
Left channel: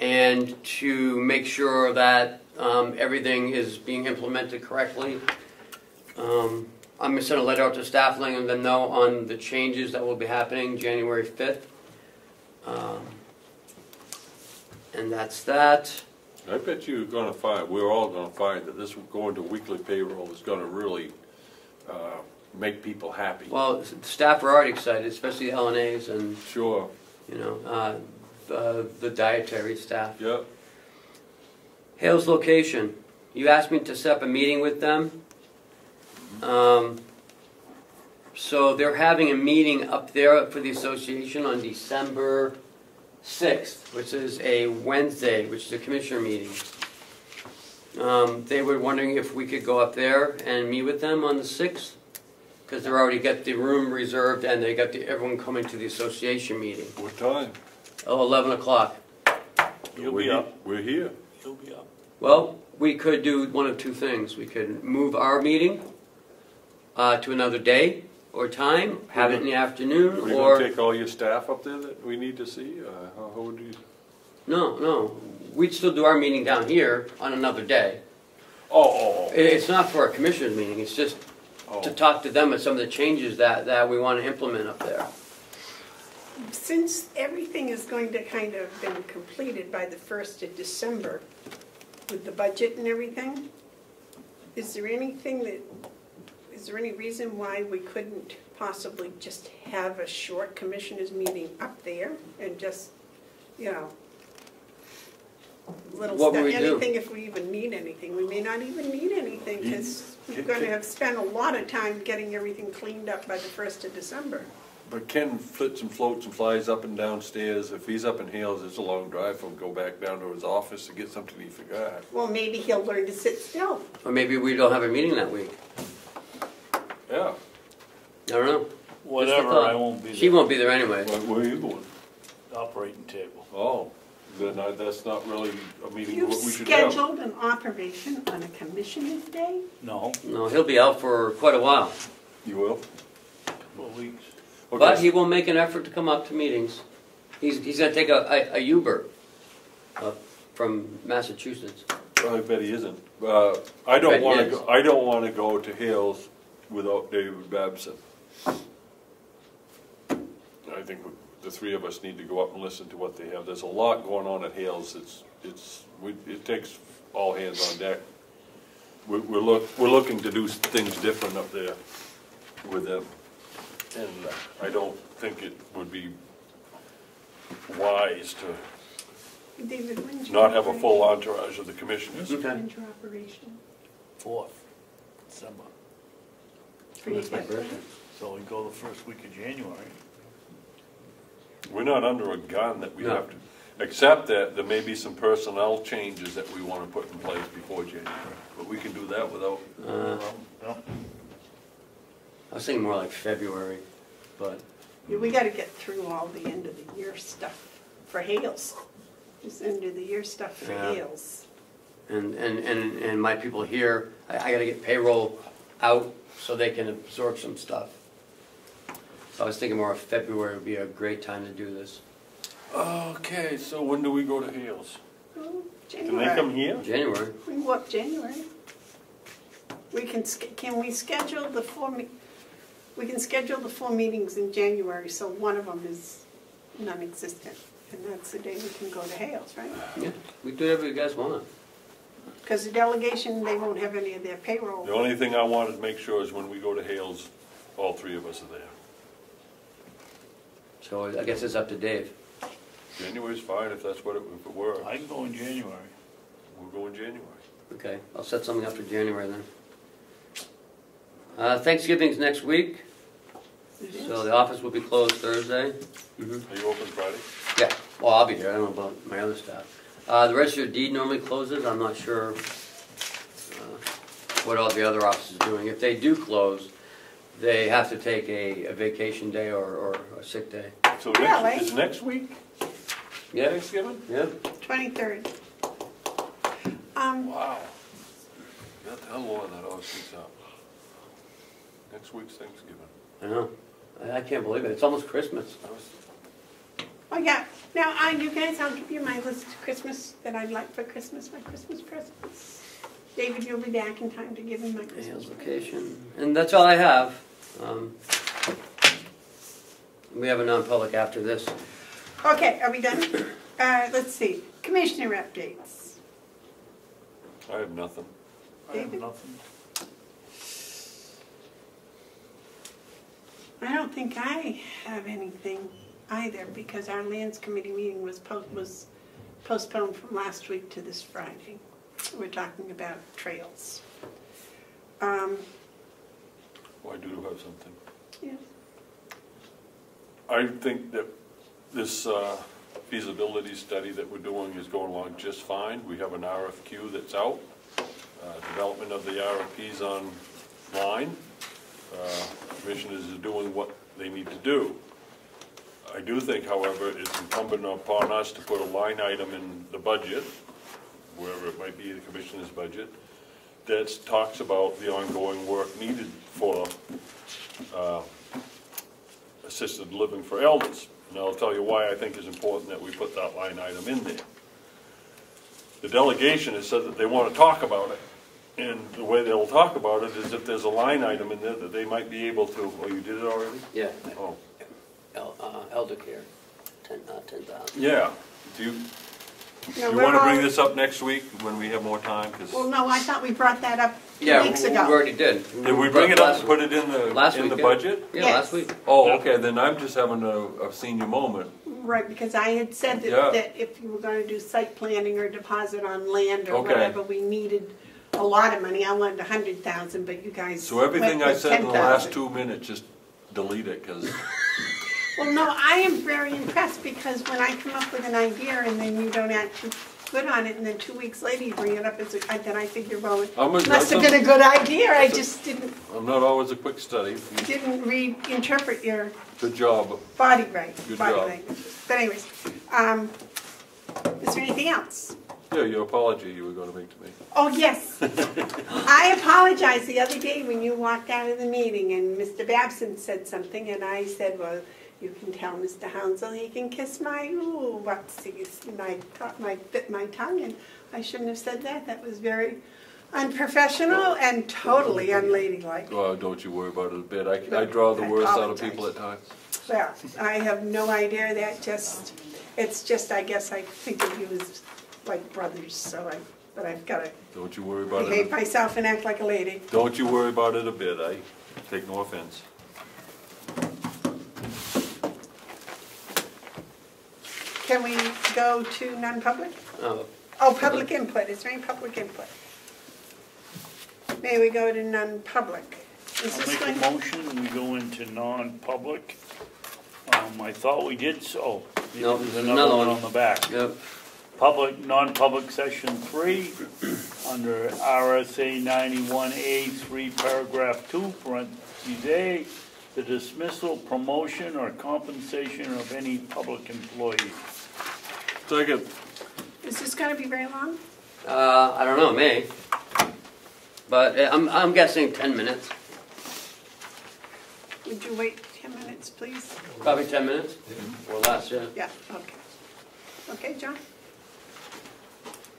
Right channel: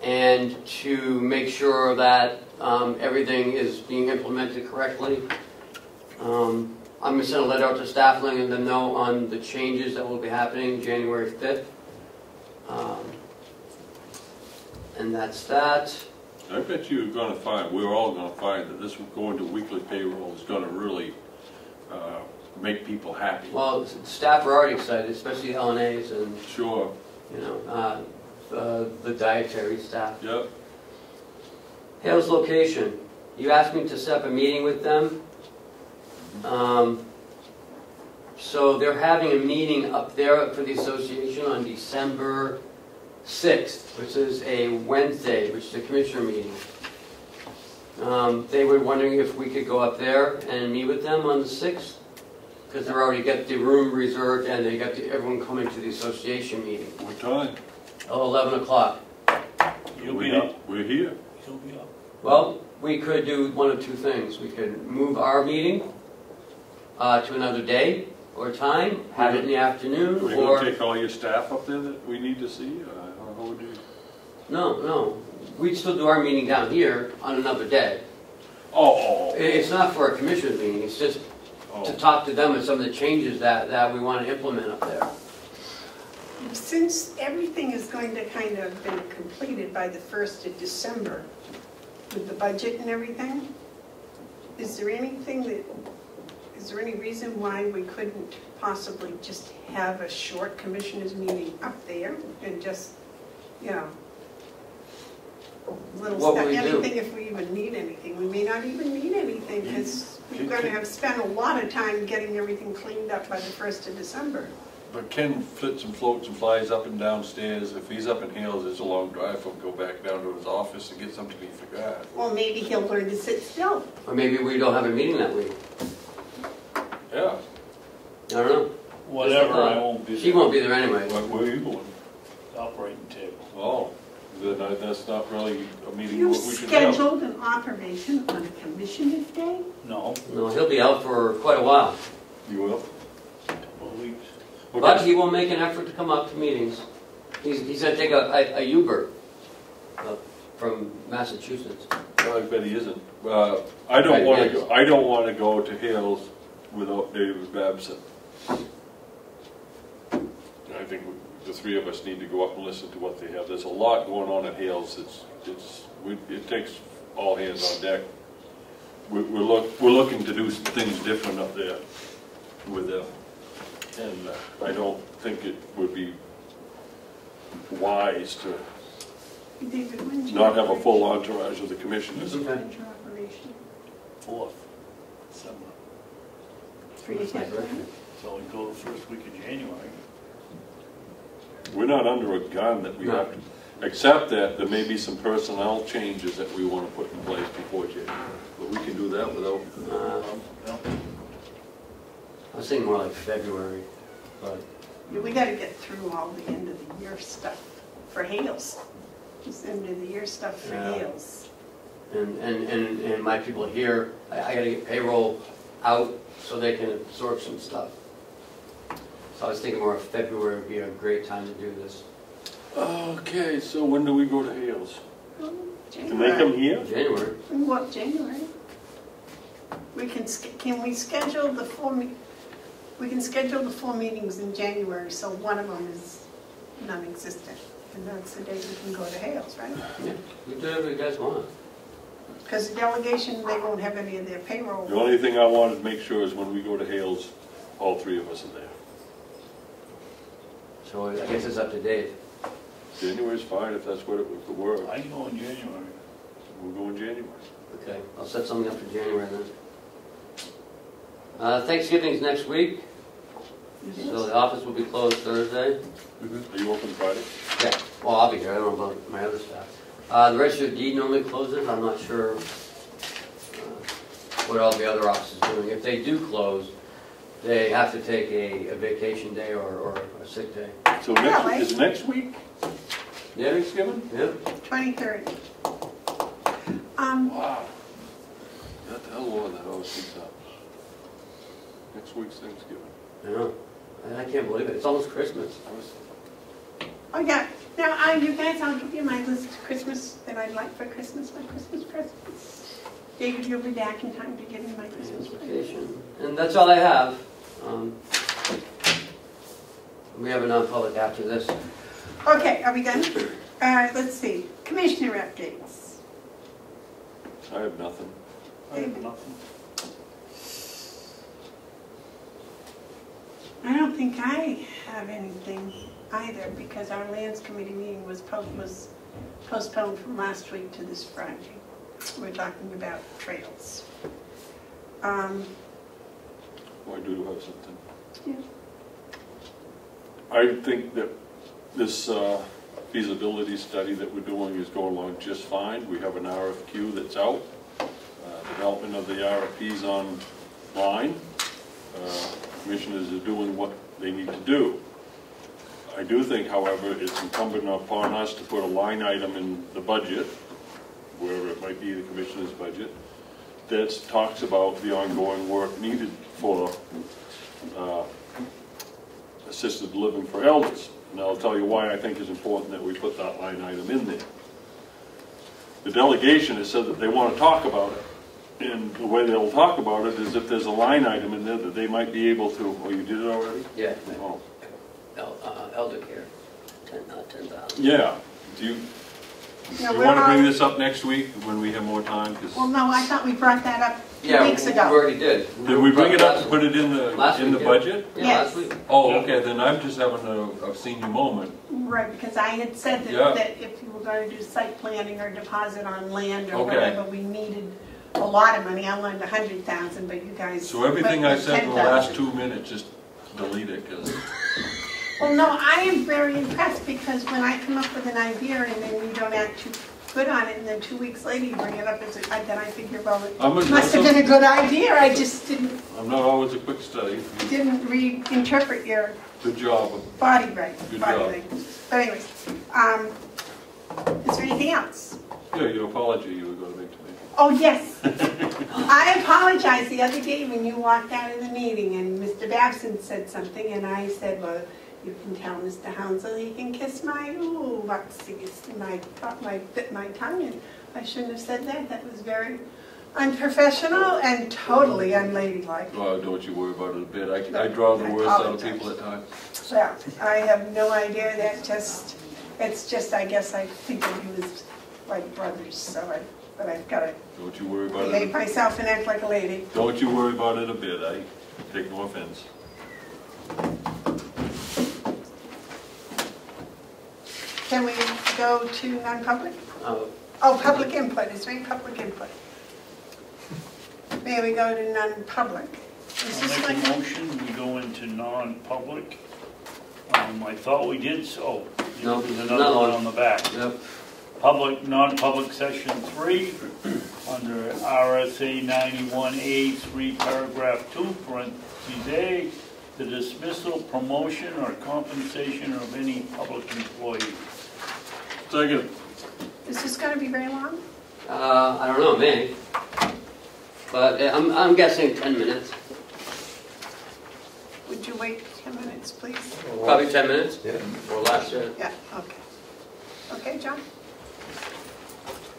and to make sure that everything is being implemented correctly. I'm going to send a letter out to staff letting them know on the changes that will be happening January 5th. And that's that. I bet you're gonna find, we're all gonna find that this going to weekly payroll is gonna really make people happy. Well, staff are already excited, especially LNAs and, Sure. you know, the dietary staff. Yep. Hales location. You asked me to set up a meeting with them. So they're having a meeting up there for the association on December 6th, which is a Wednesday, which is a commissioner meeting. They were wondering if we could go up there and meet with them on the 6th, because they've already got the room reserved and they got everyone coming to the association meeting. What time? Oh, 11 o'clock. You'll be up. We're here. You'll be up. Well, we could do one of two things. We could move our meeting to another day or time, have it in the afternoon, Are you or... gonna take all your staff up there that we need to see? How would you? No. We'd still do our meeting down here on another day. Oh. It's not for a commissioner's meeting, it's just to talk to them about some of the changes that we want to implement up there. Since everything is going to kind of been completed by the 1st of December with the budget and everything, is there any reason why we couldn't possibly just have a short commissioners meeting up there and just, you know, little What stuff, would we do? anything if we even need anything. We may not even need anything because we're going to have spent a lot of time getting everything cleaned up by the 1st of December. But Ken flits and floats and flies up and down stairs. If he's up in Hales, it's a long drive. He'll go back down to his office to get something he forgot. Well, maybe he'll learn to sit still. Or maybe we don't have a meeting that week. Yeah. I don't know. Whatever, I won't be there. She won't be there anyway. Where are you going? Operating table. Oh, then that's not really a meeting You've what we should have. scheduled an operation on a commissioner's day? No, No, he'll be out for quite a while. You will? couple of weeks. But he will make an effort to come up to meetings. He's going to take a Uber from Massachusetts. I bet he isn't. I don't want to go. I don't want to go to Hales without David Babson. I think the three of us need to go up and listen to what they have. There's a lot going on at Hales. It takes all hands on deck. We're looking to do things different up there with them, and I don't think it would be wise to David, when's your not have a full operation? entourage of the commissioners. Okay. When's your operation? 4th, December. For your veteran? So we go the first week of January. We're not under a gun that we No. have to, except that there may be some personnel changes that we want to put in place before January. But we can do that without, No. I was thinking more like February, but We gotta get through all the end of the year stuff for Hales. Just end of the year stuff for Yeah. Hales. and my people here, I gotta get payroll out so they can absorb some stuff. So I was thinking more of February would be a great time to do this. okay, so when do we go to Hales? Oh, Do they come January. here? January. We can go up January. Can we schedule the we can schedule the 4 meetings in January, so one of them is non-existent. And that's the day we can go to Hales, right? Yeah, we do whatever you guys want. Because the delegation, they won't have any of their payroll. The only thing I want to make sure is when we go to Hales, all three of us are there. So I guess it's up to Dave. January's fine if that's what it would work. I can go in January. We'll go in January. Okay, I'll set something up for January then. Thanksgiving's next week, so the office will be closed Thursday. Are you open Friday? Yeah, well, I'll be here, I don't know about my other staff. The register of deed normally closes, I'm not sure what all the other offices are doing. If they do close, they have to take a vacation day or a sick day. So is next week Yeah, Thanksgiving? yeah. 23rd. Wow. How long that always keeps up. Next week's Thanksgiving. I know. I can't believe it. It's almost Christmas. Oh, yeah. Now, you guys, I'll give you my list of Christmas that I'd like for Christmas, my Christmas presents. David, you'll be back in time to give me my Christmas presents. And that's all I have. We have a non-public after this. Okay, are we done? Let's see. Commissioner updates. I have nothing. I have nothing. I don't think I have anything either because our lands committee meeting was postponed from last week to this Friday. We're talking about trails. Well, I do have something. Yeah. I think that this feasibility study that we're doing is going along just fine. We have an RFQ that's out. Development of the RFPs online. Commissioners are doing what they need to do. I do think, however, it's incumbent upon us to put a line item in the budget, wherever it might be, the commissioner's budget, that talks about the ongoing work needed for assisted living for elders. And I'll tell you why I think it's important that we put that line item in there. The delegation has said that they want to talk about it. And the way they'll talk about it is if there's a line item in there that they might be able to, oh, you did it already? Yeah. Oh. Elder care. 10,000. Yeah. Do you want to bring this up next week when we have more time? Well, no, I thought we brought that up 2 Yeah, weeks we ago. already did. Did we bring it up and put it in the budget? Yeah, Yes. last week. Oh, okay, then I'm just having a senior moment. Right, because I had said that if you were going to do site planning or deposit on land or whatever, we needed a lot of money. I wanted 100,000, but you guys. So everything I went with said in the last 10,000. 2 minutes, just delete it, because Well, no, I am very impressed because when I come up with an idea and then you don't act too good on it, and then 2 weeks later you bring it up as then I figure, well, it must have been a good idea. I just didn't I'm not always a quick study. reinterpret your Good job. body right. Good Body job. language. But anyways, is there anything else? Yeah, your apology you were going to make to me. Oh, yes. I apologize the other day when you walked out of the meeting and Mr. Babson said something and I said, well, you can tell Mr. Hounsell he can kiss my whoopsies. And I bit my tongue and I shouldn't have said that. That was very unprofessional and totally unladylike. Well, don't you worry about it a bit. I draw the worst out of people at times. Well, I have no idea. It's just, I guess I figured he was like brothers, so but I've got to Don't you worry about behave it. myself and act like a lady. Don't you worry about it a bit. I take no offense. Can we go to non-public? Oh, Oh, public input. Is there any public input? May we go to non-public? Is I'll this make a like? motion, we go into non-public. I thought we did so. No, There's another another one. one on the back. yeah. Public, non-public section 3, under RSA 91A 3, paragraph 2, parentheses A, the dismissal, promotion, or compensation of any public employee. Second. Is this going to be very long? I don't know, maybe. But I'm guessing 10 minutes. Would you wait 10 minutes, please? Probably 10 minutes. Yeah. Or less, yeah. Yeah, okay. Okay, John?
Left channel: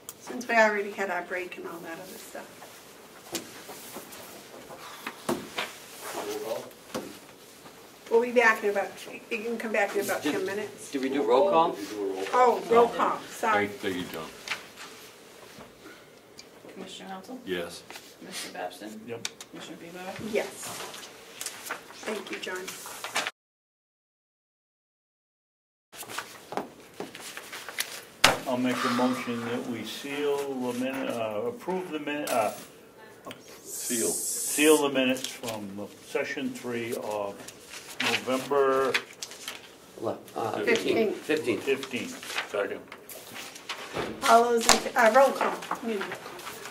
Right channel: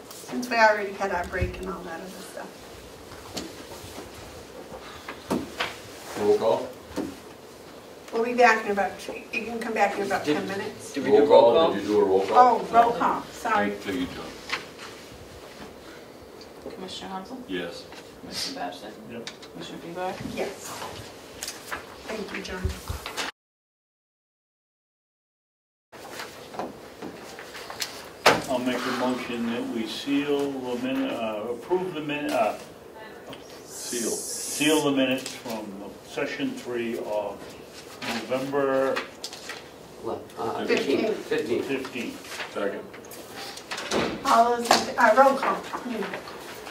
Since we already had our break and all that other stuff. Roll call. We'll be back in about, you can come back in about 10 minutes. Did we do roll call? Did you do a roll call? Oh, roll call, sorry. Thank you, John. Commissioner Hounsell? Yes. Commissioner Babson? Yep. Commissioner Bevard? Yes. Thank you, John. I'll make a motion that we seal the approve the Seal. seal the minutes from session 3 of November 15. 15th. Second. All those, roll call.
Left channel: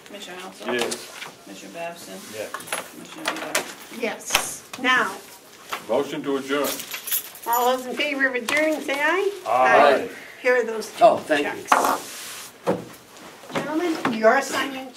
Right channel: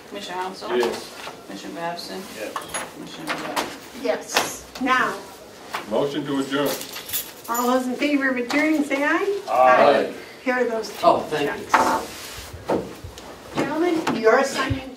Commissioner Hounsell? Yes. Commissioner Babson? Yes. Commissioner Bevard? Yes. Now, Motion to adjourn. all those in favor of adjourning, say aye. Aye. Here are those. Oh, thank you. Gentlemen, you're signing